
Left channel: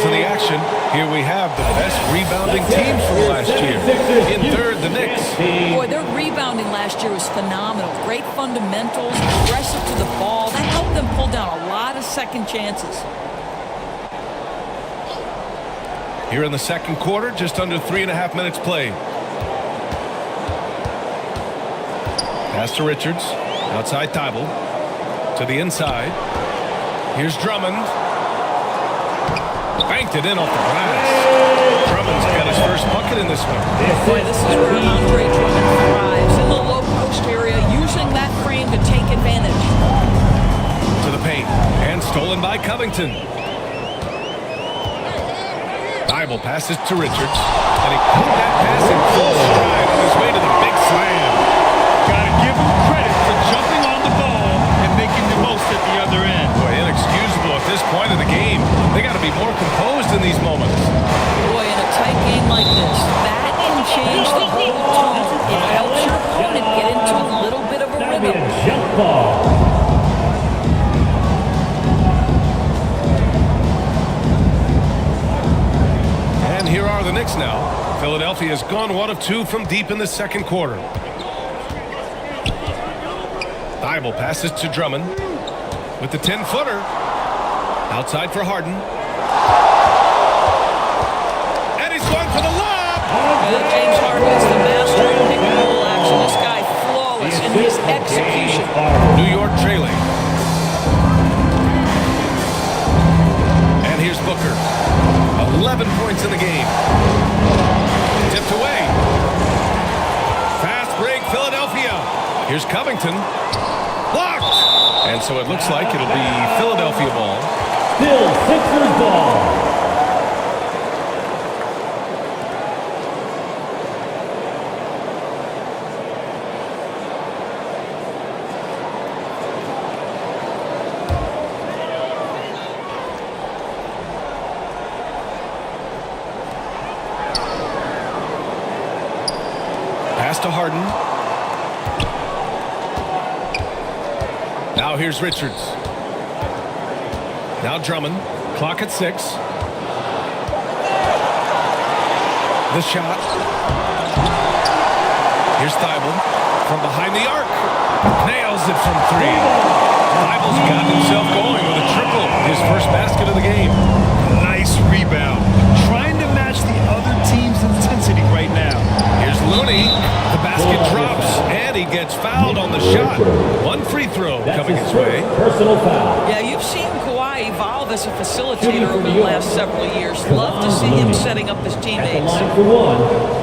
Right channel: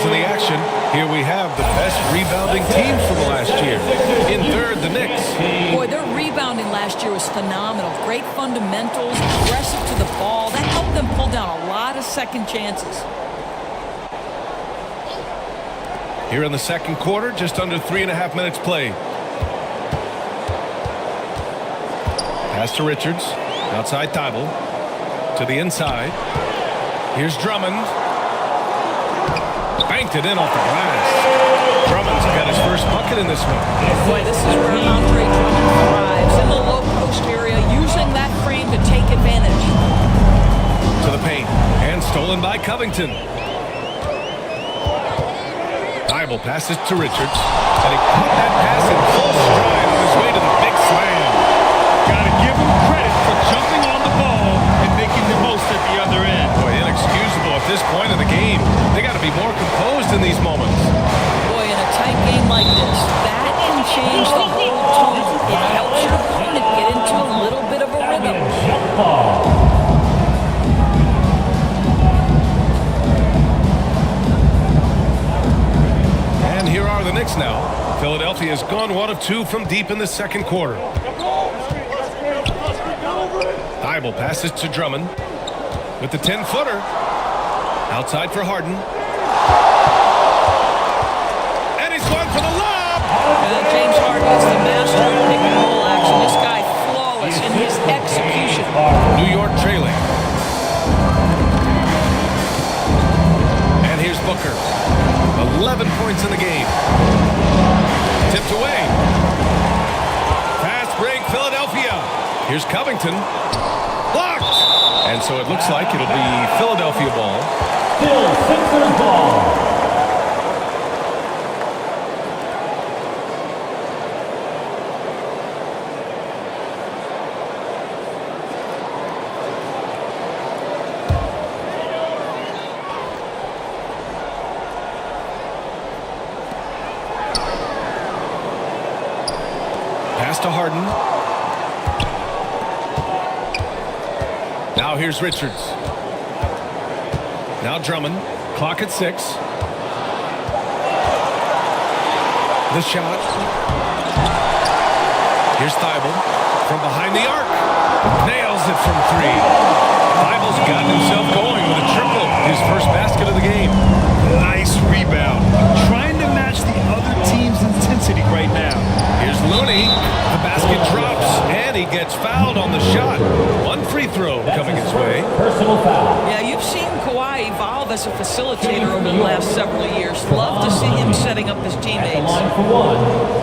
In the action, here we have the best rebounding teams from last year. In third, the Knicks. Boy, their rebounding last year was phenomenal. Great fundamentals, aggressive to the ball. That helped them pull down a lot of second chances. Here in the second quarter, just under 3.5 minutes played. Pass to Richards. Outside Thibault. To the inside. Here's Drummond. Banked it in off the glass. Drummond's got his first bucket in this one. Boy, this is where Andre Drummond thrives, in the low post area, using that frame to take advantage. To the paint, and stolen by Covington. Thibault passes to Richards, and he caught that pass in full stride on his way to the big slam. Got to give him credit for jumping on the ball and making the most at the other end. Boy, inexcusable at this point of the game. They got to be more composed in these moments. Boy, in a tight game like this, that can change the whole tone. It helps your opponent get into a little bit of a rhythm. Jump ball. And here are the Knicks now. Philadelphia has gone 1 of 2 from deep in the second quarter. Thibault passes to Drummond with the 10-footer. Outside for Harden. And he's going for the lob. James Harden is the master of pick and roll action. This guy flawless in his execution. New York trailing. And here's Booker. 11 points in the game. Tipped away. Fast break, Philadelphia. Here's Covington. Blocked! And so it looks like it'll be Philadelphia ball. Still Sixers ball. Pass to Harden. Now here's Richards. Now Drummond. Clock at 6. The shot. Here's Thibault from behind the arc. Nails it from 3. Thibault's gotten himself going with a triple. His first basket of the game. Nice rebound. Trying to match the other team's intensity right now. Here's Looney. The basket drops, and he gets fouled on the shot. One free throw coming his way. Personal foul. Yeah, you've seen Kawhi evolve as a facilitator over the last several years. Love to see him setting up his teammates. At the line for one.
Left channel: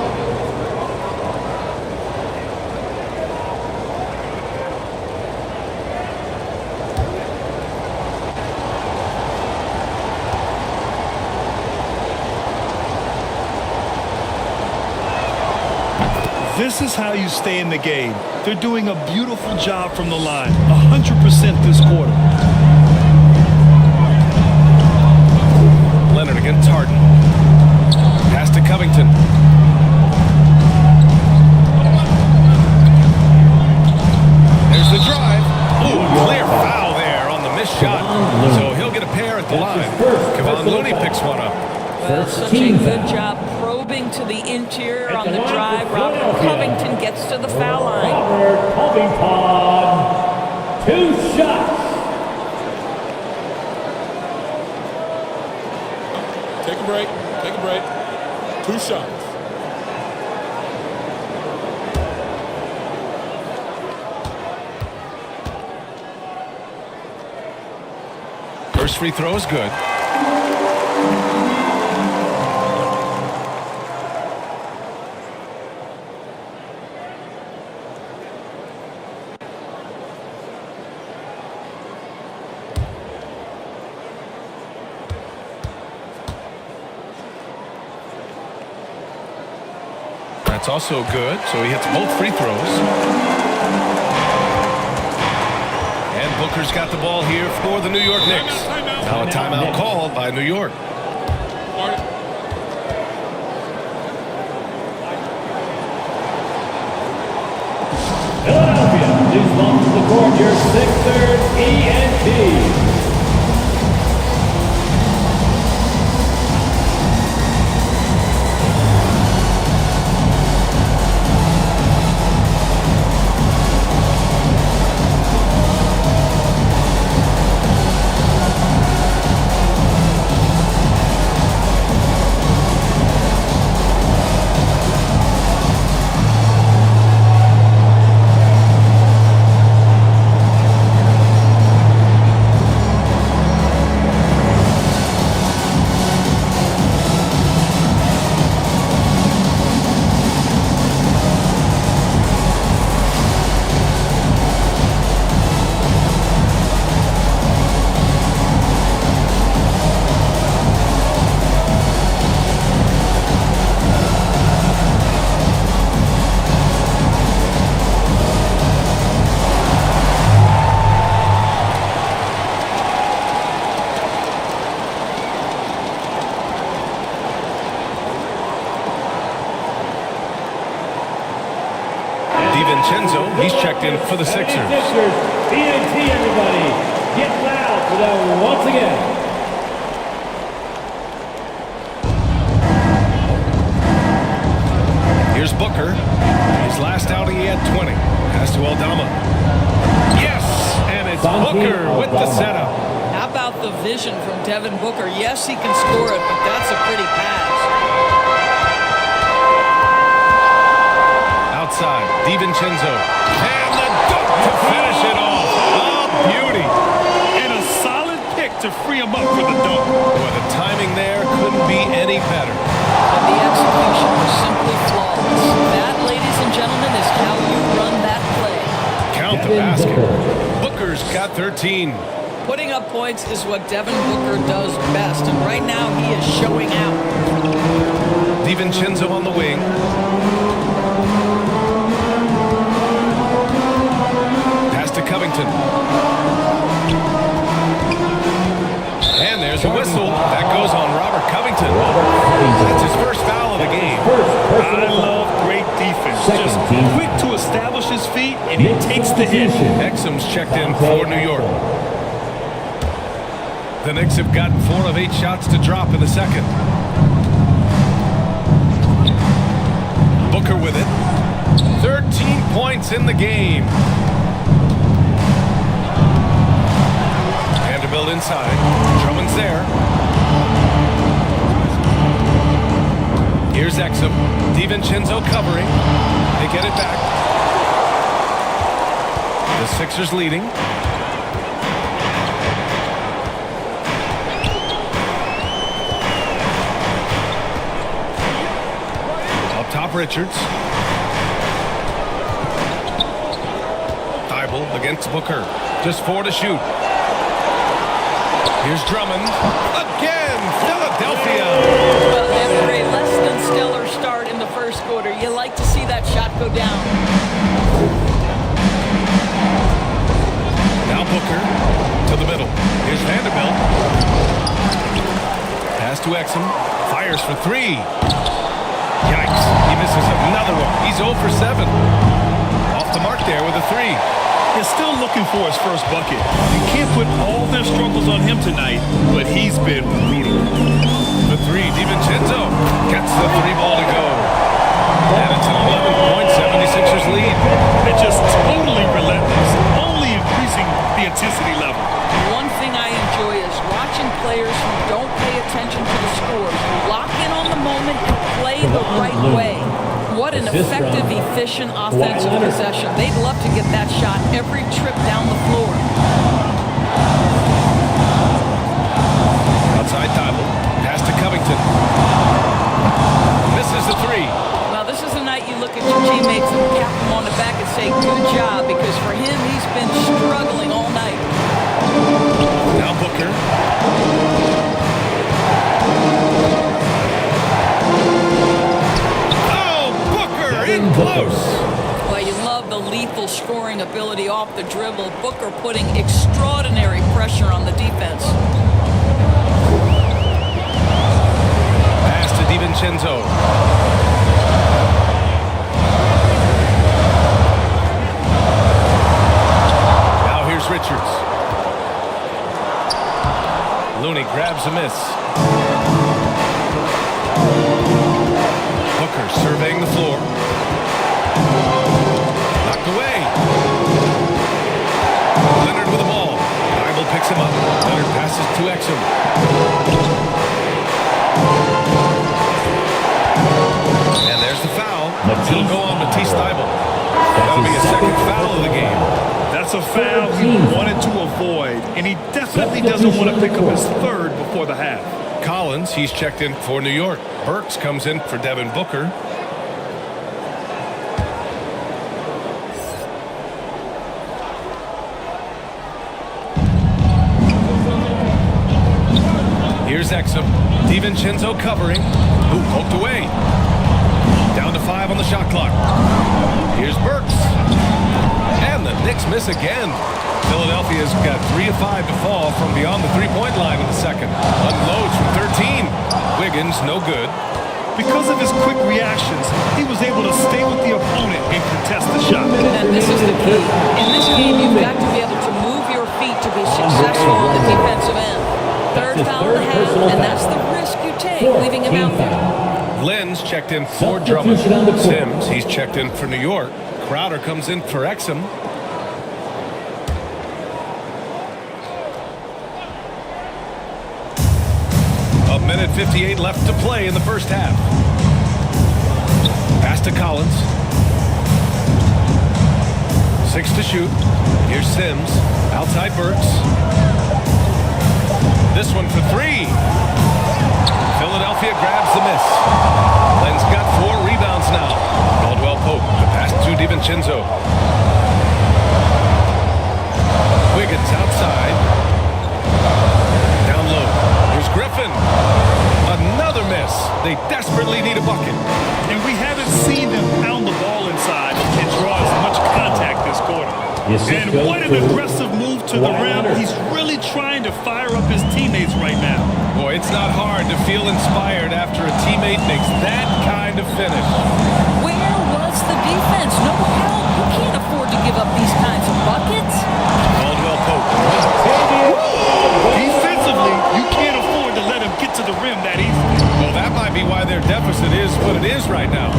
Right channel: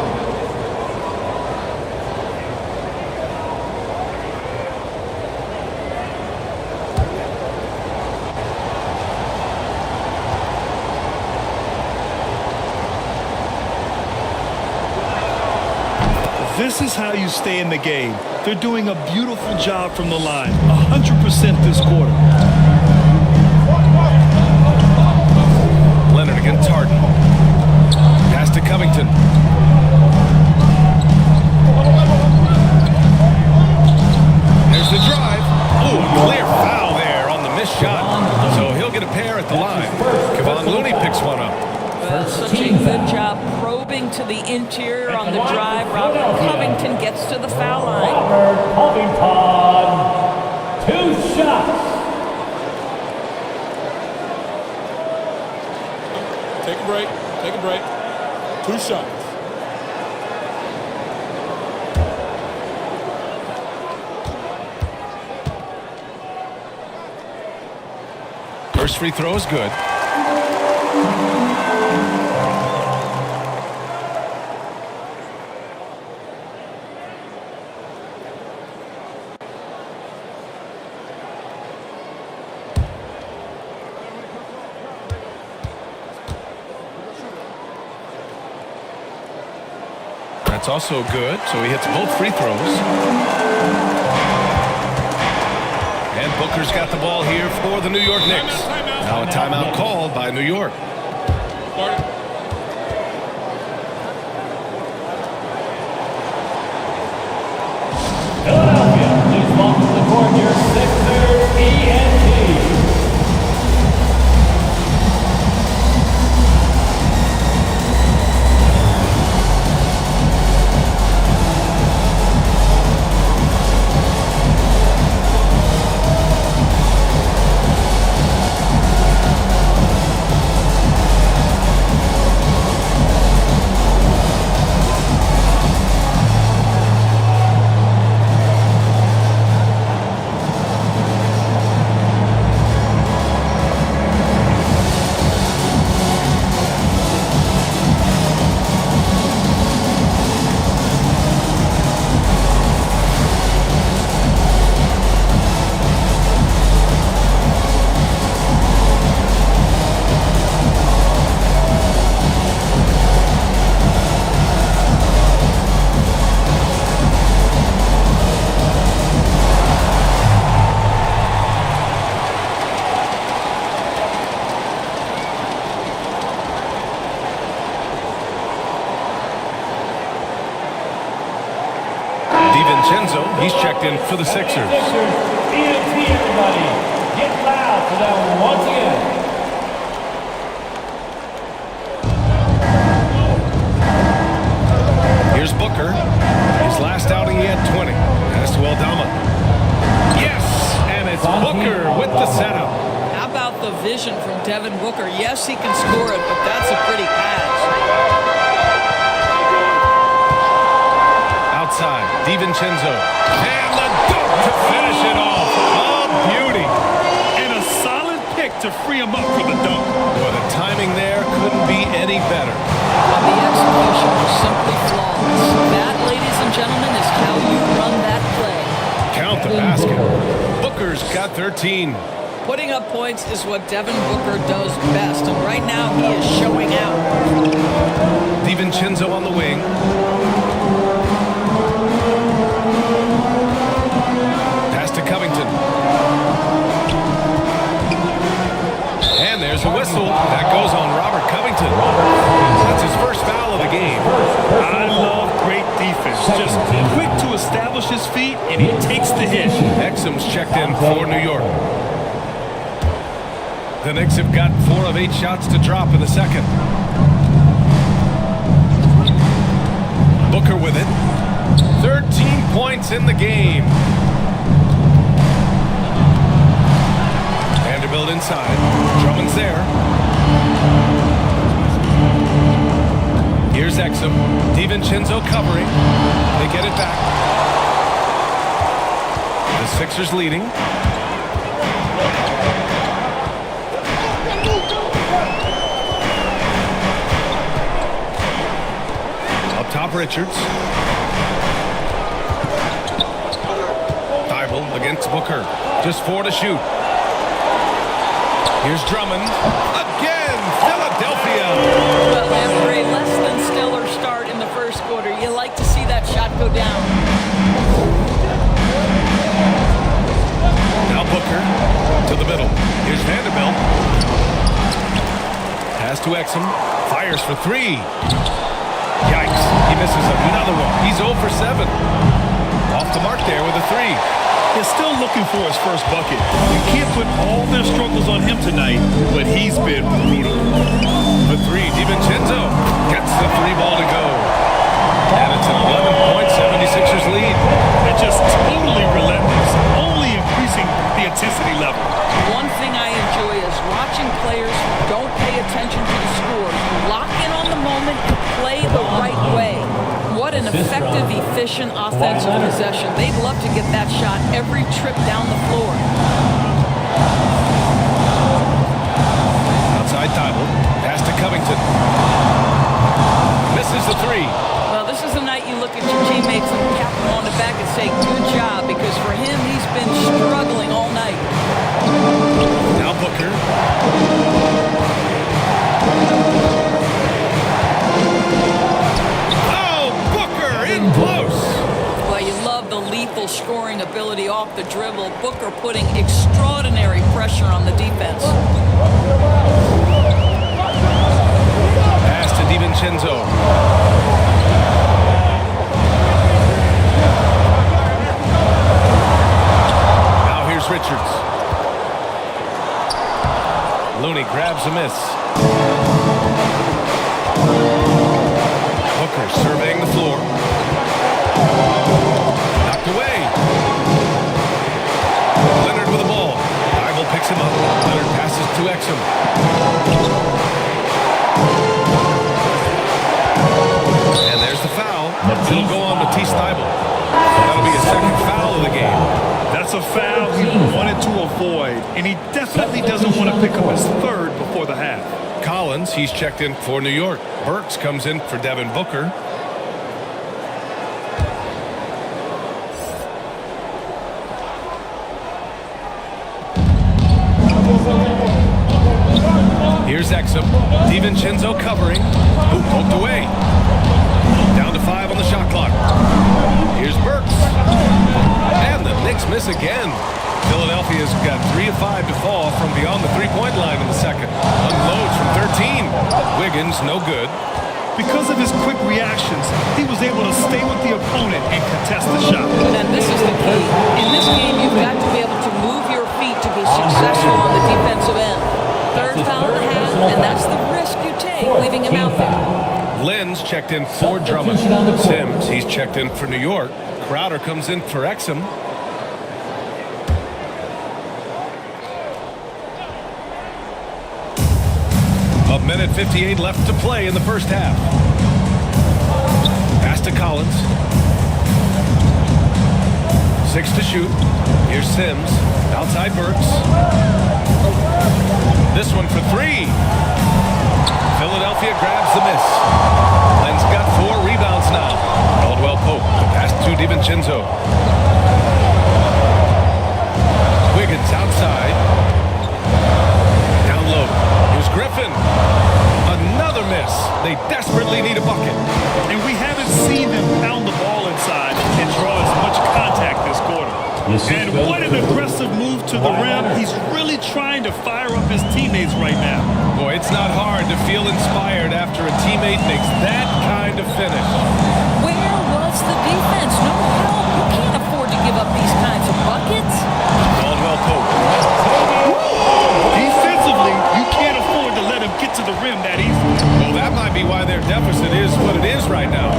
This is how you stay in the game. They're doing a beautiful job from the line. 100% this quarter. Leonard against Harden. Pass to Covington. There's the drive. Oh, a clear foul there on the missed shot. So he'll get a pair at the line. Kevon Looney picks one up. Well, such a good job probing to the interior on the drive. Robert Covington gets to the foul line. Robert Covington, 2 shots. Take a break. Take a break. 2 shots. First free throw is good. That's also good, so he hits both free throws. And Booker's got the ball here for the New York Knicks. Now a timeout called by New York. Philadelphia, please welcome to the court your Sixers ENT. DiVincenzo, he's checked in for the Sixers. ENT, everybody. Get loud for them once again. Here's Booker. His last outing, he had 20. Pass to Aldama. Yes, and it's Booker with the setup. How about the vision from Devin Booker? Yes, he can score it, but that's a pretty pass. Outside, DiVincenzo. And the dunk to finish it off. A beauty. And a solid pick to free him up for the dunk. Boy, the timing there couldn't be any better. But the execution was simply flawless. That, ladies and gentlemen, is how you run that play. Count the basket. Booker's got 13. Putting up points is what Devin Booker does best, and right now he is showing out. DiVincenzo on the wing. Pass to Covington. And there's a whistle. That goes on Robert Covington. That's his first foul of the game. I love great defense. Just quick to establish his feet, and he takes the hit. Exum's checked in for New York. The Knicks have gotten 4 of 8 shots to drop in the second. Booker with it. 13 points in the game. Vanderbilt inside. Drummond's there. Here's Exum. DiVincenzo covering. They get it back. The Sixers leading. Up top, Richards. Thibault against Booker. Just 4 to shoot. Here's Drummond. Again, Philadelphia. Well, after a less than stellar start in the first quarter, you like to see that shot go down. Now Booker to the middle. Here's Vanderbilt. Pass to Exum. Fires for three. Yikes. He misses another one. He's 0 for 7. Off the mark there with a three. They're still looking for his first bucket. You can't put all their struggles on him tonight, but he's been brutal. For three, DiVincenzo gets the three ball to go. And it's an 11-point 76ers lead. And just totally relentless, only increasing the intensity level. One thing I enjoy is watching players who don't pay attention to the score. You lock in on the moment and play the right way. What an effective, efficient offensive possession. They'd love to get that shot every trip down the floor. Outside Tybalt. Pass to Covington. Misses the three. Well, this is the night you look at your teammates and cap them on the back and say, good job, because for him, he's been struggling all night. Now Booker. Oh, Booker in close. Well, you love the lethal scoring ability off the dribble. Booker putting extraordinary pressure on the defense. Pass to DiVincenzo. Now here's Richards. Looney grabs a miss. Booker surveying the floor. Knocked away. Leonard with the ball. Tybalt picks him up. Leonard passes to Exum. And there's the foul. It'll go on Matisse Tybalt. That'll be a second foul of the game. That's a foul he wanted to avoid, and he definitely doesn't want to pick up his third before the half. Collins, he's checked in for New York. Burks comes in for Devin Booker. Here's Exum. DiVincenzo covering. Who poked away. Down to 5 on the shot clock. Here's Burks. And the Knicks miss again. Philadelphia's got 3 of 5 to fall from beyond the three-point line in the second. Unloads from 13. Wiggins, no good. Because of his quick reactions, he was able to stay with the opponent and contest the shot. And this is the key. In this game, you've got to be able to move your feet to be successful on the defensive end. Third foul of the half, and that's the risk you take, leaving him out there. Lynn's checked in for Drummond. Sims, he's checked in for New York. Crowder comes in for Exum. A minute 58 left to play in the first half. Pass to Collins. 6 to shoot. Here's Sims. Outside Burks. This one for 3. Philadelphia grabs the miss. Lynn's got 4 rebounds now. Caldwell Pope. The pass to DiVincenzo. Wiggins outside. Down low. Here's Griffin. Another miss. They desperately need a bucket. And we haven't seen them pound the ball inside and draw as much contact this quarter. And what an aggressive move to the rim. He's really trying to fire up his teammates right now. Boy, it's not hard to feel inspired after a teammate makes that kind of finish. Where was the defense? No help. You can't afford to give up these kinds of buckets. Caldwell Pope. Defensively, you can't afford to let him get to the rim that easily. Well, that might be why their deficit is what it is right now.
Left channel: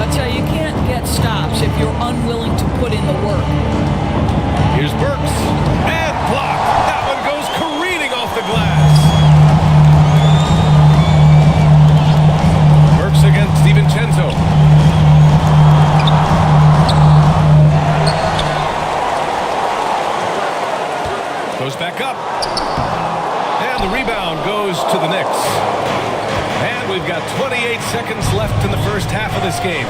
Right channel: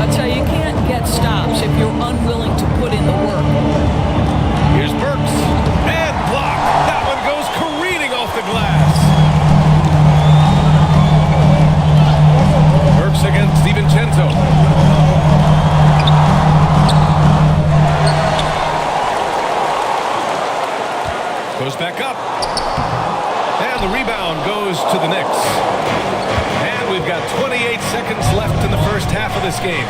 I tell you, you can't get stops if you're unwilling to put in the work. Here's Burks. And blocked. That one goes careening off the glass. Burks against DiVincenzo. Goes back up. And the rebound goes to the Knicks. And we've got 28 seconds left in the first half of this game.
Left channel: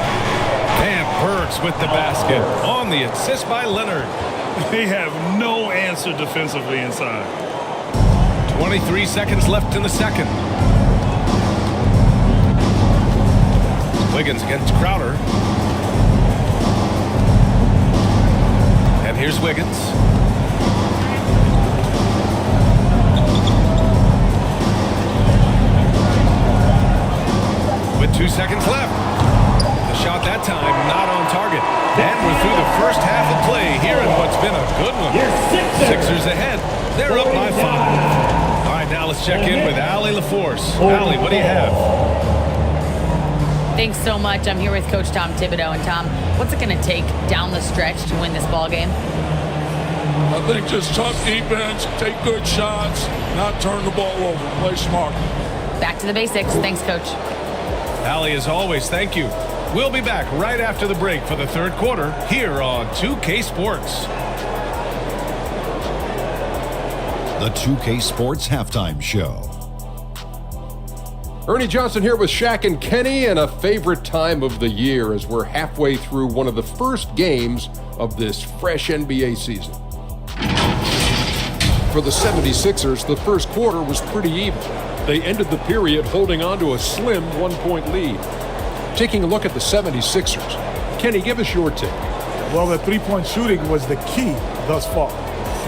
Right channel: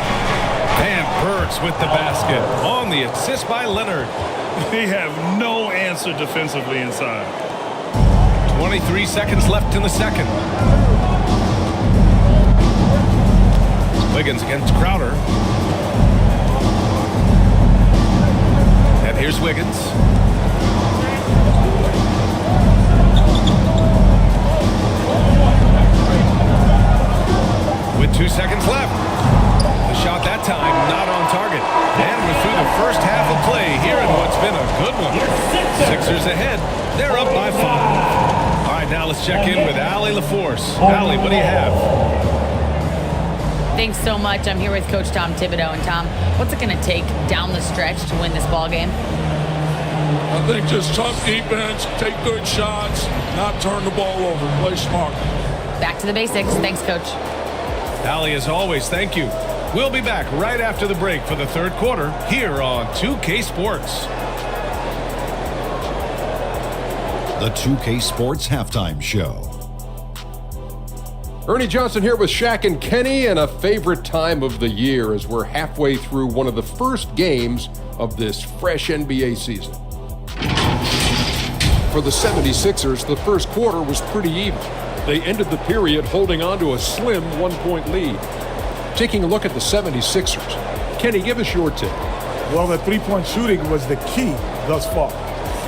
And Burks with the basket on the assist by Leonard. They have no answer defensively inside. 23 seconds left in the second. Wiggins against Crowder. And here's Wiggins. With 2 seconds left. The shot that time not on target. And we're through the first half of play here in what's been a good one. Sixers ahead. They're up by 5. All right, now let's check in with Allie LaForce. Allie, what do you have? Thanks so much. I'm here with Coach Tom Thibodeau. And Tom, what's it going to take down the stretch to win this ball game? I think just tough defense, take good shots, not turn the ball over, play smart. Back to the basics. Thanks, Coach. Allie, as always, thank you. We'll be back right after the break for the third quarter here on 2K Sports. The 2K Sports Halftime Show. Ernie Johnson here with Shaq and Kenny, and a favorite time of the year as we're halfway through one of the first games of this fresh NBA season. For the 76ers, the first quarter was pretty even. They ended the period holding on to a slim 1-point lead. Taking a look at the 76ers, Kenny, give us your take. Well, the three-point shooting was the key thus far.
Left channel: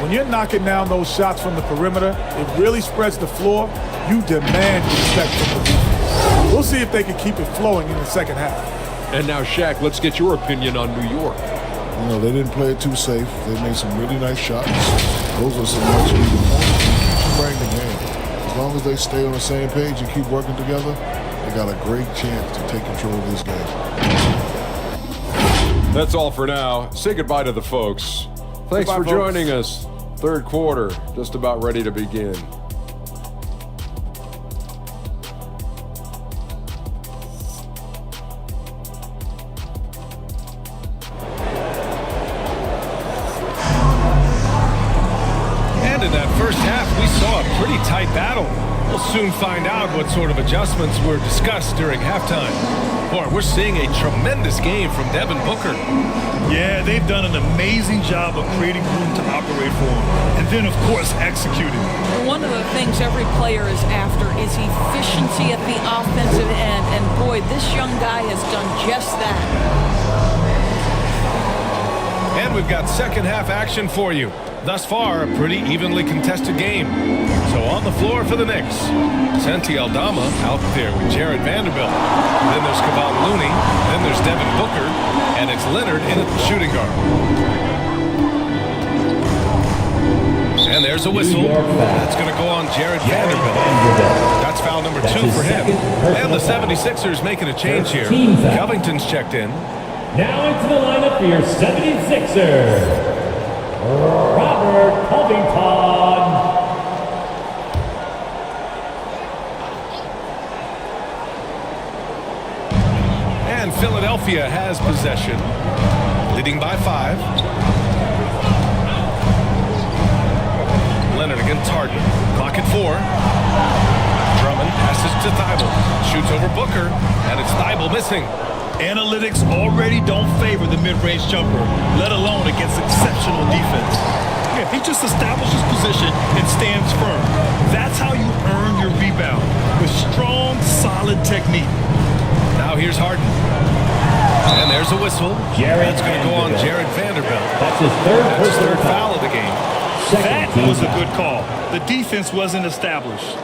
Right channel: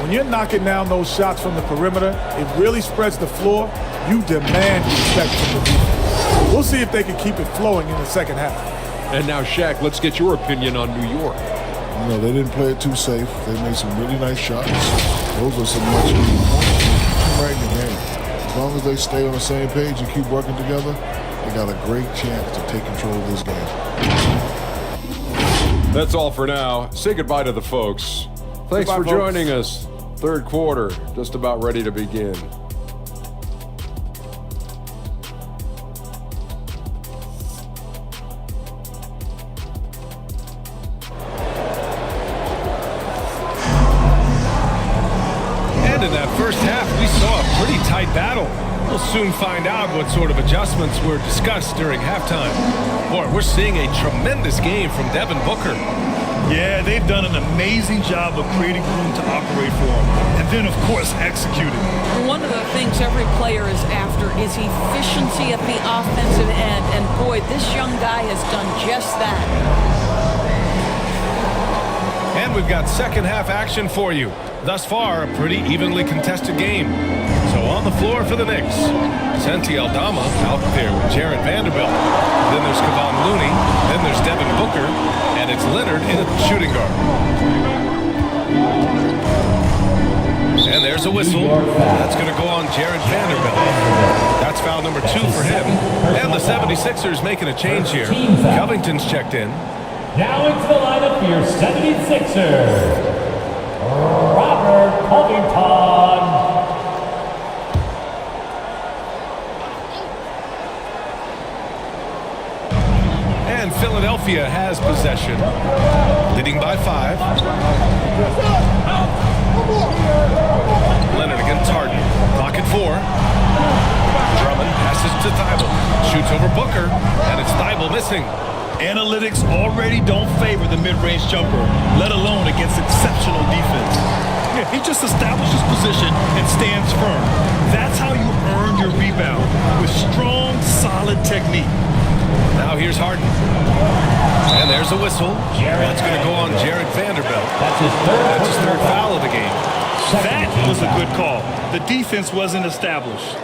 When you're knocking down those shots from the perimeter, it really spreads the floor. You demand respect from the defense. We'll see if they can keep it flowing in the second half. And now, Shaq, let's get your opinion on New York. You know, they didn't play it too safe. They made some really nice shots. Those are some much-needed points. Keep them right in the game. As long as they stay on the same page and keep working together, they got a great chance to take control of this game. That's all for now. Say goodbye to the folks. Thanks Goodbye, for folks. joining us. Third quarter, just about ready to begin. And in that first half, we saw a pretty tight battle. We'll soon find out what sort of adjustments were discussed during halftime. Boy, we're seeing a tremendous game from Devin Booker. Yeah, they've done an amazing job of creating room to operate for him. And then, of course, executing. One of the things every player is after is efficiency at the offensive end. And boy, this young guy has done just that. And we've got second half action for you. Thus far, a pretty evenly contested game. So on the floor for the Knicks, Santi Aldama out there with Jared Vanderbilt. Then there's Kevon Looney. Then there's Devin Booker. And it's Leonard in a shooting guard. And there's a whistle. That's going to go on Jared Vanderbilt. That's foul number 2 for him. And the 76ers making a change here. Covington's checked in. Now into the lineup for your 76ers, Robert Covington. And Philadelphia has possession, leading by 5. Leonard against Harden. Clock at 4. Drummond passes to Thibault. Shoots over Booker, and it's Thibault missing. Analytics already don't favor the mid-range jumper, let alone against exceptional defense. Yeah, he just establishes position and stands firm. That's how you earn your rebound, with strong, solid technique. Now here's Harden. And there's a whistle. That's going to go on Jared Vanderbilt. That's his third foul of the game. That was a good call. The defense wasn't established.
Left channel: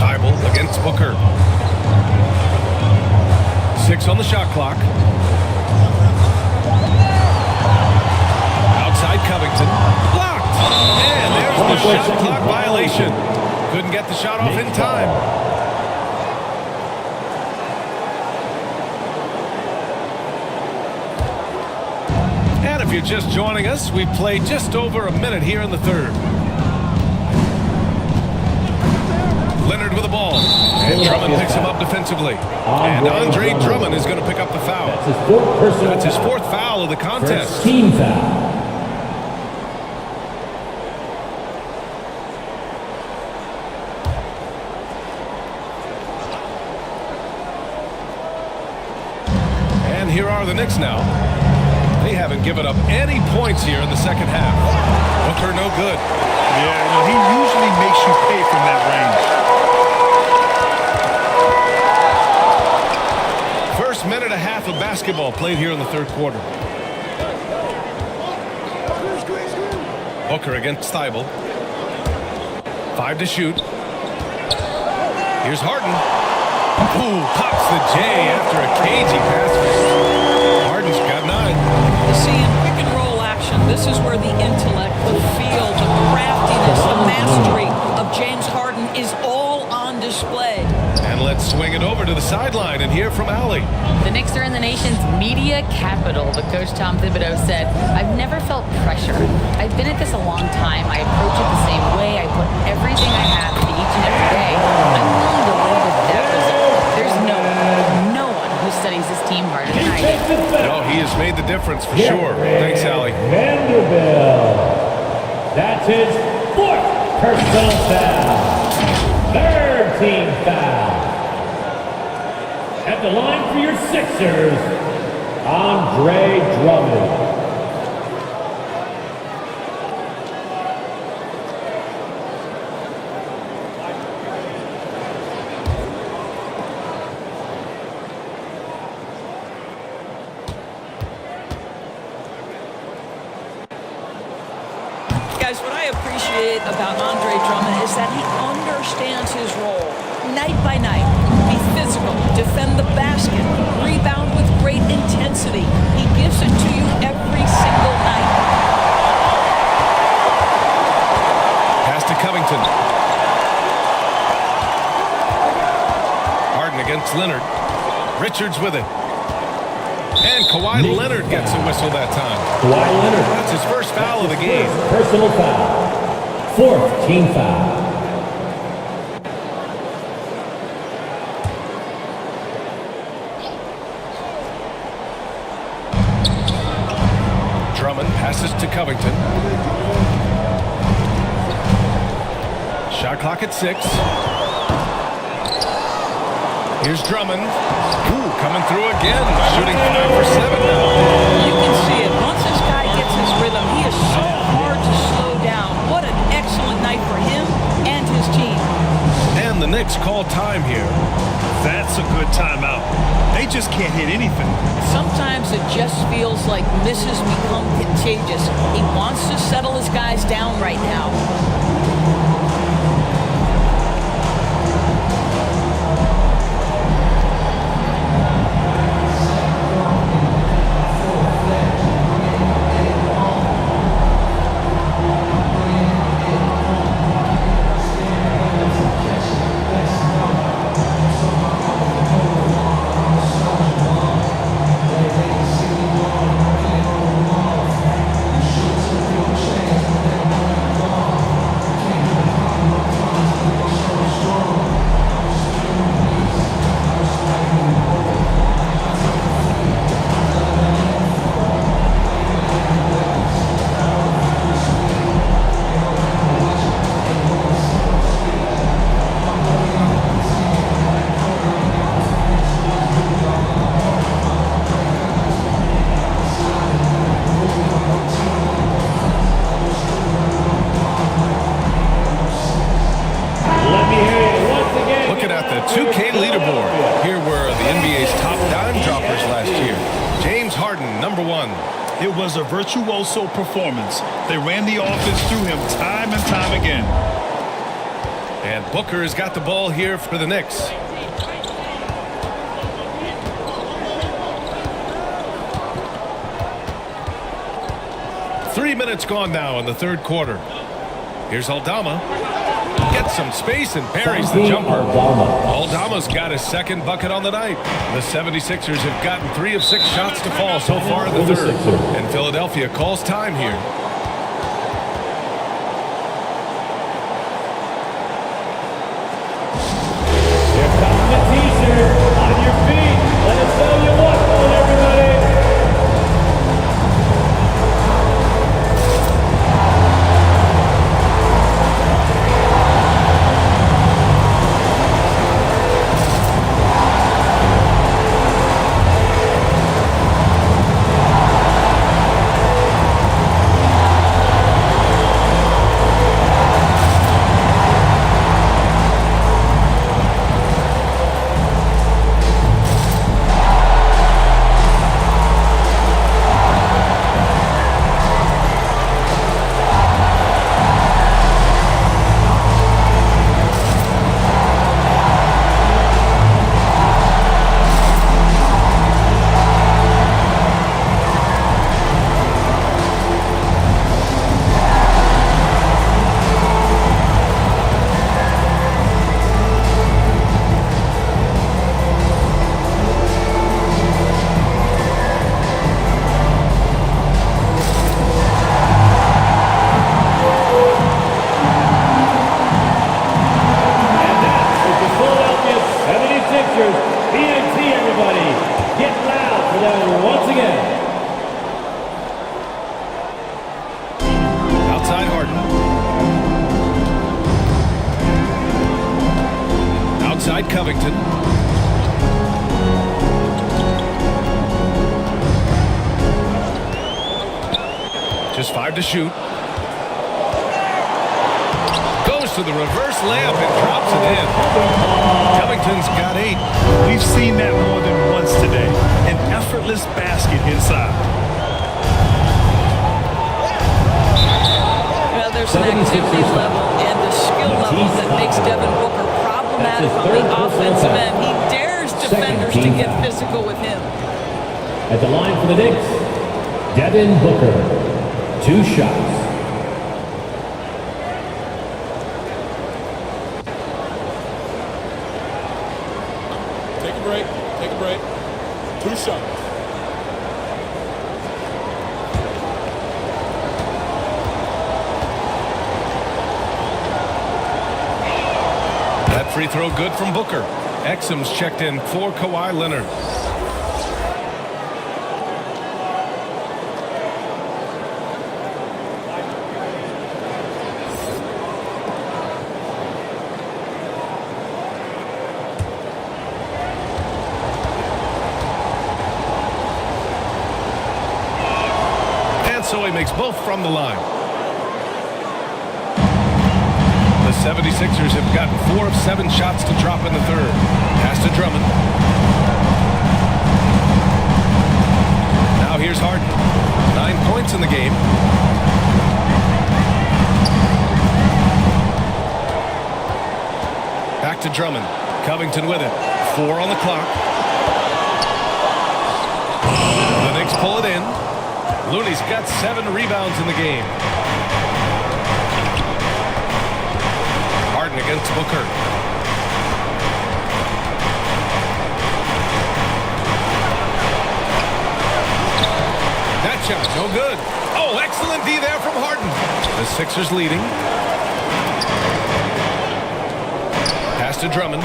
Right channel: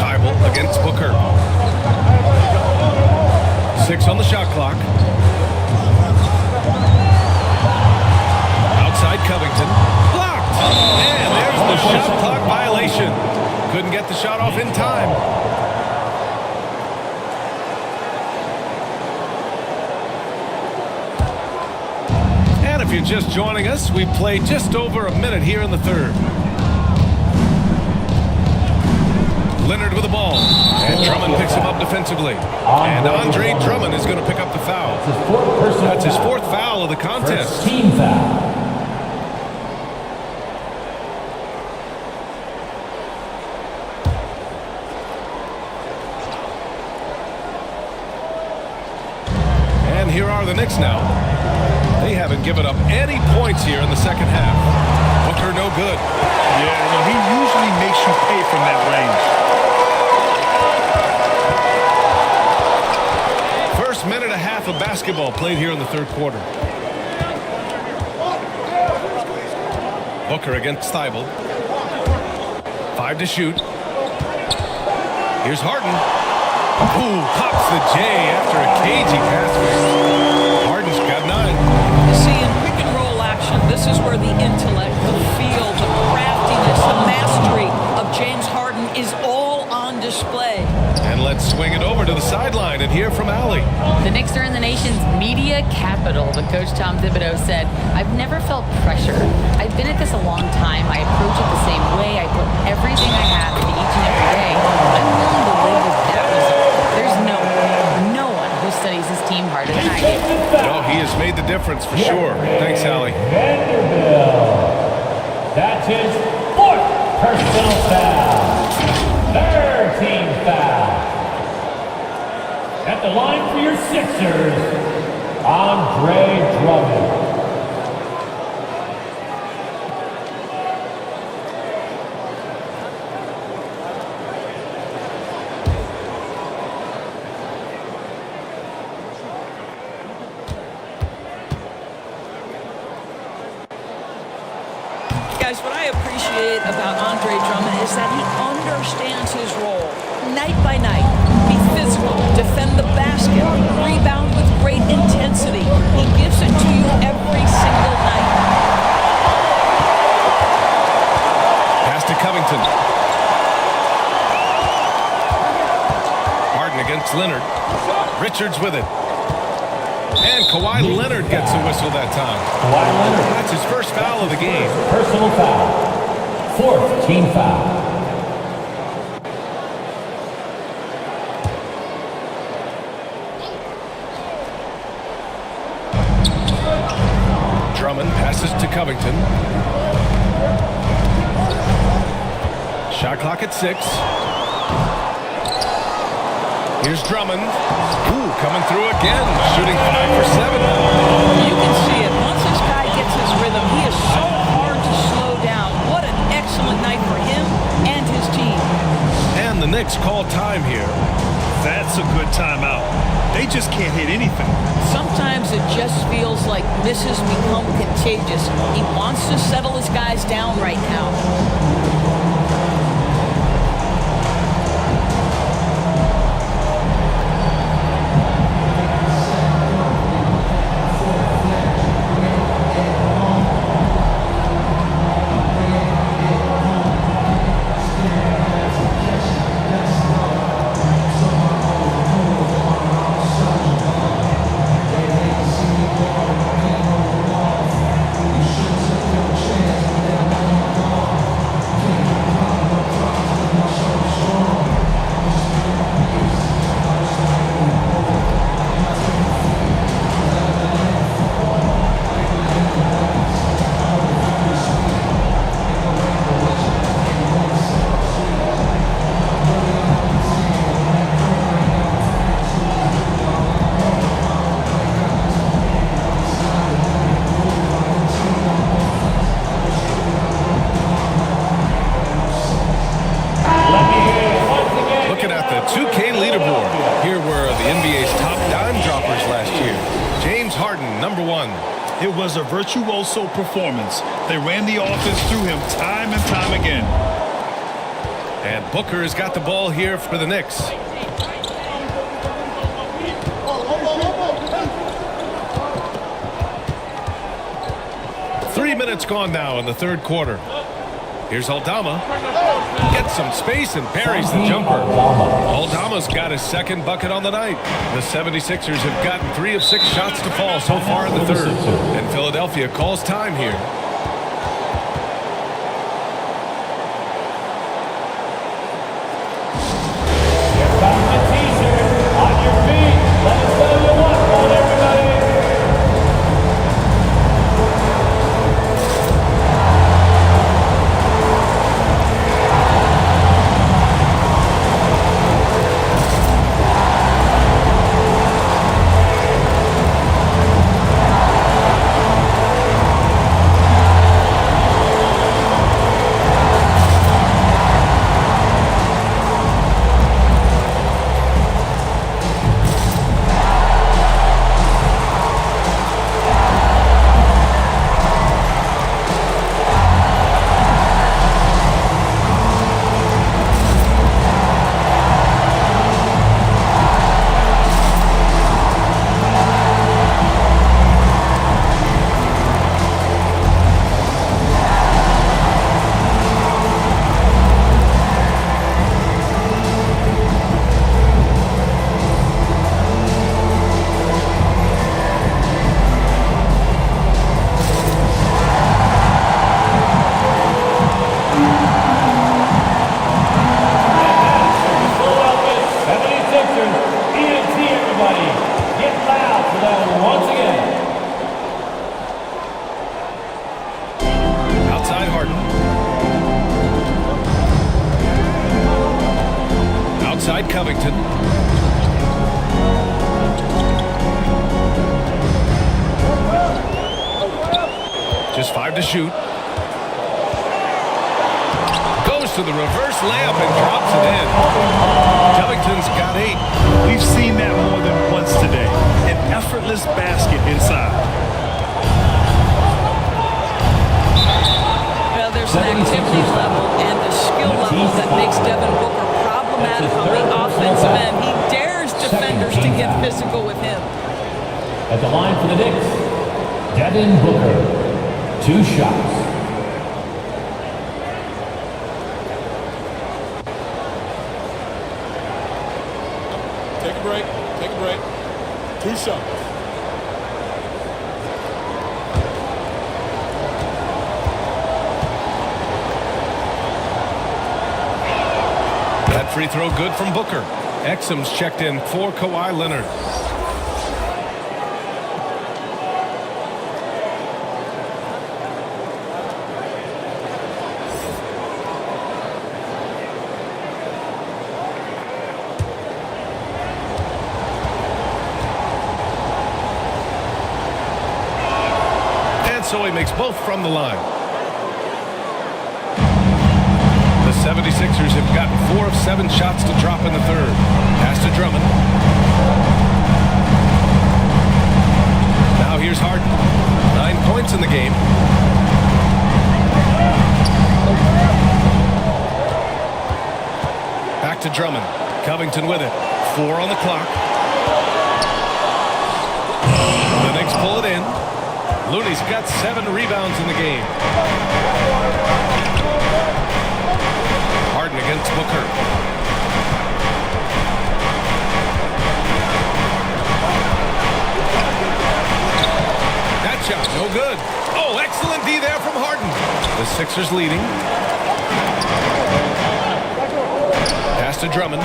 Thibault against Booker. 6 on the shot clock. Outside Covington. Blocked. And there's the shot clock violation. Couldn't get the shot off in time. And if you're just joining us, we've played just over a minute here in the third. Leonard with the ball. And Drummond picks him up defensively. And Andre Drummond is going to pick up the foul. That's his fourth foul of the contest. Team foul. here are the Knicks now. They haven't given up any points here in the second half. Booker no good. Yeah, no, he usually makes you pay from that range. First minute and a half of basketball played here in the third quarter. Booker against Steibel. 5 to shoot. Here's Harden. Ooh, pops the J after a cagey pass fake. Harden's got 9. You see, in pick and roll action, this is where the intellect, the feel, the craftiness, the mastery of James Harden is all on display. And let's swing it over to the sideline and hear from Allie. The Knicks are in the nation's media capital, but Coach Tom Thibodeau said, "I've never felt pressure. I've been at this a long time. I approach it the same way. I put everything I have into each and every day. I'm willing to live with that result. There's no one who studies this team harder than I do." No, he has made the difference for sure. Thanks, Allie. Vanderbilt. That's his 4th personal foul. 3rd team foul. At the line for your Sixers, Andre Drummond. Guys, what I appreciate about Andre Drummond is that he understands his role night by night. Be physical, defend the basket, rebound with great intensity. He gives it to you every single night. Pass to Covington. Harden against Leonard. Richards with it. And Kawhi Leonard gets a whistle that time. Kawhi Leonard. That's his first foul of the game. Personal foul. 4th team foul. Drummond passes to Covington. Shot clock at 6. Here's Drummond. Ooh, coming through again, shooting 5 for 7 now. You can see it. Once this guy gets his rhythm, he is so hard to slow down. What an excellent night for him and his team. And the Knicks call time here. That's a good timeout. They just can't hit anything. Sometimes it just feels like misses become contagious. He wants to settle his guys down right now. Looking at the 2K leaderboard, here were the NBA's top dime droppers last year. James Harden, number 1. It was a virtuoso performance. They ran the offense through him time and time again. And Booker has got the ball here for the Knicks. Three minutes gone now in the third quarter. Here's Aldama. Gets some space and buries the jumper. Aldama's got his second bucket on the night. The 76ers have gotten 3 of 6 shots to fall so far in the third. And Philadelphia calls time here. Here comes the teaser. On your feet. Let us know you want one, everybody. Outside Harden. Outside Covington. Just 5 to shoot. Goes to the reverse layup and drops it in. Covington's got 8. We've seen that more than once today. An effortless basket inside. Well, there's an activity level and a skill level that makes Devin Booker problematic on the offensive end. He dares defenders to get physical with him. At the line for the Knicks, Devin Booker. 2 shots. Take a break. Take a break. 2 shots. That free throw good from Booker. Exum's checked in for Kawhi Leonard. And so he makes both from the line. The 76ers have gotten 4 of 7 shots to drop in the third. Pass to Drummond. Now here's Harden. 9 points in the game. Back to Drummond. Covington with it. 4 on the clock. The Knicks pull it in. Looney's got 7 rebounds in the game. Harden against Booker. That shot, no good. Oh, excellent D there from Harden. The Sixers leading. Pass to Drummond.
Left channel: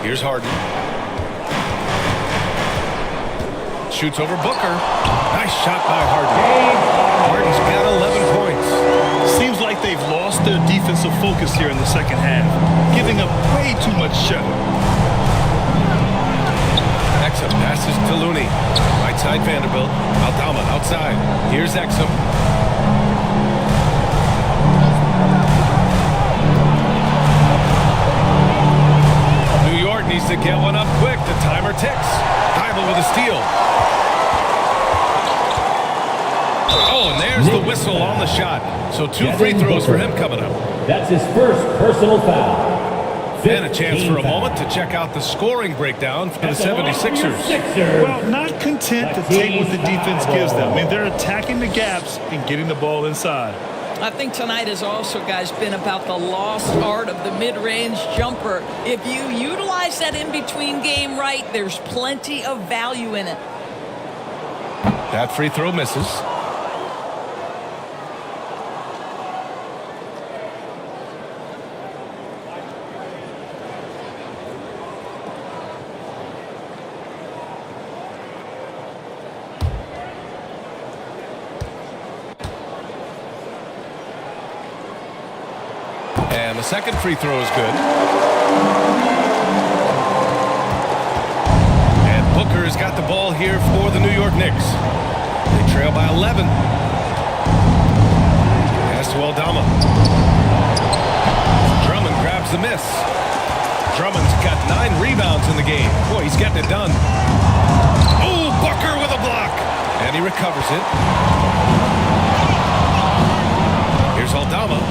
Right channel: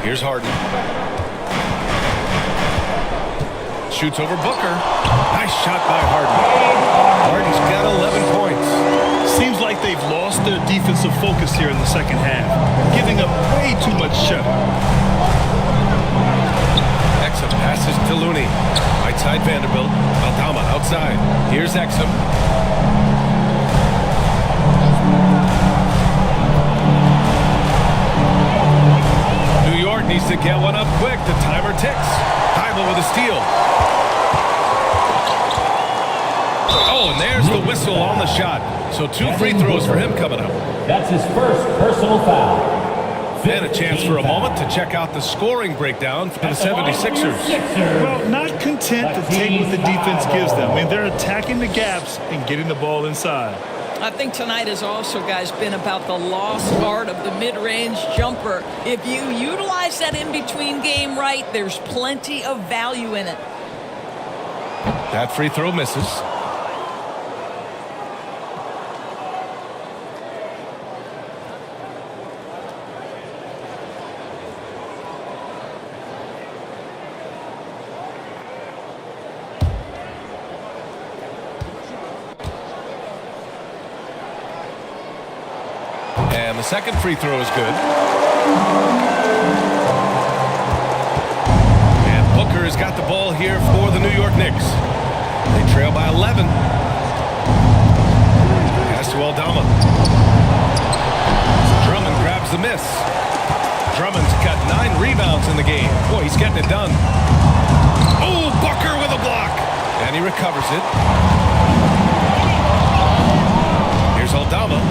Here's Harden. Shoots over Booker. Nice shot by Harden. Harden's got 11 points. Seems like they've lost their defensive focus here in the second half, giving up way too much shuttle. Exum passes to Looney. Right side Vanderbilt. Aldama outside. Here's Exum. New York needs to get one up quick. The timer ticks. Thibault with a steal. Oh, and there's the whistle on the shot. So 2 free throws for him coming up. That's his first personal foul. And a chance for a moment to check out the scoring breakdown for the 76ers. Well, not content to take what the defense gives them. I mean, they're attacking the gaps and getting the ball inside. I think tonight has also, guys, been about the lost art of the mid-range jumper. If you utilize that in-between game right, there's plenty of value in it. That free throw misses. And the second free throw is good. And Booker has got the ball here for the New York Knicks. They trail by 11. Pass to Aldama. Drummond grabs the miss. Drummond's got 9 rebounds in the game. Boy, he's getting it done. Oh, Booker with a block. And he recovers it. Here's Aldama.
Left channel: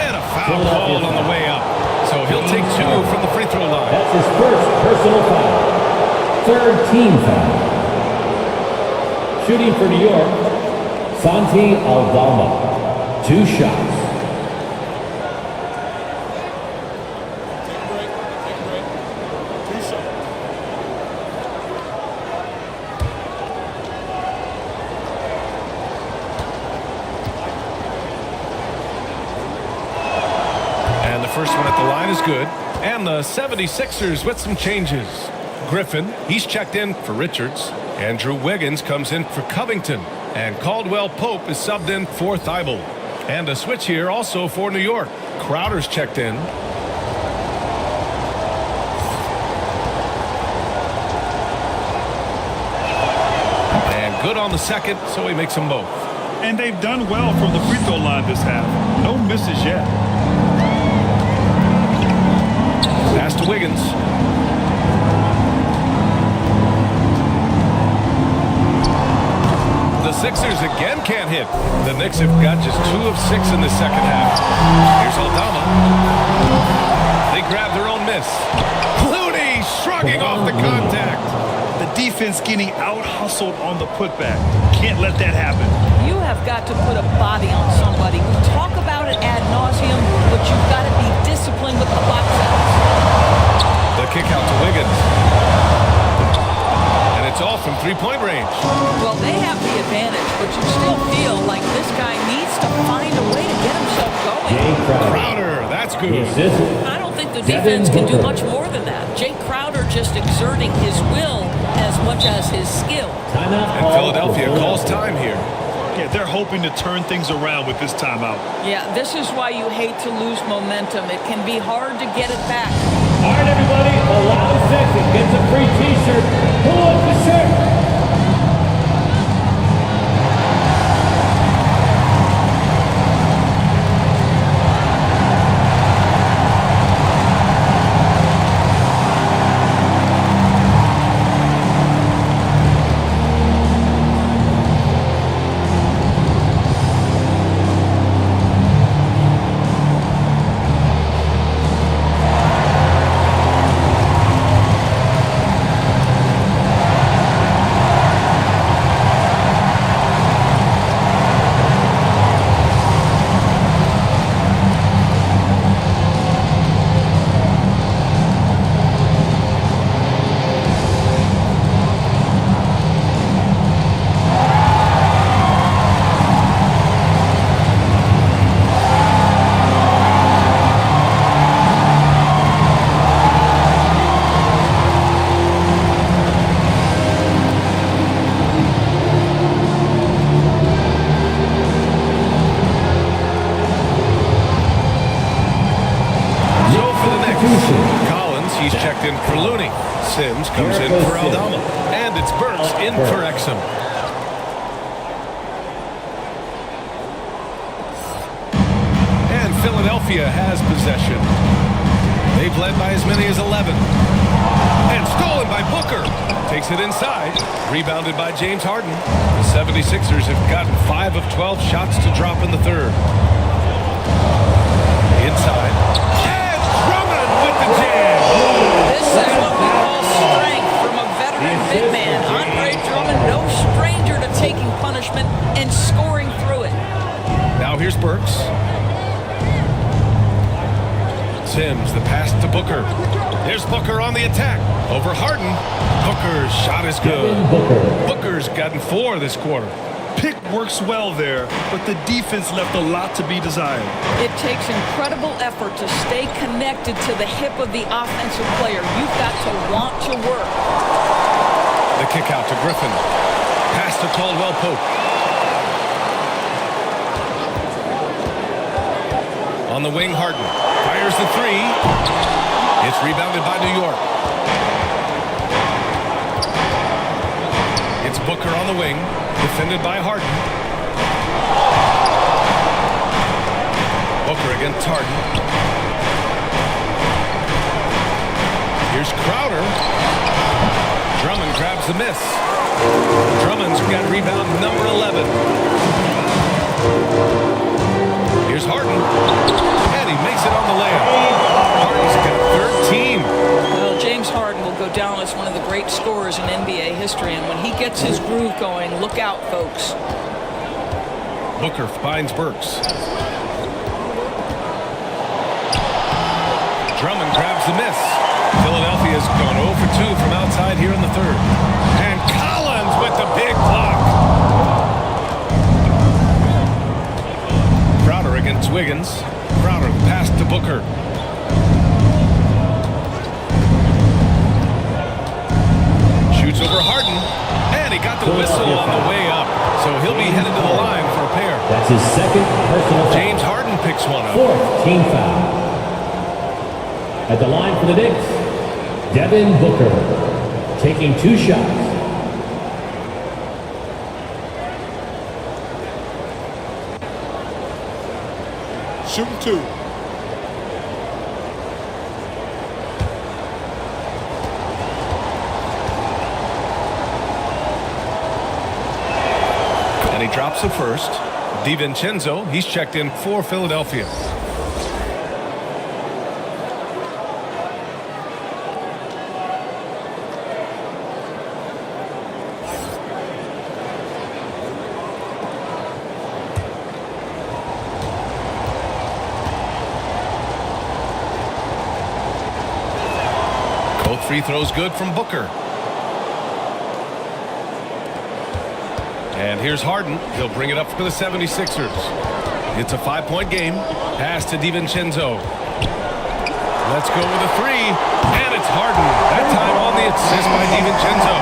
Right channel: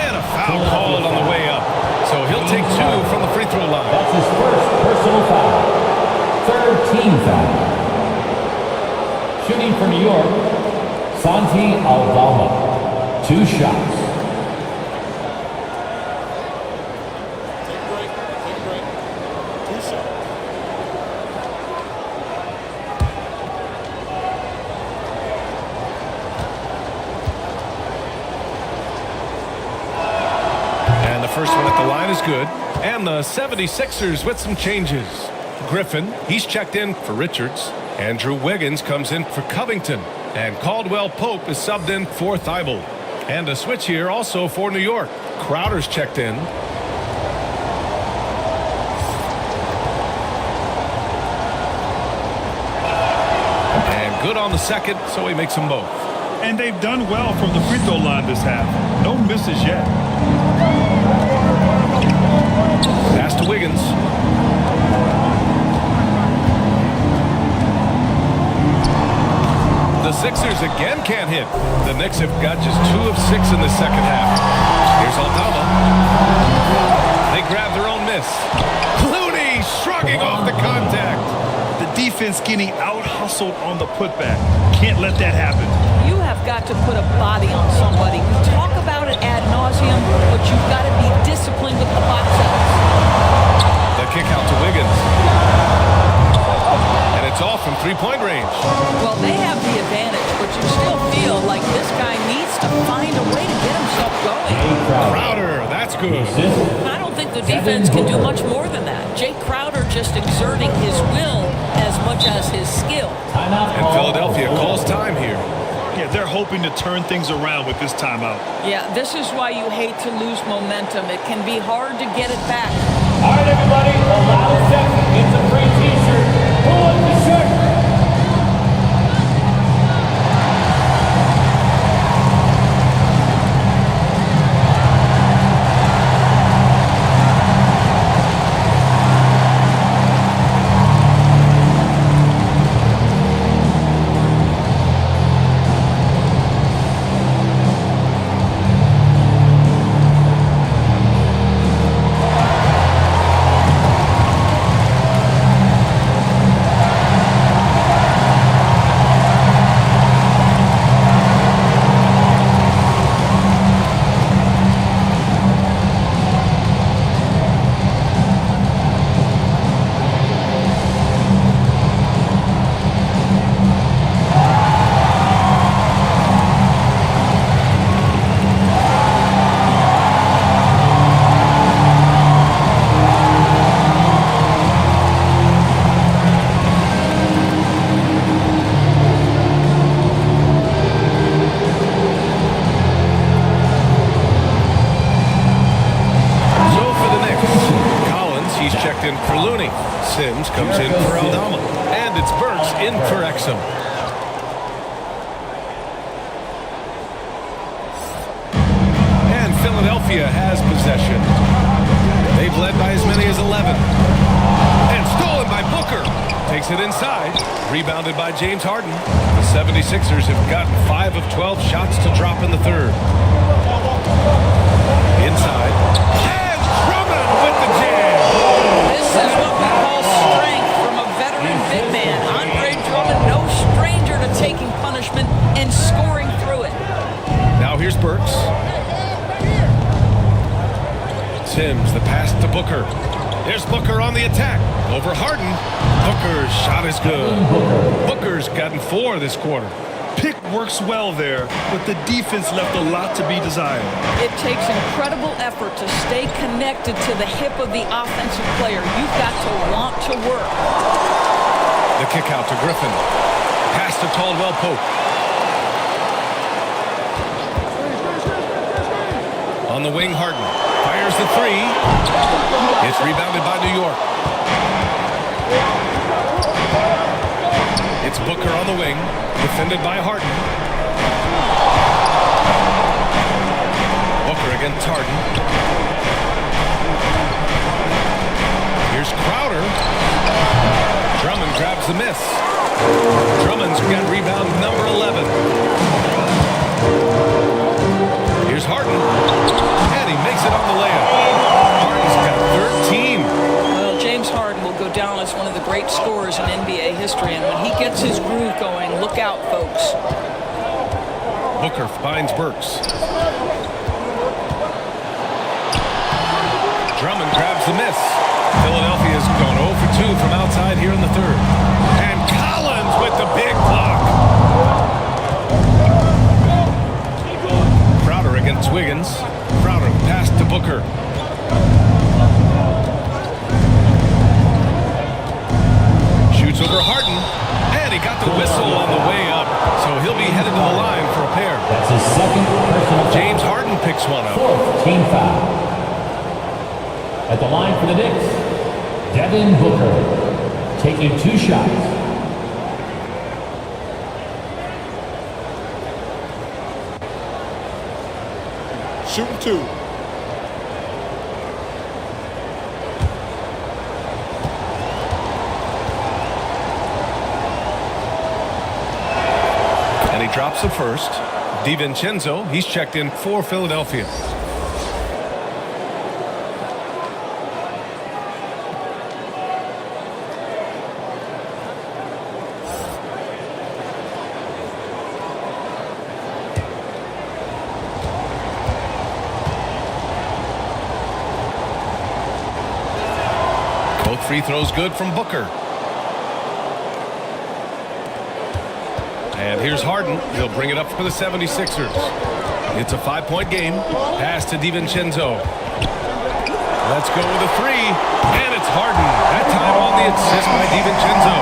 And a foul called on the way up. So he'll take 2 from the free throw line. That's his first personal foul. 3rd team foul. Shooting for New York, Santi Aldama. 2 shots. Take a break. Take a break. 2 shots. And the first one at the line is good. And the 76ers with some changes. Griffin, he's checked in for Richards. Andrew Wiggins comes in for Covington. And Caldwell Pope is subbed in for Thibault. And a switch here also for New York. Crowder's checked in. And good on the second, so he makes them both. And they've done well from the free throw line this half. No misses yet. Pass to Wiggins. The Sixers again can't hit. The Knicks have got just 2 of 6 in the second half. Here's Aldama. They grab their own miss. Clooney shrugging off the contact. The defense getting out-hustled on the putback. Can't let that happen. You have got to put a body on somebody. We talk about it ad nauseum, but you've got to be disciplined with the box outs. The kick out to Wiggins. And it's off from three-point range. Well, they have the advantage, but you still feel like this guy needs to find a way to get himself going. Crowder, that's good. I don't think the defense can do much more than that. Jay Crowder just exerting his will as much as his skill. And Philadelphia calls time here. Yeah, they're hoping to turn things around with this timeout. Yeah, this is why you hate to lose momentum. It can be hard to get it back. All right, everybody, the loudest section gets a free T-shirt. Who wants the shirt? Collins, he's checked in for Looney. Sims comes in for Aldama. And it's Burks in for Exum. And Philadelphia has possession. They've led by as many as 11. And stolen by Booker. Takes it inside. Rebounded by James Harden. The 76ers have gotten 5 of 12 shots to drop in the third. Inside. And Drummond with the jam. This is what we call strength from a veteran big man. Andre Drummond, no stranger to taking punishment and scoring through it. Now here's Burks. Sims, the pass to Booker. There's Booker on the attack. Over Harden. Booker's shot is good. Booker's gotten 4 this quarter. Pick works well there, but the defense left a lot to be desired. It takes incredible effort to stay connected to the hip of the offensive player. You've got to want to work. The kick out to Griffin. Pass to Caldwell Pope. On the wing, Harden. Fires the 3. It's rebounded by New York. It's Booker on the wing. Defended by Harden. Booker against Harden. Here's Crowder. Drummond grabs the miss. Drummond's got rebound number 11. Here's Harden. And he makes it on the layup. Harden's got 13. Well, James Harden will go down as one of the great scorers in NBA history, and when he gets his groove going, look out, folks. Booker finds Burks. Drummond grabs the miss. Philadelphia's gone 0 for 2 from outside here in the third. And Collins with the big block. Crowder against Wiggins. Crowder, the pass to Booker. Shoots over Harden. And he got the whistle on the way up. So he'll be headed to the line for a pair. That's his second personal foul. James Harden picks one up. Fourth team foul. At the line for the Knicks, Devin Booker, taking 2 shots. Shooting 2. And he drops the first. DiVincenzo, he's checked in for Philadelphia. Both free throws good from Booker. And here's Harden. He'll bring it up for the 76ers. It's a 5-point game. Pass to DiVincenzo. Let's go with a 3. And it's Harden. That time on the assist by DiVincenzo.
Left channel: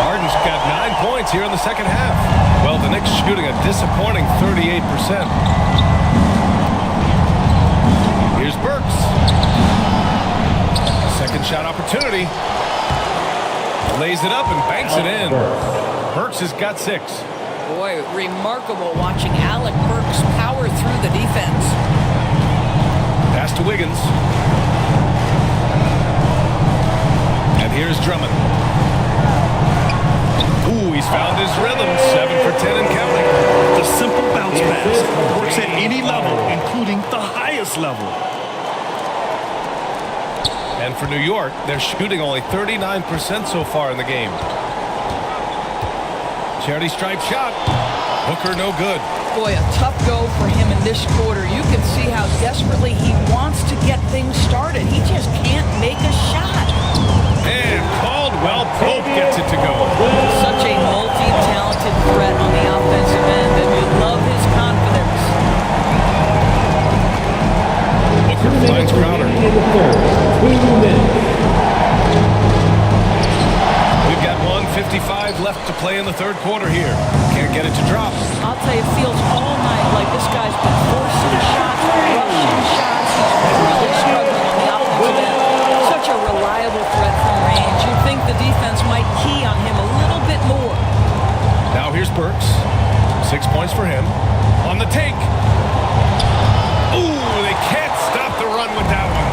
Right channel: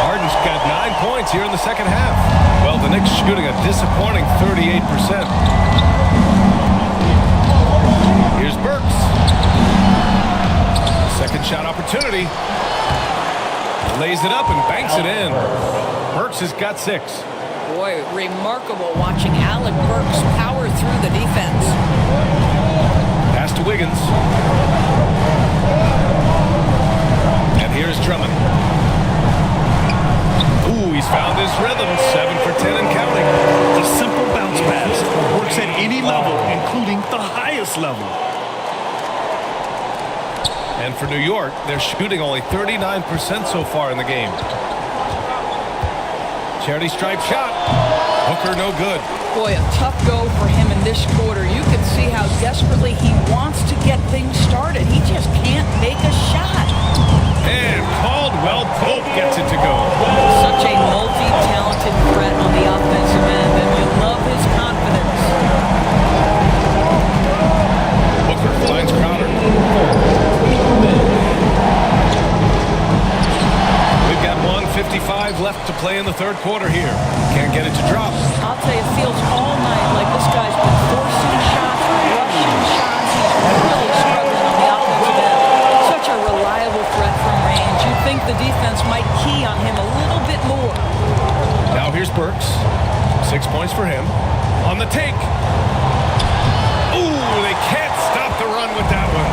Harden's got 9 points here in the second half. Well, the Knicks shooting a disappointing 38%. Here's Burks. Second shot opportunity. Lays it up and banks it in. Burks has got 6. Boy, remarkable watching Alec Burks power through the defense. Pass to Wiggins. And here's Drummond. Ooh, he's found his rhythm. 7 for 10 and counting. The simple bounce pass works at any level, including the highest level. And for New York, they're shooting only 39% so far in the game. Charity stripe shot. Booker no good. Boy, a tough go for him in this quarter. You can see how desperately he wants to get things started. He just can't make a shot. And Caldwell Pope gets it to go. Such a multi-talented threat on the offensive end, and you love his confidence. Booker finds Crowder. We've got 1:55 left to play in the third quarter here. Can't get it to drop. I'll tell you, it feels all night like this guy's been forcing shots, rushing shots. He's really struggling on the offensive end. Such a reliable threat from range. You'd think the defense might key on him a little bit more. Now here's Burks. 6 points for him. On the take. Ooh, they can't stop the run with that one.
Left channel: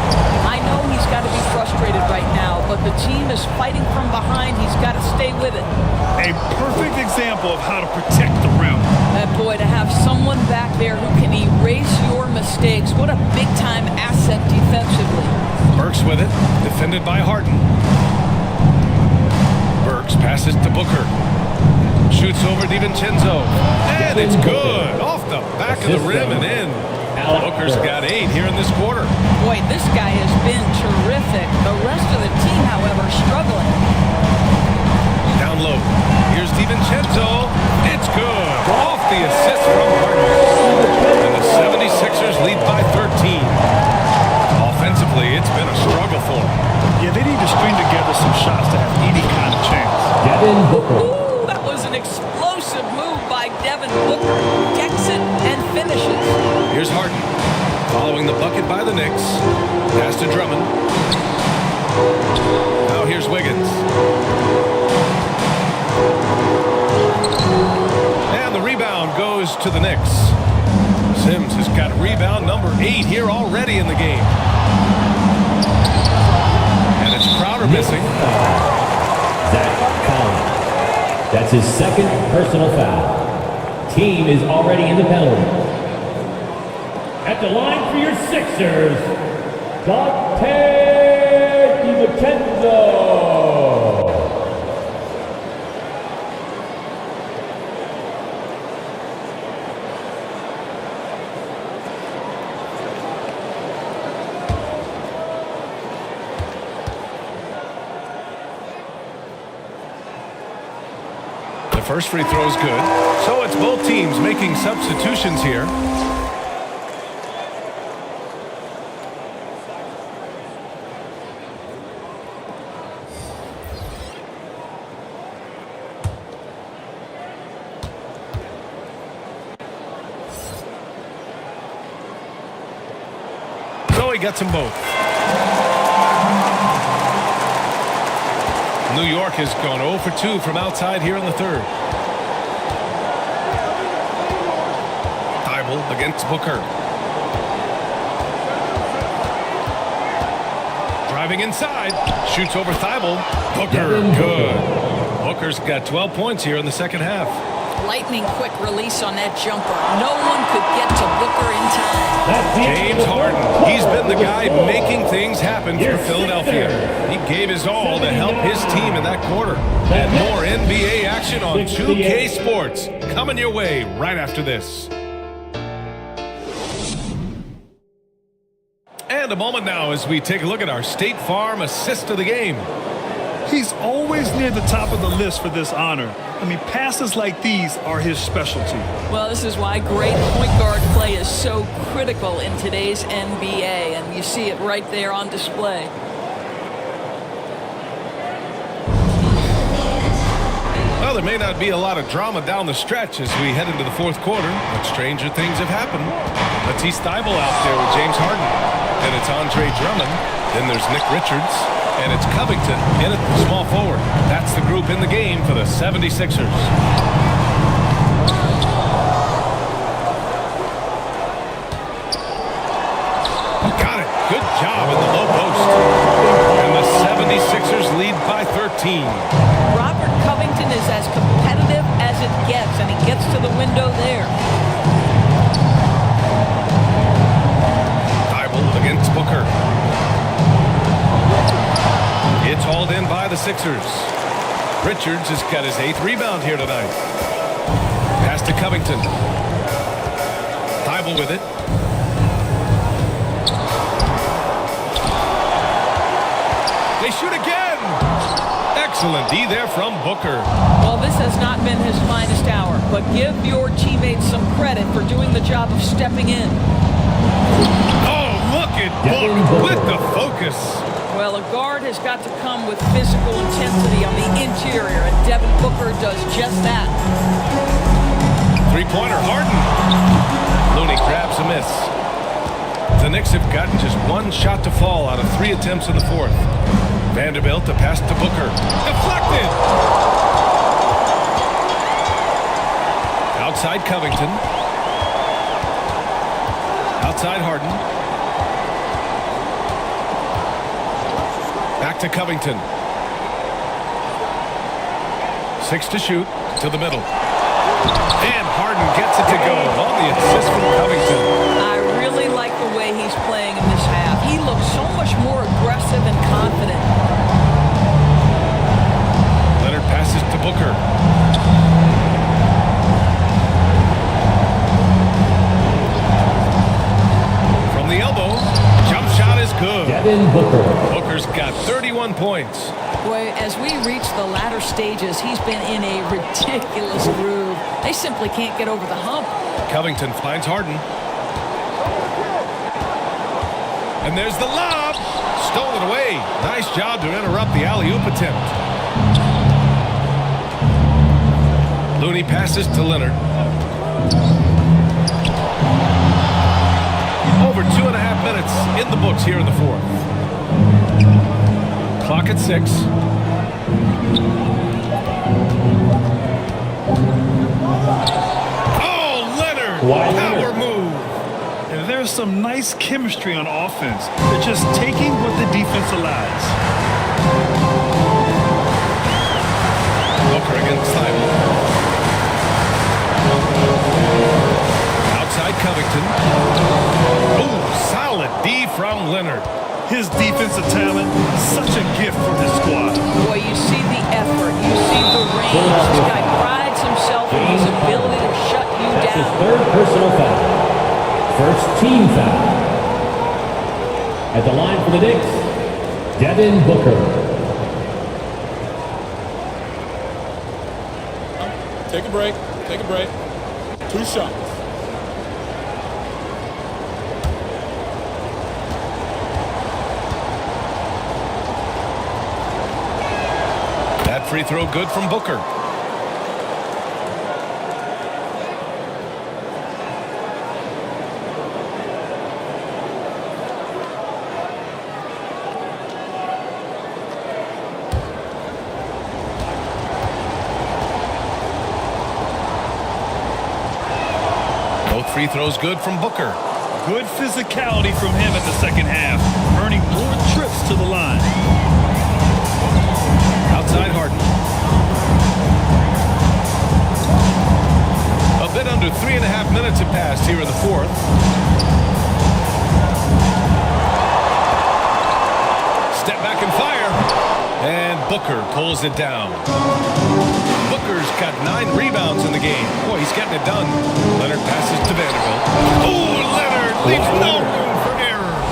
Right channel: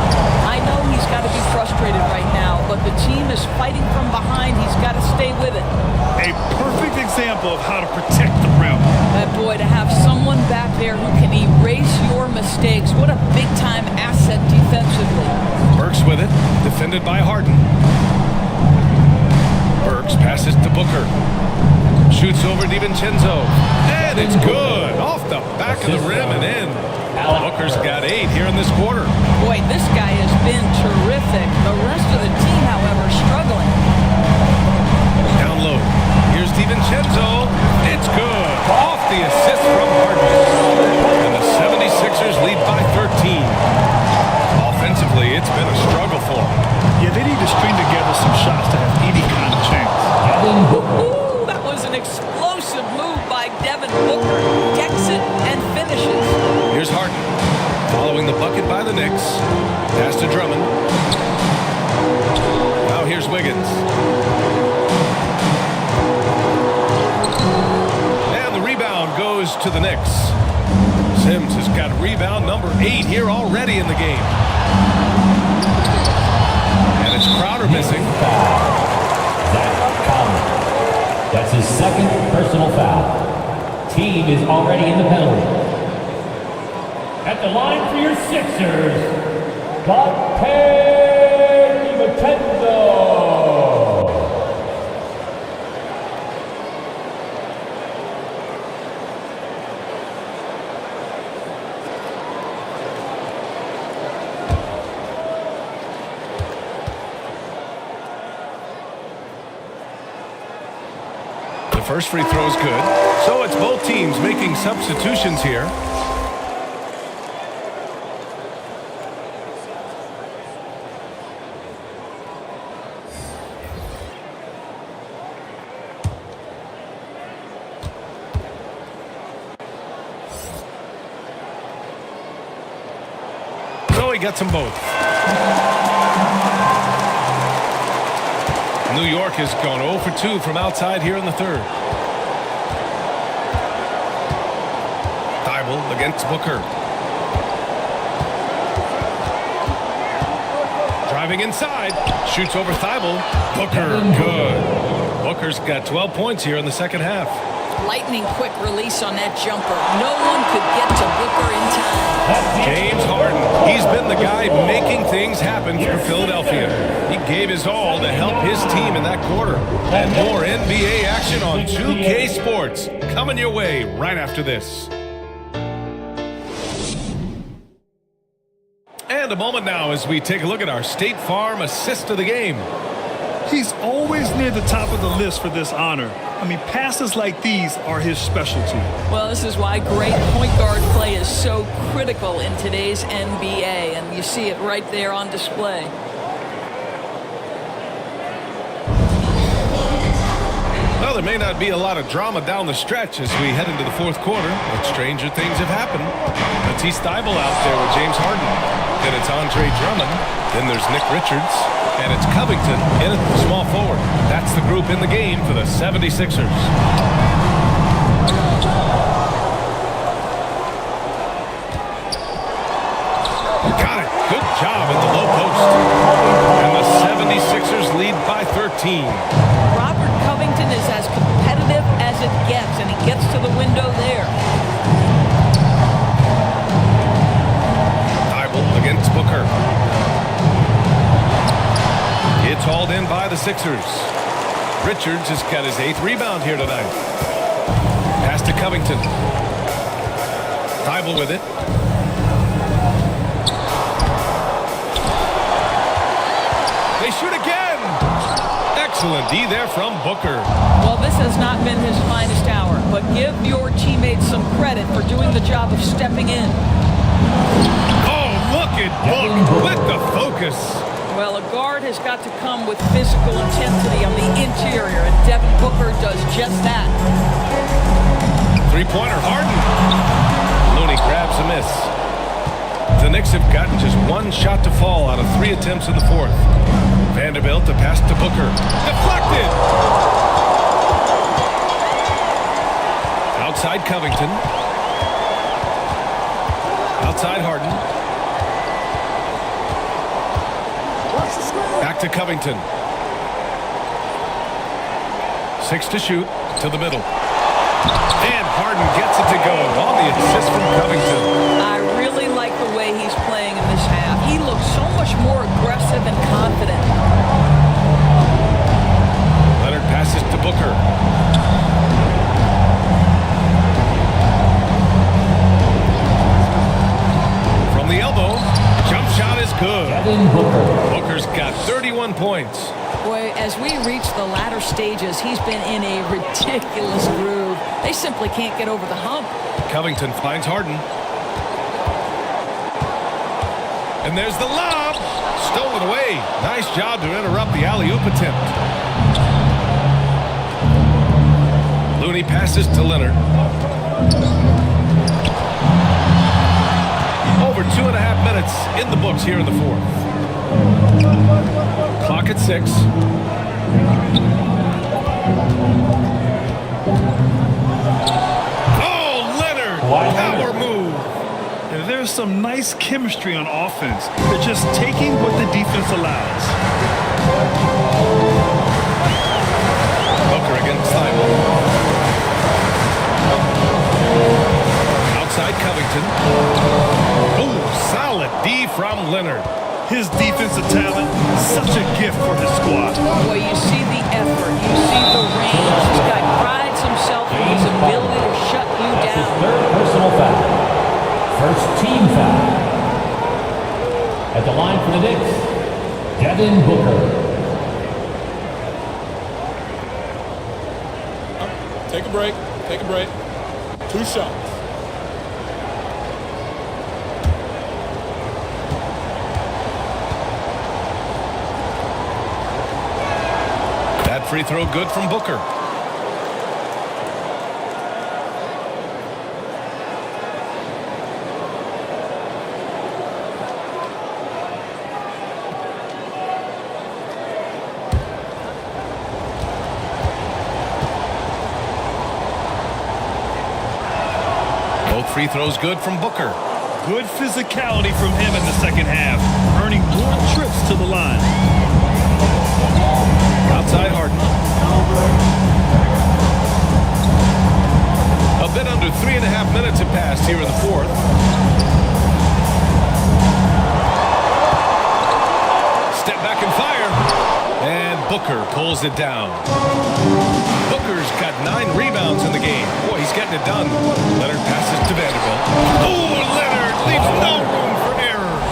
I know he's got to be frustrated right now, but the team is fighting from behind. He's got to stay with it. A perfect example of how to protect the rim. That boy, to have someone back there who can erase your mistakes. What a big-time asset defensively. Burks with it, defended by Harden. Burks passes to Booker. Shoots over DiVincenzo. And it's good. Off the back of the rim and in. Booker's got 8 here in this quarter. Boy, this guy has been terrific. The rest of the team, however, struggling. Down low. Here's DiVincenzo. It's good. Off the assist from Harden. And the 76ers lead by 13. Offensively, it's been a struggle for them. Yeah, they need to string together some shots to have any kind of chance. Devin Booker. Ooh, that was an explosive move by Devin Booker. Decks it and finishes. Here's Harden. Following the bucket by the Knicks. Pass to Drummond. Now here's Wiggins. And the rebound goes to the Knicks. Sims has got rebound number 8 here already in the game. And it's Crowder missing. Zach Collins. That's his second personal foul. Team is already in the penalty. At the line for your Sixers, Dante DiVincenzo. The first free throw is good. So it's both teams making substitutions here. he gets them both. New York has gone 0 for 2 from outside here in the third. Thibault against Booker. Driving inside. Shoots over Thibault. Booker, good. Booker's got 12 points here in the second half. Lightning quick release on that jumper. No one could get to Booker in time. James Harden. He's been the guy making things happen for Philadelphia. He gave his all to help his team in that quarter. And more NBA action on 2K Sports coming your way right after this. And a moment now as we take a look at our State Farm assist of the game. He's always near the top of the list for this honor. I mean, passes like these are his specialty. Well, this is why great point guard play is so critical in today's NBA, and you see it right there on display. Well, there may not be a lot of drama down the stretch as we head into the fourth quarter, but stranger things have happened. Let's see Thibault out there with James Harden. Then it's Andre Drummond. Then there's Nick Richards. And it's Covington in at the small forward. That's the group in the game for the 76ers. Got it. Good job in the low post. And the 76ers lead by 13. Robert Covington is as competitive as it gets, and he gets to the window there. Thibault against Booker. It's hauled in by the Sixers. Richards has got his 8th rebound here tonight. Pass to Covington. Thibault with it. They shoot again. Excellent D there from Booker. Well, this has not been his finest hour, but give your teammates some credit for doing the job of stepping in. Oh, look at Book with the focus. Well, a guard has got to come with physical intensity on the interior, and Devin Booker does just that. Three-pointer, Harden. Looney grabs a miss. The Knicks have gotten just one shot to fall out of 3 attempts in the fourth. Vanderbilt to pass to Booker. Deflected! Outside Covington. Outside Harden. Back to Covington. 6 to shoot to the middle. And Harden gets it to go on the assist from Covington. I really like the way he's playing in this half. He looks so much more aggressive and confident. Leonard passes to Booker. From the elbow, jump shot is good. Devin Booker. Booker's got 31 points. Boy, as we reach the latter stages, he's been in a ridiculous groove. They simply can't get over the hump. Covington finds Harden. And there's the lob. Stolen away. Nice job to interrupt the alley-oop attempt. Looney passes to Leonard. Over 2.5 minutes in the books here in the fourth. Clock at 6. Oh, Leonard! Power move! And there's some nice chemistry on offense. They're just taking what the defense allows. Booker against Thibault. Outside Covington. Oh, solid D from Leonard. His defensive talent, such a gift for his squad. Boy, you see the effort. You see the range. This guy prides himself in his ability to shut you down. His 3rd personal foul. First team foul. At the line for the Knicks, Devin Booker. Take a break. Take a break. 2 shots. That free throw good from Booker. Both free throws good from Booker. Good physicality from him in the second half, earning more trips to the line. Outside Harden. A bit under 3.5 minutes have passed here in the fourth. Step back and fire. And Booker pulls it down. Booker's got 9 rebounds in the game. Boy, he's getting it done. Leonard passes to Vanderbilt. Oh, Leonard leaves no room for error.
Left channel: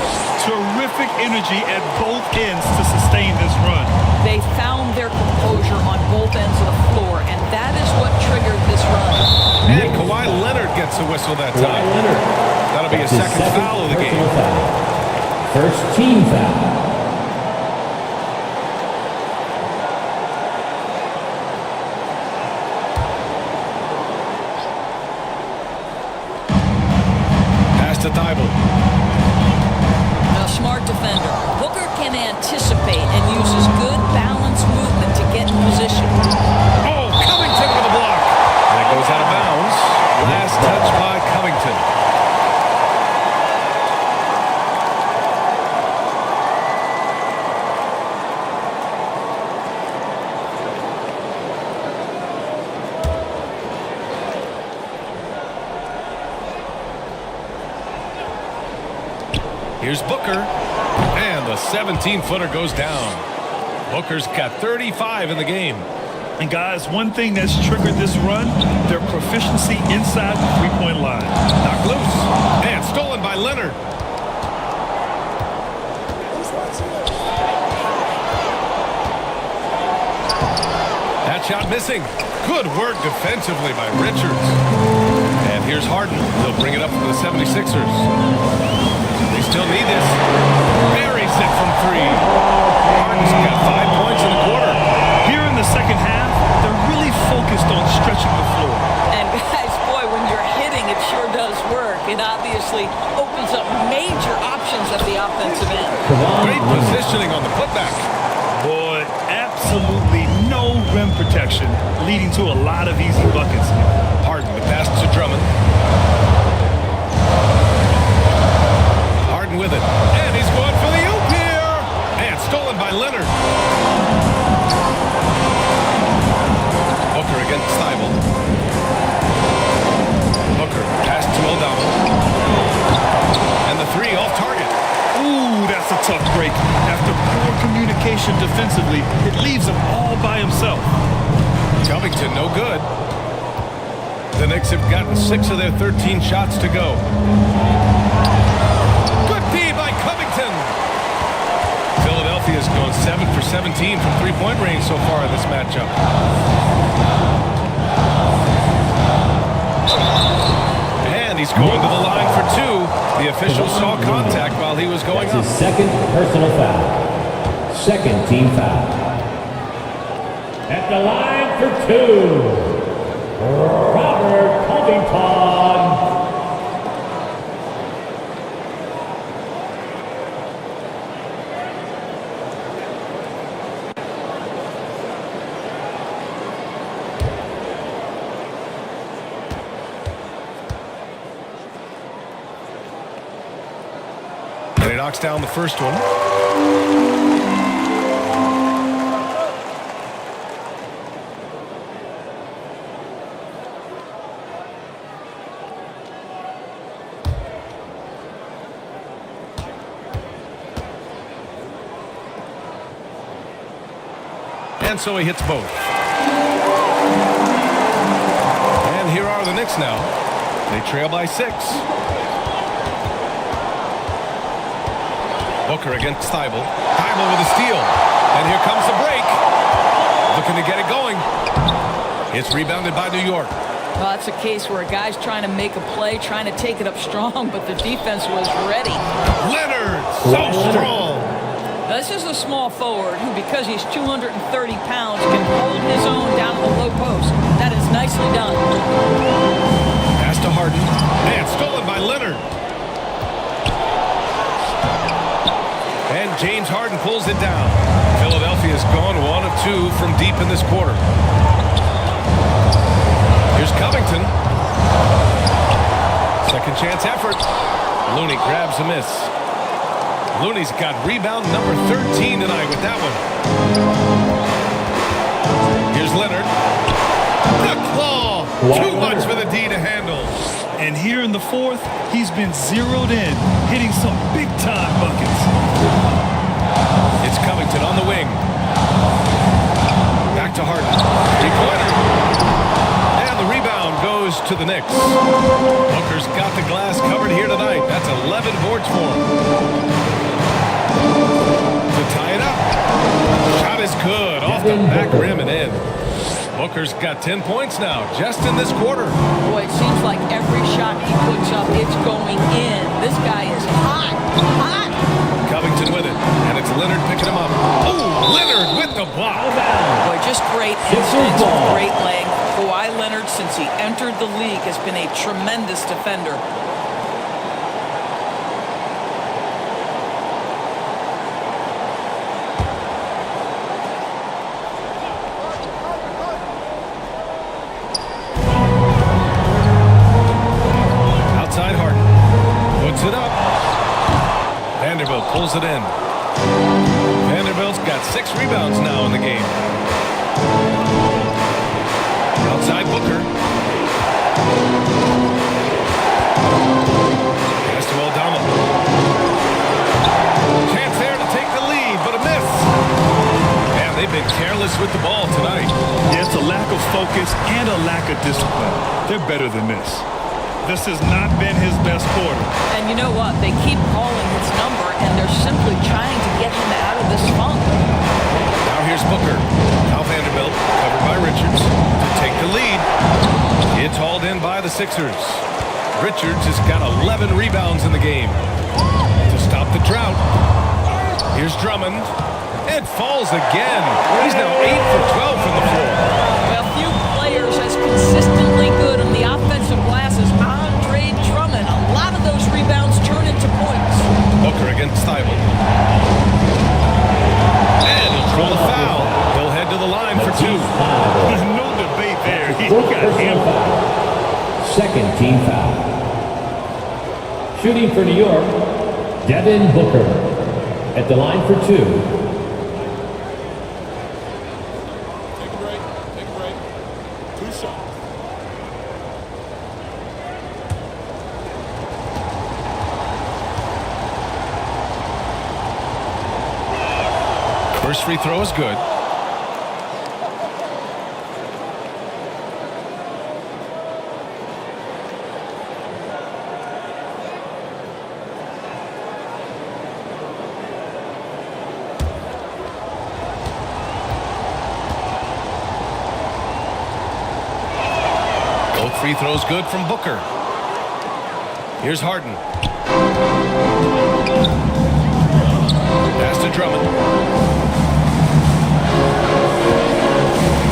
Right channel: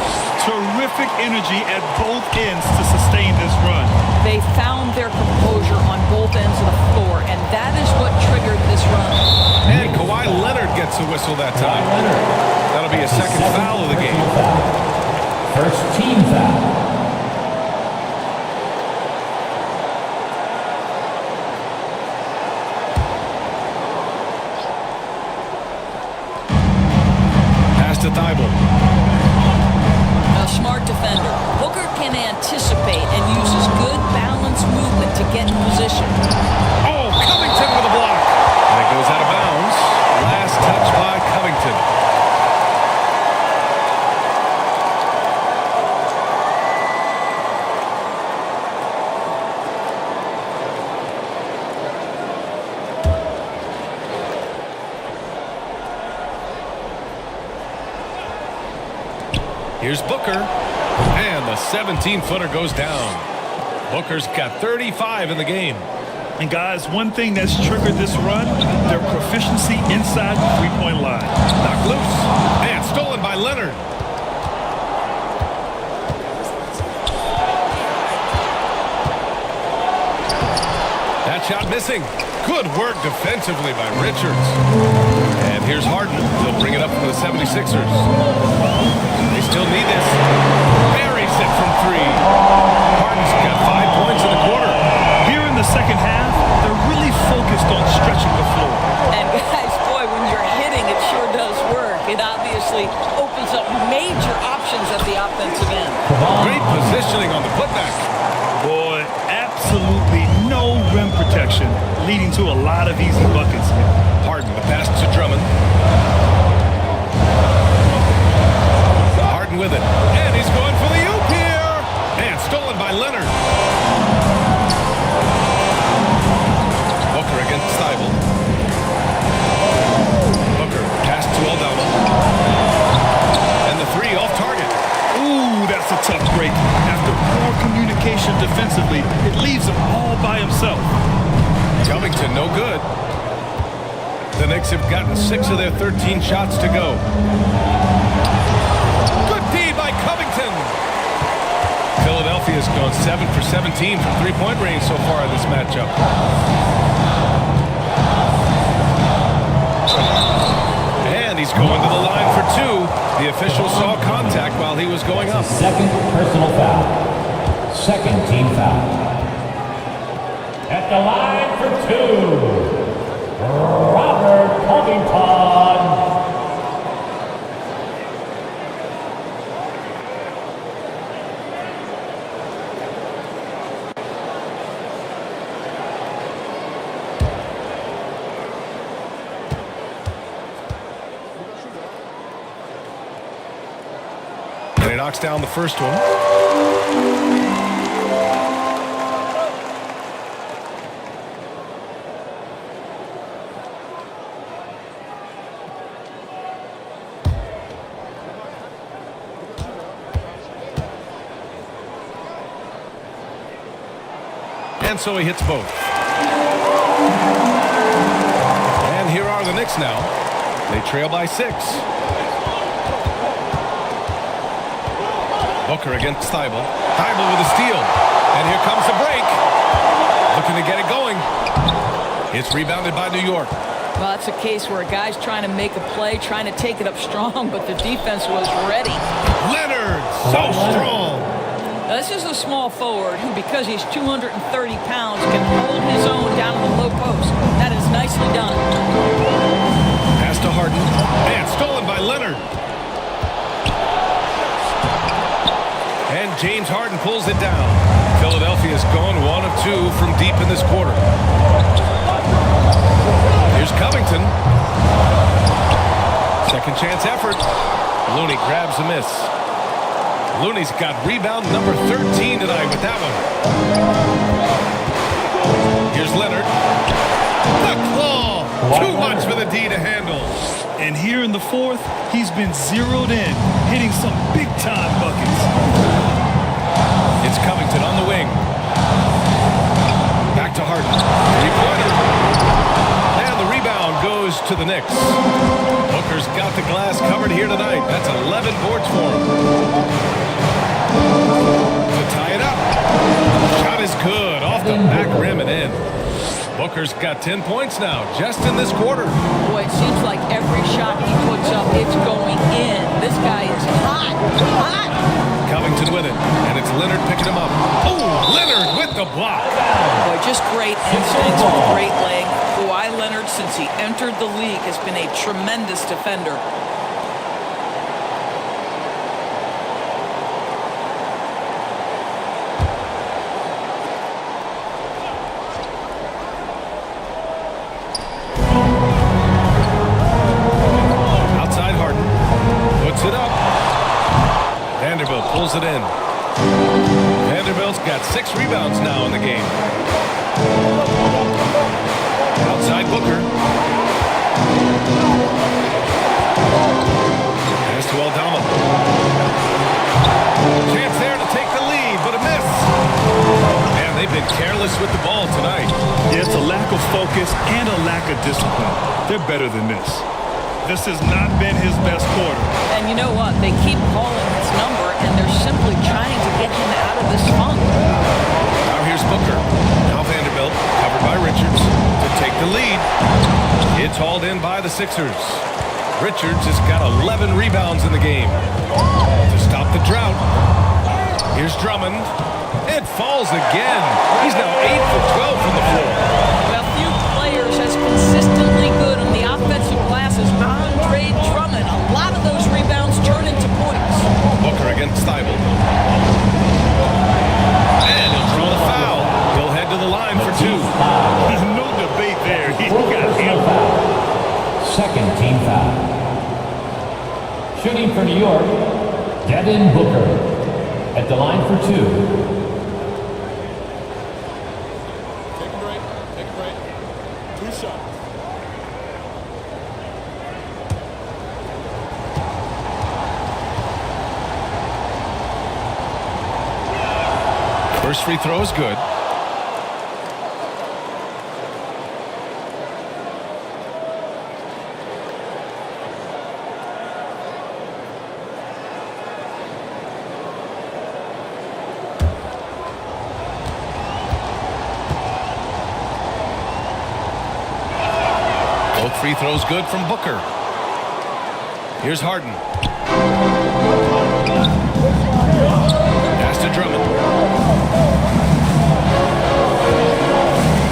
Terrific energy at both ends to sustain this run. They found their composure on both ends of the floor, and that is what triggered this run. And Kawhi Leonard gets a whistle that time. That'll be a second foul of the game. First team foul. Pass to Thibault. A smart defender. Booker can anticipate and uses good balanced movement to get in position. Oh, Covington with a block. And it goes out of bounds. Last touch by Covington. Here's Booker. And the 17-footer goes down. Booker's got 35 in the game. And guys, one thing that's triggered this run, their proficiency inside the three-point line. Knocked loose. And stolen by Leonard. That shot missing. Good work defensively by Richards. And here's Harden. He'll bring it up for the 76ers. They still need this. Buries it from 3. Harden's got 5 points in the quarter. Here in the second half, they're really focused on stretching the floor. And guys, boy, when you're hitting, it sure does work. It obviously opens up major options at the offensive end. Great positioning on the putback. Boy, absolutely no rim protection, leading to a lot of easy buckets here. Harden, the pass to Drummond. Harden with it. And he's going for the oop here. And stolen by Leonard. Booker against Thibault. Booker, pass to Aldama. And the 3 off target. Ooh, that's a tough break. After poor communication defensively, it leaves him all by himself. Covington, no good. The Knicks have gotten 6 of their 13 shots to go. Good D by Covington. Philadelphia's gone 7 for 17 from three-point range so far in this matchup. And he's going to the line for 2. The official saw contact while he was going up. Second personal foul. Second team foul. At the line for 2, Robert Covington. And he knocks down the first one. And so he hits both. And here are the Knicks now. They trail by 6. Booker against Thibault. Thibault with a steal. And here comes the break. Looking to get it going. It's rebounded by New York. Well, that's a case where a guy's trying to make a play, trying to take it up strong, but the defense was ready. Leonard, so strong. Now, this is a small forward who, because he's 230 pounds, can hold his own down in the low post. That is nicely done. Pass to Harden. And stolen by Leonard. And James Harden pulls it down. Philadelphia's gone 1 of 2 from deep in this quarter. Here's Covington. Second chance effort. Looney grabs a miss. Looney's got rebound number 13 tonight with that one. Here's Leonard. The claw. Too much for the D to handle. And here in the fourth, he's been zeroed in, hitting some big-time buckets. It's Covington on the wing. Back to Harden. Three-pointer. And the rebound goes to the Knicks. Booker's got the glass covered here tonight. That's 11 boards for him. To tie it up. Shot is good. Off the back rim and in. Booker's got 10 points now, just in this quarter. Boy, it seems like every shot he puts up, it's going in. This guy is hot, hot. Covington with it, and it's Leonard picking him up. Oh, Leonard with the block. Boy, just great instincts with great length. Kawhi Leonard, since he entered the league, has been a tremendous defender. Outside Harden. Puts it up. Vanderbilt pulls it in. Vanderbilt's got 6 rebounds now in the game. Outside Booker. Pass to Aldama. Chance there to take the lead, but a miss. Man, they've been careless with the ball tonight. Yeah, it's a lack of focus and a lack of discipline. They're better than this. This has not been his best quarter. And you know what? They keep calling his number, and they're simply trying to get him out of this funk. Now here's Booker. Now Vanderbilt, covered by Richards, to take the lead. It's hauled in by the Sixers. Richards has got 11 rebounds in the game. To stop the drought, here's Drummond. It falls again. He's now 8 for 12 from the floor. Well, few players as consistently good on the offensive glass as Andre Drummond. A lot of those rebounds turn into points. Booker against Thibault. And he'll draw the foul. He'll head to the line for 2. No debate there. He got hammered. Second team foul. Shooting for New York, Devin Booker. At the line for 2. Take a break. 2 shots. First free throw is good. Both free throws good from Booker. Here's Harden. Pass to Drummond.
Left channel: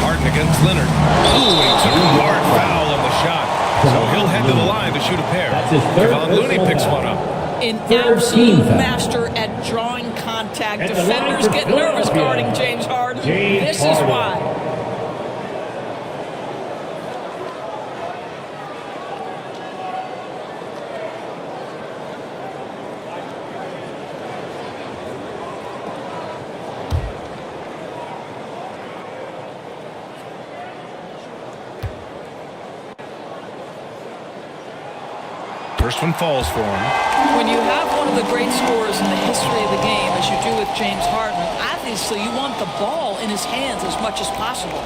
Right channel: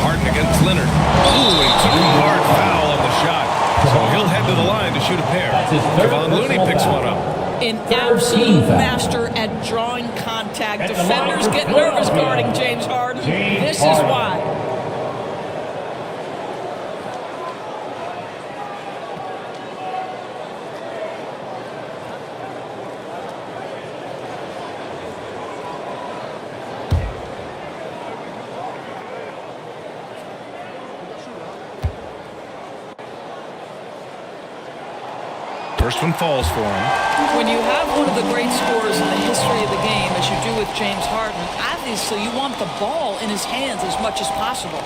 Harden against Leonard. Ooh, he took a hard foul on the shot. So he'll head to the line to shoot a pair. Kevon Looney picks one up. An absolute master at drawing contact. Defenders get nervous guarding James Harden. This is why. First one falls for him. When you have one of the great scorers in the history of the game, as you do with James Harden, obviously you want the ball in his hands as much as possible.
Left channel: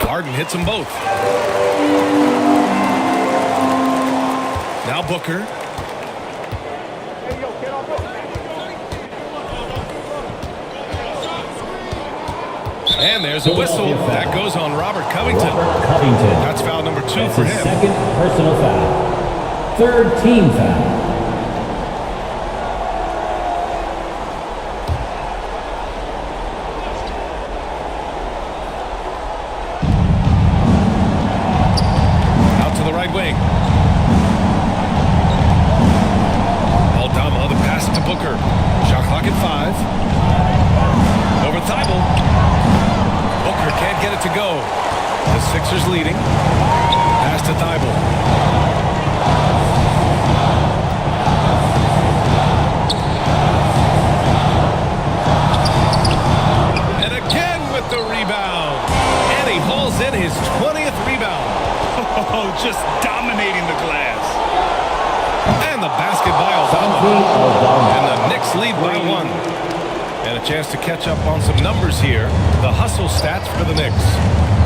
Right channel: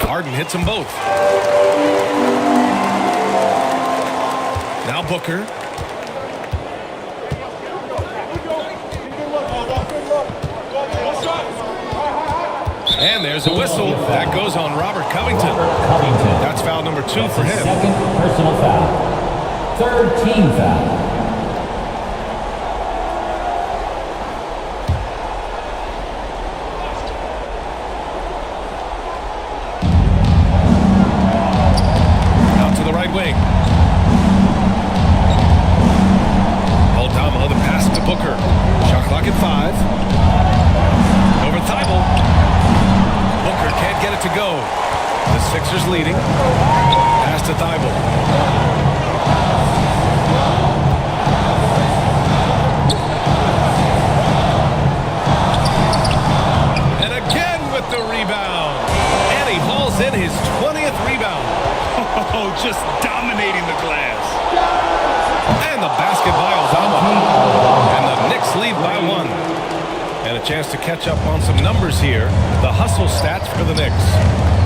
Harden hits them both. Now Booker. And there's a whistle. That goes on Robert Covington. That's foul number 2 for him. Second personal foul. Third team foul. Out to the right wing. Aldama, the pass to Booker. Shot clock at 5. Over Thibault. Booker can't get it to go. The Sixers leading. Pass to Thibault. And again with the rebound. And he hauls in his 20th rebound. Oh, just dominating the glass. And the basket by Aldama. And the Knicks lead by 1. And a chance to catch up on some numbers here. The hustle stats for the Knicks.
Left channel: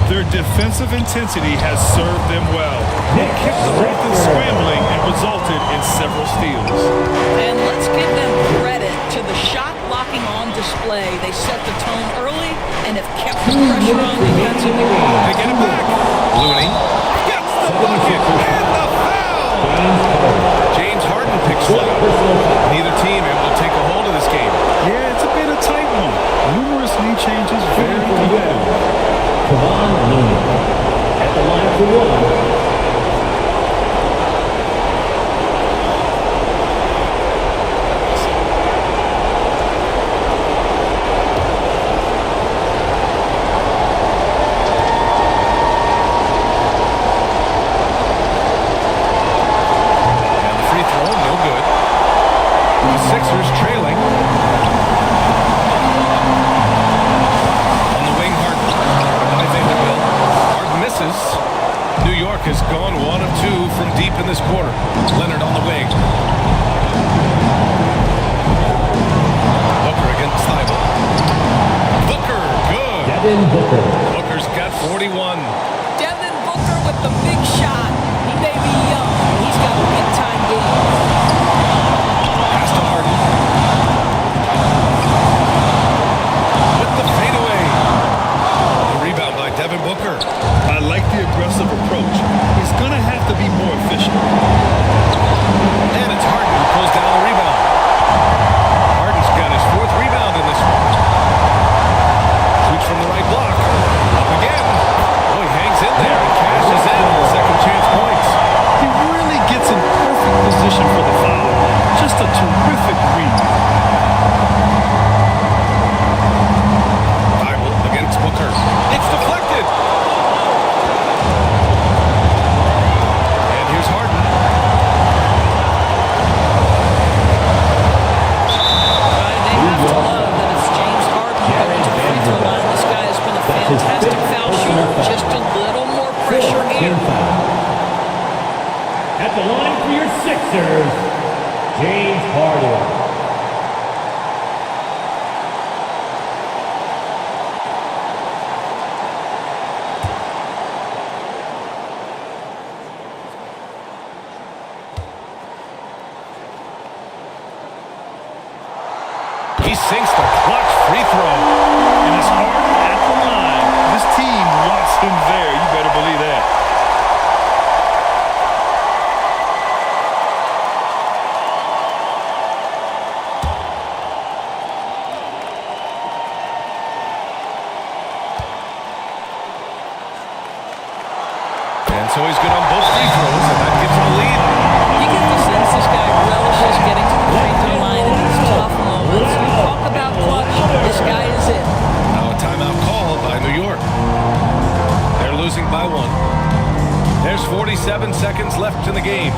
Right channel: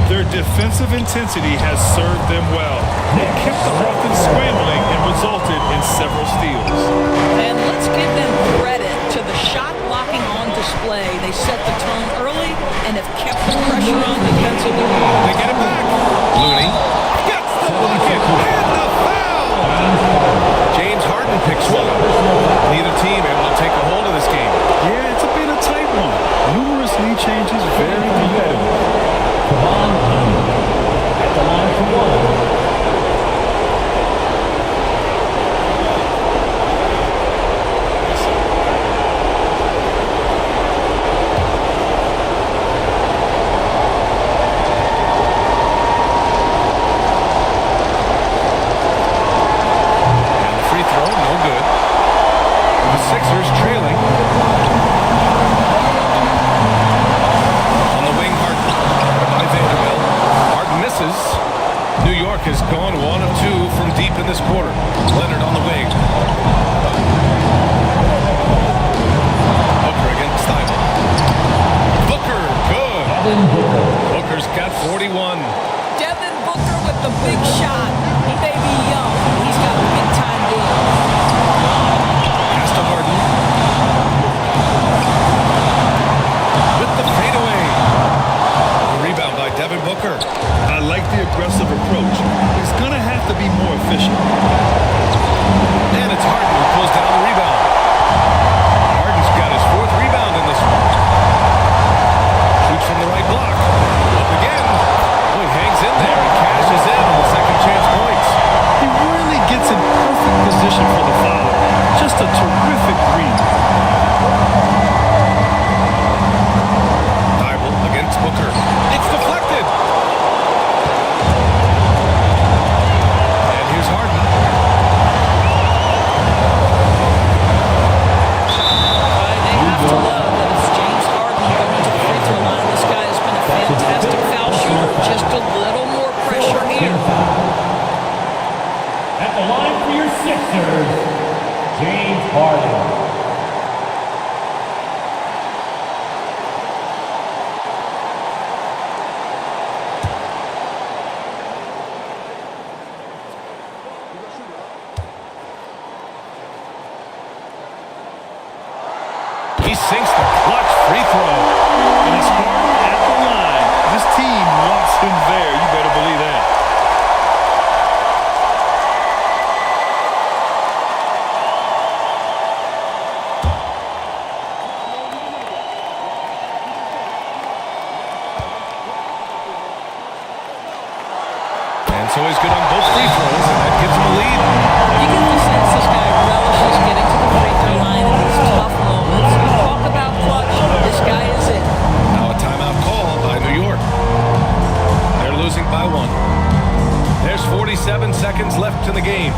Their defensive intensity has served them well. They kept the offense scrambling and resulted in several steals. And let's give them credit to the shot blocking on display. They set the tone early and have kept the pressure on defensively. They get it back. Looney gets the bucket and the foul. James Harden picks one up. Neither team able to take a hold of this game. Yeah, it's a bit of a tight one. Numerous lead changes, very competitive. Kevon Looney at the line for 1. Free throw, no good. The Sixers trailing. On the wing, Harden. Guarded by Vanderbilt. Harden misses. New York has gone 1 of 2 from deep in this quarter. Leonard on the wing. Booker against Thibault. Booker, good. Devin Booker. Booker's got 41. Devin Booker with the big shot. He may be young, but he's got big-time game. Pass to Harden. With the fadeaway. The rebound by Devin Booker. I like the aggressive approach. He's going to have to be more efficient. And it's Harden who pulls down the rebound. Harden's got his 4th rebound in this one. Shoots from the right block. Up again. Oh, he hangs in there and cashes in on the second chance points. He really gets in perfect position for the follow. Just a terrific read. Thibault against Booker. It's deflected. And here's Harden. They have to love that it's James Harden going to the free throw line. This guy has been a fantastic foul shooter. Just a little more pressure here. At the line for your Sixers, James Harden. He sinks the clutch free throw. And it's Harden at the line. This team wants him there. You better believe that. And so he's good on both free throws, and that gives him a lead. You get the sense this guy relishes getting to the free throw line in these tough moments. You talk about clutch, this guy is it. Now a timeout called by New York. They're losing by 1. There's 47 seconds left in the game.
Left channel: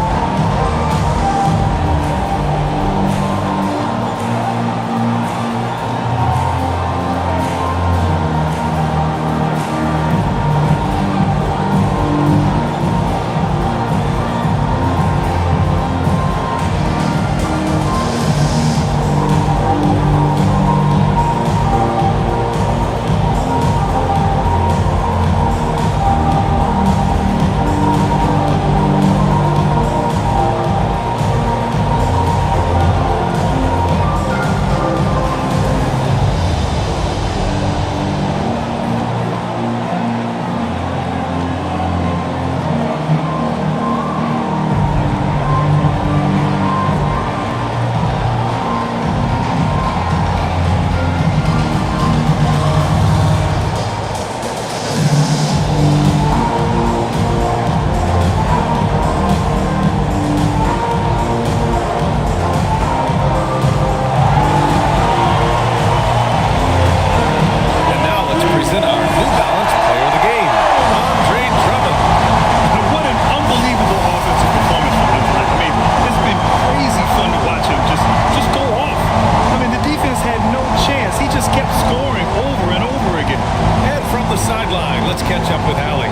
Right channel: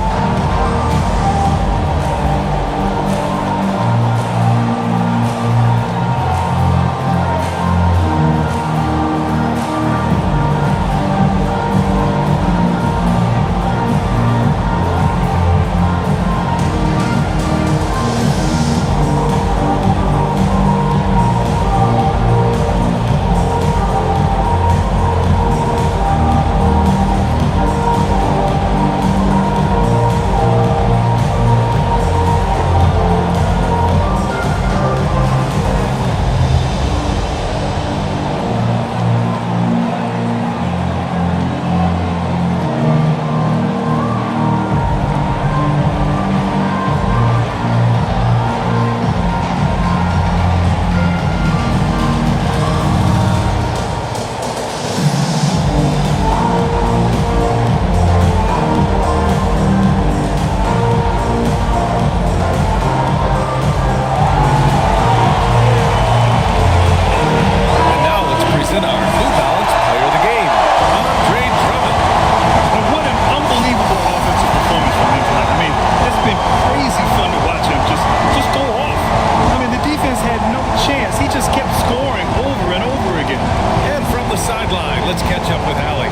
month's player of the game, Andre Drummond. And what an unbelievable offensive performance from him tonight. I mean, it's been crazy fun to watch him just go off. I mean, the defense had no chance. He just kept scoring over and over again. And from the sideline, let's catch up with Allie.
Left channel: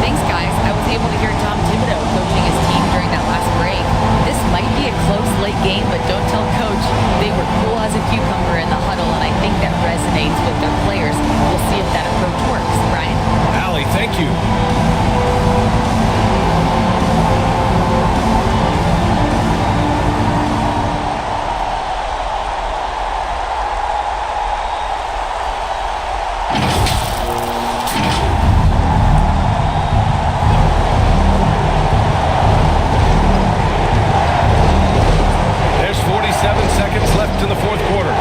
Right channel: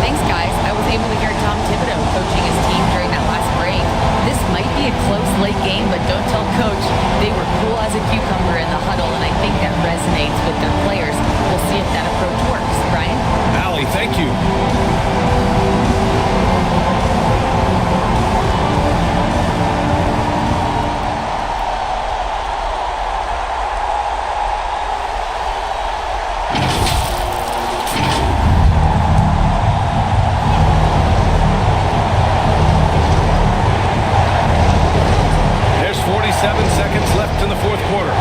Thanks, guys. I was able to hear Tom Thibodeau coaching his team during that last break. This might be a close late game, but don't tell Coach. They were cool as a cucumber in the huddle, and I think that resonates with their players. We'll see if that approach works. Brian? Allie, thank you. There's 47 seconds left in the fourth quarter.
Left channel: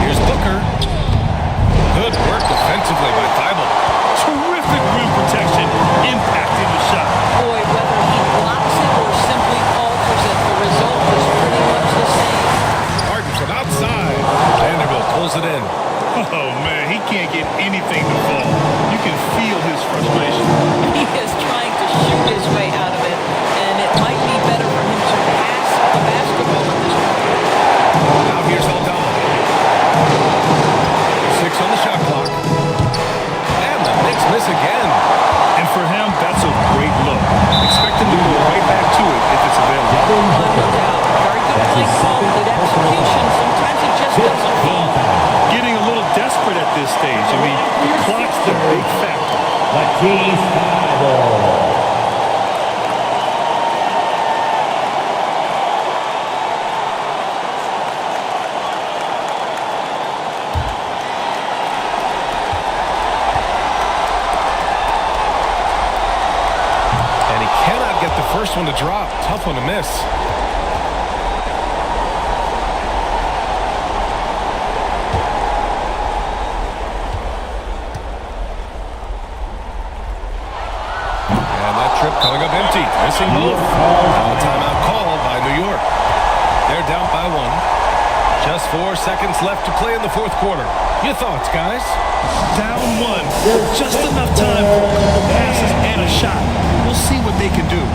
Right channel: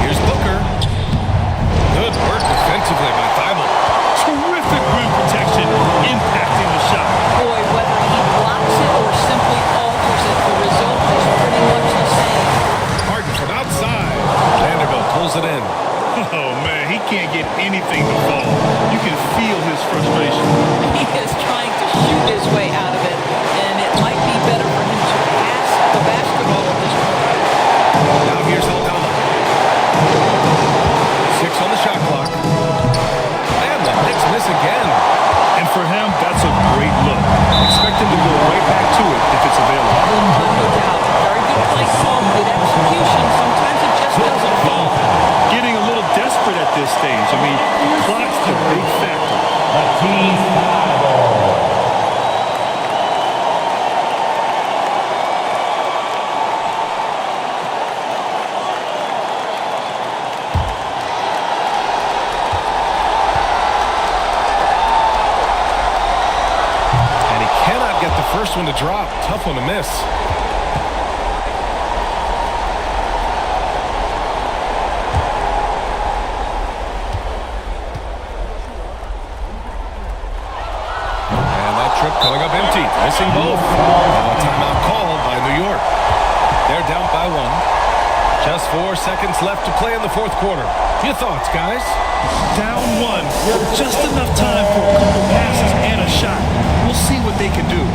Here's Booker. Good work defensively by Thibault. Terrific rim protection, impacting the shot. Boy, whether he blocks it or simply alters it, the result is pretty much the same. Harden from outside. Vanderbilt pulls it in. Oh, man, he can't get anything to fall. You can feel his frustration. He is trying to shoot his way out of it, and it might be better for him to pass the basketball at this point. Now here's Aldama. 6 on the shot clock. And the Knicks miss again. And for him, that's a great look. Expect him to go right back to it if it's available. No doubt. Very good play call, good execution. Sometimes it just doesn't fall. Getting a little desperate at this stage. I mean, the clock's the big factor. Matisse Thybulle. And he cannot get the first one to drop. Tough one to miss. And that trip coming up empty. Missing both. Now a timeout called by New York. They're down by 1. Just 4 seconds left to play in the fourth quarter. Your thoughts, guys? Down 1. Just enough time for a couple passes and a shot. We'll see what they can do.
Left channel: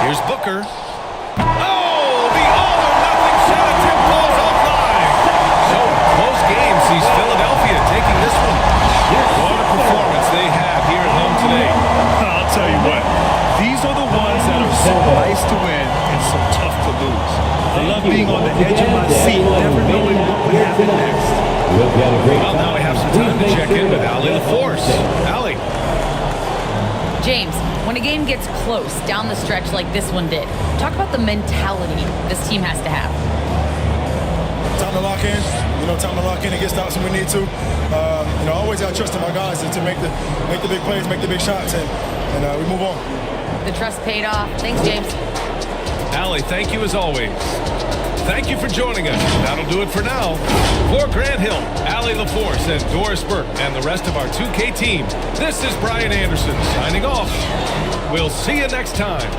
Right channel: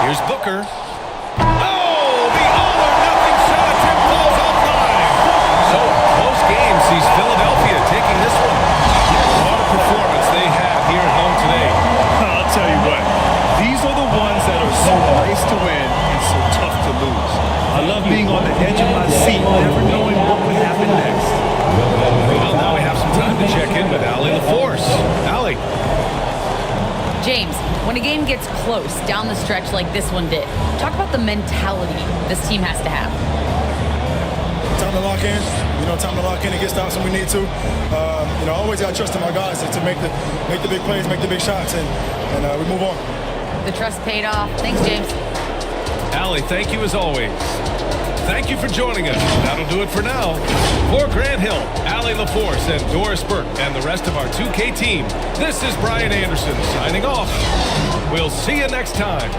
Here's Booker. Oh, the all-or-nothing shot attempt falls offline. So a close game sees Philadelphia taking this one. What a performance they had here at home today. I'll tell you what. These are the ones that are so nice to win and so tough to lose. I love being on the edge of my seat, never knowing what would happen next. Well, now we have some time to check in with Allie LaForce. Allie. James, when a game gets close down the stretch like this one did, talk about the mentality this team has to have. Time to lock in. Time to lock in and get stops when we need to. I always got to trust in my guys to make the big plays, make the big shots, and we move on. The trust paid off. Thanks, James. Allie, thank you as always. Thank you for joining us. That'll do it for now. For Grant Hill, Allie LaForce, and Doris Burke, and the rest of our 2K team, this is Brian Anderson signing off. We'll see you next time.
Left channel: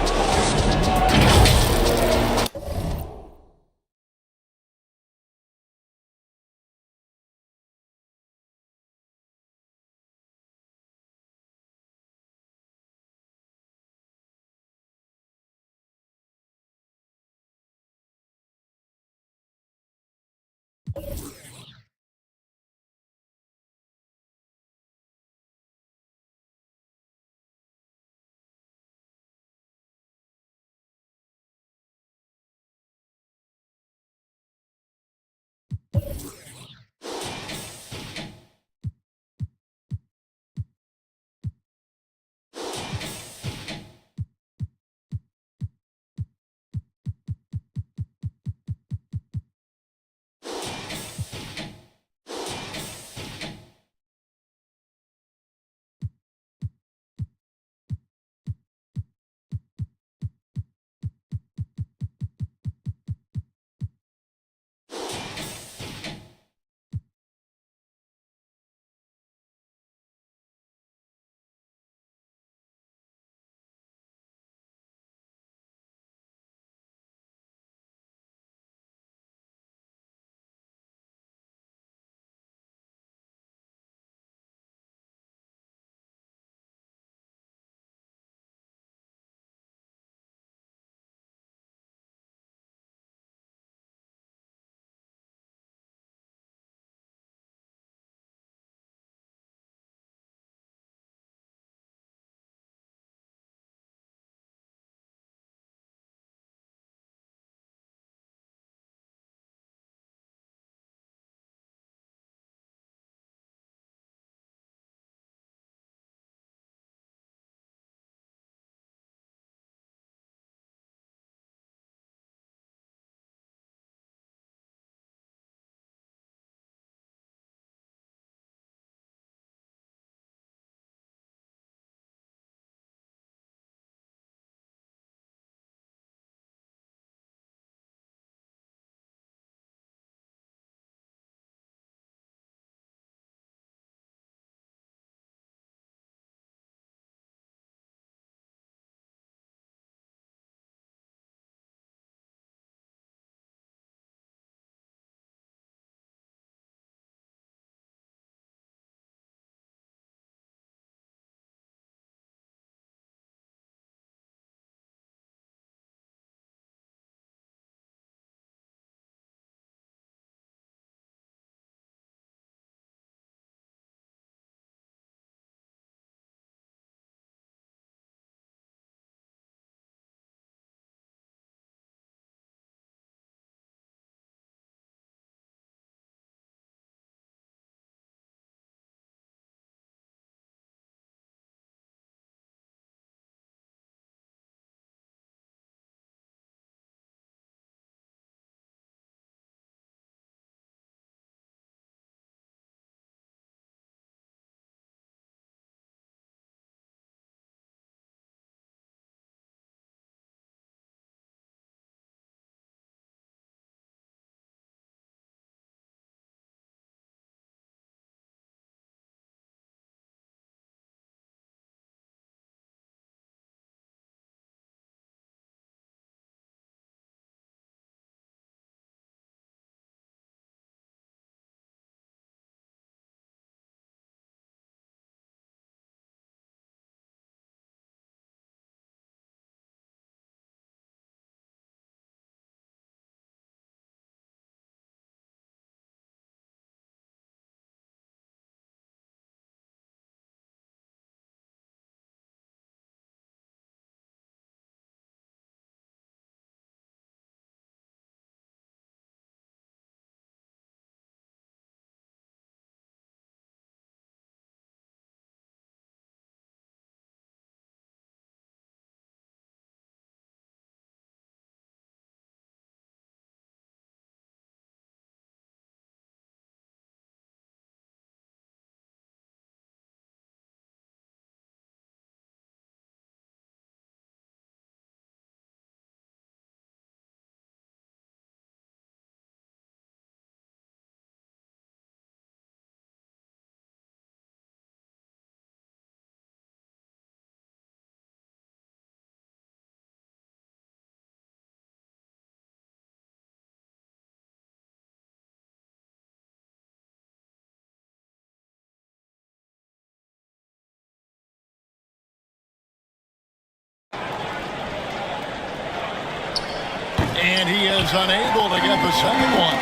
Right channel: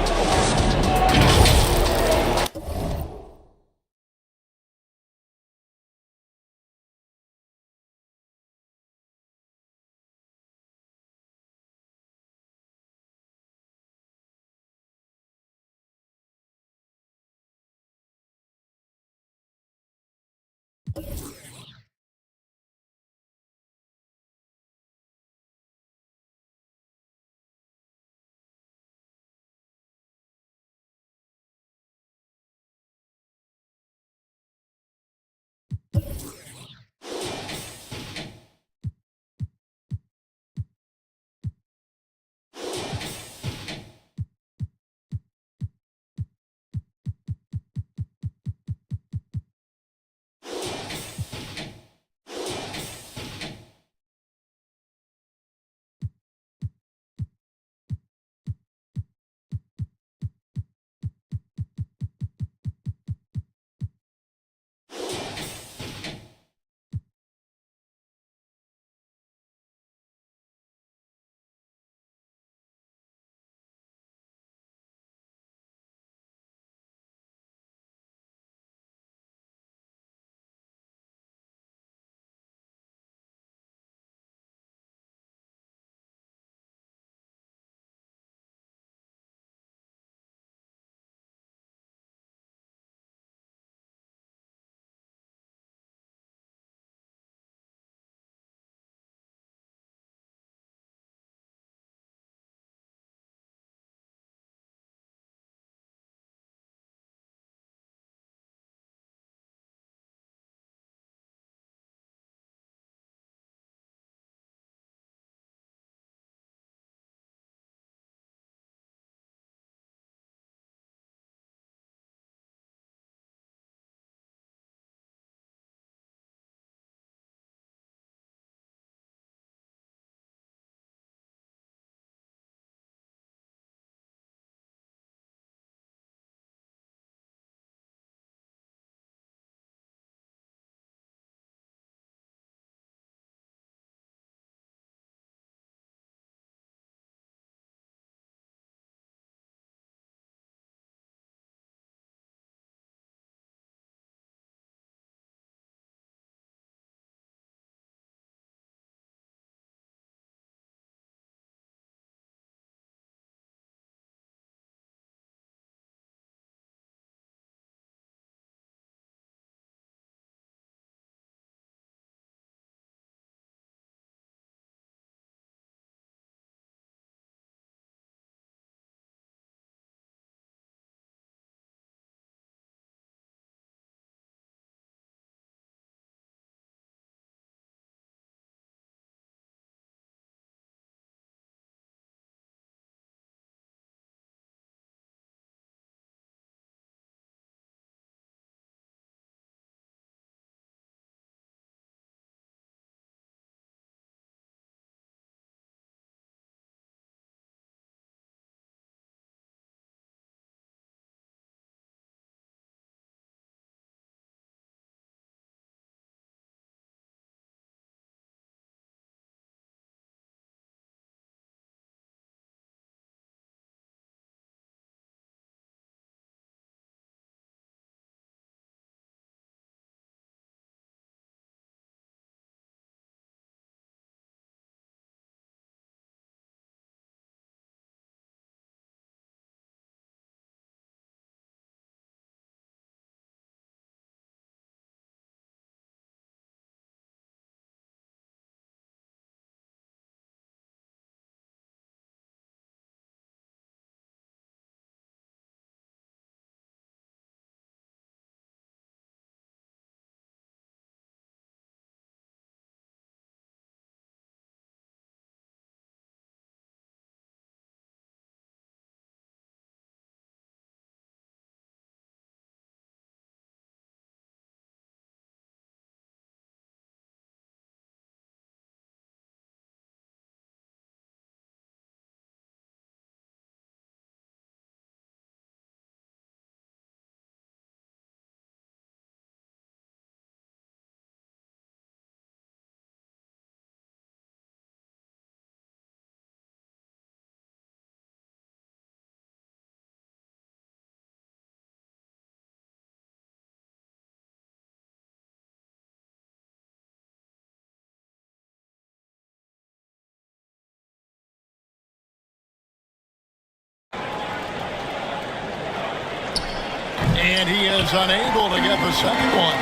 And he is unable to get the second one.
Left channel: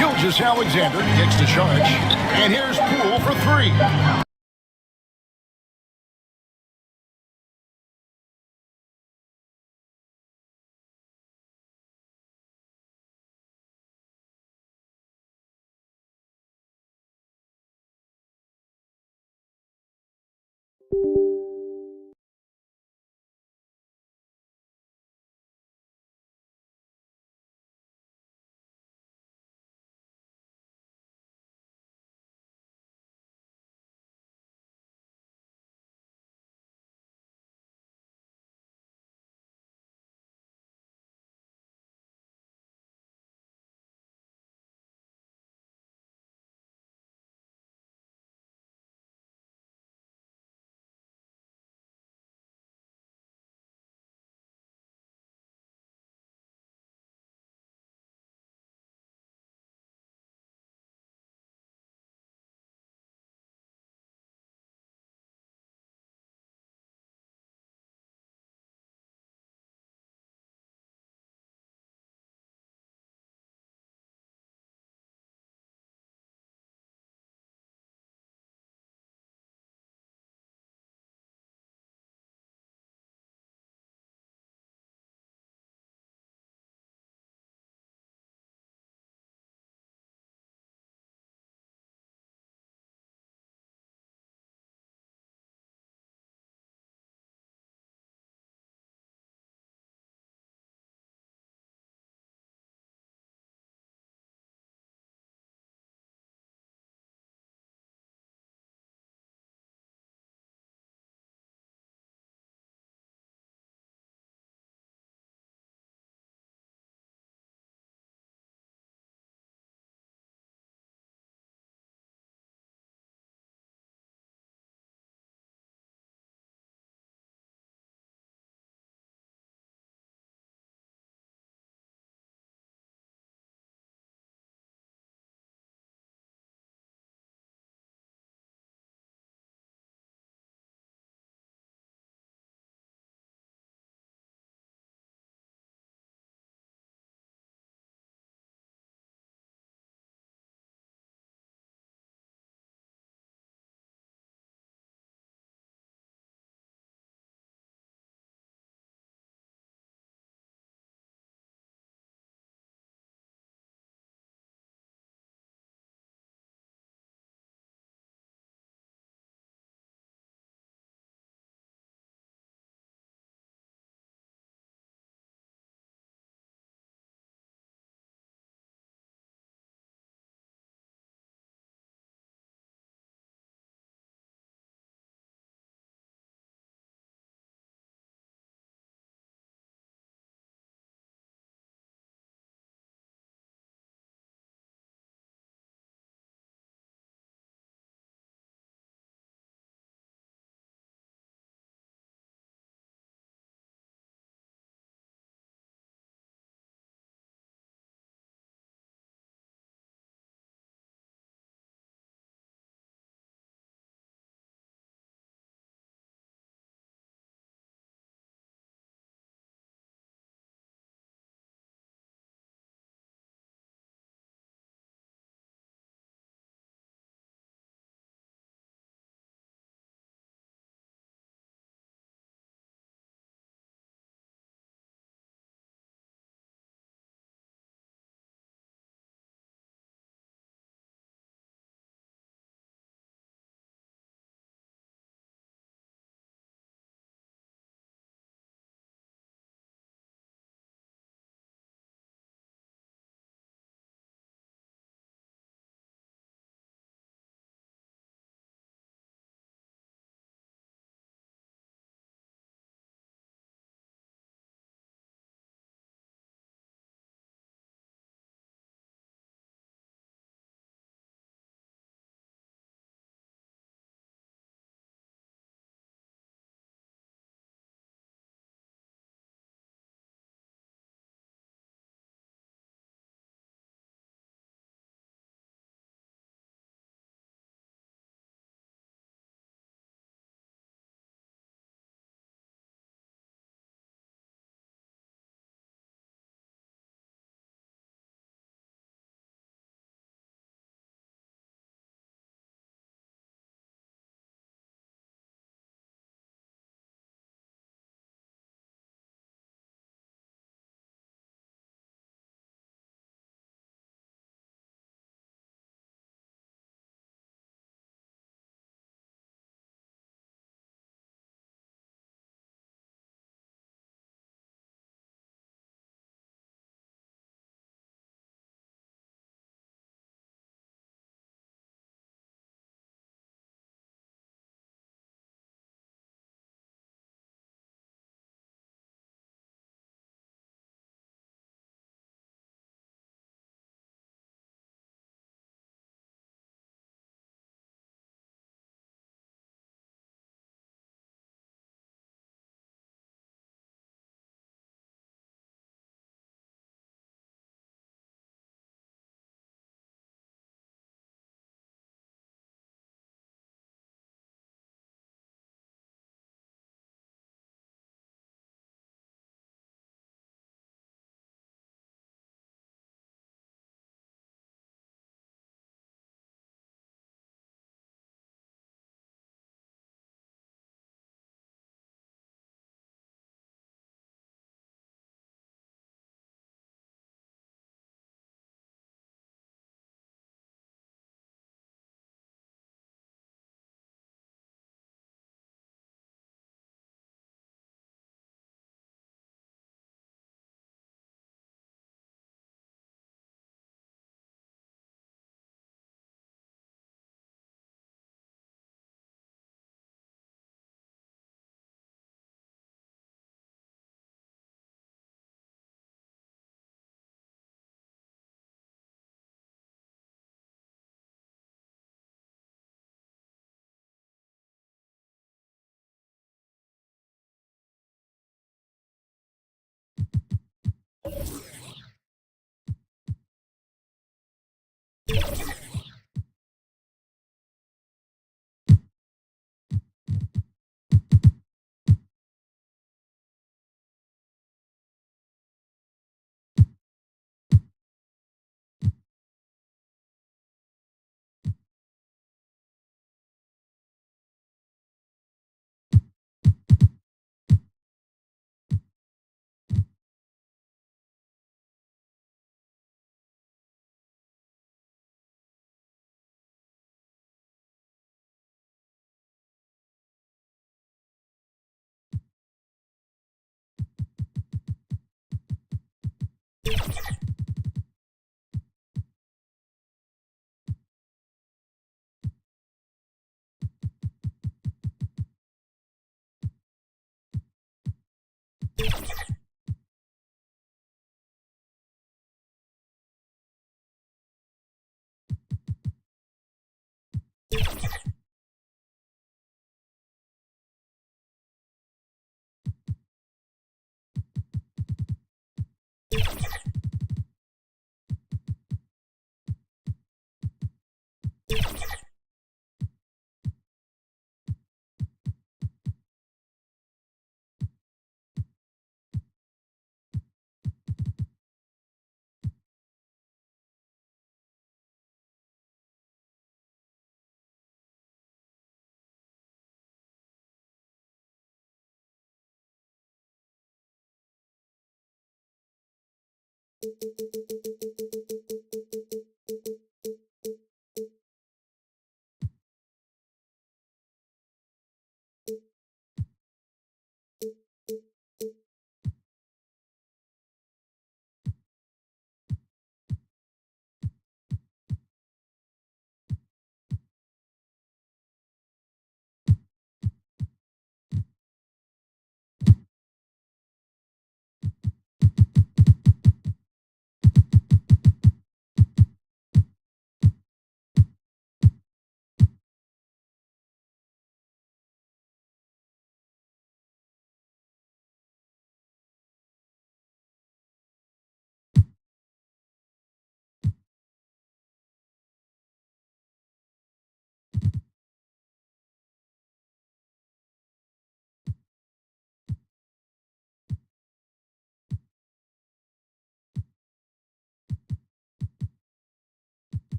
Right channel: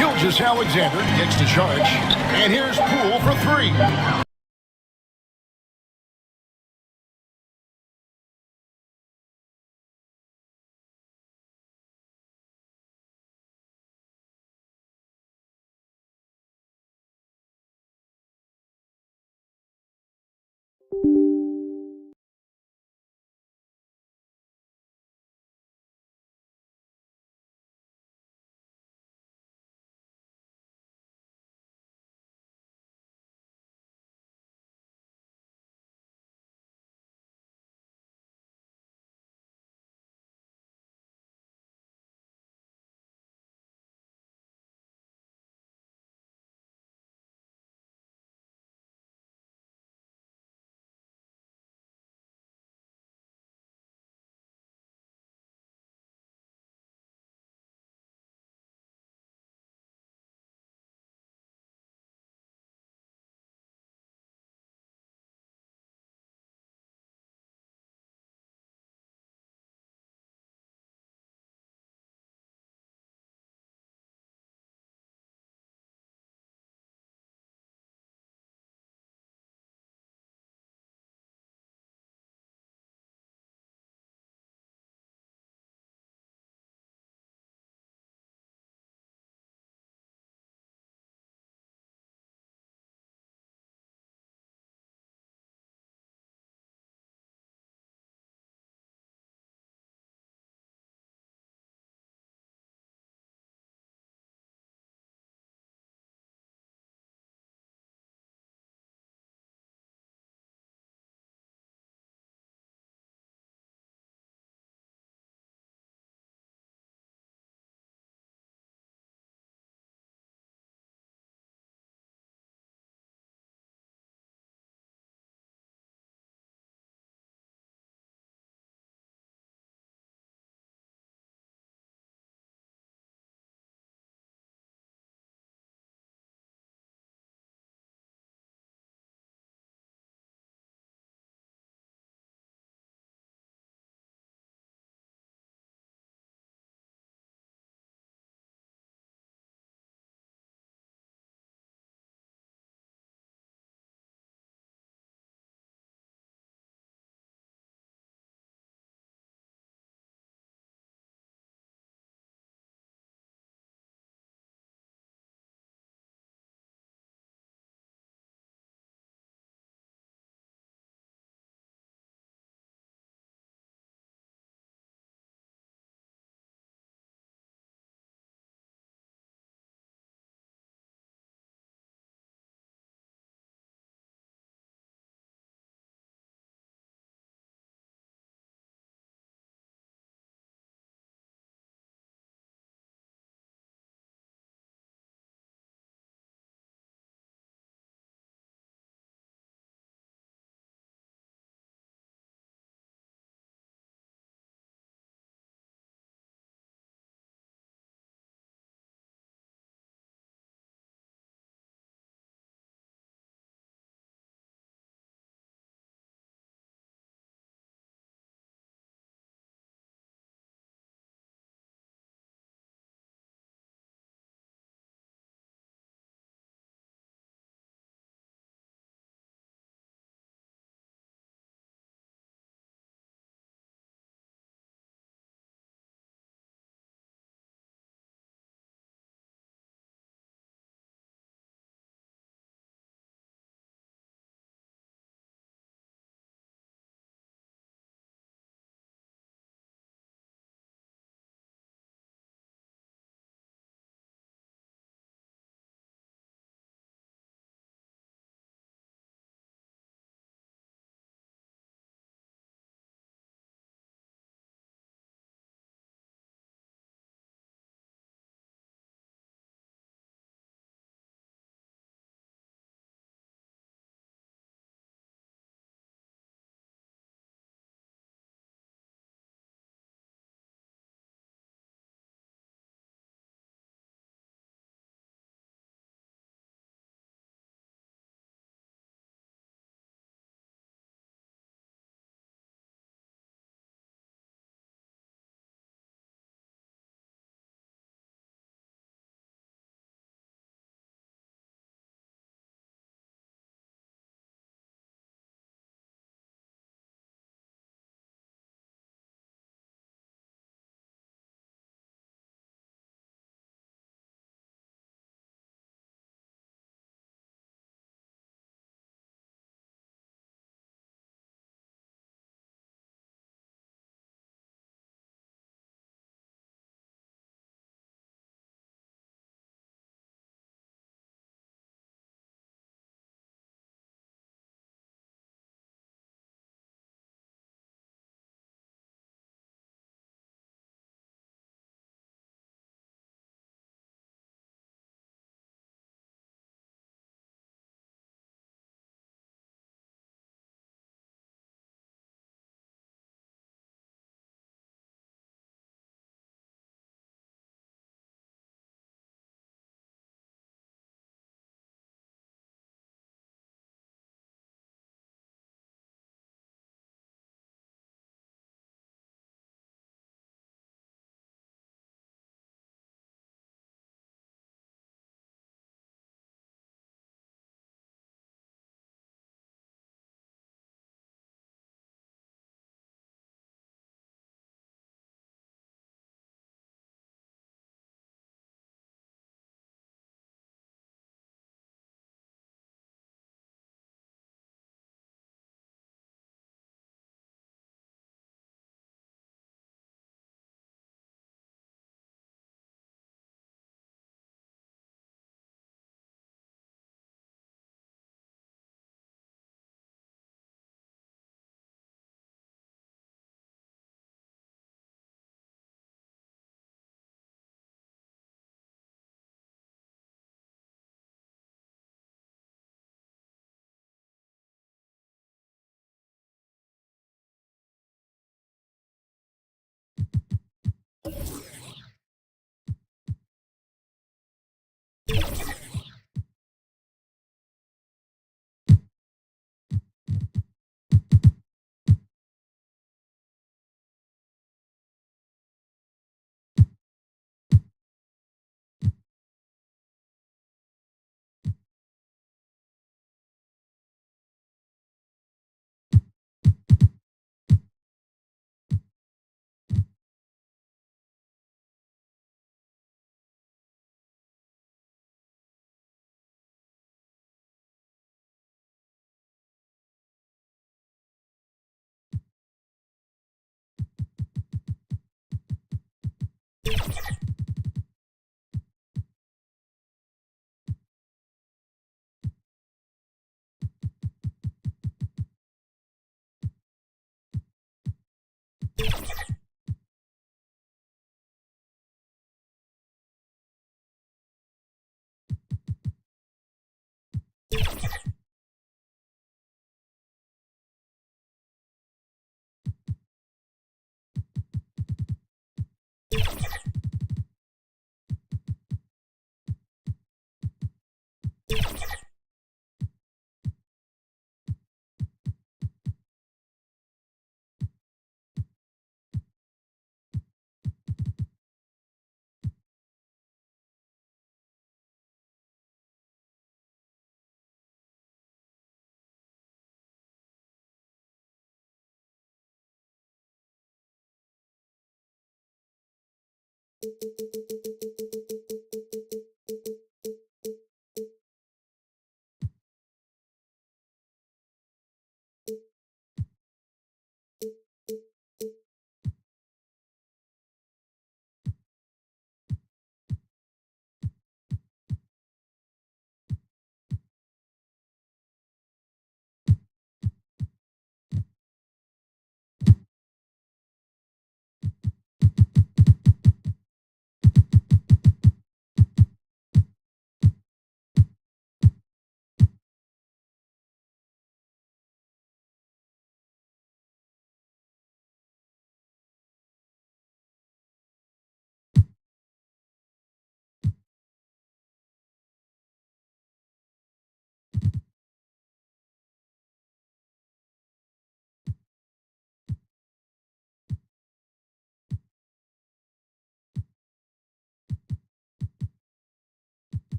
Gilgeous-Alexander gets the charge. And here's Poole for three.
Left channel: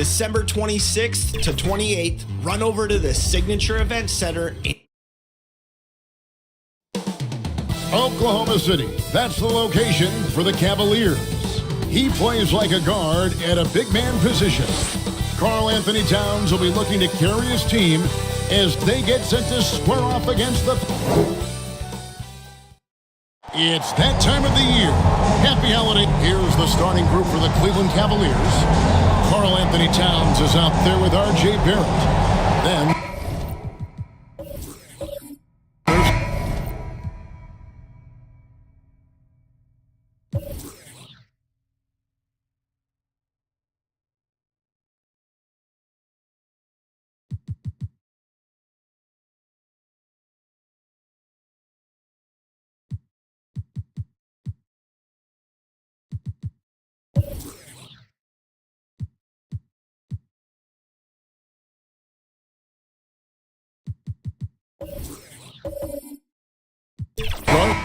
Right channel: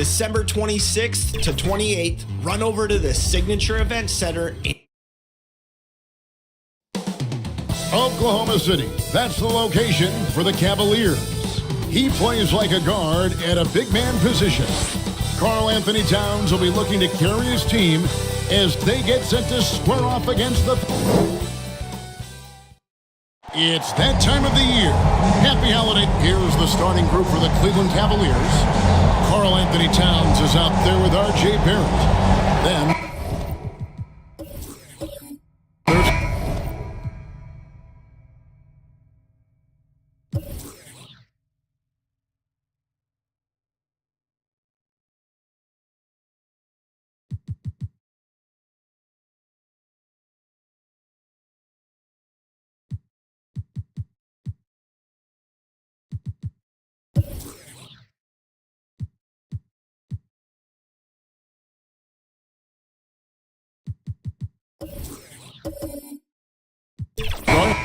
December 26th to 28th, run over to the Signature Event Center in Oklahoma City. That's the location for the Cavaliers. He plays like a guard at a big man position. Karl Anthony Towns will be looking to carry his team as they get set to square off against the... It's that time of the year. Happy holiday. Here's the starting group for the Cleveland Cavaliers. Karl Anthony Towns is out there with R.J. Barrett. Then... Garland.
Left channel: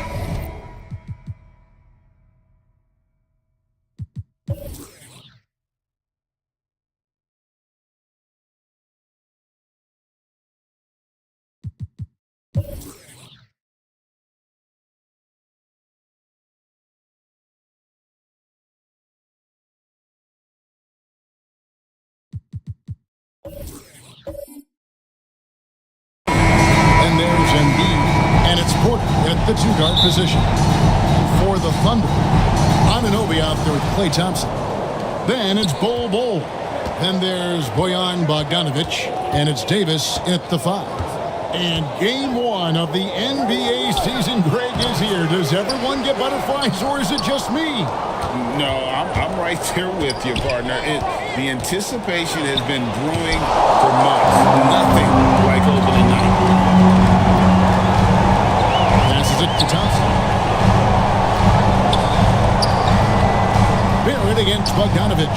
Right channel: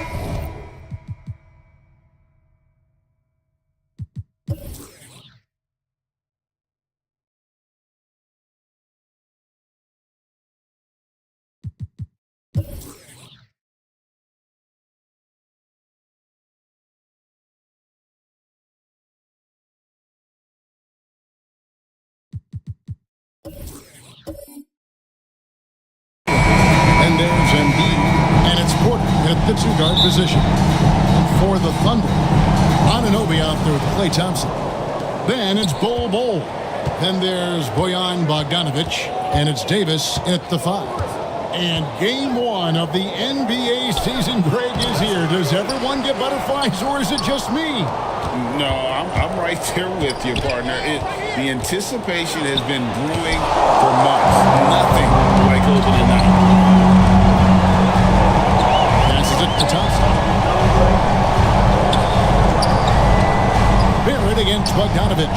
And there's Embiid, and it's Porter at the two-guard position. And for the Thunder, Anunoby out there with Klay Thompson. Then it's Bol. Then there's Bojan Bogdanovic, and it's Davis at the 5. And game 1 of the NBA season, Greg, is here. Does everyone get butterflies, or is it just me? No, I'm right there with you, partner. The anticipation has been brewing for months. Nothing like opening night. Passes it to Thompson. Barrett against Bogdanovic.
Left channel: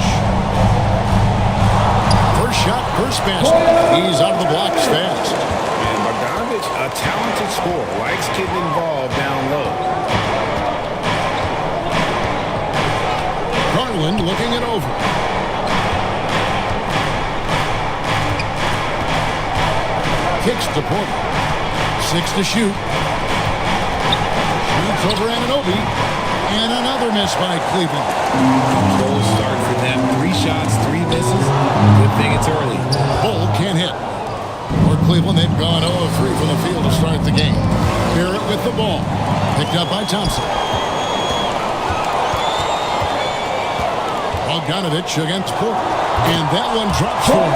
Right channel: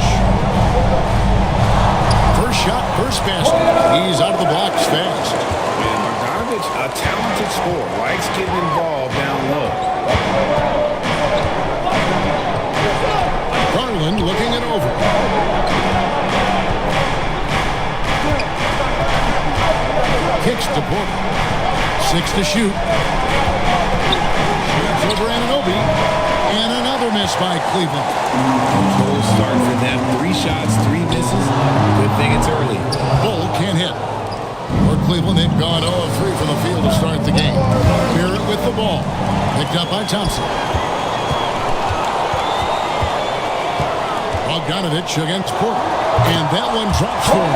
First shot, first basket. He's out of the blocks fast. And Bogdanovic, a talented scorer, likes getting involved down low. Garland looking it over. Kicks to Porter. 6 to shoot. Shoots over Anunoby. And another miss by Cleveland. A cold start for them. 3 shots, 3 misses. Good thing it's early. Bull can't hit. For Cleveland, they've gone 0 of 3 from the field to start the game. Barrett with the ball. Picked up by Thompson. Bogdanovic against Porter. And that one drops for him.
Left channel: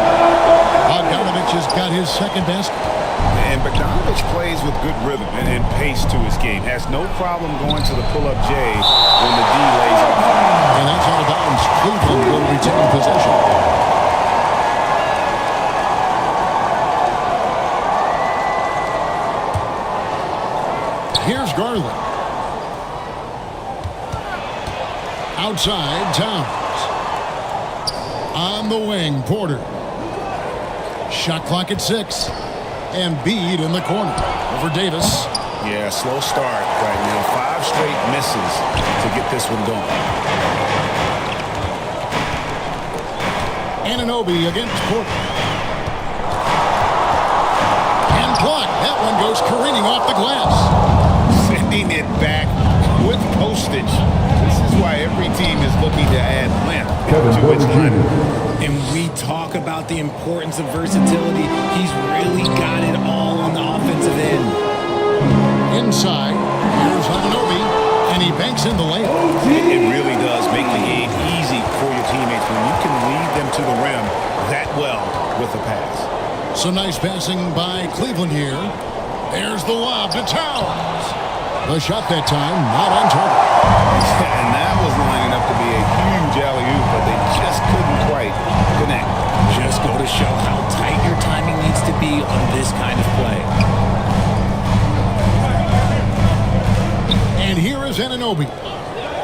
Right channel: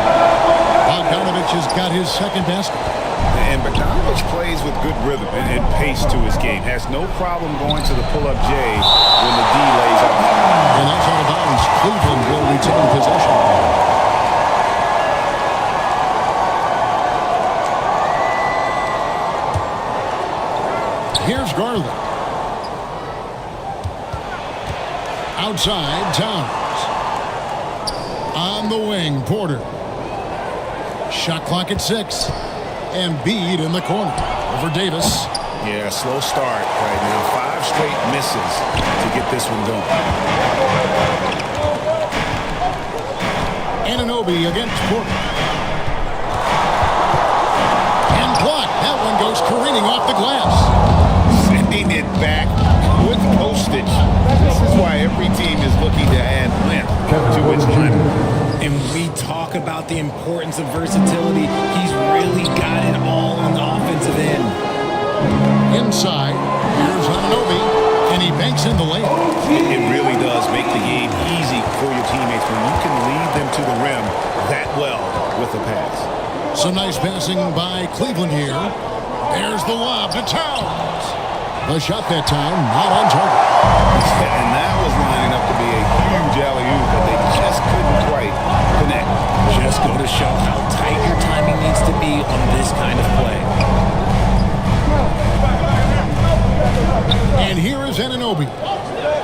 Bogdanovic has got his second basket. And Bogdanovic plays with good rhythm and pace to his game. Has no problem going to the pull-up J when the D lays off. And that's out of bounds. Cleveland will retain possession. Here's Garland. Outside, Towns. On the wing, Porter. Shot clock at 6. Embiid in the corner. Over Davis. Yeah, slow start right now. 5 straight misses to get this one going. Anunoby against Porter. And blocked. That one goes careening off the glass. Sending it back with postage. This is why every team is looking to add length to its lineup. And we talk about the importance of versatility. He's really got it all on the offensive end. Inside, here's Anunoby, and he banks in the lane. It really does make the game easy for your teammates when you can lead them to the rim that well with a pass. Some nice passing by Cleveland here. There's the lob to Towns. The shot that time, not on target. Yeah, and that was lining up to be a huge alley-oop, but they just couldn't quite connect. Just go to show how tight your timing needs to be on this kind of play. And here is Anunoby.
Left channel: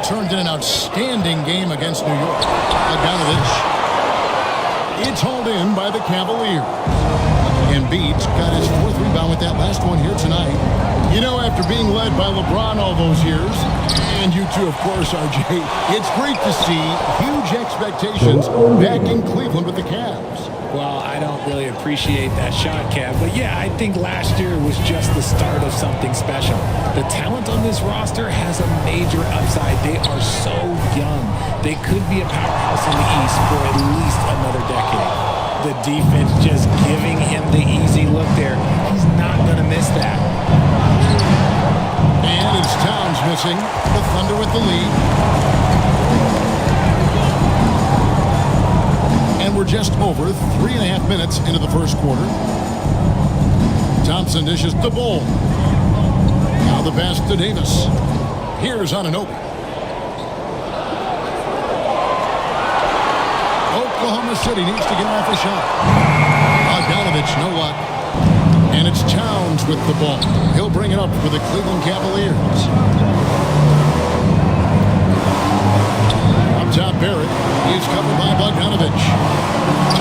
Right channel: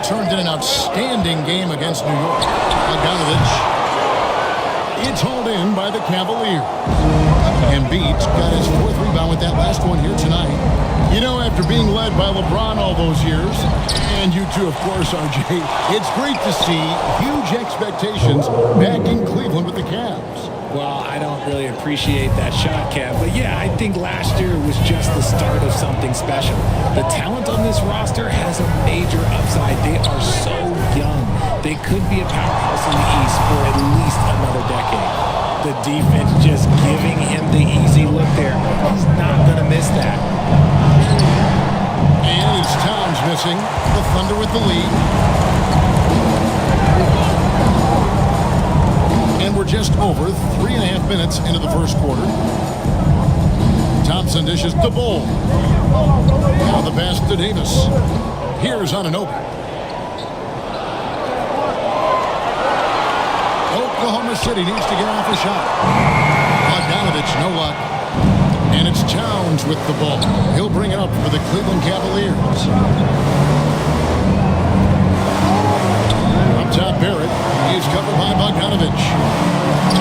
Turned in an outstanding game against New York. Bogdanovic. It's hauled in by the Cavaliers. Embiid's got his 4th rebound with that last one here tonight. You know, after being led by LeBron all those years, and you too, of course, RJ, it's great to see huge expectations back in Cleveland with the Cavs. Well, I don't really appreciate that shot, Kev. But yeah, I think last year was just the start of something special. The talent on this roster has a major upside. They are so young. They could be a powerhouse in the East for at least another decade. The defense just giving him the easy look there. He's not going to miss that. And it's Towns missing. The Thunder with the lead. And we're just over 3.5 minutes into the first quarter. Thompson dishes to Bull. Now the pass to Davis. Here's Anunoby. Oklahoma City needs to get off a shot. Bogdanovic, no luck. And it's Towns with the ball. He'll bring it up for the Cleveland Cavaliers. Up top, Barrett. He's covered by Bogdanovic.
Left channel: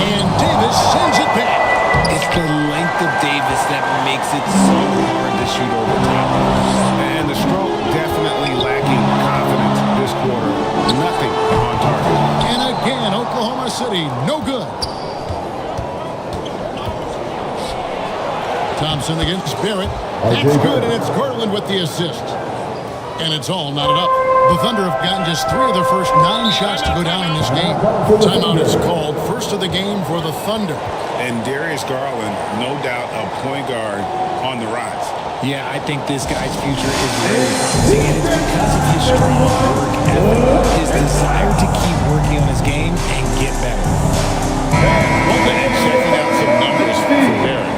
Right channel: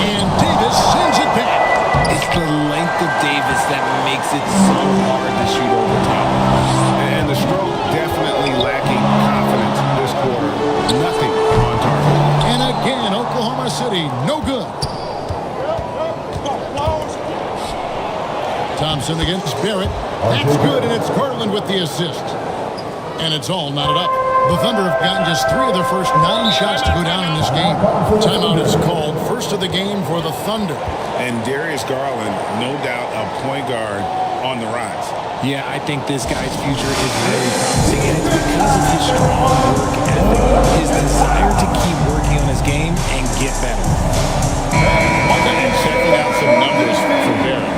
And Davis sends it back. It's the length of Davis that makes it so hard to shoot over top of. And the stroke definitely lacking confidence this quarter. Nothing on target. And again, Oklahoma City, no good. Thompson against Barrett. That's good, and it's Garland with the assist. And it's all knotted up. The Thunder have gotten just 3 of their first 9 shots to go down in this game. Timeout is called. First of the game for the Thunder. And Darius Garland, no doubt a point guard on the rise. Yeah, I think this guy's future is really promising, and it's because of his strong work ethic, his desire to keep working on his game and get better. And checking out some numbers for Barrett.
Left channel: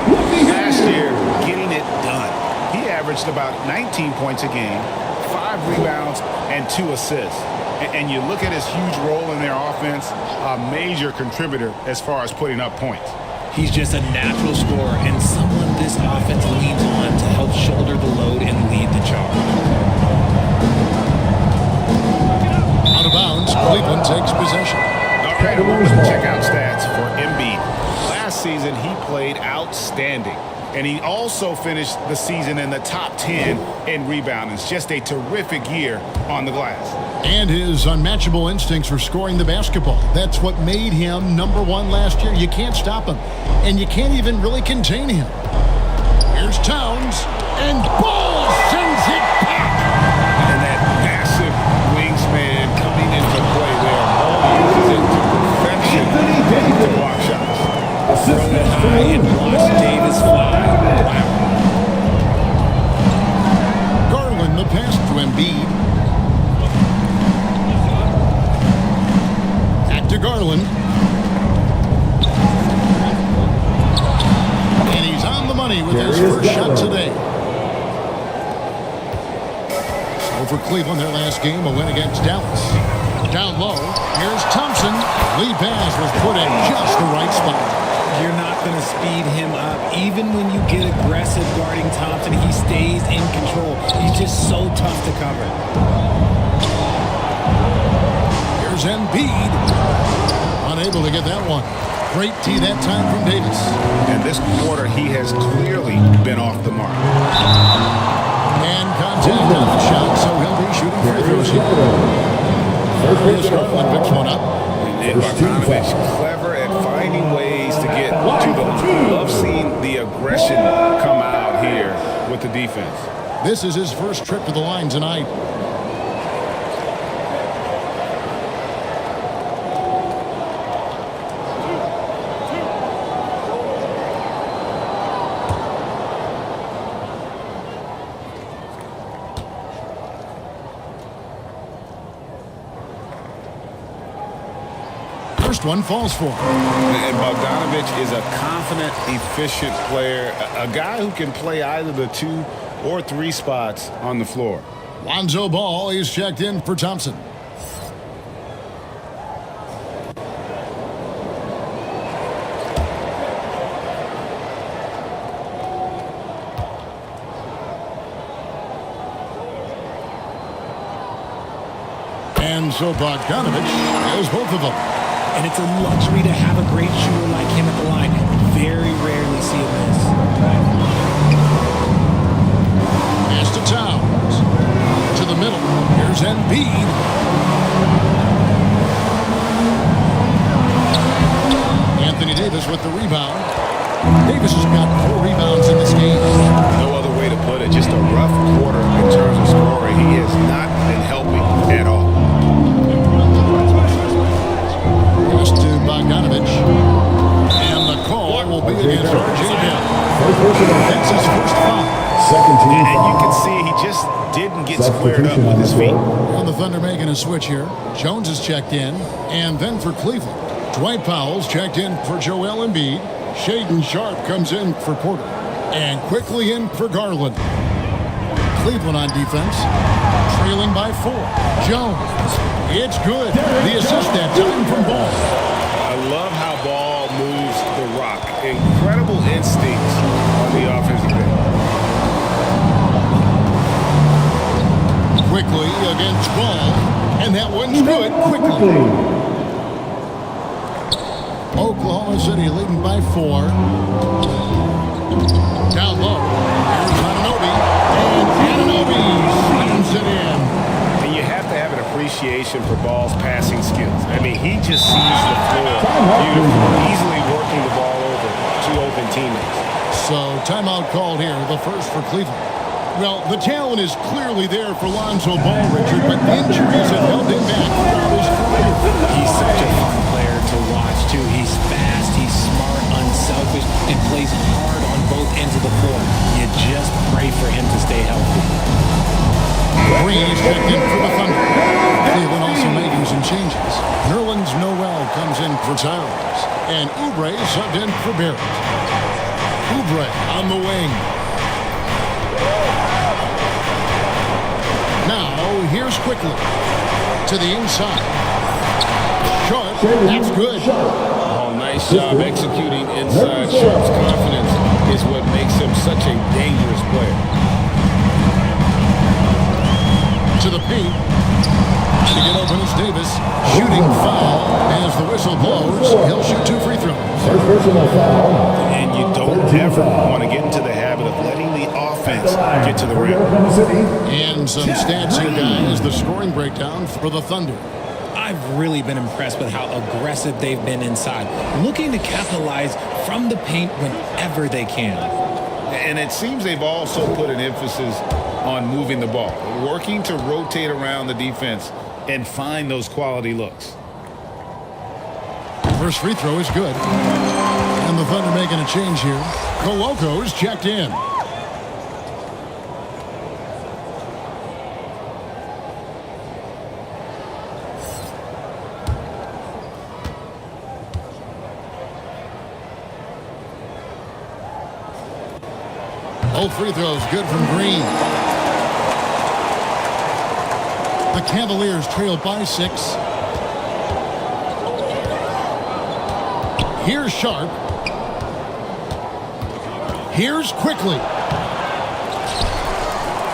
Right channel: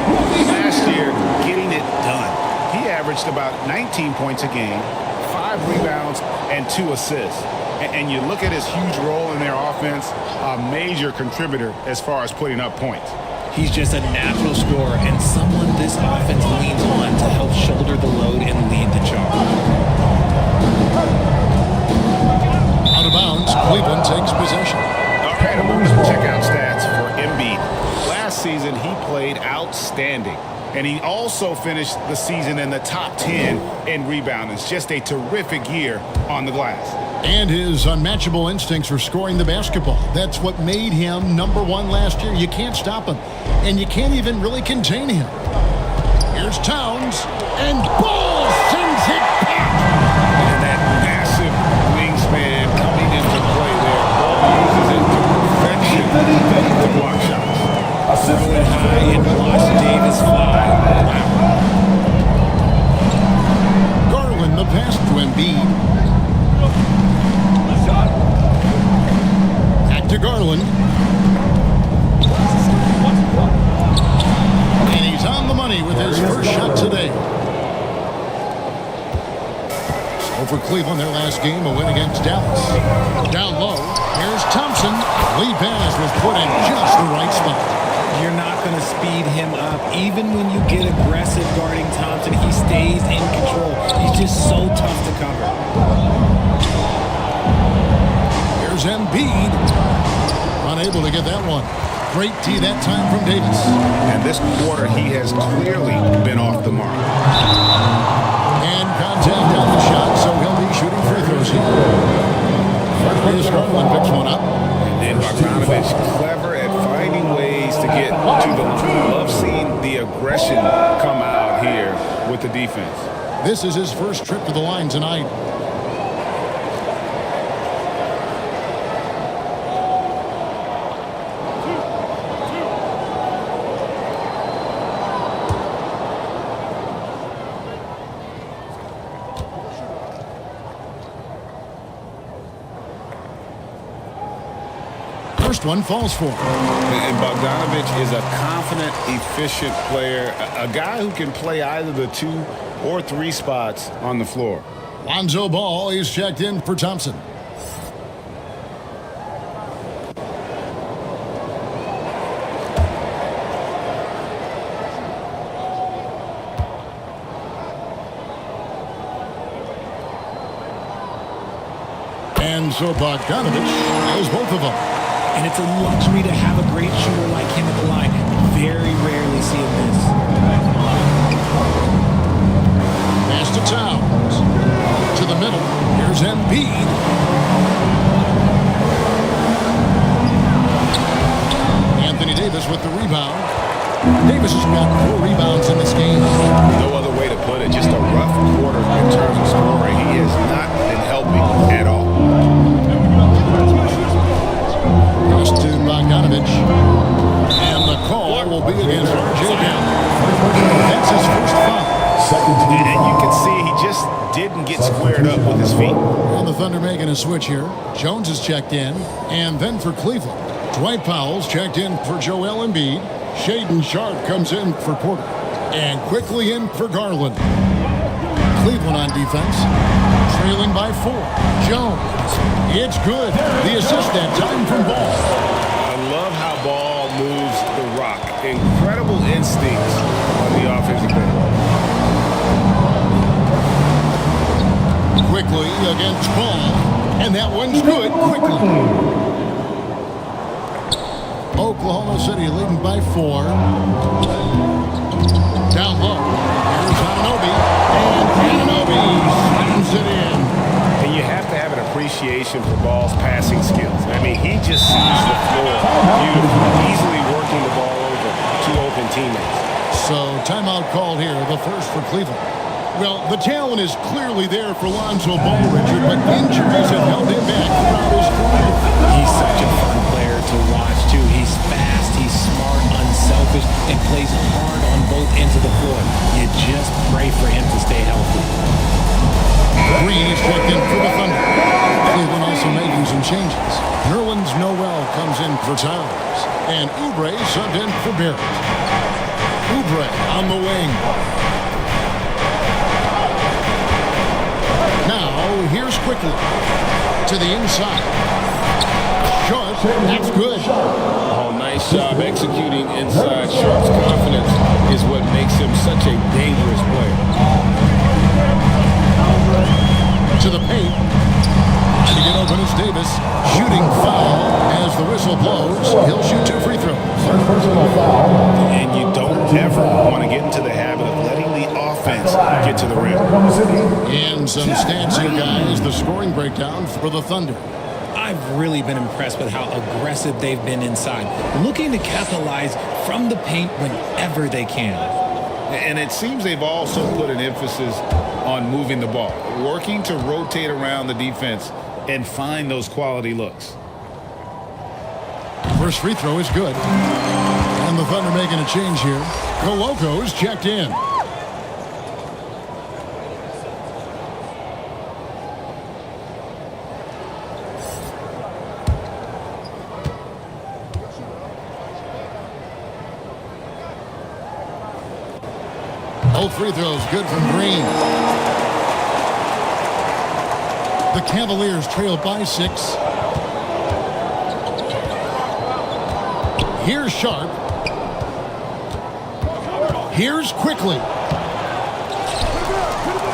Last year, getting it done. He averaged about 19 points a game, 5 rebounds, and 2 assists. And you look at his huge role in their offense, a major contributor as far as putting up points. He's just a natural scorer and someone this offense leans on to help shoulder the load and lead the charge. Out of bounds, Cleveland takes possession. All right, a moment to check out stats for Embiid. Last season, he played outstanding. And he also finished the season in the top 10 in rebounding. It's just a terrific year on the glass. And his unmatchable instincts for scoring the basketball. That's what made him #1 last year. You can't stop him. And you can't even really contain him. Here's Towns. And Ball sends it back. And that massive wingspan coming into play there. Ball uses it to perfection to block shots. Throw it high and watch Davis fly. Wow. Garland the pass to Embiid. Back to Garland. And he's on the money with his first shot today. So for Cleveland, their last game, a win against Dallas. Down low, here's Thompson. The lead pass was put in just the right spot. You're not going to speed him up. Even when you get aggressive guarding Thompson, he stays in control. He's just so tough to cover. Here's Embiid. Unable to get that one. Great tee that time from Davis. And this quarter, he has clearly been off the mark. And contact on the shot, so he'll be shooting free throws here. Here's Garland picks one up. And then Bogdanovich, clever at finding ways to get to the line. Love seeing the aggression come out here with the defense. This is his first trip to the line tonight. First one falls for him. And Bogdanovich is a confident, efficient player, a guy who can play either the 2 or 3 spots on the floor. Lonzo Ball, he's checked in for Thompson. And so Bogdanovich kills both of them. And it's a luxury to have a great shooter like him at the line. Very rarely see him miss. Pass to Towns. To the middle. Here's Embiid. Anthony Davis with the rebound. Davis has got 4 rebounds in this game. No other way to put it. Just a rough quarter in terms of scoring. He has not been helping at all. Pass to Bogdanovich. And the call will be against R.J. Bell. That's his first foul. And you can see he just didn't get squared up with his feet. And the Thunder making a switch here. Jones is checked in. And then for Cleveland, Dwight Powell's checked in for Joel Embiid. Shaden Sharp comes in for Porter. And quickly in for Garland. Cleveland on defense. Trailing by 4. Jones. It's good. The assist that time from Ball. I love how Ball moves the rock. Incredible instincts on the offensive end. Quickly against Ball. And that one's good quickly. Oklahoma City leading by 4. Down low. Here's Anunoby, and Anunoby slams it in. And you have to have an appreciation for Ball's passing skills. I mean, he just sees the floor beautifully, easily working the ball over to open teammates. So timeout called here, the first for Cleveland. Well, the talent is clearly there for Lonzo Ball, Richard, but injuries have held him back throughout his career. He's such a fun player to watch, too. He's fast, he's smart, unselfish, and plays hard on both ends of the floor. You just pray for him to stay healthy. Green is checked in for the Thunder. Cleveland also making some changes. Nerlens Noel comes in for Towns, and Oubre subbed in for Barrett. Oubre on the wing. Now, here's Quickly. To the inside. Sharp, that's good. Oh, nice job executing inside. Sharp's confidence is what makes him such a dangerous player. To the paint. Trying to get open is Davis. Shooting foul as the whistle blows. He'll shoot 2 free throws. First personal foul. And you don't ever want to get into the habit of letting the offense get to the rim. And some stats here, guys. The scoring breakdown for the Thunder. I've really been impressed with how aggressive they've been inside, looking to capitalize from the paint whenever they can. And it seems they've also put an emphasis on moving the ball, working to rotate around the defense and find those quality looks. First free throw is good. And the Thunder making a change here. Coloco's checked in. Both free throws good from Green. The Cavaliers trail by 6. Here's Sharp. Here's Quickly.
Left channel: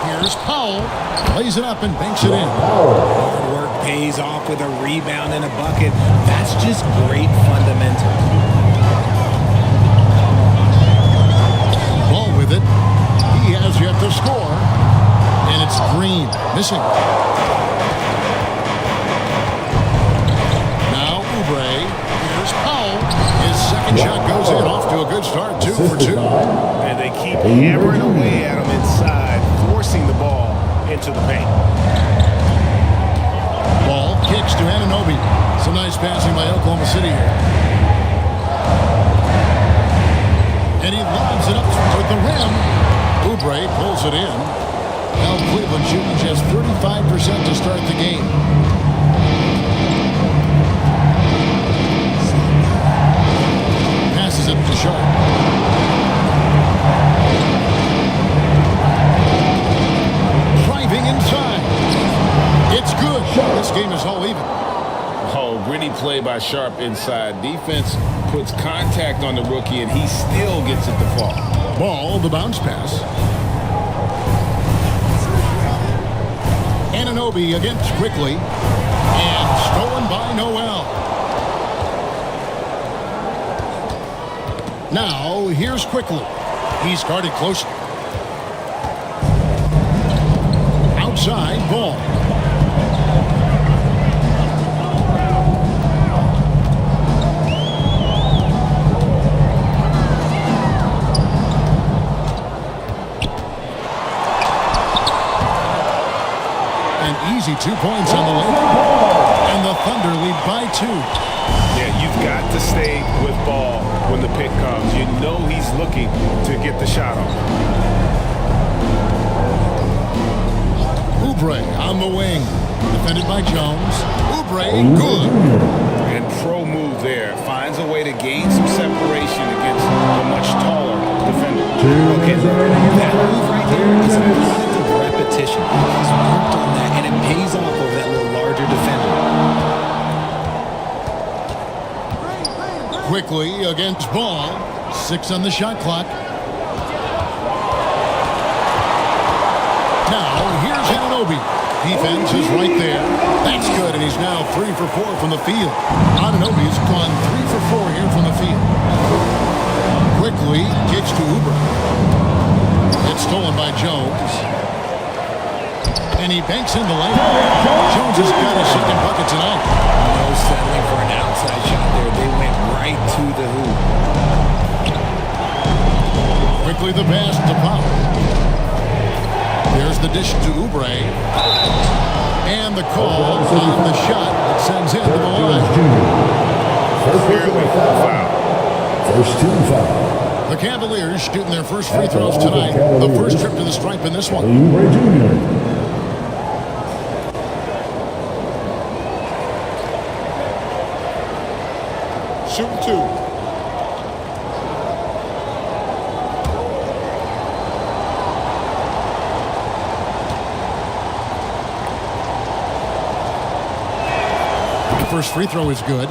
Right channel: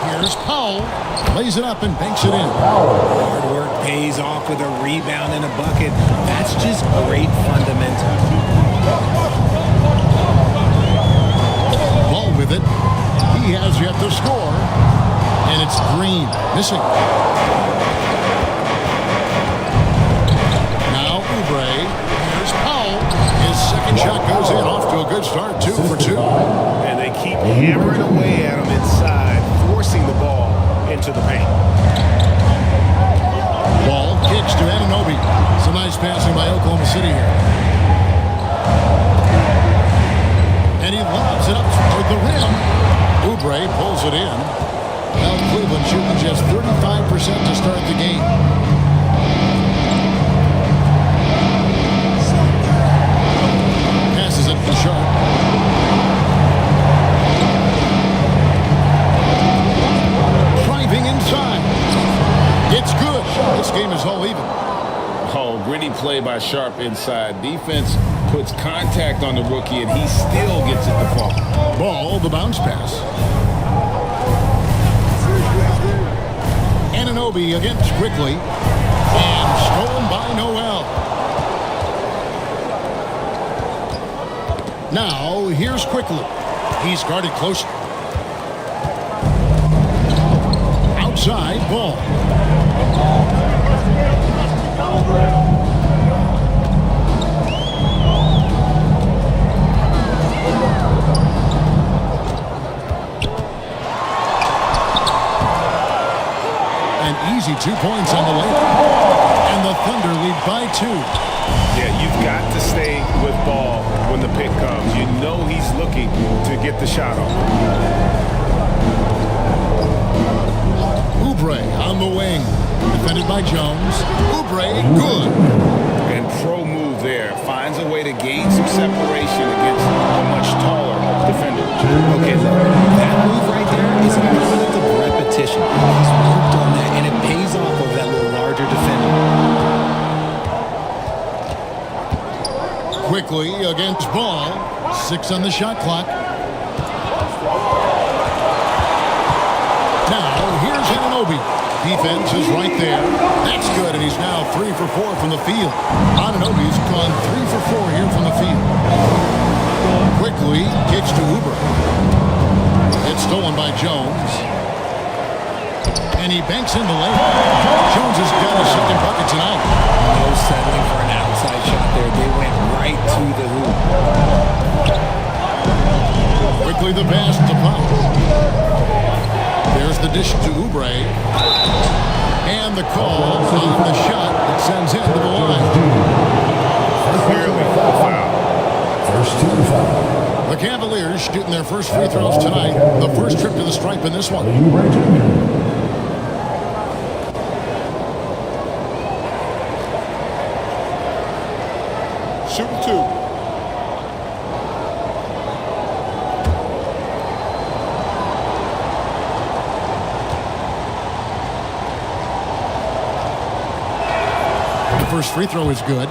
Here's Powell. Lays it up and banks it in. Hard work pays off with a rebound and a bucket. That's just great fundamentals. Ball with it. He has yet to score. And it's Green. Missing. Now Oubre. Here's Powell. His second shot goes in. Off to a good start. 2 for 2. And they keep hammering away at him inside, forcing the ball into the paint. Ball kicks to Anunoby. Some nice passing by Oklahoma City here. And he lobs it up toward the rim. Oubre pulls it in. Now Cleveland shooting just 35% to start the game. Passes it to Sharp. Driving inside. It's good. This game is all even. Oh, gritty play by Sharp inside. Defense puts contact on the rookie, and he still gets it to fall. Ball, the bounce pass. Anunoby against Quickly. And stolen by Noel. Now, here's Quickly. He's guarded closely. Outside, Ball. An easy 2 points on the layup. And the Thunder lead by 2. Yeah, you've got to stay with Ball when the pick comes. You know he's looking to get the shot off. Oubre on the wing. Defended by Jones. Oubre, good. And pro move there. Finds a way to gain some separation against the much taller defender. Okay, look. That move right there is a product of repetition. He's worked on that, and it pays off over that little larger defender. Quickly against Ball. 6 on the shot clock. Now, here's Anunoby. Defense is right there. That's good, and he's now 3 for 4 from the field. Anunoby's gone 3 for 4 here from the field. Quickly kicks to Oubre. It's stolen by Jones. And he banks in the layup. Jones has got his second bucket tonight. No settling for an outside shot there. They went right to the hoop. Quickly the pass to Pop. There's the dish to Oubre. And the call on the shot that sends him to the line. Clearly a foul. First team foul. The Cavaliers shooting their first free throws tonight. The first trip to the stripe in this one. Oubre Jr. Shooting 2. The first free throw is good.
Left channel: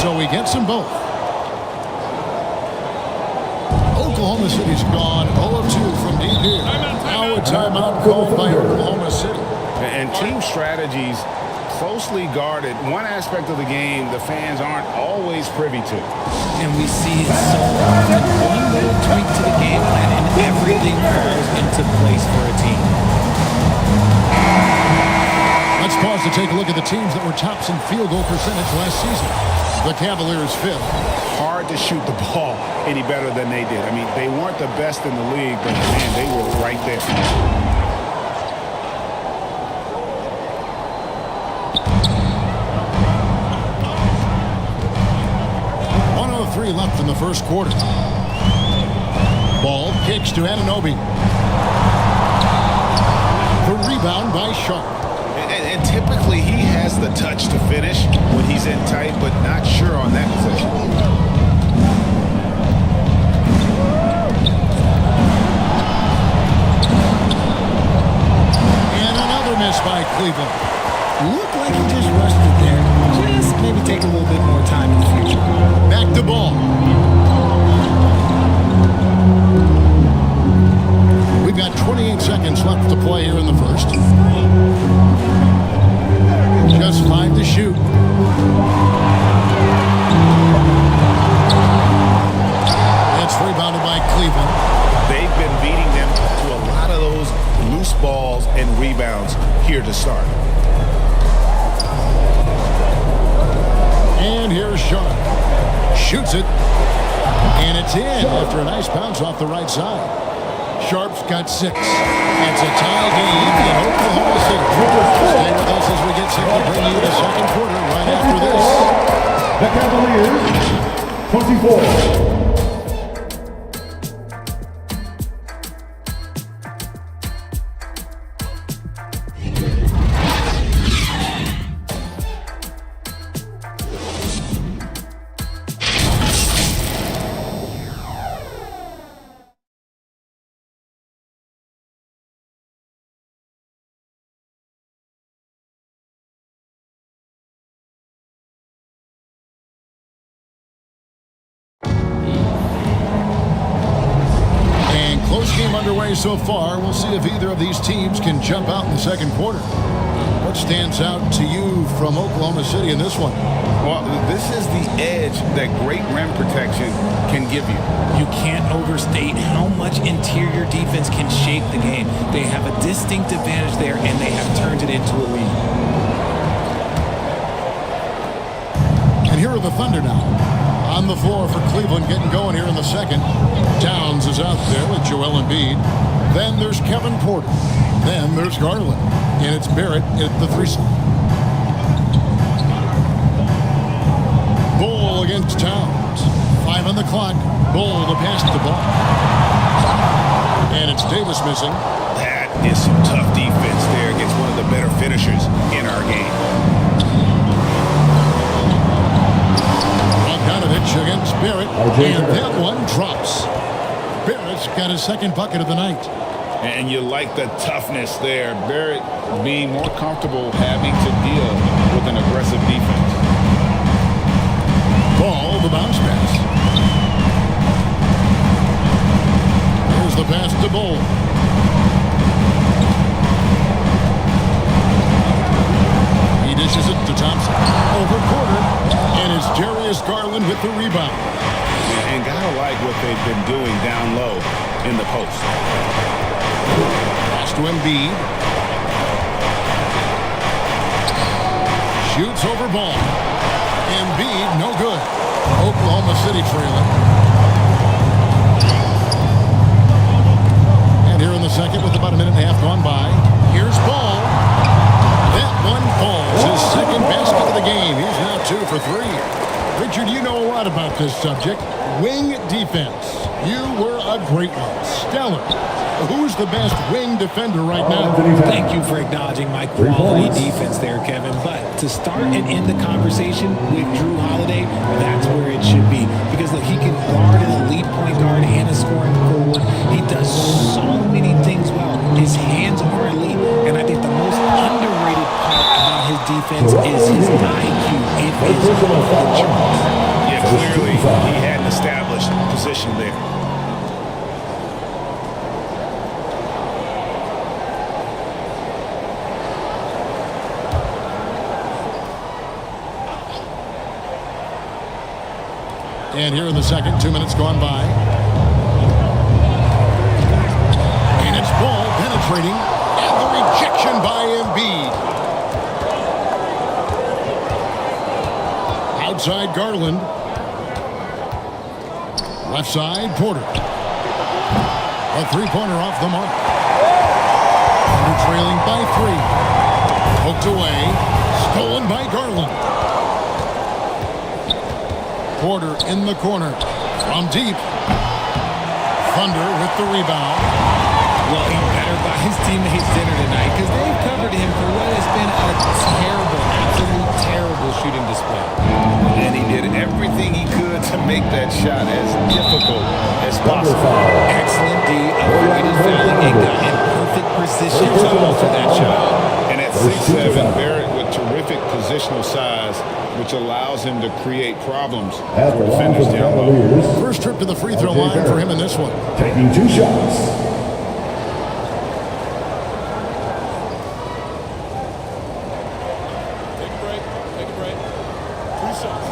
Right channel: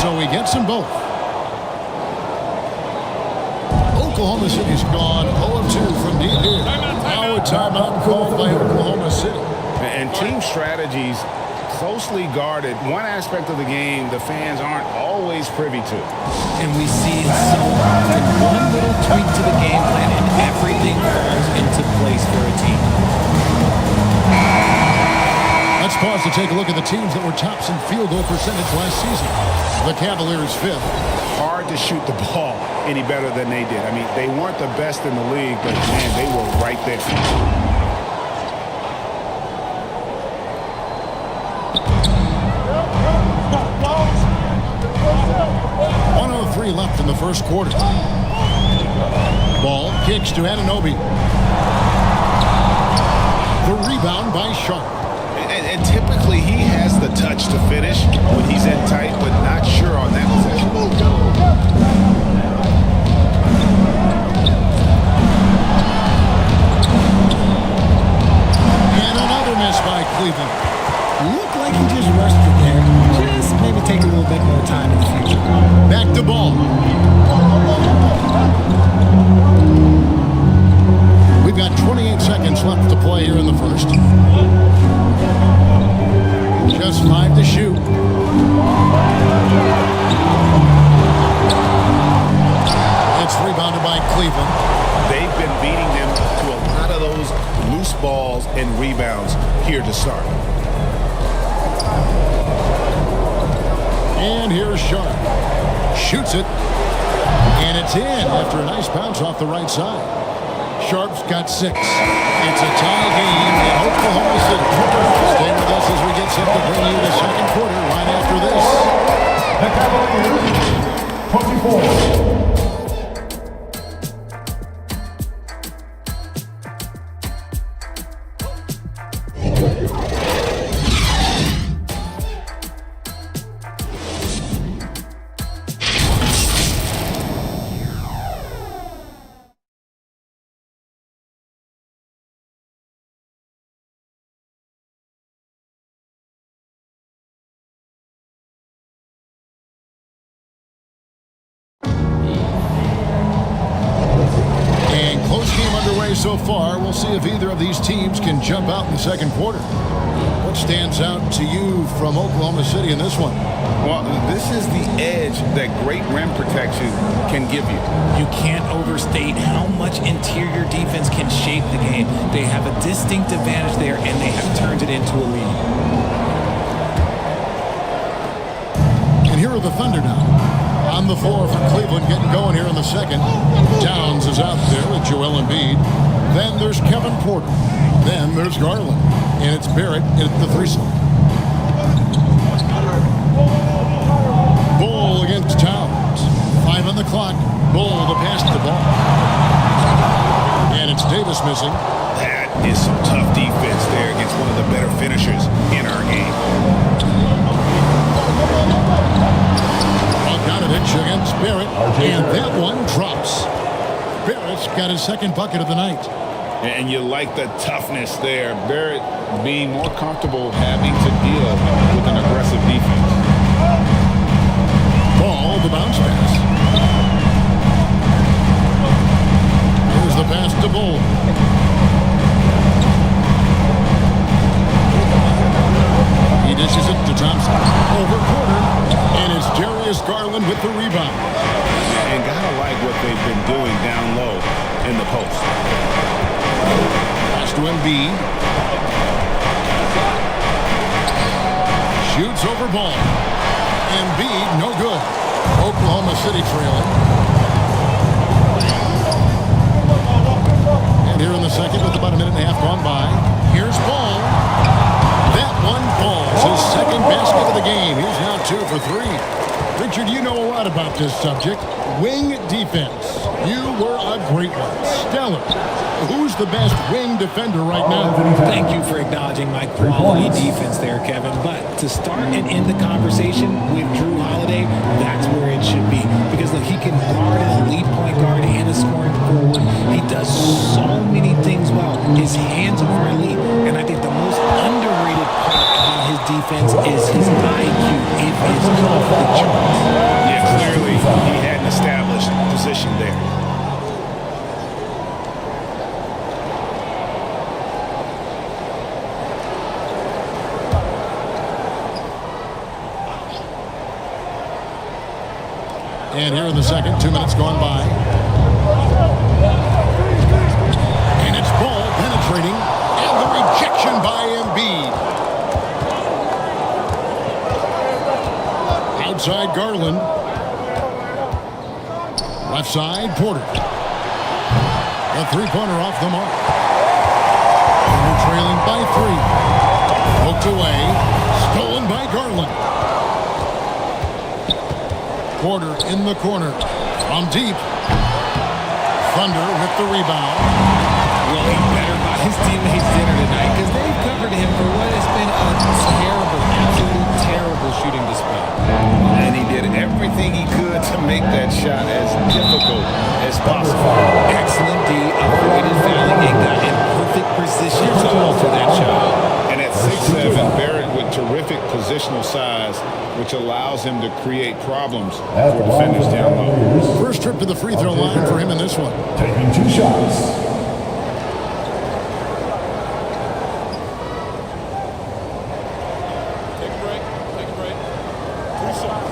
So he gets them both. Oklahoma City's gone 0 of 2 from deep here. Now a timeout called by Oklahoma City. And team strategies closely guarded. One aspect of the game the fans aren't always privy to. And we see it so often. One little tweak to the game plan and everything falls into place for a team. Let's pause to take a look at the teams that were tops in field goal percentage last season. The Cavaliers 5th. Hard to shoot the ball any better than they did. I mean, they weren't the best in the league, but man, they were right there. .103 left in the first quarter. Ball kicks to Anunoby. The rebound by Sharp. And typically he has the touch to finish when he's in tight, but not sure on that possession. And another miss by Cleveland. Looked like he just rushed it there. Just maybe take a little bit more time in the future. Back to Ball. We've got 28 seconds left to play here in the first. Just 5 to shoot. It's rebounded by Cleveland. They've been beating them to a lot of those loose balls and rebounds here to start. And here's Sharp. Shoots it. And it's in after a nice bounce off the right side. Sharp's got 6. It's a tie game in Oklahoma City. Stay with us as we get set to bring you the second quarter right after this. The Cavaliers, 24. And close game underway so far. We'll see if either of these teams can jump out in the second quarter. What stands out to you from Oklahoma City in this one? Well, this is the edge that great rim protection can give you. You can't overstate how much interior defense can shape the game. They have a distinct advantage there, and they have turned it into a lead. And here are the Thunder now. On the floor for Cleveland, getting going here in the second. Downs is out there with Joel Embiid. Then there's Kevin Porter. Then there's Garland. And it's Barrett at the 3 slot. Bull against Towns. 5 on the clock. Bull the pass to Ball. And it's Davis missing. That is some tough defense there against one of the better finishers in our game. Bogdanovich against Barrett, and that one drops. Barrett's got his second bucket of the night. And you like the toughness there. Barrett being more comfortable having to deal with an aggressive defense. Ball, the bounce pass. Here's the pass to Bull. He dishes it to Thompson. Over quarter. And it's Darius Garland with the rebound. And gotta like what they've been doing down low in the post. Pass to Embiid. Shoots over Ball. Embiid, no good. Oklahoma City trailing. And here in the second with about a minute and a half gone by. Here's Ball. That one falls. His second basket of the game. He's now 2 for 3. Richard, you know a lot about this subject. Wing defense. You were a great one. Stellar. Who's the best wing defender right now? Thank you for acknowledging my quality defense there, Kevin. But to start and end the conversation with Drew Holiday, that's where it should be. Because, look, he can guard an elite point guard and a scoring forward. He does so many things well. His hands are elite. And I think the most underrated part about his defense is his IQ. It is off the charts. Yeah, clearly he had an established position there. And here in the second, 2 minutes gone by. And it's Ball penetrating. And the rejection by Embiid. Outside Garland. Left side, Porter. A three-pointer off the mark. Thunder trailing by 3. Poked away. Stolen by Garland. Porter in the corner. From deep. Thunder with the rebound. Well, he better buy his teammates dinner tonight because they've covered him for what has been a terrible, absolute terrible shooting display. And he did everything he could to make that shot as difficult as possible. Excellent D, avoided fouling and got in perfect position to alter that shot. And at 6'7", Barrett with terrific positional size, which allows him to create problems for defenders down low. First trip to the free throw line for him in this one. Taking 2 shots. Take a break. Take a break. 2 shots.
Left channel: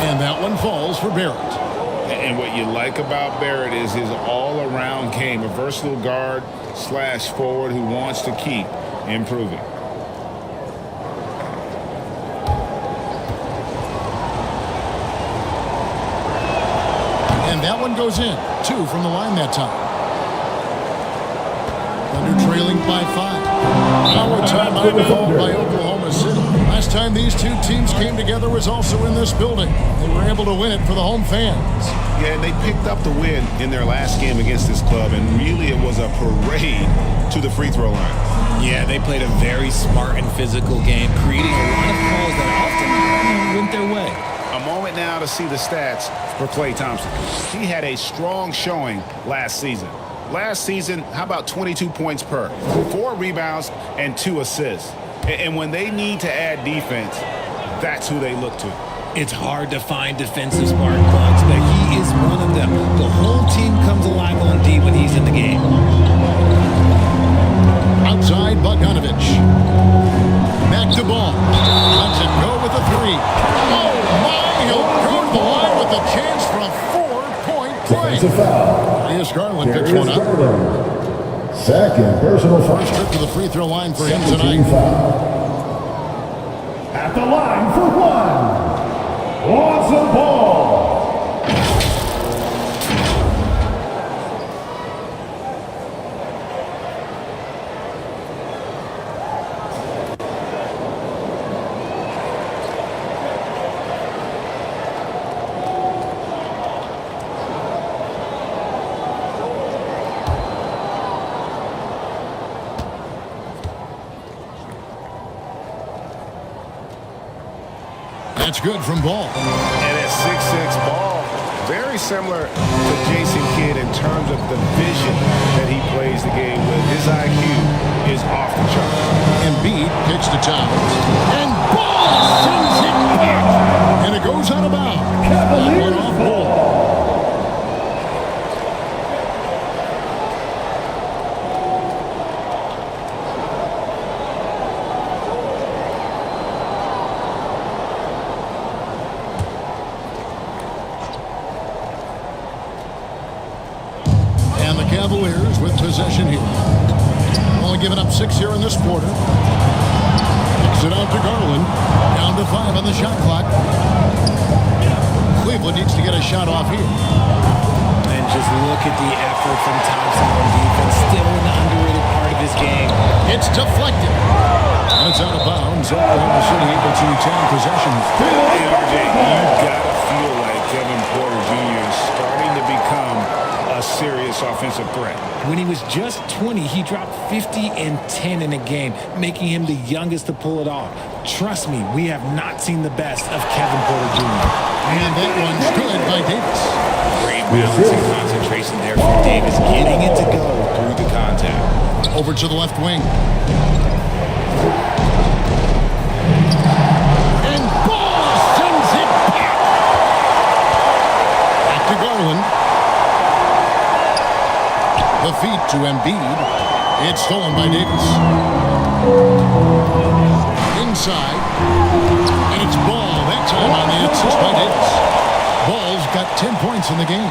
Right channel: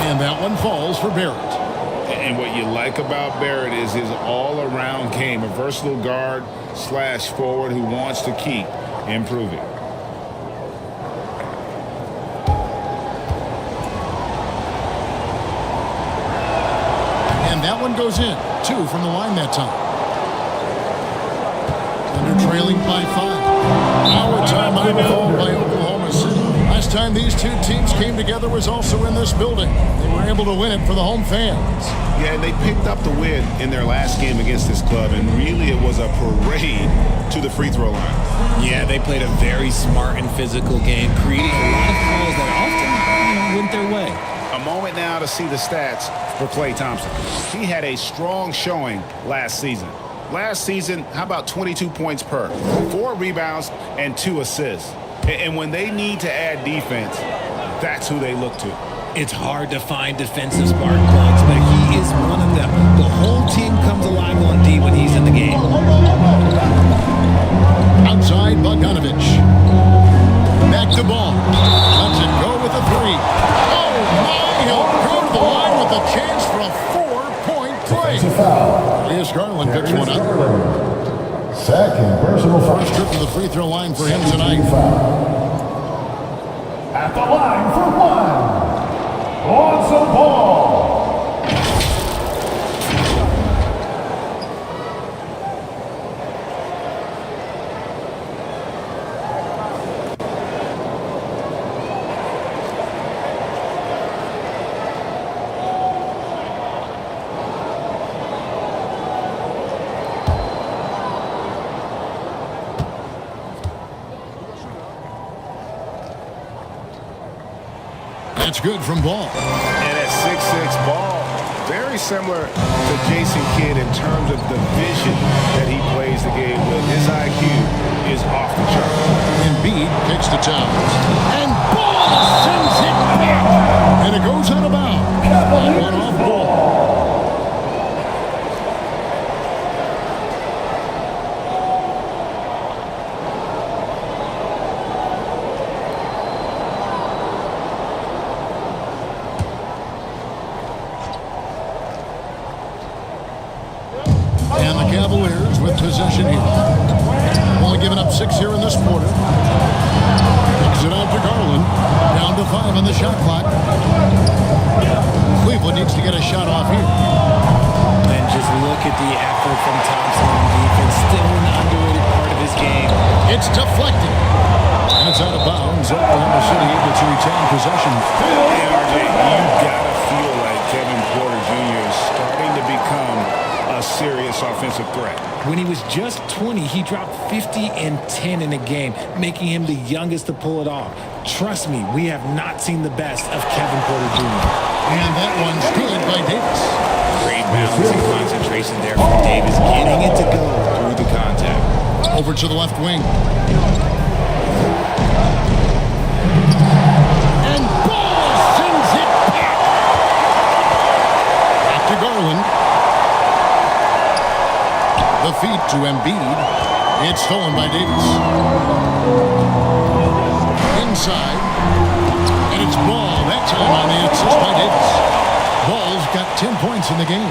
And that one falls for Barrett. And what you like about Barrett is his all-around game, a versatile guard / forward who wants to keep improving. And that one goes in. 2 from the line that time. Thunder trailing by 5. Our timeout called by Oklahoma City. Last time these two teams came together was also in this building. They were able to win it for the home fans. Yeah, and they picked up the win in their last game against this club, and really it was a parade to the free throw line. Yeah, they played a very smart and physical game, creating a lot of calls that often went their way. A moment now to see the stats for Klay Thompson. He had a strong showing last season. Last season, how about 22 points per, 4 rebounds, and 2 assists. And when they need to add defense, that's who they look to. It's hard to find defensive spark plugs, but he is one of them. The whole team comes alive on D when he's in the game. Outside Bogdanovich. Back to Ball. Lets it go with a 3. Oh my, he'll go to the line with a chance for a 4-point play. Darius Garland picks one up. Second personal foul. First trip to the free throw line for him tonight. At the line for 1. Lonzo Ball. That's good from Ball. And at 6'6", Ball very similar to Jason Kidd in terms of the vision that he plays the game with. His IQ is off the chart. Embiid kicks to Towns. And Ball sends it back. And it goes out of bounds. That one off Ball. And the Cavaliers with possession here. Only giving up 6 here in this quarter. Kicks it out to Garland. Down to 5 on the shot clock. Cleveland needs to get a shot off here. And just look at the effort from Thompson on defense. Still an underrated part of his game. It's deflected. And it's out of bounds. Oklahoma City able to retain possession here. And RJ, you gotta feel like Kevin Porter Jr. is starting to become a serious offensive threat. When he was just 20, he dropped 50 and 10 in a game, making him the youngest to pull it off. Trust me, we have not seen the best of Kevin Porter Jr. And that one's good by Davis. Great balance and concentration there from Davis, getting it to go through the contact. Over to the left wing. And Ball sends it back. Back to Garland. The feed to Embiid. It's stolen by Davis. Inside. And it's Ball that time on the assist by Davis. Ball's got 10 points in the game.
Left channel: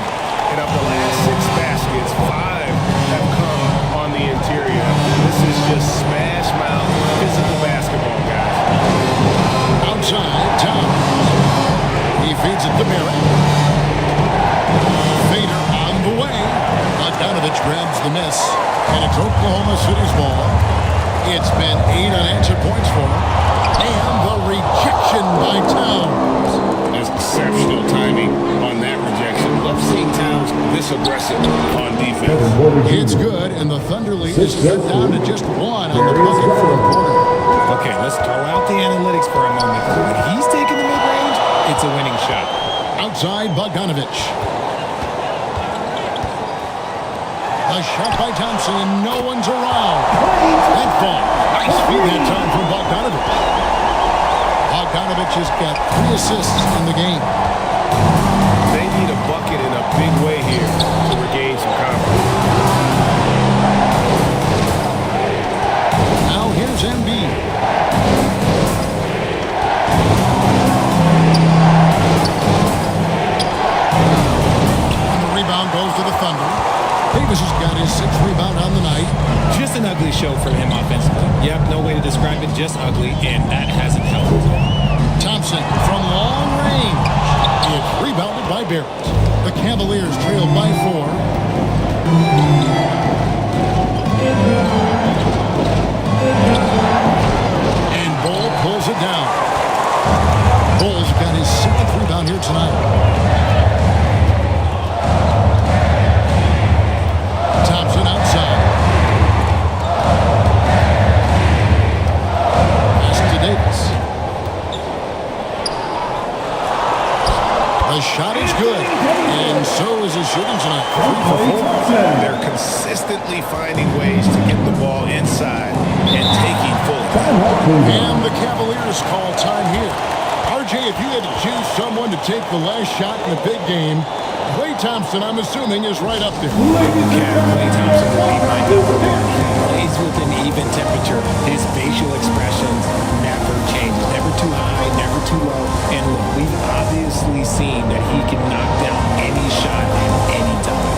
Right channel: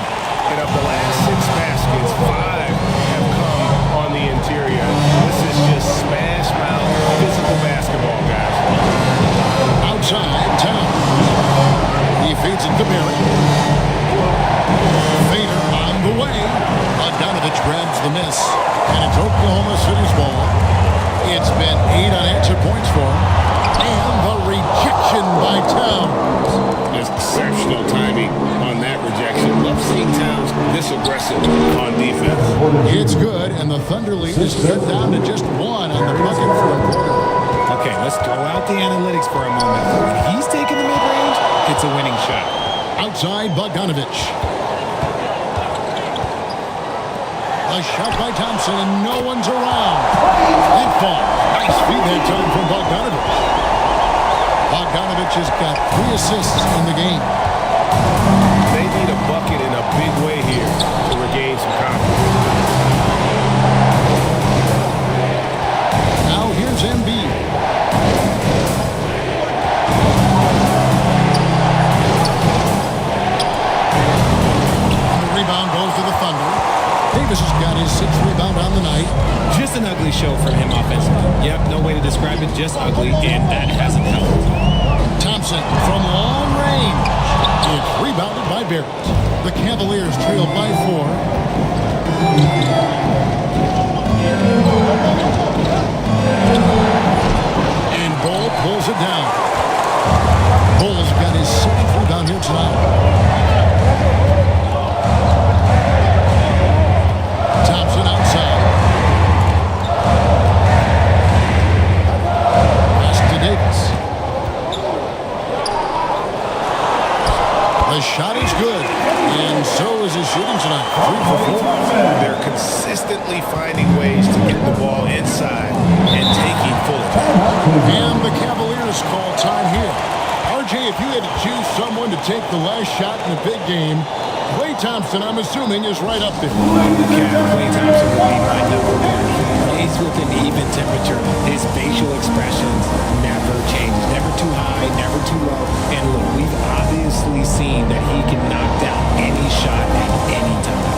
And of the last 6 baskets, 5 have come on the interior. This is just smash mouth physical basketball, guys. Outside, Towns. He feeds it to Barrett. Fader on the way. Bogdanovich grabs the miss, and it's Oklahoma City's ball. It's been 8 unanswered points for him, and the rejection by Towns. Exceptional timing on that rejection. Love seeing Towns this aggressive on defense. It's good, and the Thunder lead is cut down to just 1 on the bucket from Porter. Okay, let's throw out the analytics for a moment. When he's taking the mid-range, it's a winning shot. Outside, Bogdanovich. A shot by Thompson, and no one's around. That fall. Nice feed that time from Bogdanovich. Bogdanovich has got 3 assists in the game. They need a bucket in a big way here to regain some confidence. Now here's Embiid. And the rebound goes to the Thunder. Davis has got his 6th rebound on the night. Just an ugly show from him offensively. Yep, no way to describe it, just ugly, and that hasn't helped. Thompson from long range. It's rebounded by Barrett. The Cavaliers trail by 4. And Ball pulls it down. Bull's got his 7th rebound here tonight. Thompson outside. Pass to Davis. The shot is good, and so is his shooting tonight. 3 for 4. They're consistently finding ways to get the ball inside and taking full advantage. And the Cavaliers call time here. RJ, if you had to choose someone to take the last shot in the big game, Klay Thompson, I'm assuming, is right up there. Okay, Klay Thompson would be my number 1. He plays with an even temperature. His facial expressions never changes. Never too high, never too low. And look, we've obviously seen that he can knock down any shot at any time.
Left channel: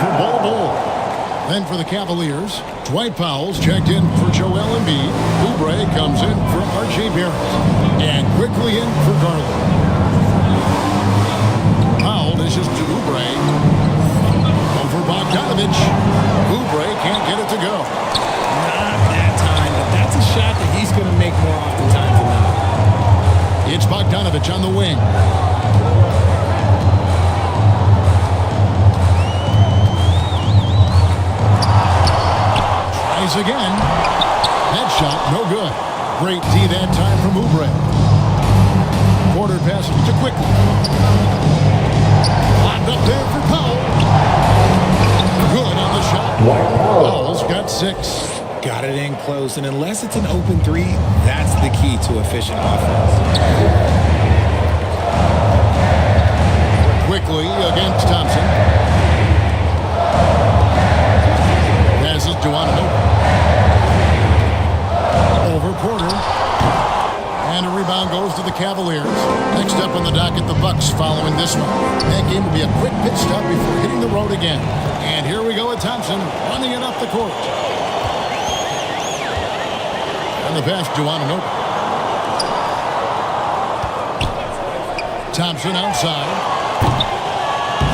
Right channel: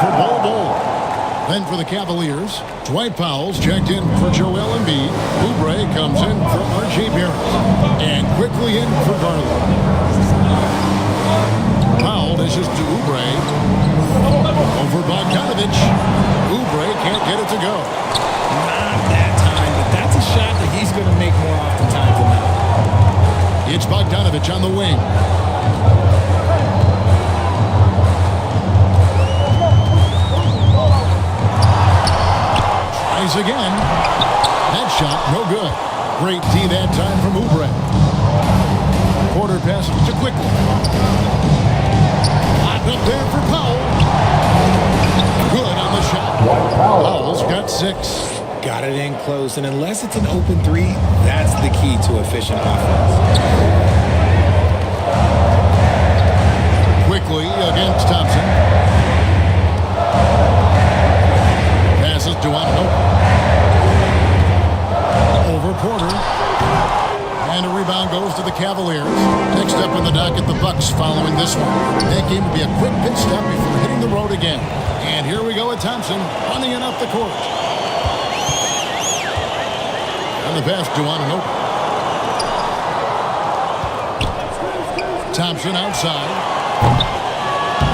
for Bol Bol. Then for the Cavaliers, Dwight Powell's checked in for Joel Embiid. Oubre comes in for R.J. Barrett. And quickly in for Garland. Powell dishes to Oubre. Over Bogdanovich. Oubre can't get it to go. Not that time, but that's a shot that he's going to make more oftentimes than not. It's Bogdanovich on the wing. Tries again. That shot, no good. Great D that time from Oubre. Porter passes to Quickly. Locked up there for Powell. Good on the shot. Powell's got 6. Got it in close, and unless it's an open 3, that's the key to efficient offense. Quickly against Thompson. Passes to Anunoby. Over Porter. And a rebound goes to the Cavaliers. Next up on the docket, the Bucks following this one. That game will be a quick pit stop before hitting the road again. And here we go with Thompson running it up the court. And the pass to Anunoby. Thompson outside.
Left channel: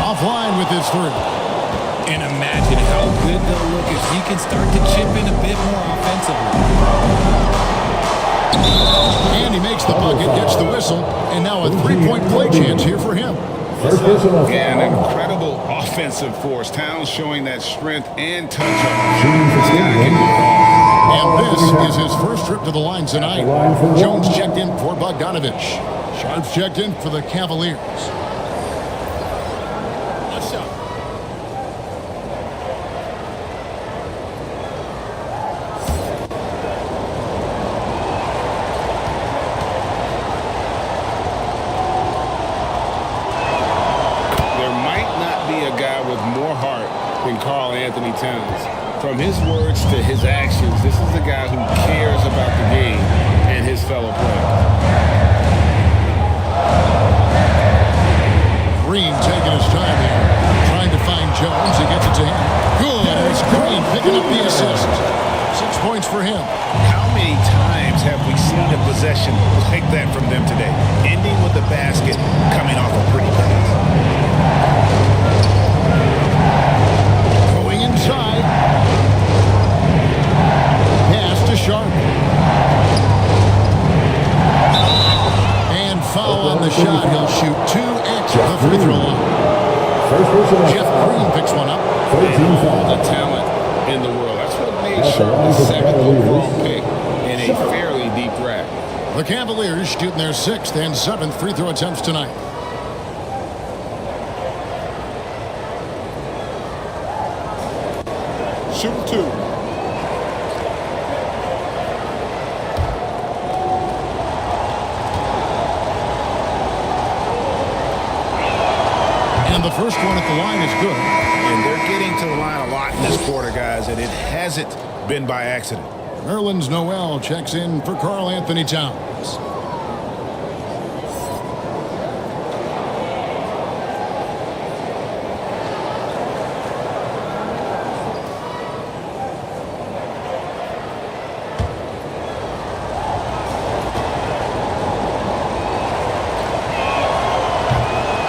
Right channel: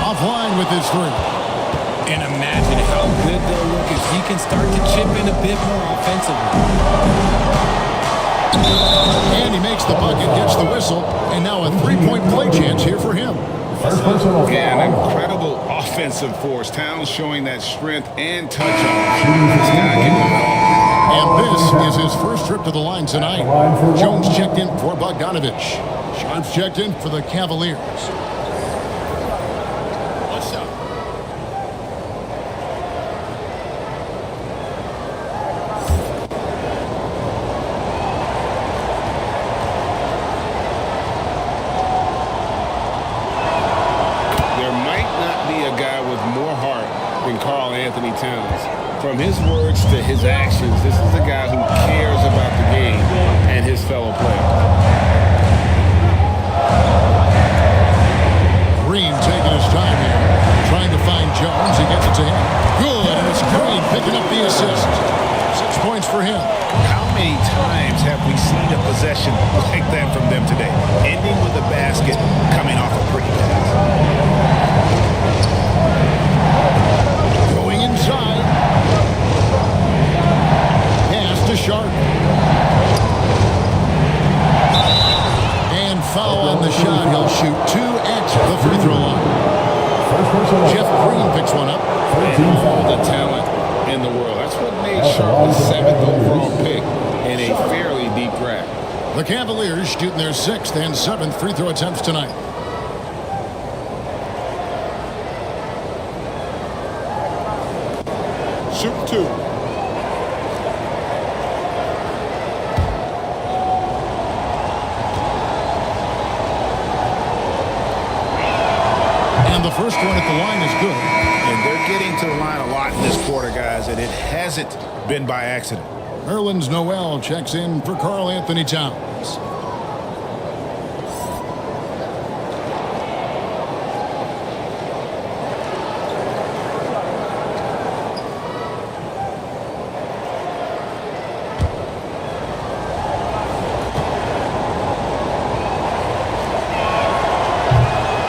Offline with his 3. And imagine how good they'll look as he can start to chip in a bit more offensively. And he makes the bucket, gets the whistle, and now a 3-point play chance here for him. Yeah, an incredible offensive force. Towns showing that strength and touch off. This guy can do it all. And this is his first trip to the line tonight. Jones checked in for Bogdanovich. Sharps checked in for the Cavaliers. What's up? There might not be a guy with more heart than Karl Anthony Towns. From his words to his actions, this is a guy who cares about the game and his fellow players. Green taking his time here, trying to find Jones. He gets it to him. Good, and it's Green picking up the assist. 6 points for him. How many times have we seen a possession like that from them today? Ending with a basket, coming off a pretty pass. Going inside. Pass to Sharp. And foul on the shot. He'll shoot 2 at the free throw line. Jeff Green picks one up. And all the talent in the world. That's what made Sharp the 7th overall pick in a fairly deep draft. The Cavaliers shooting their 6th and 7th free throw attempts tonight. Shooting 2. And the first one at the line is good. And they're getting to the line a lot in this quarter, guys, and it hasn't been by accident. Nerlens Noel checks in for Karl Anthony Towns.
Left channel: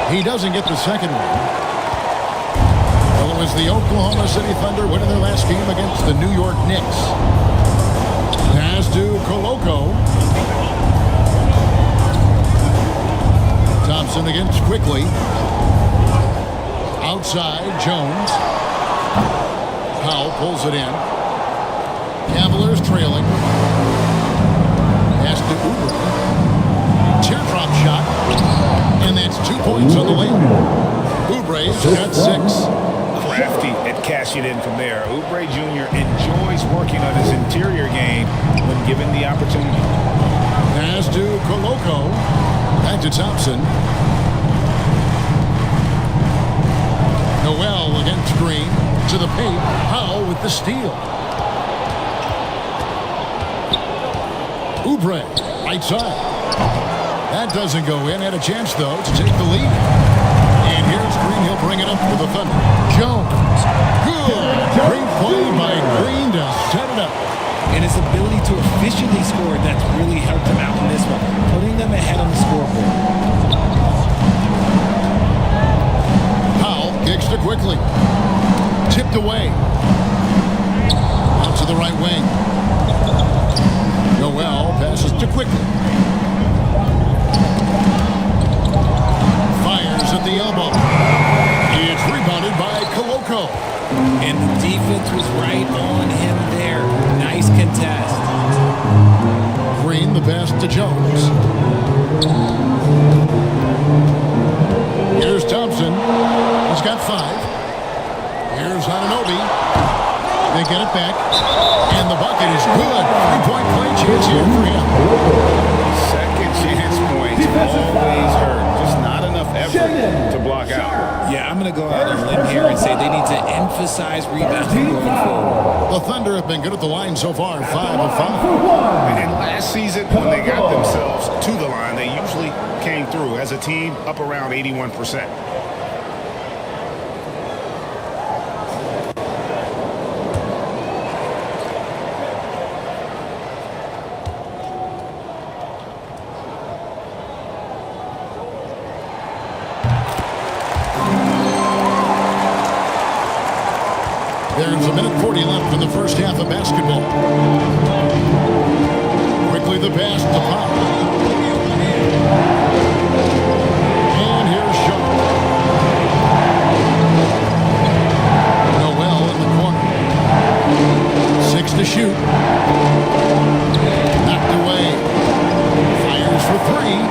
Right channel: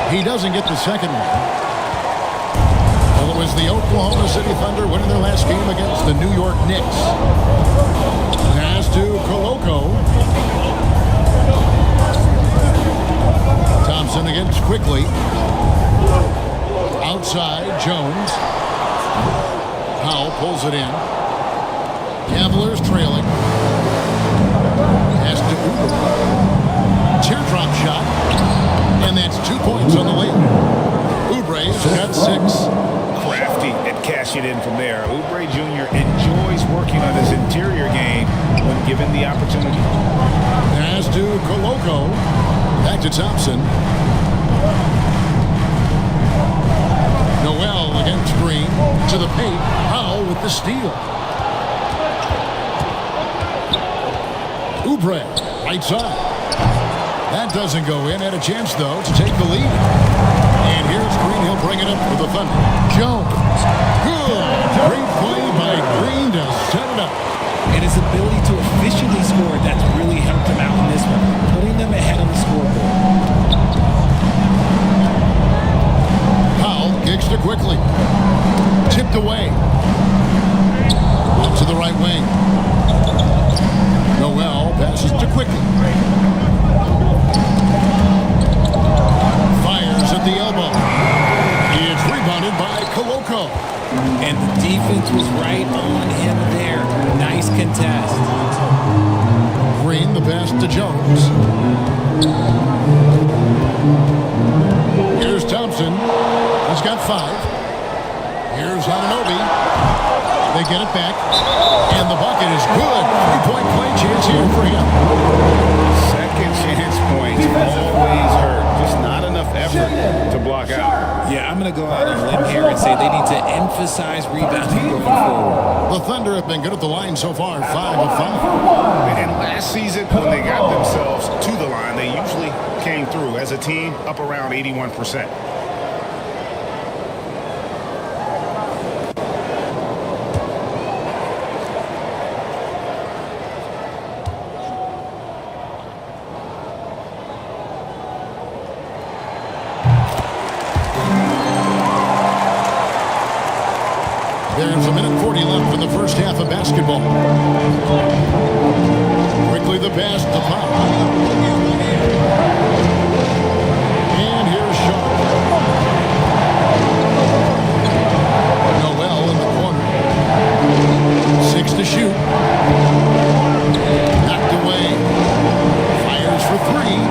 He doesn't get the second one. Well, it was the Oklahoma City Thunder winning their last game against the New York Knicks. Pass to Koloko. Thompson against Quickly. Outside, Jones. Powell pulls it in. Cavaliers trailing. Pass to Oubre. Teardrop shot. And that's 2 points on the layup. Oubre's got 6. Crafty at cashing in from there. Oubre Jr. enjoys working on his interior game when given the opportunity. Pass to Koloko. Back to Thompson. Noel against Green. To the paint. Powell with the steal. Oubre, right side. That doesn't go in. Had a chance, though, to take the lead. And here's Green. He'll bring it up for the Thunder. Jones. Good. Great play by Green to set it up. And his ability to efficiently score, that's really helped him out in this one, putting them ahead on the scoreboard. Powell kicks to Quickly. Tipped away. Out to the right wing. Noel passes to Quickly. Fires at the elbow. It's rebounded by Koloko. And the defense was right on him there. Nice contest. Green, the pass to Jones. Here's Thompson. He's got 5. Here's Anunoby. They get it back. And the bucket is good. 3-point play chance here for him. Second chance points always hurt. Just not enough effort to block out. Yeah, I'm going to go out on a limb here and say they need to emphasize rebounding going forward. The Thunder have been good at the line so far, 5 of 5. And last season, when they got themselves to the line, they usually came through as a team up around 81%. There's 1:40 left in the first half of basketball. Quickly the pass to Powell. And here's Sharp. Noel in the corner. 6 to shoot. Knocked away. Fires for 3.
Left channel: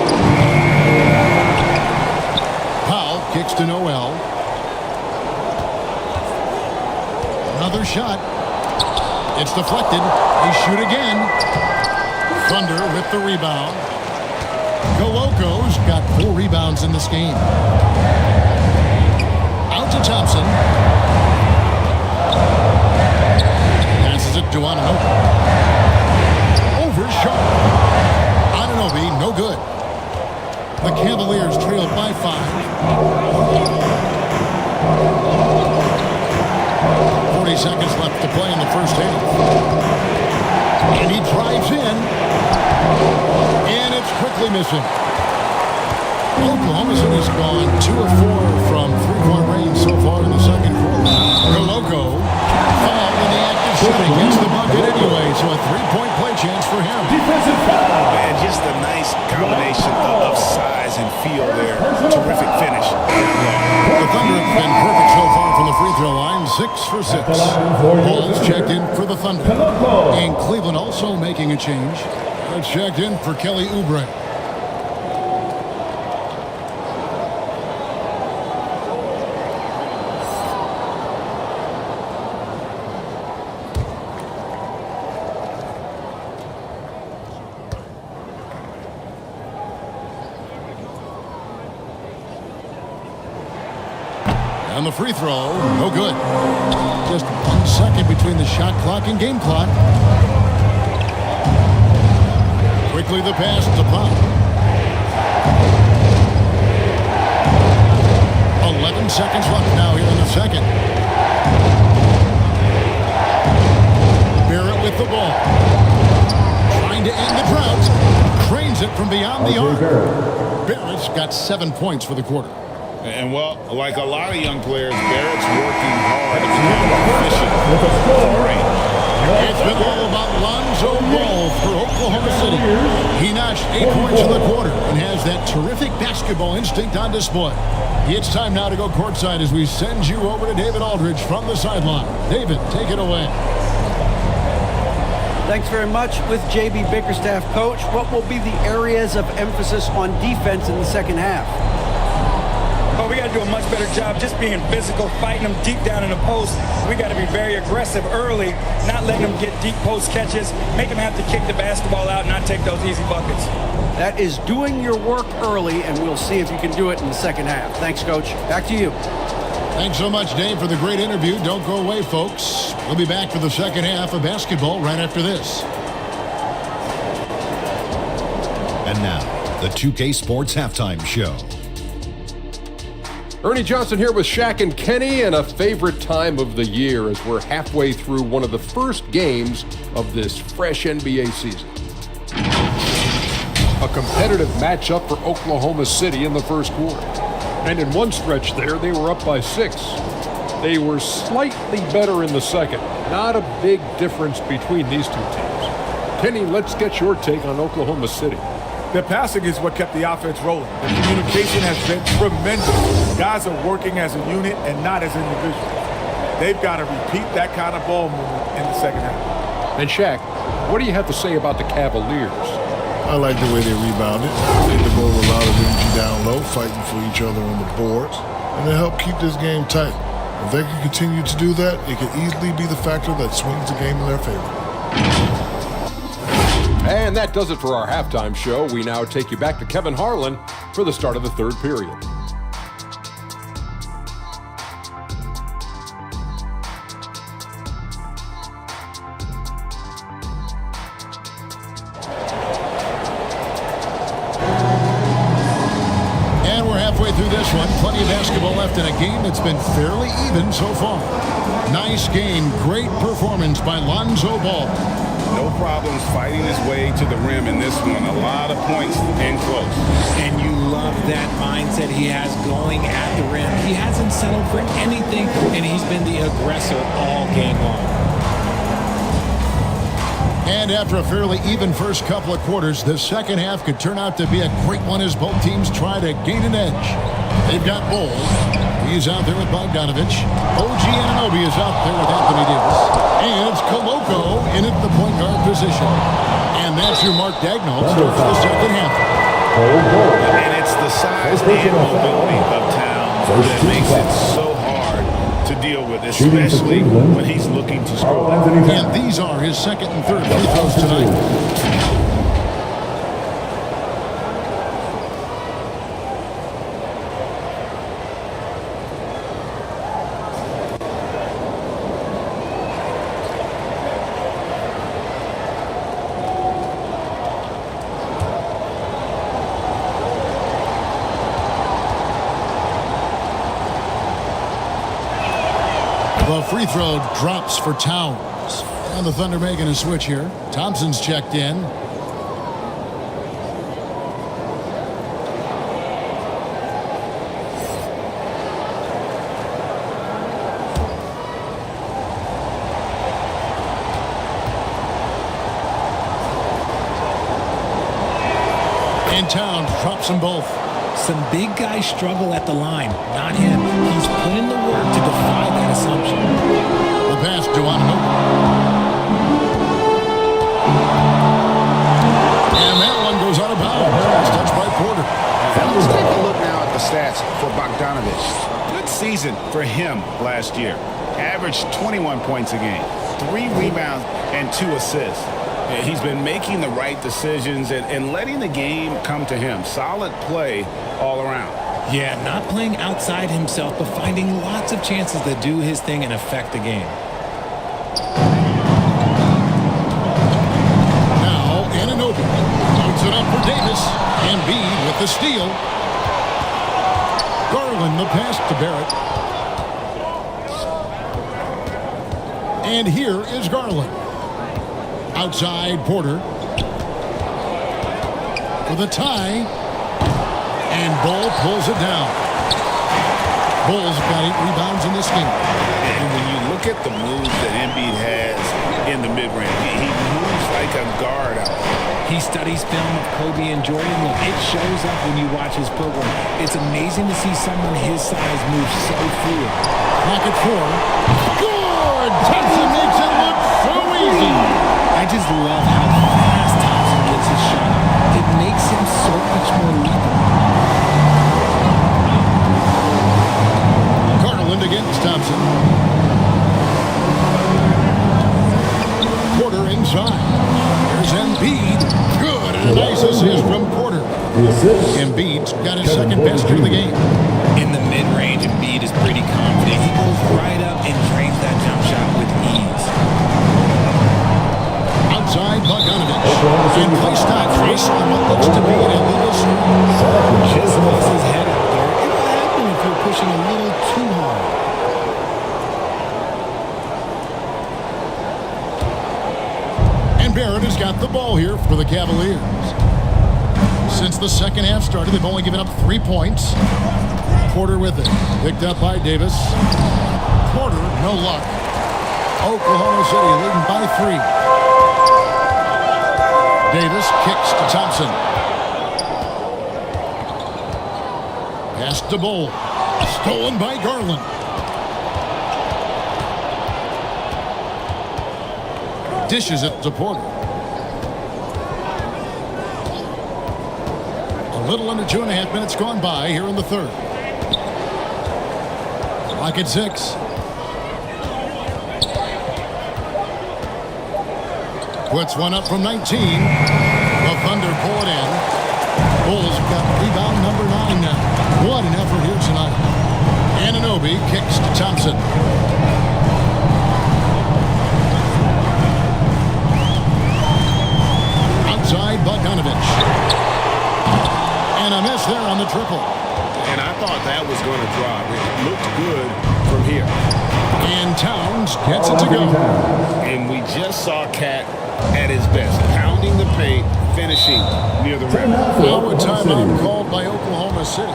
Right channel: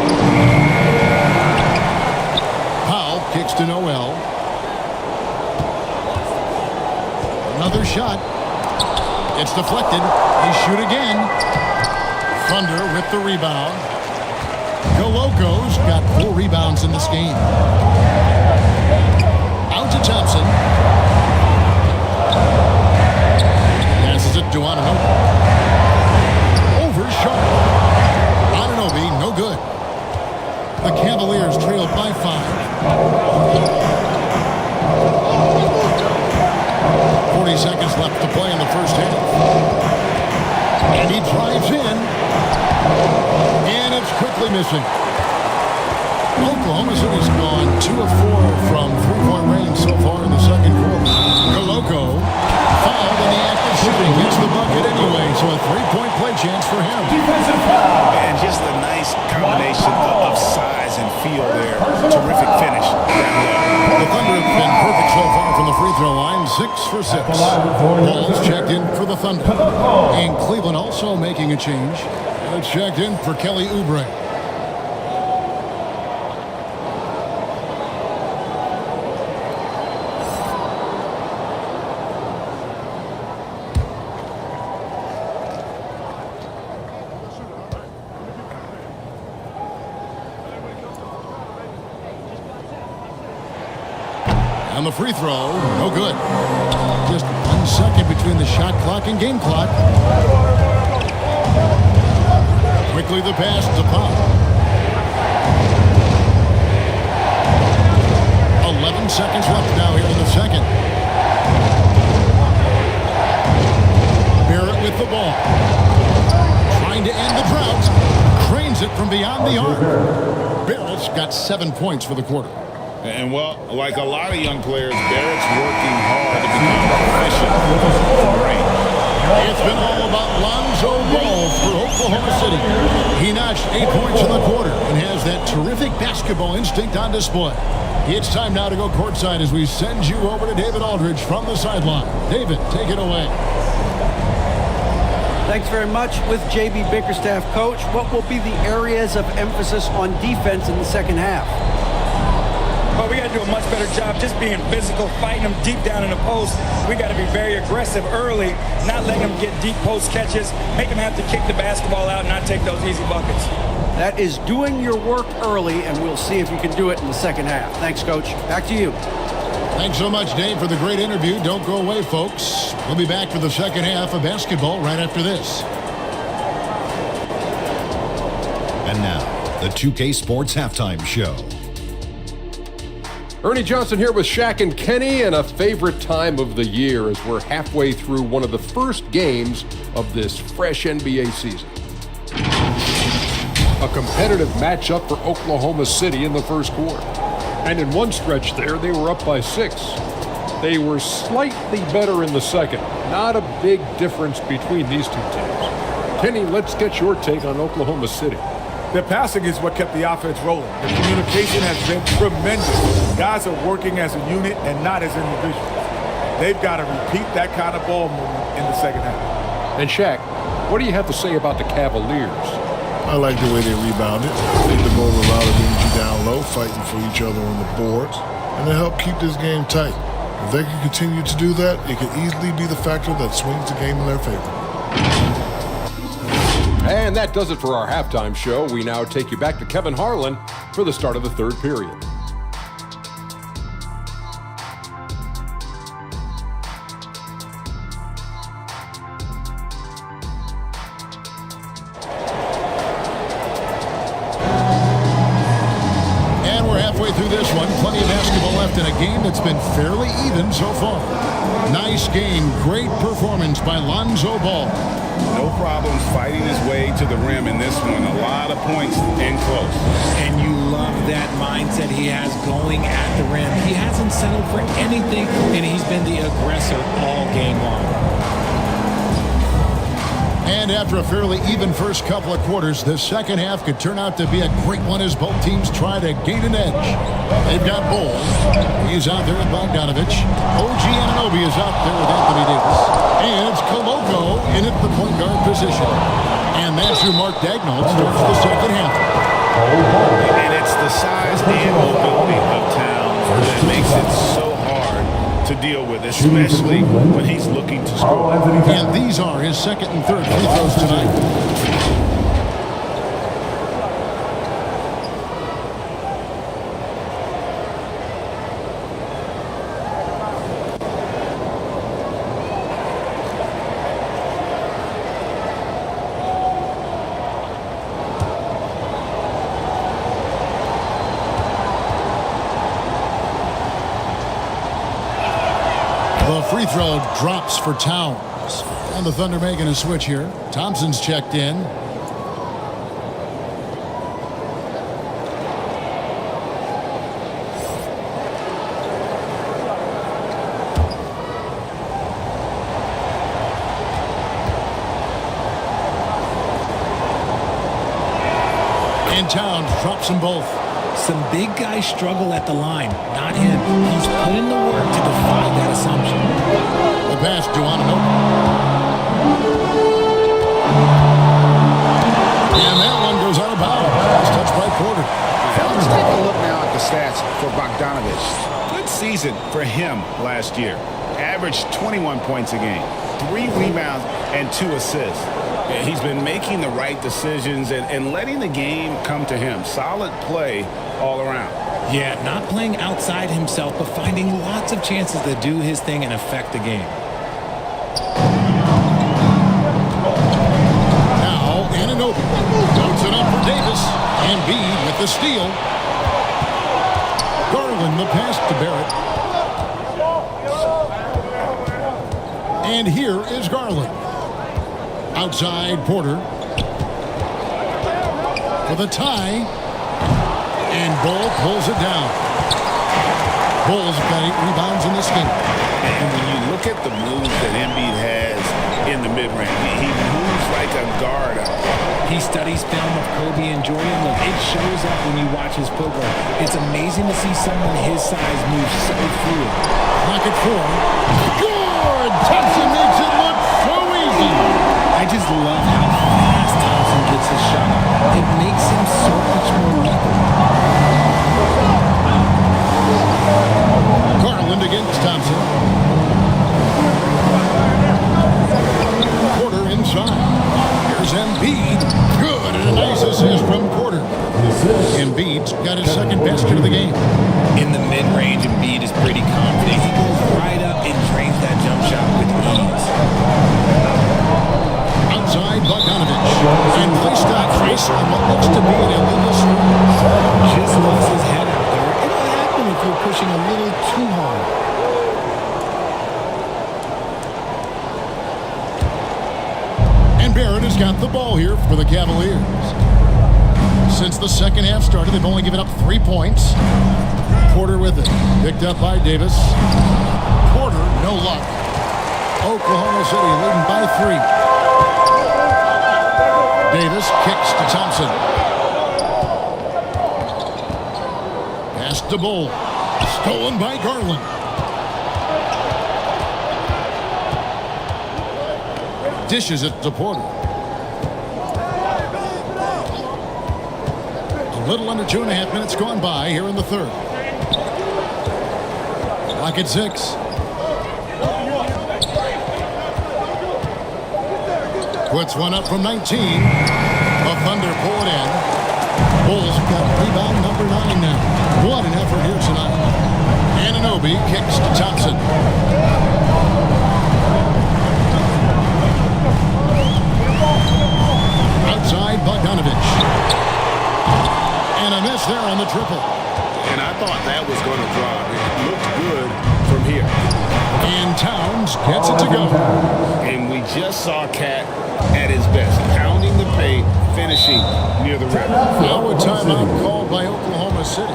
Powell kicks to Noel. Another shot. It's deflected. They shoot again. Thunder with the rebound. Koloko's got 4 rebounds in this game. Out to Thompson. Passes it to Anunoby. Over Sharp. Anunoby, no good. The Cavaliers trail by 5. 40 seconds left to play in the first half. And he drives in. And it's quickly missing. Oklahoma City's gone 2 of 4 from 3-point range so far in the second quarter. Koloko fouled in the act of shooting. Gets the bucket anyway, so a 3-point play chance for him. And just a nice combination of size and feel there. Terrific finish down low. The Thunder have been perfect so far from the free throw line, 6 for 6. Ball's checked in for the Thunder. And Cleveland also making a change. And it's checked in for Kelly Oubre. On the free throw, no good. Just 1 second between the shot clock and game clock. Quickly the pass to Powell. 11 seconds left now here in the second. Barrett with the ball. Trying to end the drought. Cranes it from beyond the arc. Barrett's got 7 points for the quarter. And, well, like a lot of young players, Barrett's working hard to become proficient from range. It's been all about Lonzo Ball for Oklahoma City. He notched 8 points in the quarter and has that terrific basketball instinct on display. It's time now to go courtside as we send you over to David Aldridge from the sideline. David, take it away. Thanks very much. With J.B. Bickerstaff, Coach, what will be the areas of emphasis on defense in the second half? Well, we got to do a much better job just being physical, fighting them deep down in the post. We got to be very aggressive early, not letting them get deep post catches, make them have to kick the basketball out and not take those easy buckets. That is doing your work early, and we'll see if you can do it in the second half. Thanks, Coach. Back to you. Thanks so much, Dave, for the great interview. Don't go away, folks. We'll be back for the second half of basketball right after this. And now, the 2K Sports Halftime Show. Ernie Johnson here with Shaq and Kenny, and a favorite time of the year as we're halfway through one of the first games of this fresh NBA season. A competitive matchup for Oklahoma City in the first quarter. And in one stretch there, they were up by 6. They were slightly better in the second. Not a big difference between these two teams. Kenny, let's get your take on Oklahoma City. Their passing is what kept the offense rolling. The communication has been tremendous. Guys are working as a unit and not as individuals. They've got to repeat that kind of ball movement in the second half. And Shaq, what do you have to say about the Cavaliers? I like the way they rebounded. They devote a lot of energy down low, fighting for each other on the boards, and they help keep this game tight. If they can continue to do that, it could easily be the factor that swings the game in their favor. And that does it for our halftime show. We now take you back to Kevin Harlan for the start of the third period. And we're halfway through this one. Plenty of basketball left in a game that's been fairly even so far. Nice game. Great performance by Lonzo Ball. No problems fighting his way to the rim in this one. A lot of points and close. And you love that mindset he has going at the rim. He hasn't settled for anything, and he's been the aggressor all game long. And after a fairly even first couple of quarters, the second half could turn out to be a great one as both teams try to gain an edge. They've got Bowles. He's out there with Bogdanovich. OG Anunoby is out there with Anthony Davis. And it's Koloko in at the point guard position. And that's who Mark Daigneault starts the second half. And it's the size and mobility of Towns that makes it so hard to deal with, especially when he's looking to score. And these are his second and third free throws tonight. The free throw drops for Towns. And the Thunder making a switch here. Thompson's checked in. And Towns drops them both. Some big guys struggle at the line, not him. He's put in the work to defy that assumption. The pass to Anunoby. And that one goes out of bounds. It's touched by Porter. And let's take a look now at the stats for Bogdanovich. Good season for him last year. Averaged 21 points a game, 3 rebounds, and 2 assists. He's been making the right decisions and letting the game come to him. Solid play all around. Yeah, not playing outside himself, but finding lots of chances to do his thing and affect the game. Now, Anunoby loads it up for Davis. Embiid with the steal. Garland the pass to Barrett. And here is Garland. Outside Porter for the tie, and Bull pulls it down. Bull's got 8 rebounds in this game. And when you look at the moves that Embiid has in the mid-range, he moves like a guard out there. He studies film of Kobe and Jordan. Look, it shows up when you watch his footwork. It's amazing to see someone his size move so fluid. Clock at 4. Good! Thompson makes it look so easy. I just love how fast Thompson gets his shot off. It makes him so much more lethal. Garland against Thompson. Porter inside. Here's Embiid. Good, and a nice assist from Porter. Embiid's got his second basket of the game. In the mid-range, Embiid is pretty confident. He goes right up and drains that jump shot with ease. Outside Bogdanovich. And play stops whistle on what looks to be an illegal screen. Just lost his head out there. It'll happen even if you're pushing a little too hard. And Barrett has got the ball here for the Cavaliers. Since the second half started, they've only given up 3 points. Porter with it. Picked up by Davis. Porter, no luck. Oklahoma City leading by 3. Davis kicks to Thompson. Pass to Bull. Stolen by Garland. Dishes it to Porter. A little under 2.5 minutes gone by here in the third. Clock at 6. Puts one up from 19. The Thunder pull it in. Bulls got rebound number 9 now. What an effort here tonight. Anunoby kicks to Thompson. Outside Bogdanovich. And a miss there on the triple. And I thought that was going to drop. It looked good from here. And Towns gets it to go. And we just saw Cat at his best, pounding the paint, finishing near the rim. Now a timeout called by Oklahoma City.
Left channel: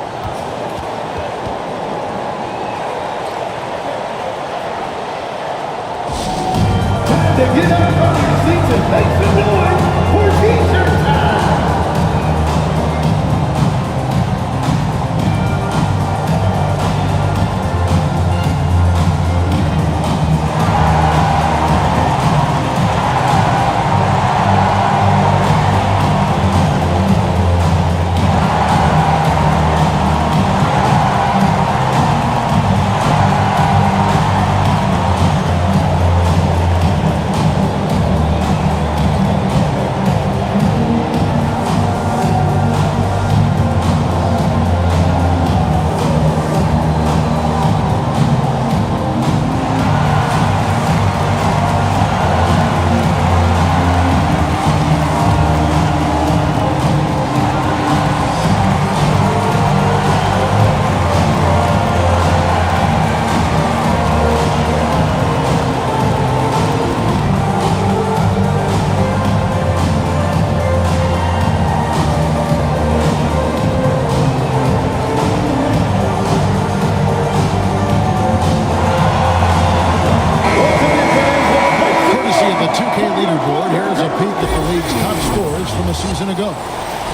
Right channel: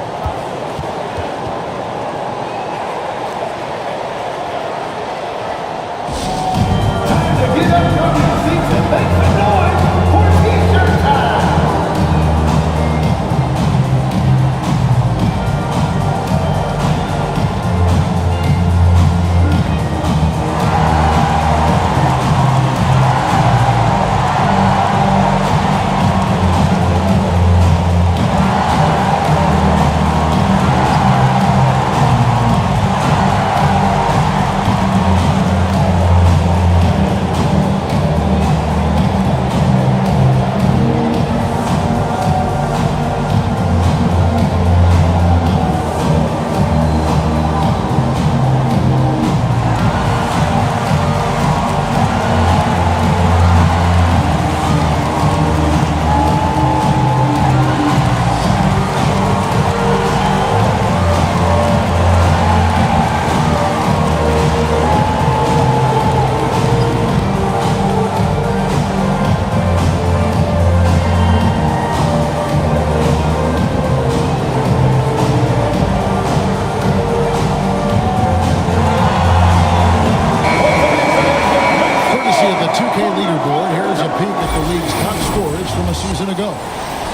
To get up from your seats and make some noise for T-shirt time. Of the 2K leaderboard, here's a peek at the league's top scorers from a season ago.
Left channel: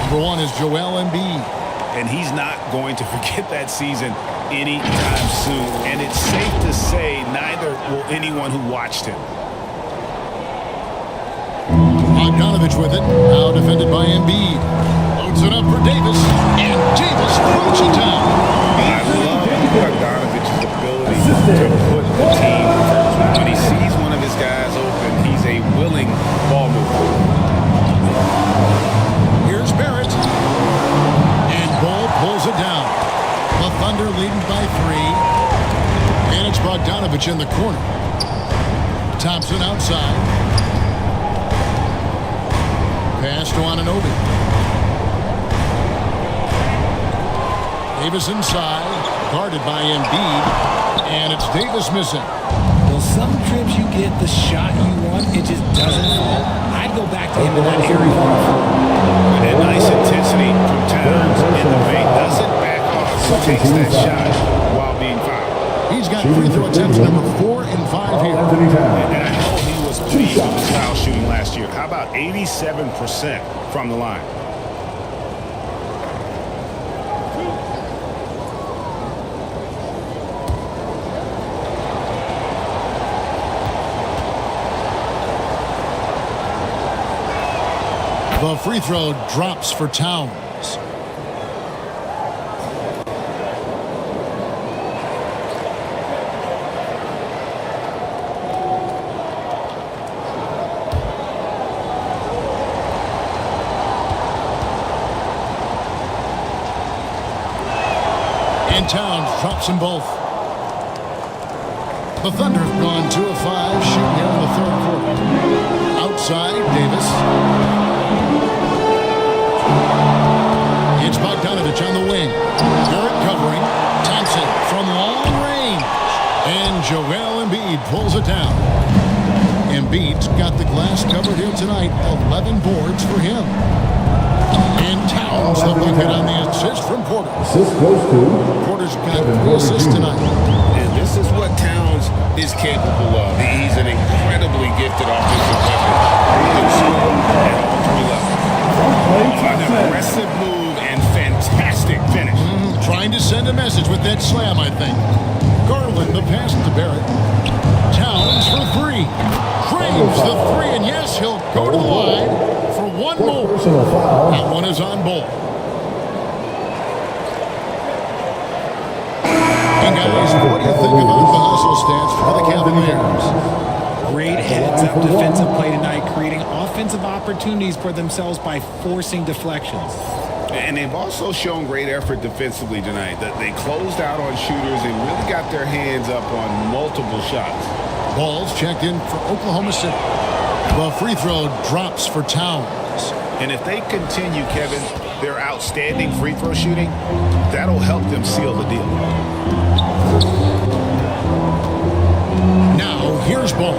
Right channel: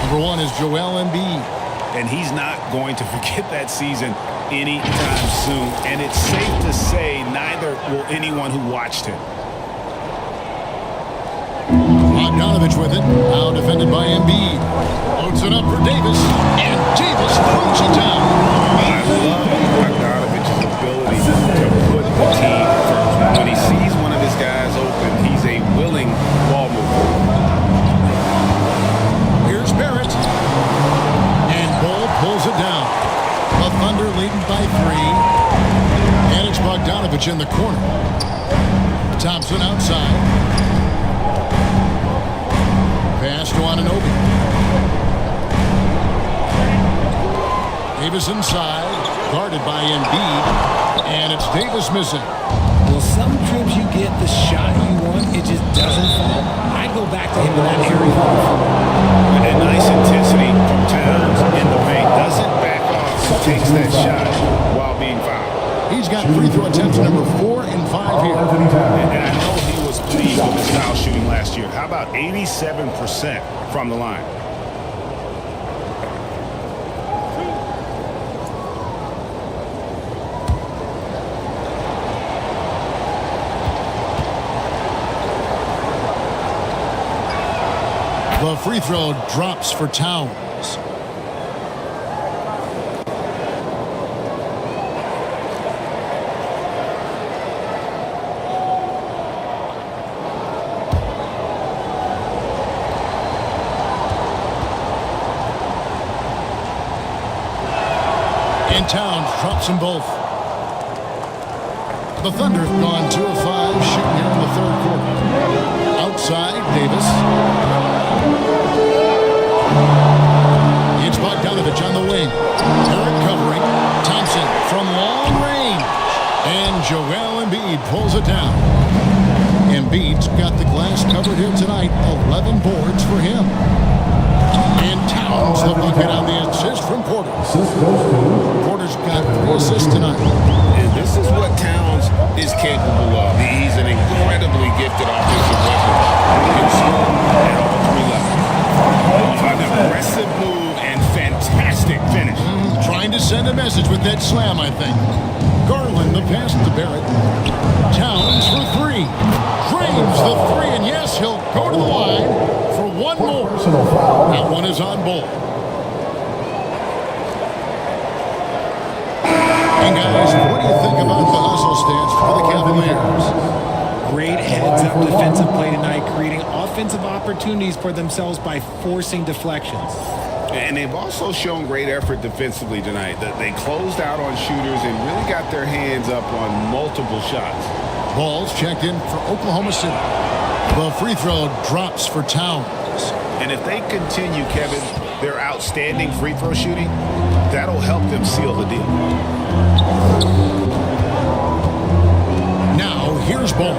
Number 1 is Joel Embiid. And he's not going to forget that season anytime soon. And it's safe to say neither will anyone who watched him. Bogdanovich with it. Now defended by Embiid. Loads it up for Davis. And Davis throws it down. I love Bogdanovich's ability to put the team first. When he sees one of his guys open, he's a willing ball mover. Here's Barrett. And Bull pulls it down. The Thunder leading by 3. And it's Bogdanovich in the corner. Thompson outside. Pass to Anunoby. Davis inside, guarded by Embiid, and it's Davis missing. Well, some trips you get the shot you want, it just doesn't fall. I'd go back to him in that area on the floor. And nice intensity from Towns in the paint. Doesn't back off and takes that shot while being fouled. He's got free throw attempts number 4 and 5 here. And I know he was pleased with his foul shooting last year. How about 87% from the line? The free throw drops for Towns. And Towns drops them both. The Thunder have gone 2 of 5 shooting here in the third quarter. Outside, Davis. It's Bogdanovich on the wing. Barrett covering. Thompson from long range. And Joel Embiid pulls it down. Embiid's got the glass covered here tonight. 11 boards for him. And Towns the bucket on the assist from Porter. Assist goes to Porter's got 3 assists tonight. And this is what Towns is capable of. He's an incredibly gifted offensive weapon who can score at all 3 levels. Oh, an aggressive move and fantastic finish. Trying to send a message with that slam, I think. Garland the pass to Barrett. Towns for 3. Drains the 3, and yes, he'll go to the line for 1 more. personal foul. That one is on Bol. And guys, what do you think about the hustle stance for the Cavaliers? Great heads-up defensive play tonight, creating offensive opportunities for themselves by forcing deflections. And they've also shown great effort defensively tonight. They closed out on shooters and really got their hands up on multiple shots. Ball's checked in for Oklahoma City. The free throw drops for Towns. And if they continue, Kevin, their outstanding free throw shooting, that'll help them seal the deal. Now, here's Ball.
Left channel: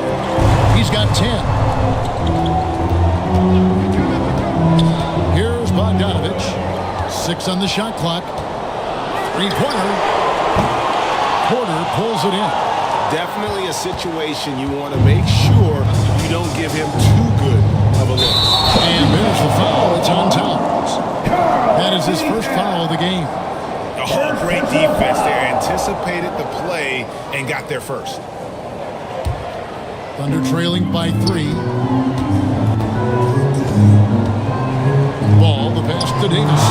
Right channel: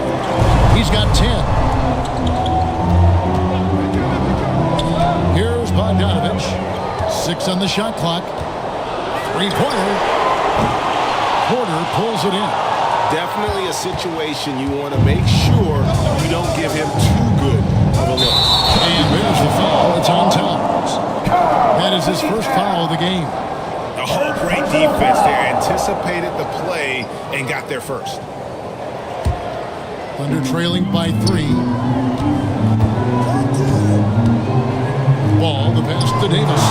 He's got 10. Here's Bogdanovich. 6 on the shot clock. 3-pointer. Porter pulls it in. Definitely a situation you want to make sure you don't give him too good of a look. And there's the foul. It's on Towns. That is his first foul of the game. Oh, great defense there. Anticipated the play and got there first. Thunder trailing by 3. Ball, the pass to Davis.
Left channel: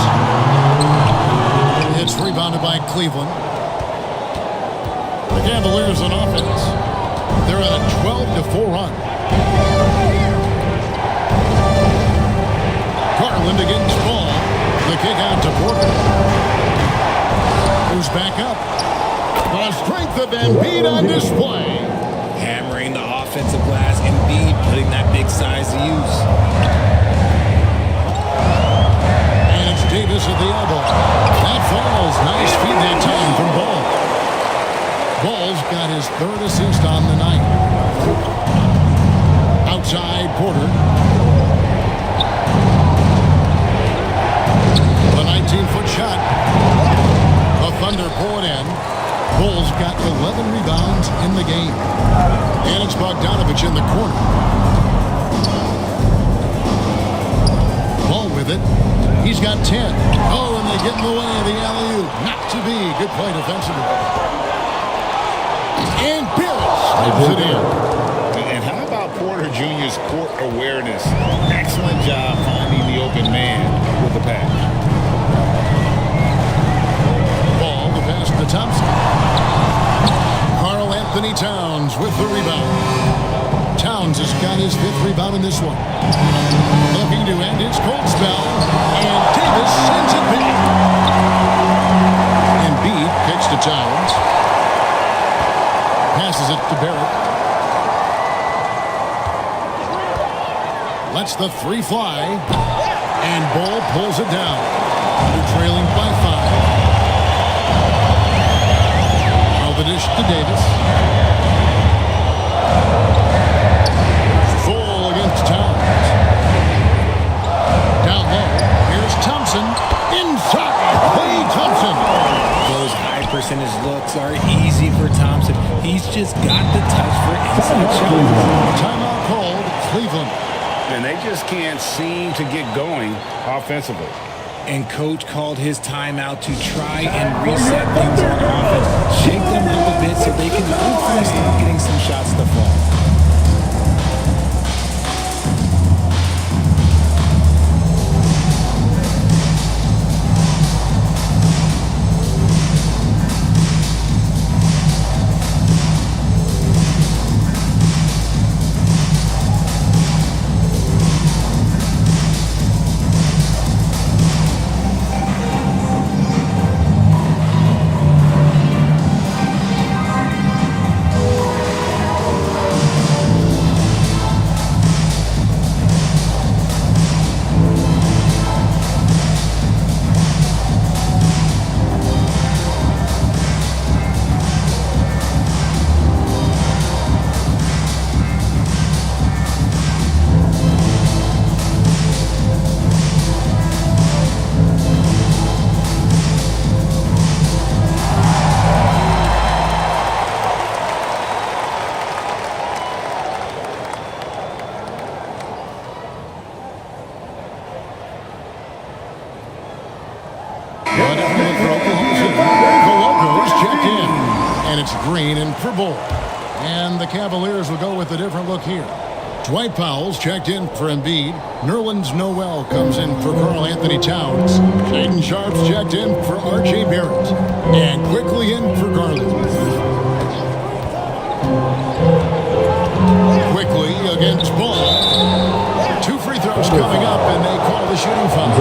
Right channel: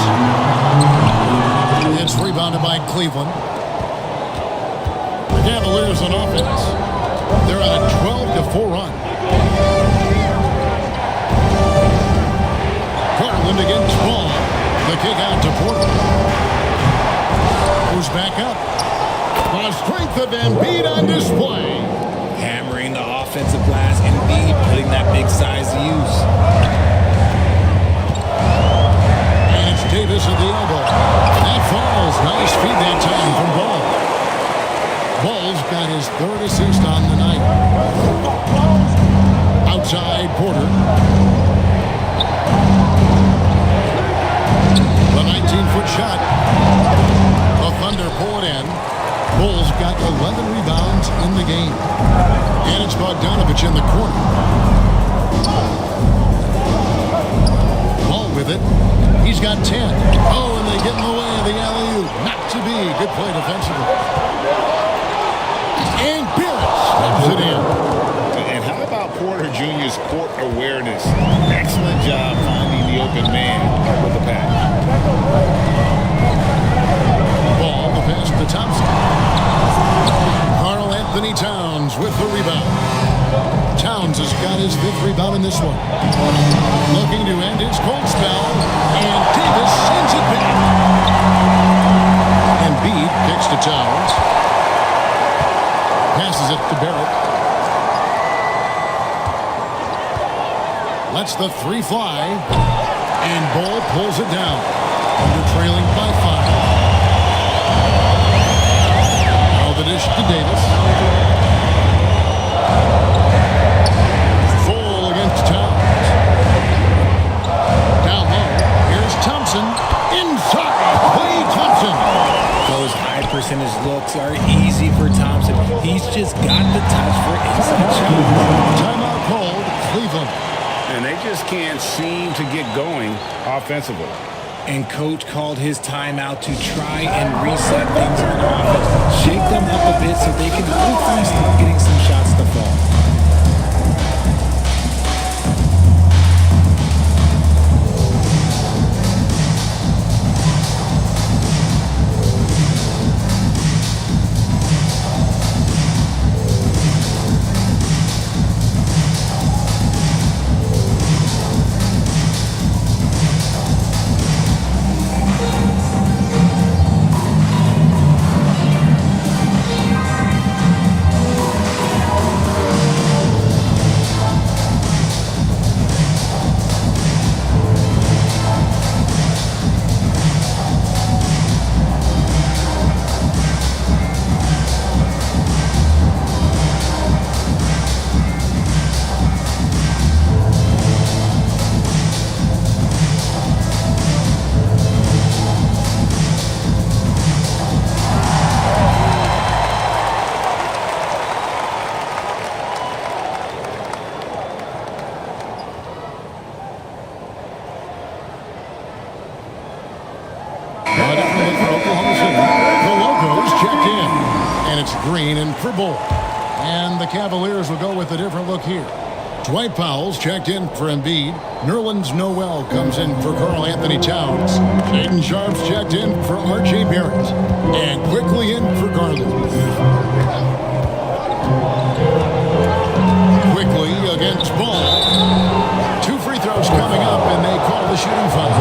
It's rebounded by Cleveland. The Cavaliers on offense. They're on a 12-4 run. Garland against Ball. The kick out to Porter. Goes back up. The strength of Embiid on display. Hammering the offensive glass, Embiid putting that big size to use. And it's Davis at the elbow. That falls. Nice feed that time from Ball. Ball's got his 3rd assist on the night. Outside Porter. The 19-foot shot. The Thunder pull it in. Bulls got 11 rebounds in the game. And it's Bogdanovich in the corner. Ball with it. He's got 10. Oh, and they get in the way of the alley-oop. Not to be. Good play defensively. And Barrett slams it in. And how about Porter Jr.'s court awareness? Excellent job finding the open man with the pass. Ball, the pass to Thompson. Karl Anthony Towns with the rebound. Towns has got his 5th rebound in this one. Looking to end his cold spell, and Davis sends it back. Embiid kicks to Towns. Passes it to Barrett. Lets the 3 fly, and Ball pulls it down. Thunder trailing by 5. Now the dish to Davis. Full against Towns. Down low, here's Thompson. Inside, Klay Thompson. Those high percentage looks are easy for Thompson. He's just got the touch for inside shots. Timeout called, Cleveland. And they just can't seem to get going offensively. And coach called his timeout to try and reset things on offense. Shake them up a bit so they can hopefully start getting some shots to fall. Garland for Oklahoma City. The Locos checked in. And it's Green in for Bull. And the Cavaliers will go with a different look here. Dwight Powell's checked in for Embiid. Nerlens Noel comes in for Karl Anthony Towns. Shaden Sharp's checked in for R.J. Barrett. And quickly in for Garland. Quickly against Ball. 2 free throws coming up, and they call the shooting foul.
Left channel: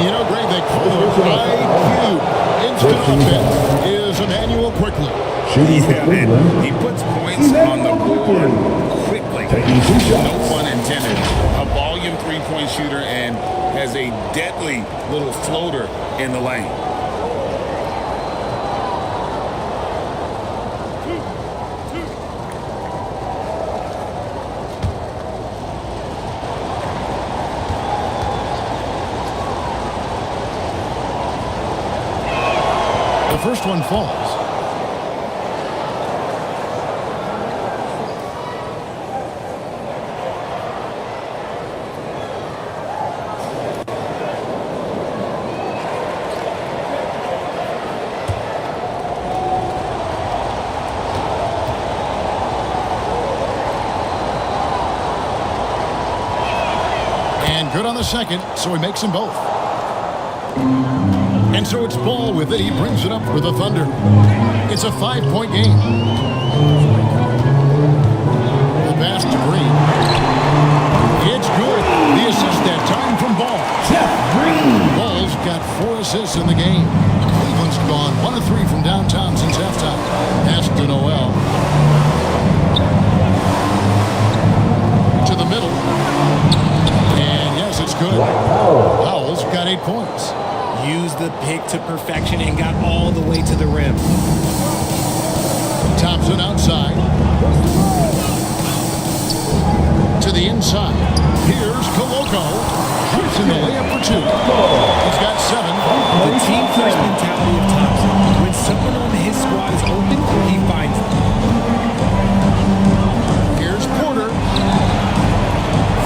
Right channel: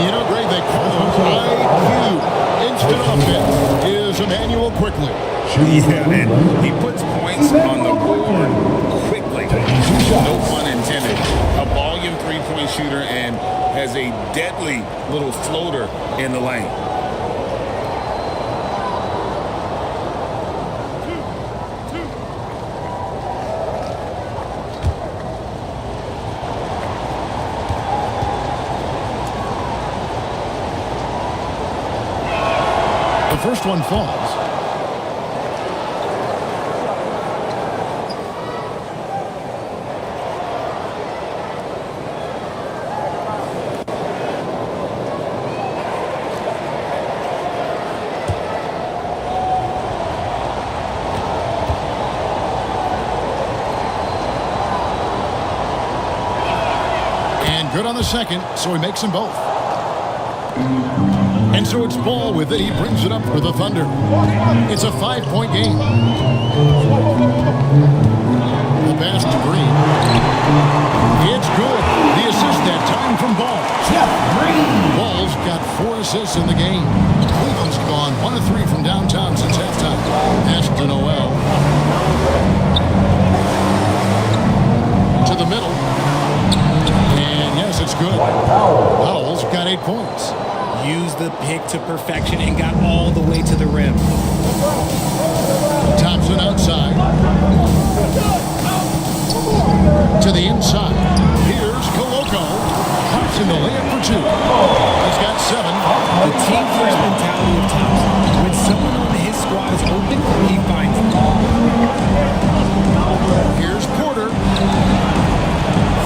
You know, Greg, they call him IQ. Instant offense is Emmanuel Quickly. Yeah, and he puts points on the board quickly. No pun intended. A volume three-point shooter and has a deadly little floater in the lane. The first one falls. And good on the second, so he makes them both. And so it's Ball with it. He brings it up for the Thunder. It's a 5-point game. The pass to Green. It's good. The assist that time from Ball. Jeff Green. Ball's got 4 assists in the game. Cleveland's gone 1 of 3 from downtown since halftime. Pass to Noel. To the middle. And yes, it's good. Powell's got 8 points. Used the pick to perfection and got all the way to the rim. Thompson outside. To the inside. Here's Koloko. Pops in the layup for 2. He's got 7. The team first mentality of Thompson. When someone on his squad is open, he finds them. Here's Porter.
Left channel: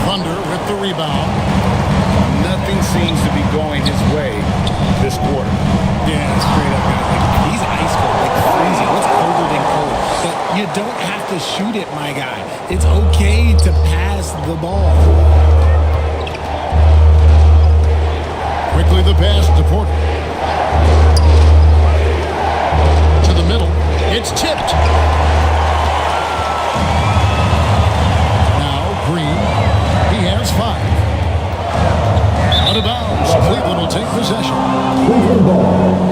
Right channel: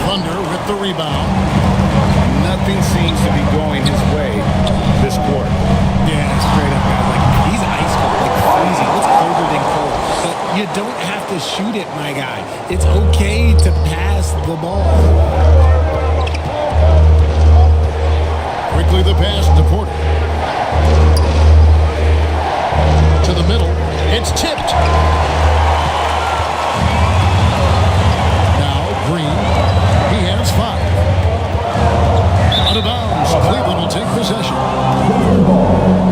Thunder with the rebound. Nothing seems to be going his way this quarter. Yeah, straight up, guys. Like, he's ice cold, like freezing. What's colder than cold? But you don't have to shoot it, my guy. It's okay to pass the ball. Quickly the pass to Porter. To the middle. It's tipped. Now Green. He has 5. Out of bounds. Cleveland will take possession.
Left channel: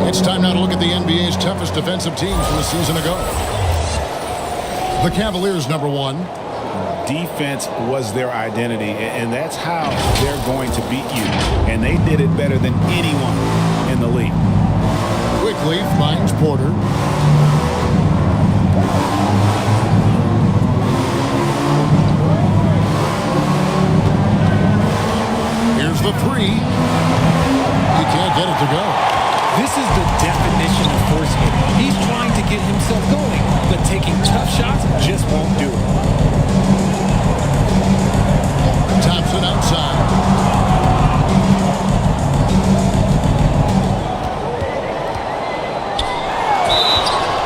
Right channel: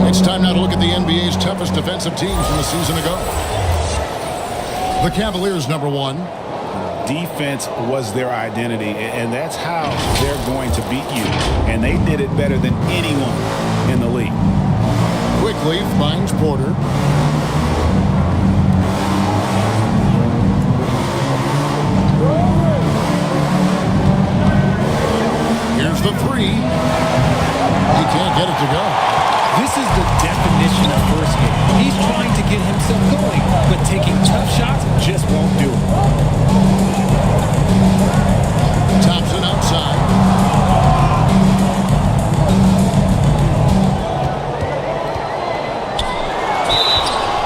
It's time now to look at the NBA's toughest defensive teams from a season ago. The Cavaliers, number 1. Defense was their identity, and that's how they're going to beat you. And they did it better than anyone in the league. Quickly finds Porter. Here's the 3. He can't get it to go. This is the definition of forcing it. He's trying to get himself going, but taking tough shots just won't do it. Thompson outside.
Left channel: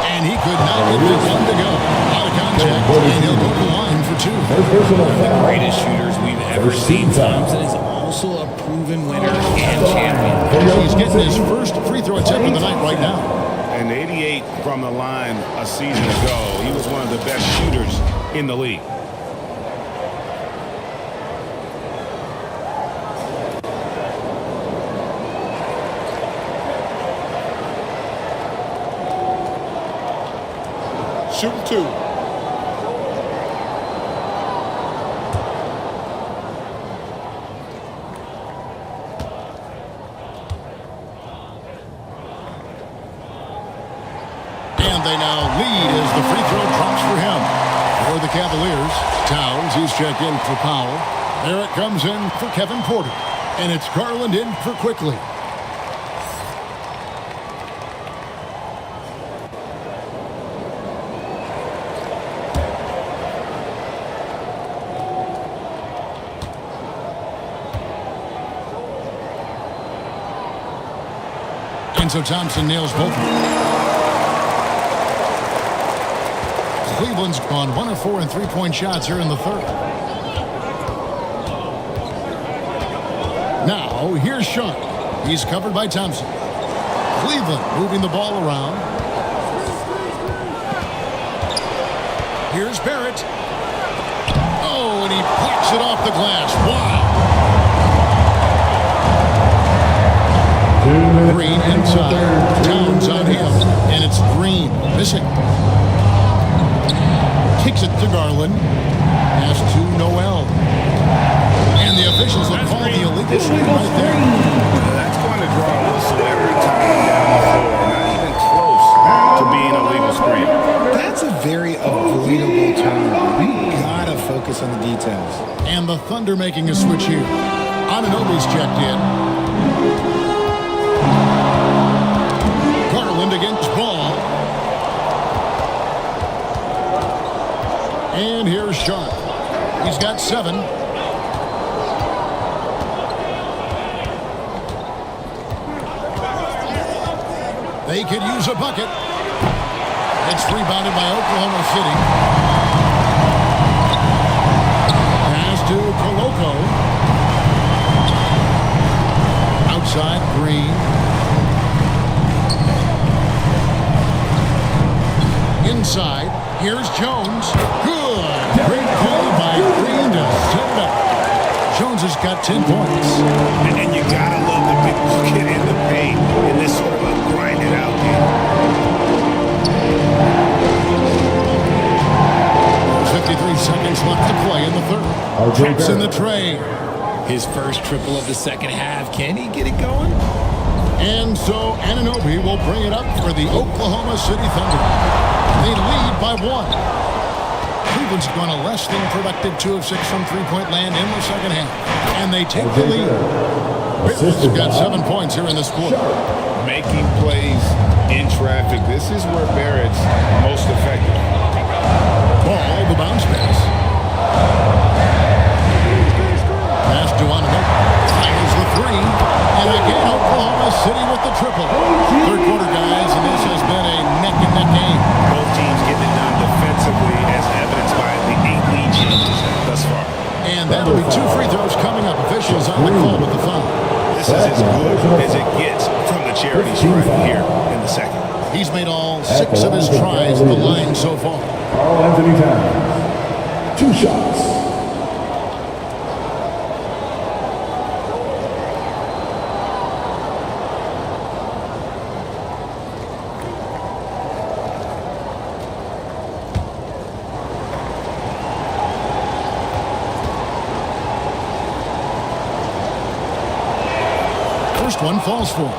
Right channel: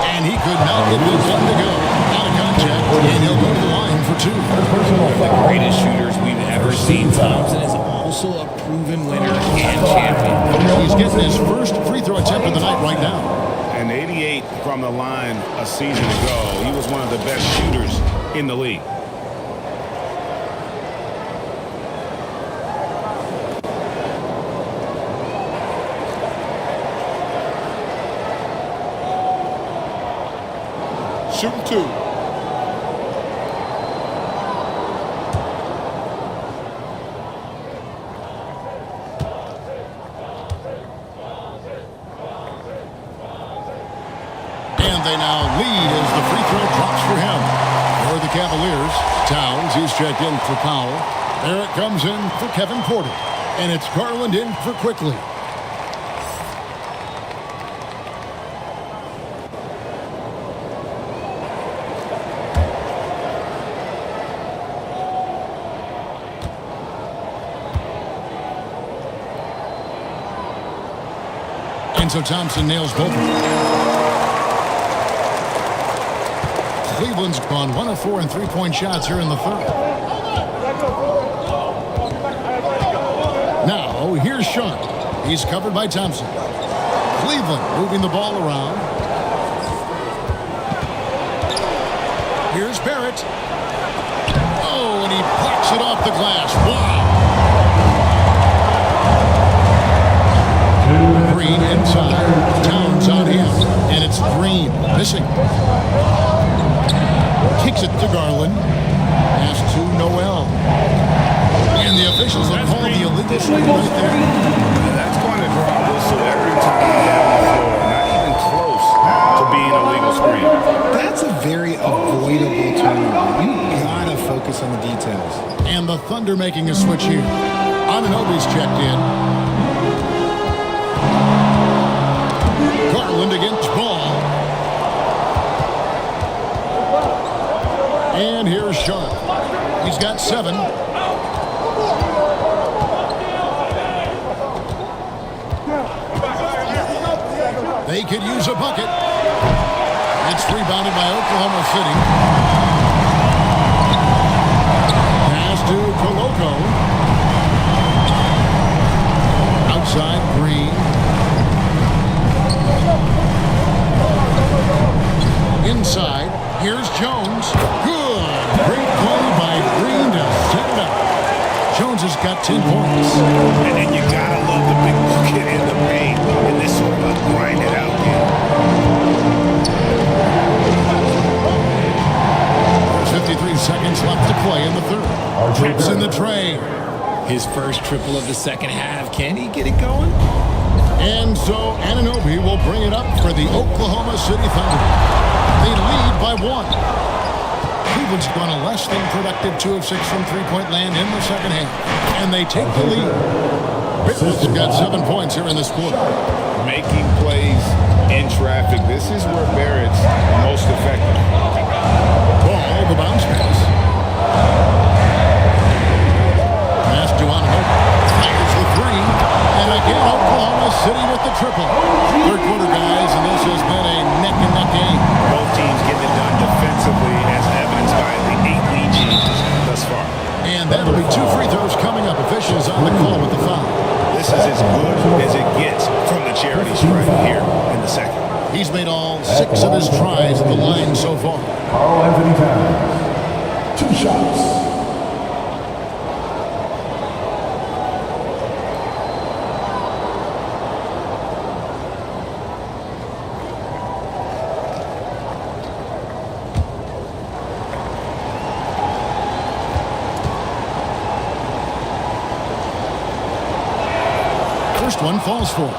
And he could not get this one to go. Out of contact, and he'll go to the line for 2. One of the greatest shooters we've ever seen. Thompson is also a proven winner and champion. He's getting his first free throw attempt of the night right now. And 88 from the line a season ago. He was one of the best shooters in the league. Shooting 2. And they now lead as the free throw drops for him. For the Cavaliers, Towns, he's checked in for Powell. Barrett comes in for Kevin Porter. And it's Garland in for Quickly. And so Thompson nails both of them. Cleveland's gone 1 of 4 in three-point shots here in the third. Now, here's Sharp. He's covered by Thompson. Cleveland moving the ball around. Here's Barrett. Oh, and he plucks it off the glass. Wow. Green inside. Towns on him. And it's Green missing. Kicks it to Garland. Pass to Noel. And the officials will call the illegal screen right there. That's going to draw a whistle every time down the floor. Not even close to being a legal screen. That's a very avoidable turnover. You gotta focus on the details. And the Thunder making a switch here. Anunoby's checked in. Garland against Ball. And here's Sharp. He's got 7. They could use a bucket. It's rebounded by Oklahoma City. Pass to Koloko. Outside, Green. Inside, here's Jones. Good. Great play by Green to set it up. Jones has got 10 points. And you gotta love the big bucket in the paint in this sort of a grind-it-out game. There's 53 seconds left to play in the third. Drops in the tray. His first triple of the second half. Can he get it going? And so Anunoby will bring it up for the Oklahoma City Thunder. They lead by 1. Cleveland's gone a less than productive 2 of 6 from three-point land in the second half. And they take the lead. Barrett's got 7 points here in this quarter. Making plays in traffic. This is where Barrett's most effective. Ball, the bounce pass. Pass to Anunoby. Fires the 3. And again, Oklahoma City with the triple. Third quarter, guys, and this has been a neck-and-neck game. Both teams getting it done defensively, as evidenced by the 8 lead changes thus far. And that'll be 2 free throws coming up. Officials on the call with the foul. This is as good as it gets from the charity stripe here in the second. He's made all 6 of his tries at the line so far. Karl Anthony Towns, 2 shots. First one falls for him.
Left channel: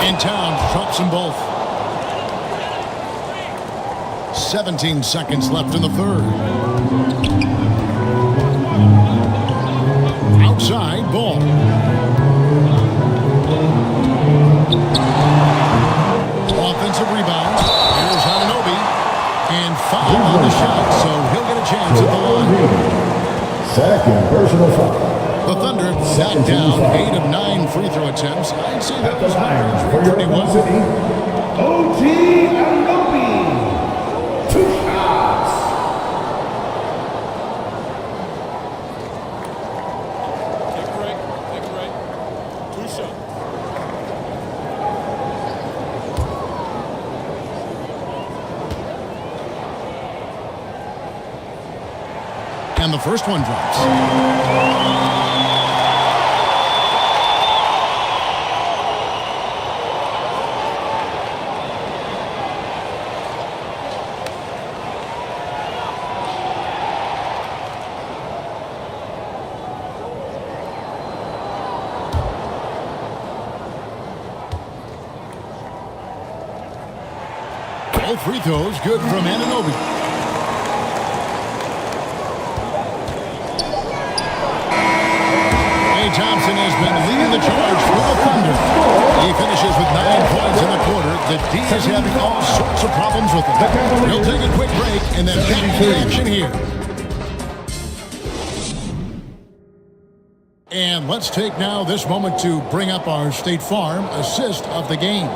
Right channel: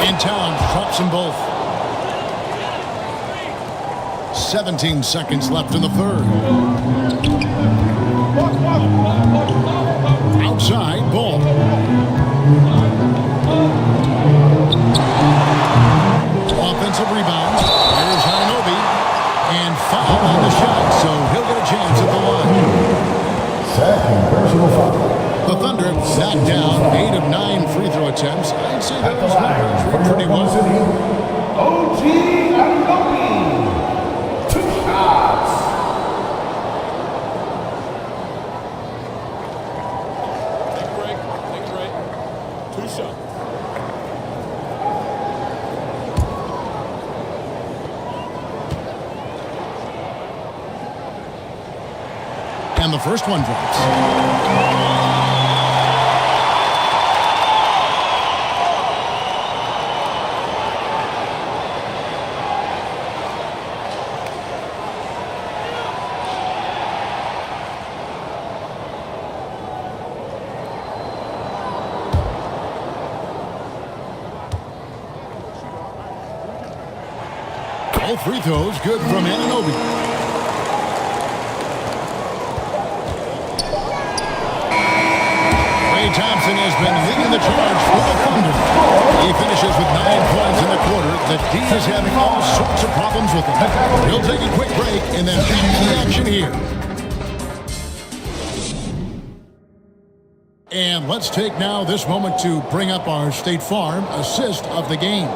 And Towns drops them both. 17 seconds left in the third. Outside, Ball. Offensive rebound. Here's Anunoby. And foul on the shot, so he'll get a chance at the line. Second personal foul. The Thunder have knocked down 8 of 9 free throw attempts. I'd say those numbers read pretty well. OG Anunoby, 2 shots. Take a break. Take a break. 2 shots. And the first one drops. All free throws good from Anunoby. Klay Thompson has been leading the charge for the Thunder. He finishes with 9 points in the quarter. The D is having all sorts of problems with him. We'll take a quick break and then back to the action here. And let's take now this moment to bring up our State Farm assist of the game.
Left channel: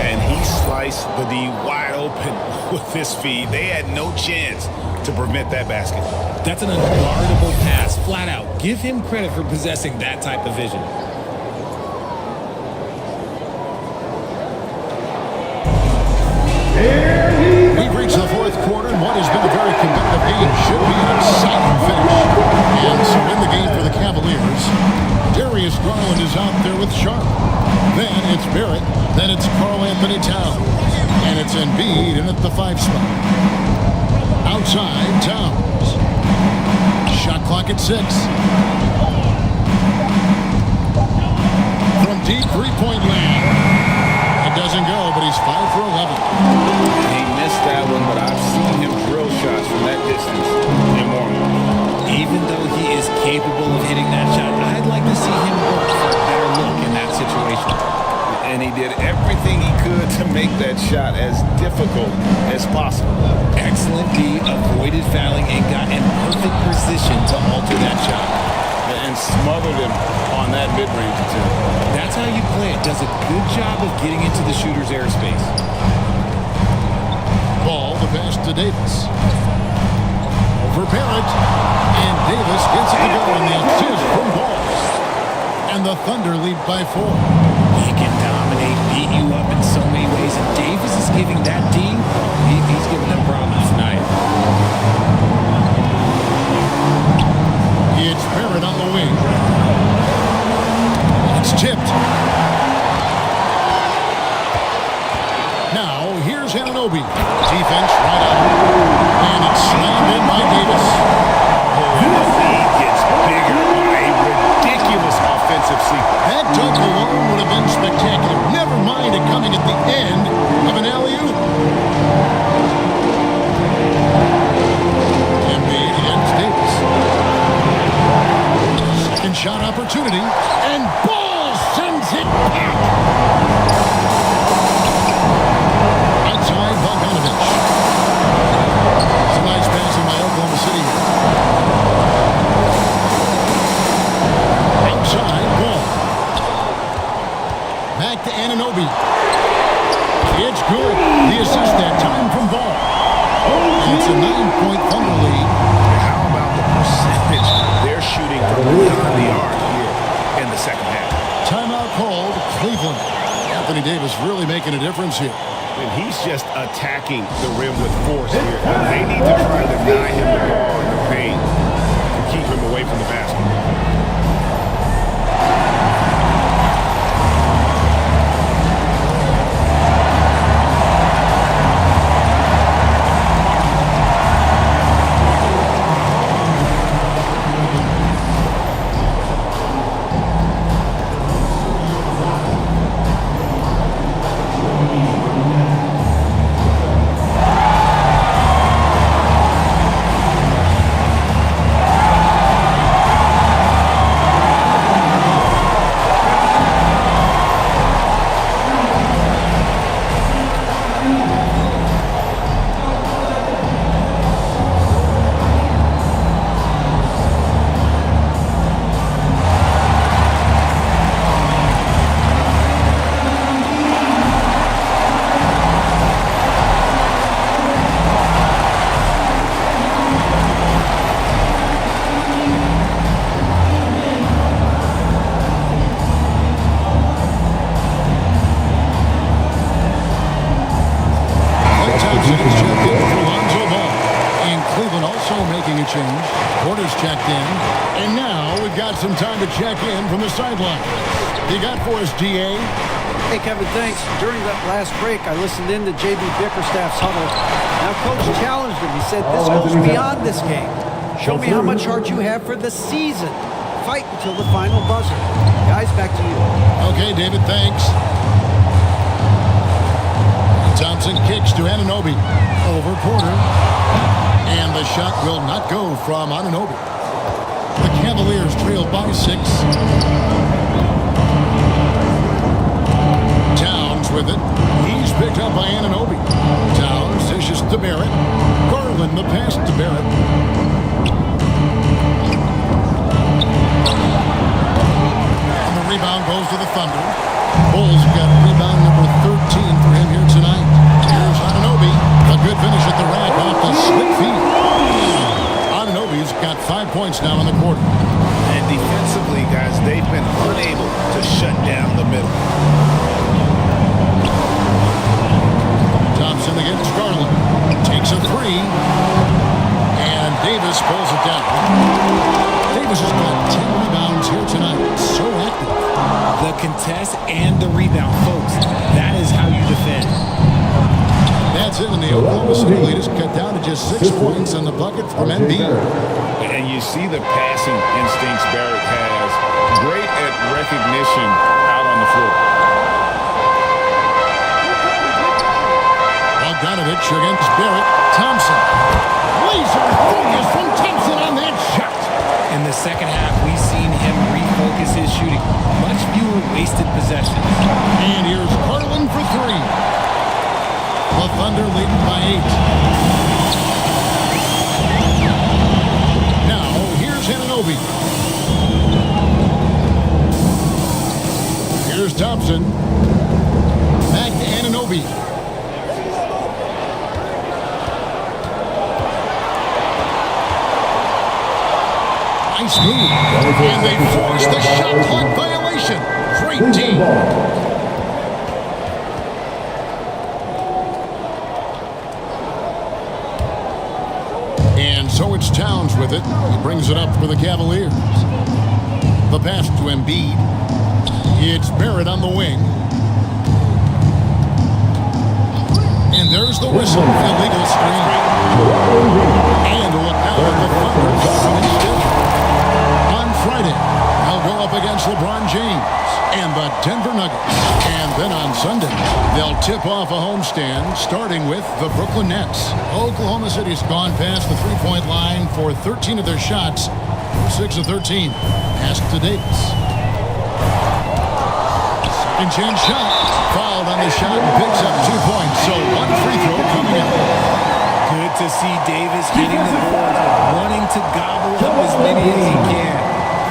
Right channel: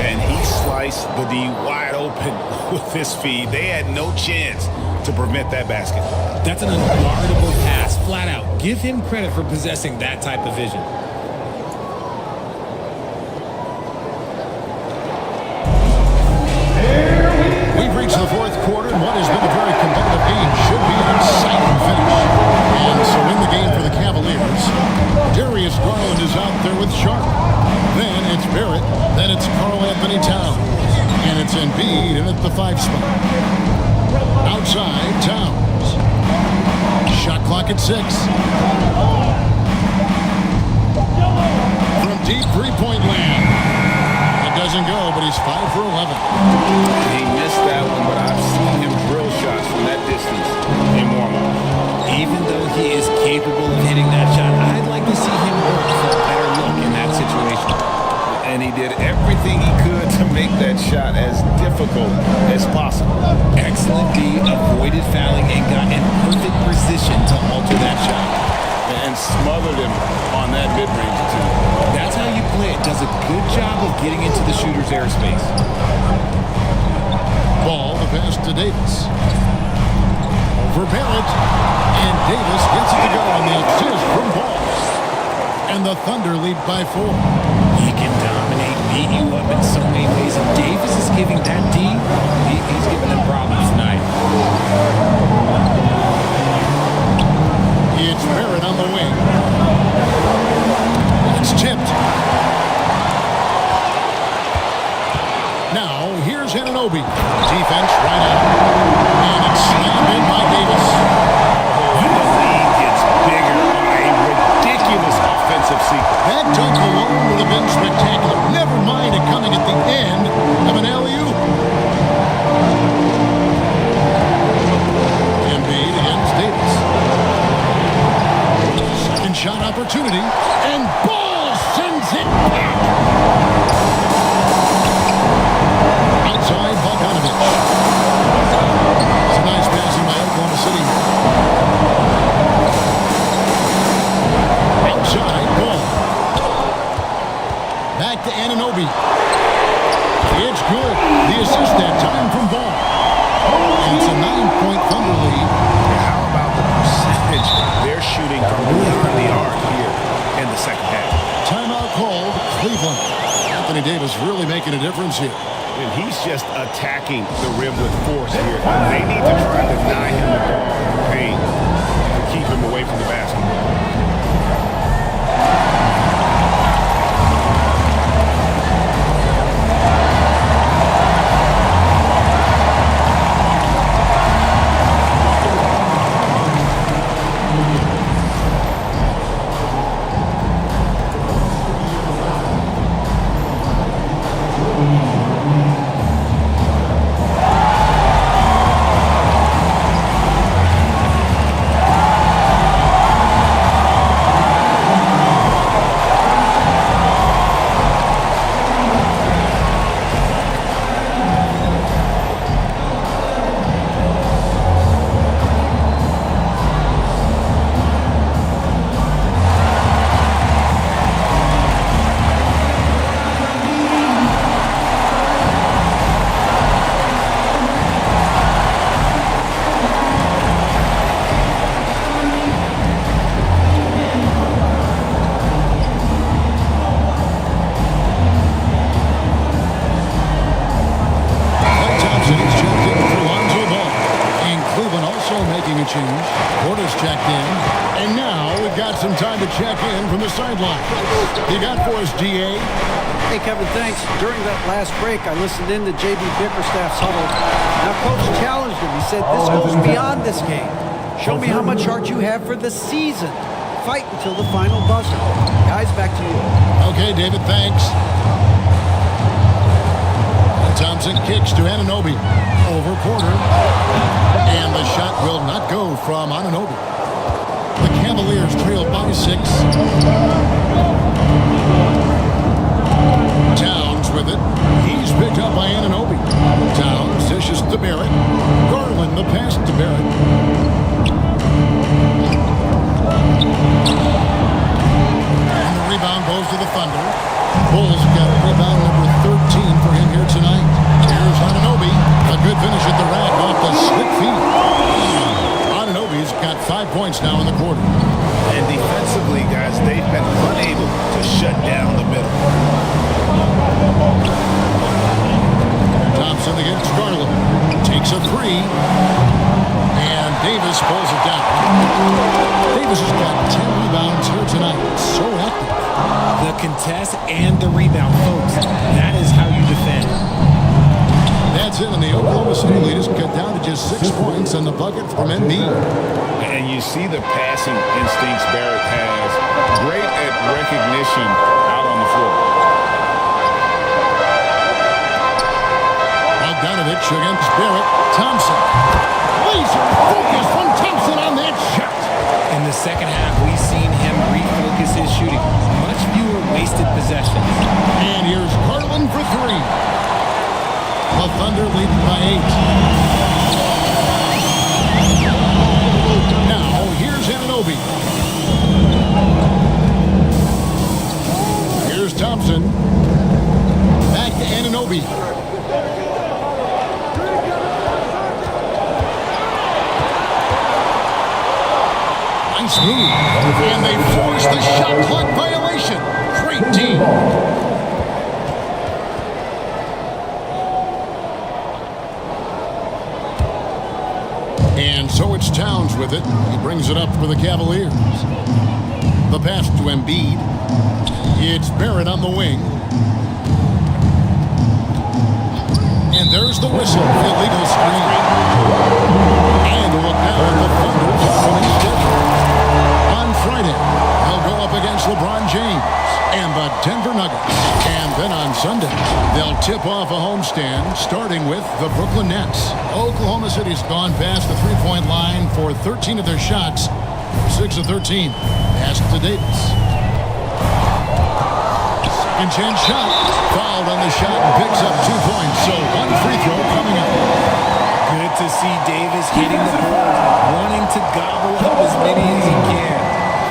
And he sliced the D wide open with this feed. They had no chance to prevent that basket. That's an unguardable pass, flat out. Give him credit for possessing that type of vision. We've reached the fourth quarter, and what has been a very competitive game should be an exciting finish. And so in the game for the Cavaliers, Darius Garland is out there with Sharp. Then it's Barrett. Then it's Karl Anthony Towns. And it's Embiid in at the 5 spot. Outside, Towns. Shot clock at 6. From deep three-point land. That doesn't go, but he's 5 for 11. He missed that one, but I've seen him drill shots from that distance in warm-up. Even though he is capable of hitting that shot, I'd like to see him work for a better look in that situation. And he did everything he could to make that shot as difficult as possible. Excellent D, avoided fouling, and got in perfect position to alter that shot. And smothered him on that mid-range attempt. That's how you play it. Does a good job of getting into the shooter's airspace. Ball, the pass to Davis. Over Barrett. And Davis gets it to go on the assist from Ball. And the Thunder lead by 4. He can dominate, beat you up in so many ways. And Davis is giving that D, he's giving them problems tonight. It's Barrett on the wing. That's tipped. Now, here's Anunoby. Defense right on him. And it's slammed in by Davis. Oh, and the lead gets bigger on a ridiculous offensive sequence. That dunk alone would have been spectacular. Never mind it coming at the end of an alley-oop. Embiid against Davis. Second shot opportunity. And Ball sends it back. Outside, Bogdanovich. Some nice passing by Oklahoma City here. Outside, Ball. Back to Anunoby. It's good. The assist that time from Ball. And it's a 9-point Thunder lead. Yeah, how about the percentage they're shooting from beyond the arc here in the second half? Timeout called, Cleveland. Anthony Davis really making a difference here. And he's just attacking the rim with force here. They need to try and deny him the ball in the paint to keep him away from the basket. He's checked in for Lonzo Ball. And Cleveland also making a change. Porter's checked in. And now we've got some time to check in from the sideline. You got for us, DA? Hey, Kevin, thanks. During that last break, I listened in to J.B. Bickerstaff's huddle. Now, Coach challenged him. He said, this goes beyond this game. Show me how much heart you have for the season. Fight until the final buzzer. Guys, back to you. Okay, David, thanks. And Thompson kicks to Anunoby. Over Porter. And the shot will not go from Anunoby. The Cavaliers trail by 6. Towns with it. He's picked up by Anunoby. Towns dishes to Barrett. Garland the pass to Barrett. And the rebound goes to the Thunder. Bulls got a rebound number 13 for him here tonight. Here's Anunoby. A good finish at the rack off the slick feed. Anunoby's got 5 points now in the quarter. And defensively, guys, they've been unable to shut down the middle. Thompson against Garland. Takes a 3. And Davis pulls it down. Davis has got 10 rebounds here tonight. So active. The contest and the rebound, folks. That is how you defend. That's it, and the Oklahoma City lead is cut down to just 6 points on the bucket from Embiid. And you see the passing instincts Barrett has. Great at recognition out on the floor. Bogdanovich against Barrett. Thompson. Laser focus from Thompson on that shot. In the second half, we've seen him refocus his shooting. Much fewer wasted possessions. And here's Garland for 3. The Thunder leading by 8. Now, here's Anunoby. Here's Thompson. Back to Anunoby. Nice move. And they force the shot clock violation. Great team. And so it's Towns with it. He brings it up for the Cavaliers. The pass to Embiid. It's Barrett on the wing. And there's the whistle. Illegal screen. And a look now at the Thunder's upcoming schedule. On Friday, they'll go up against LeBron James and the Denver Nuggets. And then on Sunday, they'll tip off a homestand, starting with the Brooklyn Nets. Oklahoma City's gone past the three-point line for 13 of their shots. They're 6 of 13. Pass to Davis. Second chance shot. Fouled on the shot and picks up 2 points. So one free throw coming up. Good to see Davis hitting the boards, wanting to gobble up as many as he can.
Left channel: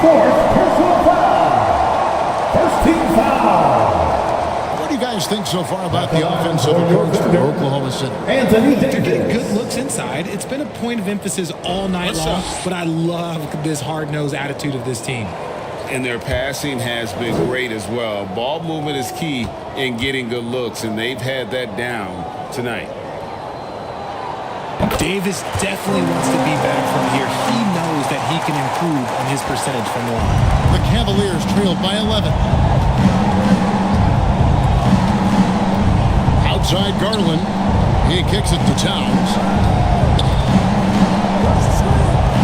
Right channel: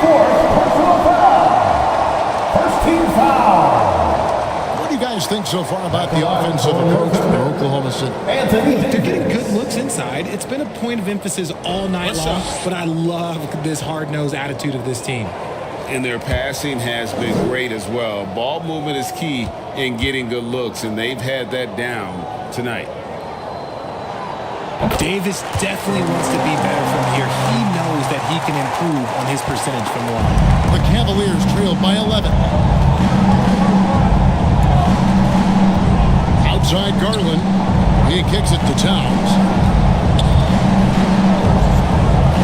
Fourth personal foul. First team foul. What do you guys think so far about the offensive approach for Oklahoma City? Look, they're getting good looks inside. It's been a point of emphasis all night long, but I love this hard-nosed attitude of this team. And their passing has been great as well. Ball movement is key in getting good looks, and they've had that down tonight. Davis definitely wants to be better from here. He knows that he can improve on his percentage from the line. The Cavaliers trail by 11. Outside Garland. He kicks it to Towns.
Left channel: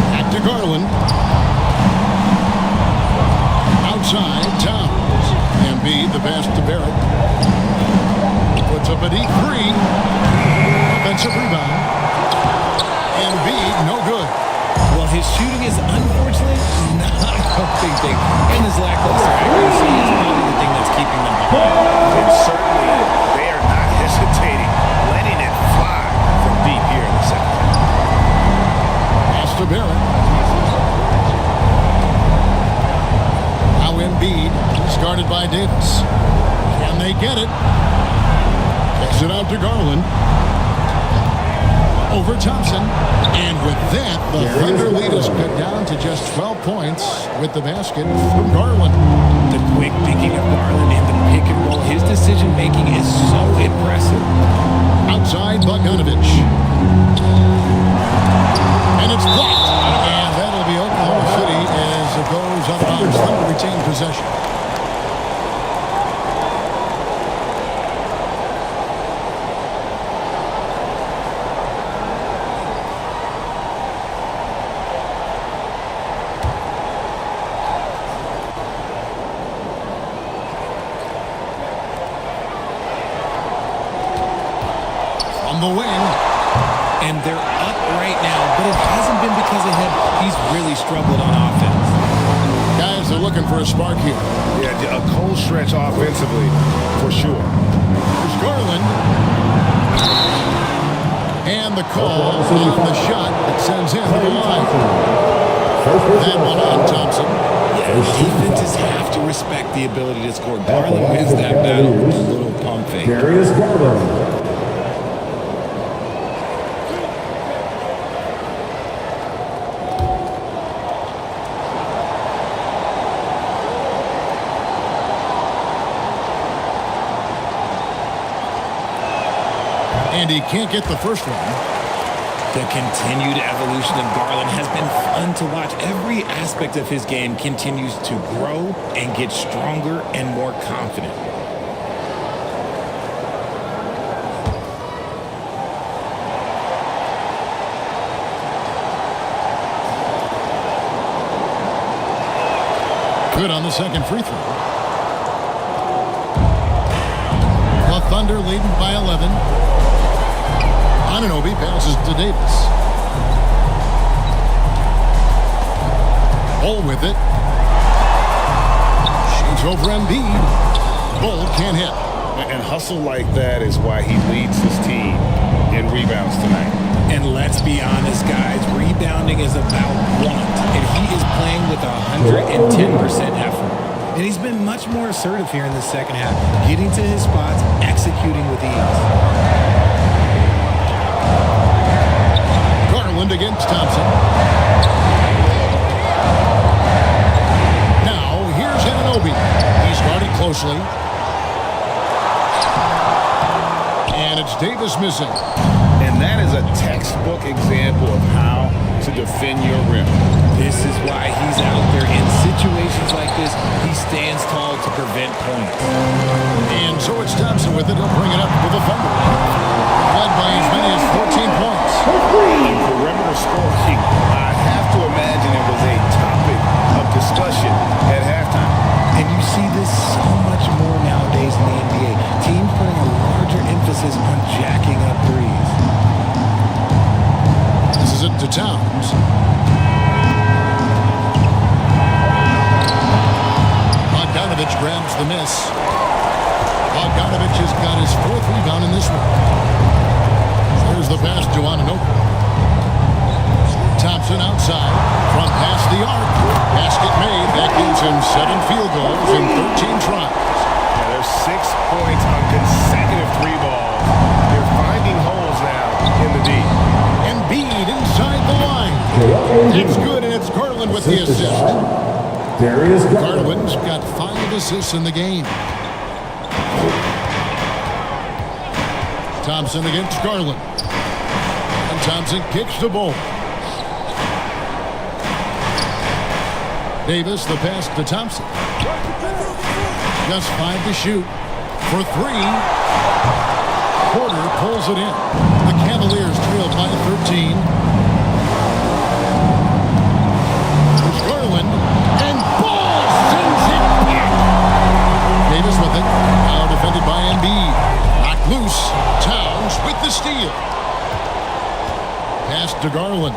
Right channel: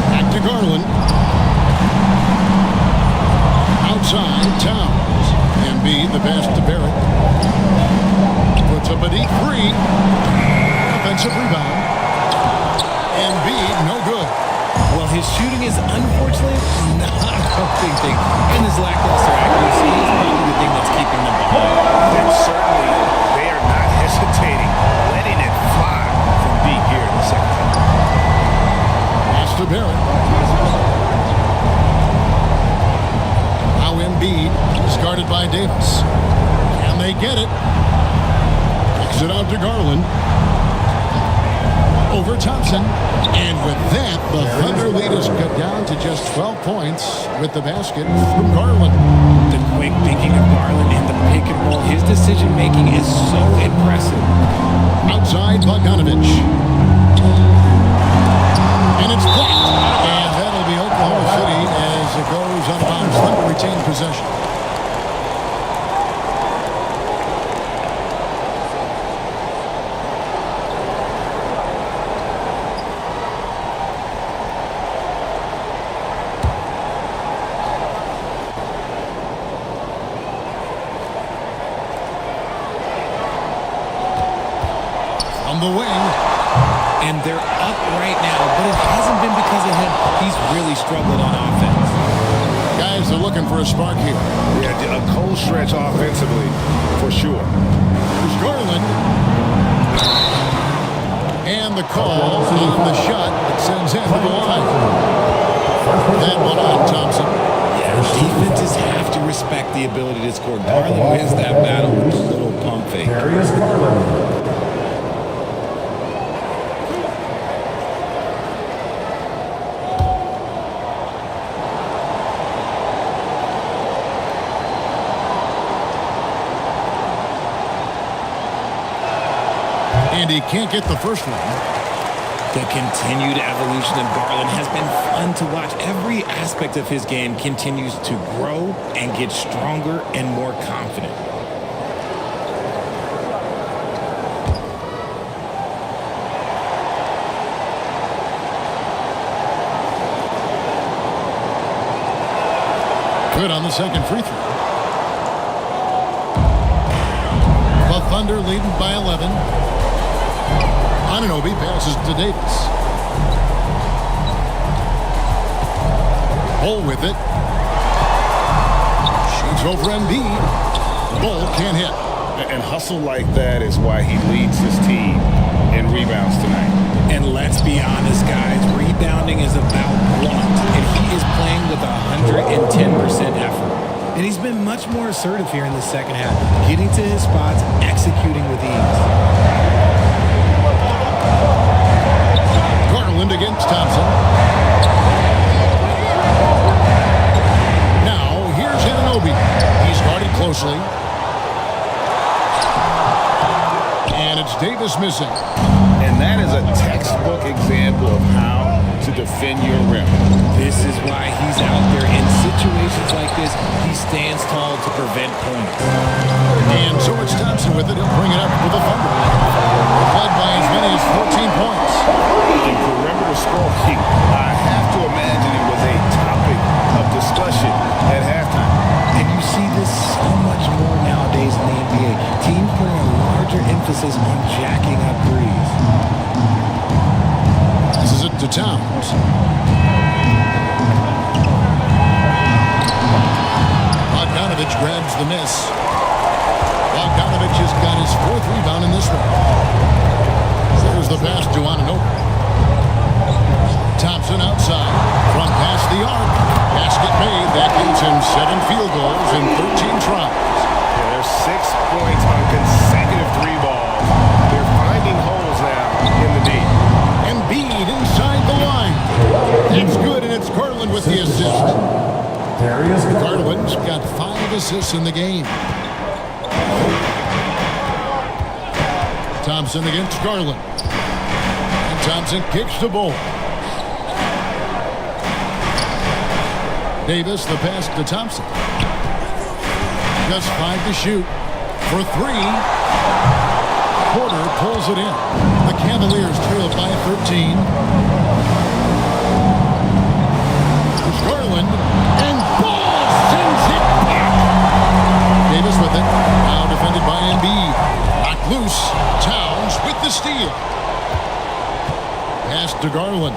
Back to Garland. Outside Towns. Embiid, the pass to Barrett. Puts up a deep 3. Offensive rebound. Embiid, no good. Well, his shooting is unfortunately not a big thing. And his lackluster accuracy is probably the thing that's keeping them behind. And certainly, they are not hesitating, letting it fly from deep here in the second half. Pass to Barrett. Now Embiid, he's guarded by Davis. Can they get it? Kicks it out to Garland. Over Thompson. And with that, the Thunder lead is cut down to just 12 points with the basket from Garland. The quick thinking of Garland in the pick and roll, his decision making is so impressive. Outside Bogdanovich. And it's blocked. And that'll be Oklahoma City as it goes out of bounds. Thunder retain possession. From the wing. and they're up right now, but it hasn't been because of him. He's really struggled on offense. Guys are looking for a spark here. Yeah, a cold stretch offensively, for sure. Here's Garland. And the call on the shot that sends him to the line. That one on Thompson. Yeah, defenses have to respect the ability to score. Garland wins that battle with the little pump fake. Darius Garland. And he can't get the first one. The continued evolution of Garland has been fun to watch. Every aspect of his game continues to grow and get stronger and more confident. Good on the second free throw. The Thunder leading by 11. Anunoby passes to Davis. Bull with it. Shoots over Embiid. Bull can't hit. And hustle like that is why he leads his team in rebounds tonight. And let's be honest, guys, rebounding is about want, and he is playing with 110% effort. And he's been much more assertive here in the second half, getting to his spots, executing with ease. Garland against Thompson. Now, here's Anunoby. He's guarded closely. And it's Davis missing. And that is a textbook example of how to defend your rim. This is why he's out there in situations like this. He stands tall to prevent points. And so it's Thompson with it. He'll bring it up with the Thunder. They've led by as many as 14 points. In perimeter scoring, I have to imagine it was a topic of discussion at halftime. And you see this so much more nowadays in the NBA. Teams putting a larger emphasis on jacking up threes. Passes it to Towns. Bogdanovich grabs the miss. Bogdanovich has got his fourth rebound in this one. There's the pass to Anunoby. Thompson outside from past the arc. Basket made. That gives him 7 field goals in 13 tries. Yeah, there's 6 points on consecutive 3 balls. They're finding holes now in the D. Embiid inside the line. That's good, and it's Garland with the assist. Darius Garland's got 5 assists in the game. Thompson against Garland. And Thompson kicks the ball. Davis, the pass to Thompson. Just 5 to shoot. For 3. Porter pulls it in. The Cavaliers trail by 13. There's Garland. And Ball sends it back. Davis with it. Now defended by Embiid. Knocked loose. Towns with the steal. Pass to Garland.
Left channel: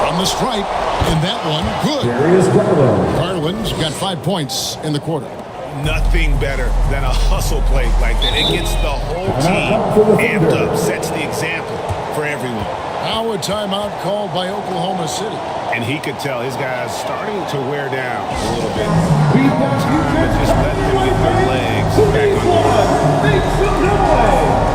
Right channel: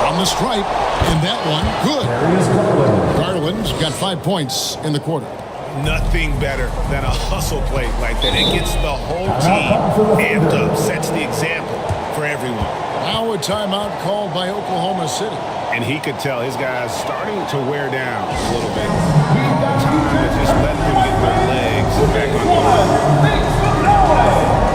From the stripe, and that one good. Darius Garland. Garland's got 5 points in the quarter. Nothing better than a hustle play like that. It gets the whole team amped up, sets the example for everyone. Now a timeout called by Oklahoma City. And he could tell his guys starting to wear down a little bit. Call time to just let them get their legs back on the line. Knicks from Norway.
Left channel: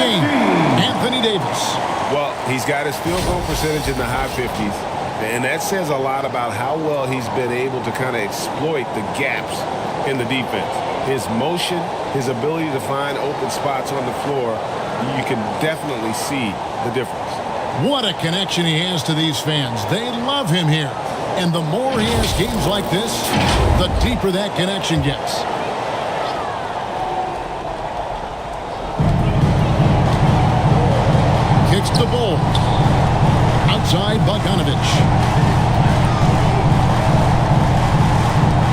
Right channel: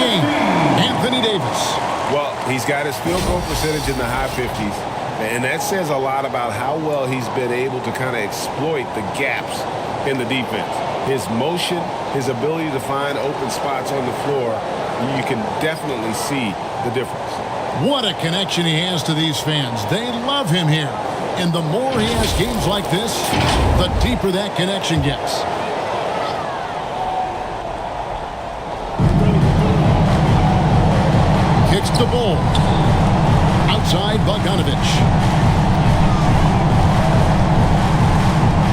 game, Anthony Davis. Well, he's got his field goal percentage in the high 50s, and that says a lot about how well he's been able to kind of exploit the gaps in the defense. His motion, his ability to find open spots on the floor, you can definitely see the difference. What a connection he has to these fans. They love him here. And the more he has games like this, the deeper that connection gets. Kicks the ball. Outside Bogdanovich.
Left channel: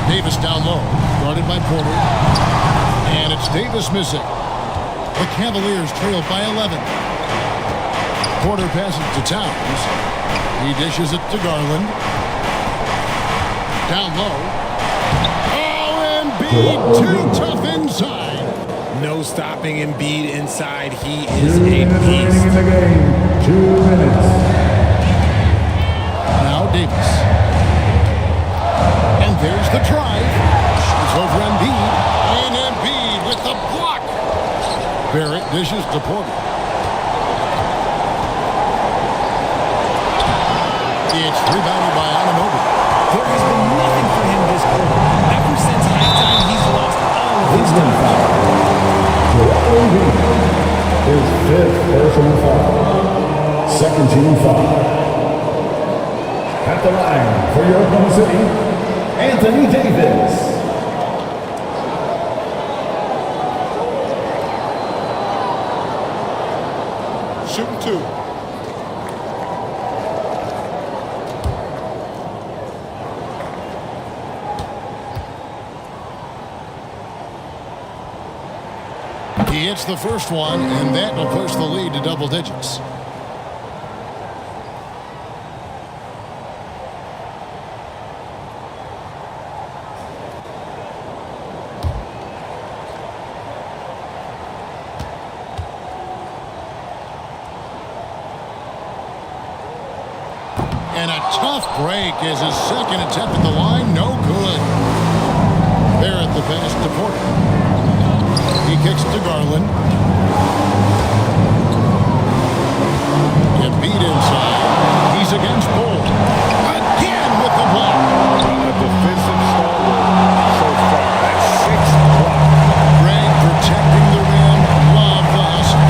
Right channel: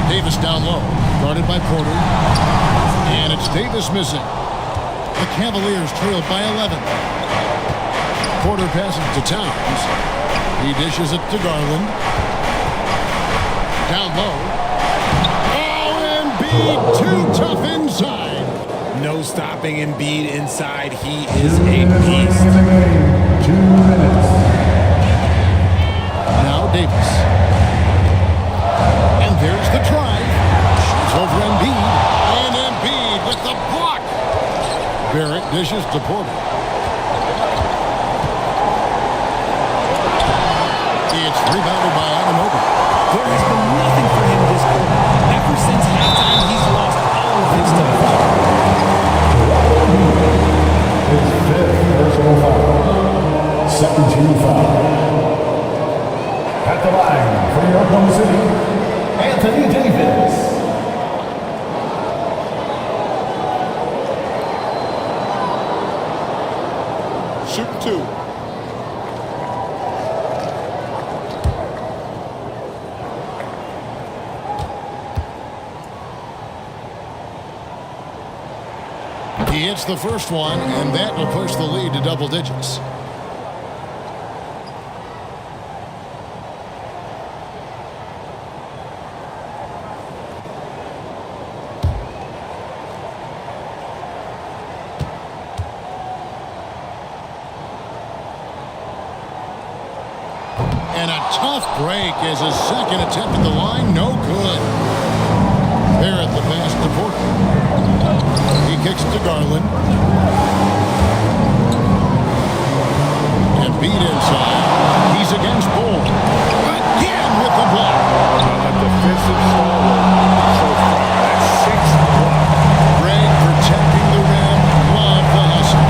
Davis down low, guarded by Porter. And it's Davis missing. The Cavaliers trail by 11. Porter passes to Towns. He dishes it to Garland. Down low. Oh, Embiid too tough inside. No stopping Embiid inside. He is a beast. In the game, 2 minutes. Now Davis. And there's the drive. Shoots over Embiid. And Embiid with the block. Barrett dishes to Porter. It's rebounded by Anunoby. There has been nothing for him this quarter. Ever since halftime, he's lost all of his time. His 5th personal foul. Second team foul. At the line for your Oklahoma City, Anthony Davis. Shooting 2. He hits the first one, and that will push the lead to double digits. And a tough break as his second attempt at the line, no good. Barrett the pass to Porter. He kicks to Garland. Embiid inside. He's against Bull. Again with the block. A defensive stalwart so far. That's 6th block. Greg protecting the rim. Love the hustle.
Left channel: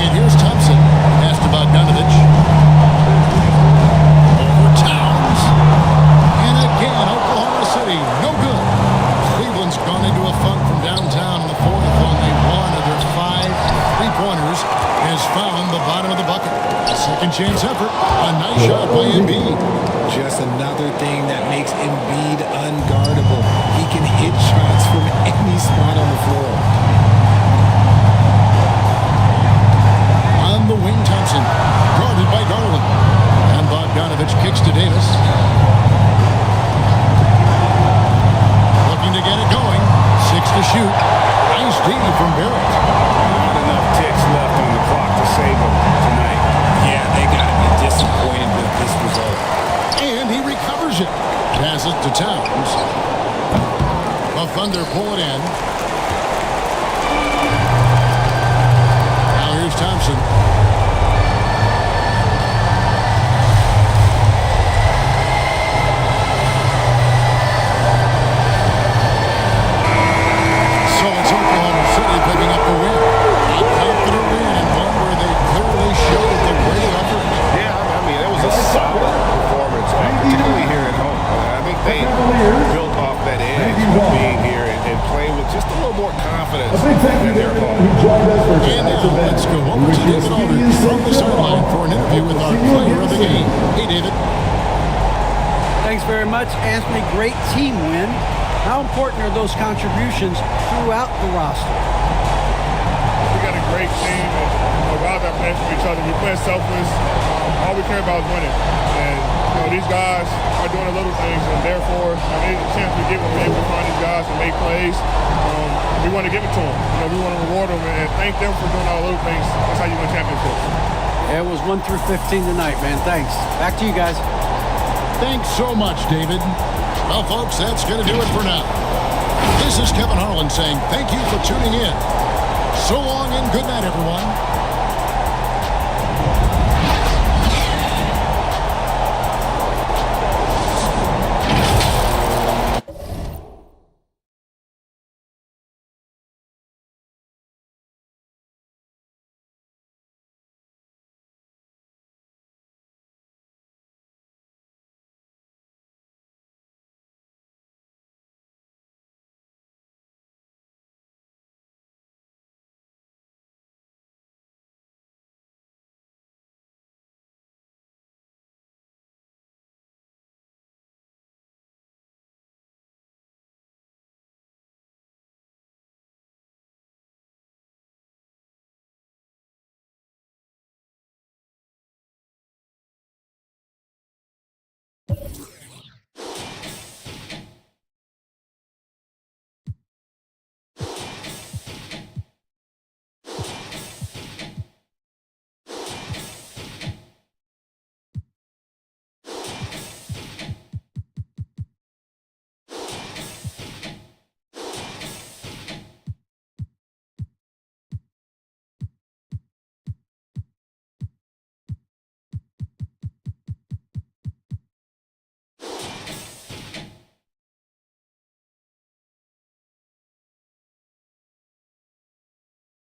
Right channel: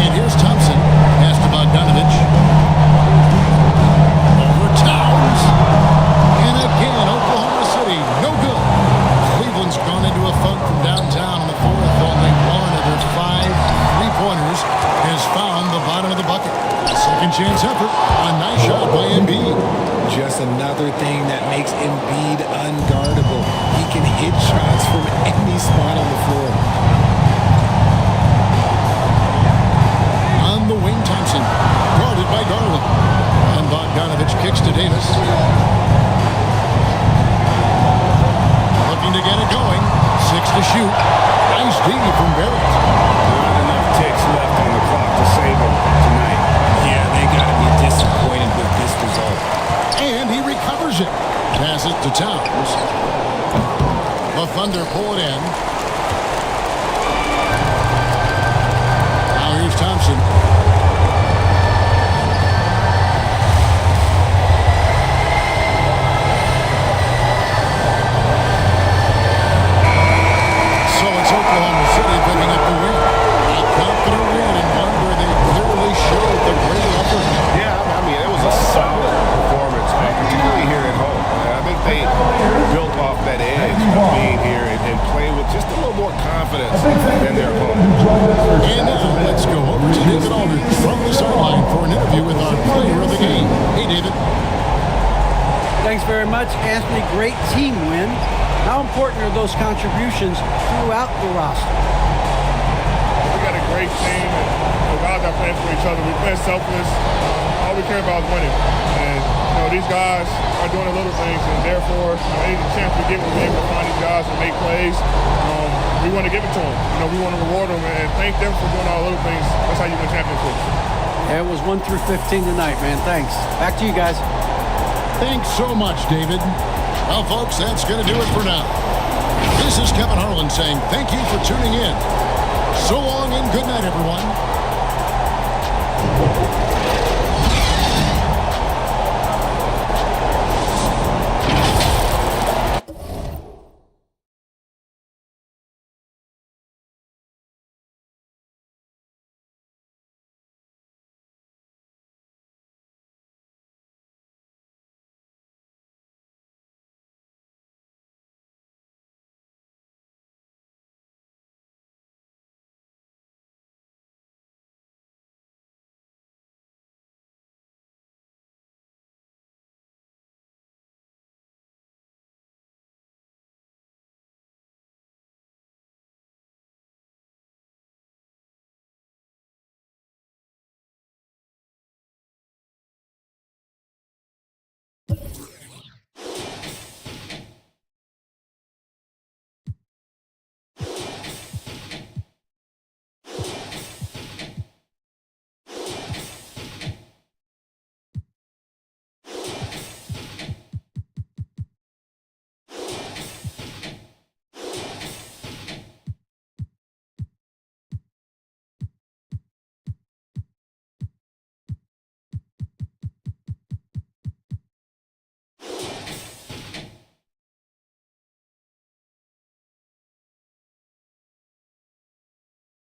And here's Thompson. Pass to Bogdanovich. Over Towns. And again, Oklahoma City, no good. Cleveland's gone into a funk from downtown in the fourth. Only one of their 5 3-pointers has found the bottom of the bucket. A second chance effort. A nice shot by Embiid. Just another thing that makes Embiid unguardable. He can hit shots from any spot on the floor. On the wing, Thompson, guarded by Garland. And Bogdanovich kicks to Davis. Looking to get it going. 6 to shoot. Nice D from Barrett. Not enough ticks left on the clock to save them tonight. Yeah, they got to be disappointed with this result. And he recovers it. Passes to Towns. The Thunder pull it in. Now here's Thompson. So it's Oklahoma City picking up the win. A confident win and one where they clearly showed the greater effort. Yeah, I mean, it was a solid performance, particularly here at home. I think they built off that edge of being here and play with just a little more confidence than their opponent. And now let's go over to David Aldridge from the sideline for an interview with our player of the game. Hey, David. Thanks very much, Anthony. Great team win. How important are those contributions throughout the roster? We got a great team, and guys are playing for each other. We play selfless. All we care about is winning. And these guys are doing the little things, and therefore, any chance we get when we're able to find these guys and make plays, we want to give it to them. We want to reward them and thank them for doing all the little things. That's how you win championships. Yeah, it was 1 through 15 tonight, man. Thanks. Back to you guys. Thanks so much, David. Well, folks, that's going to do it for now. This is Kevin Harlan saying thank you for tuning in. So long and good night, everyone.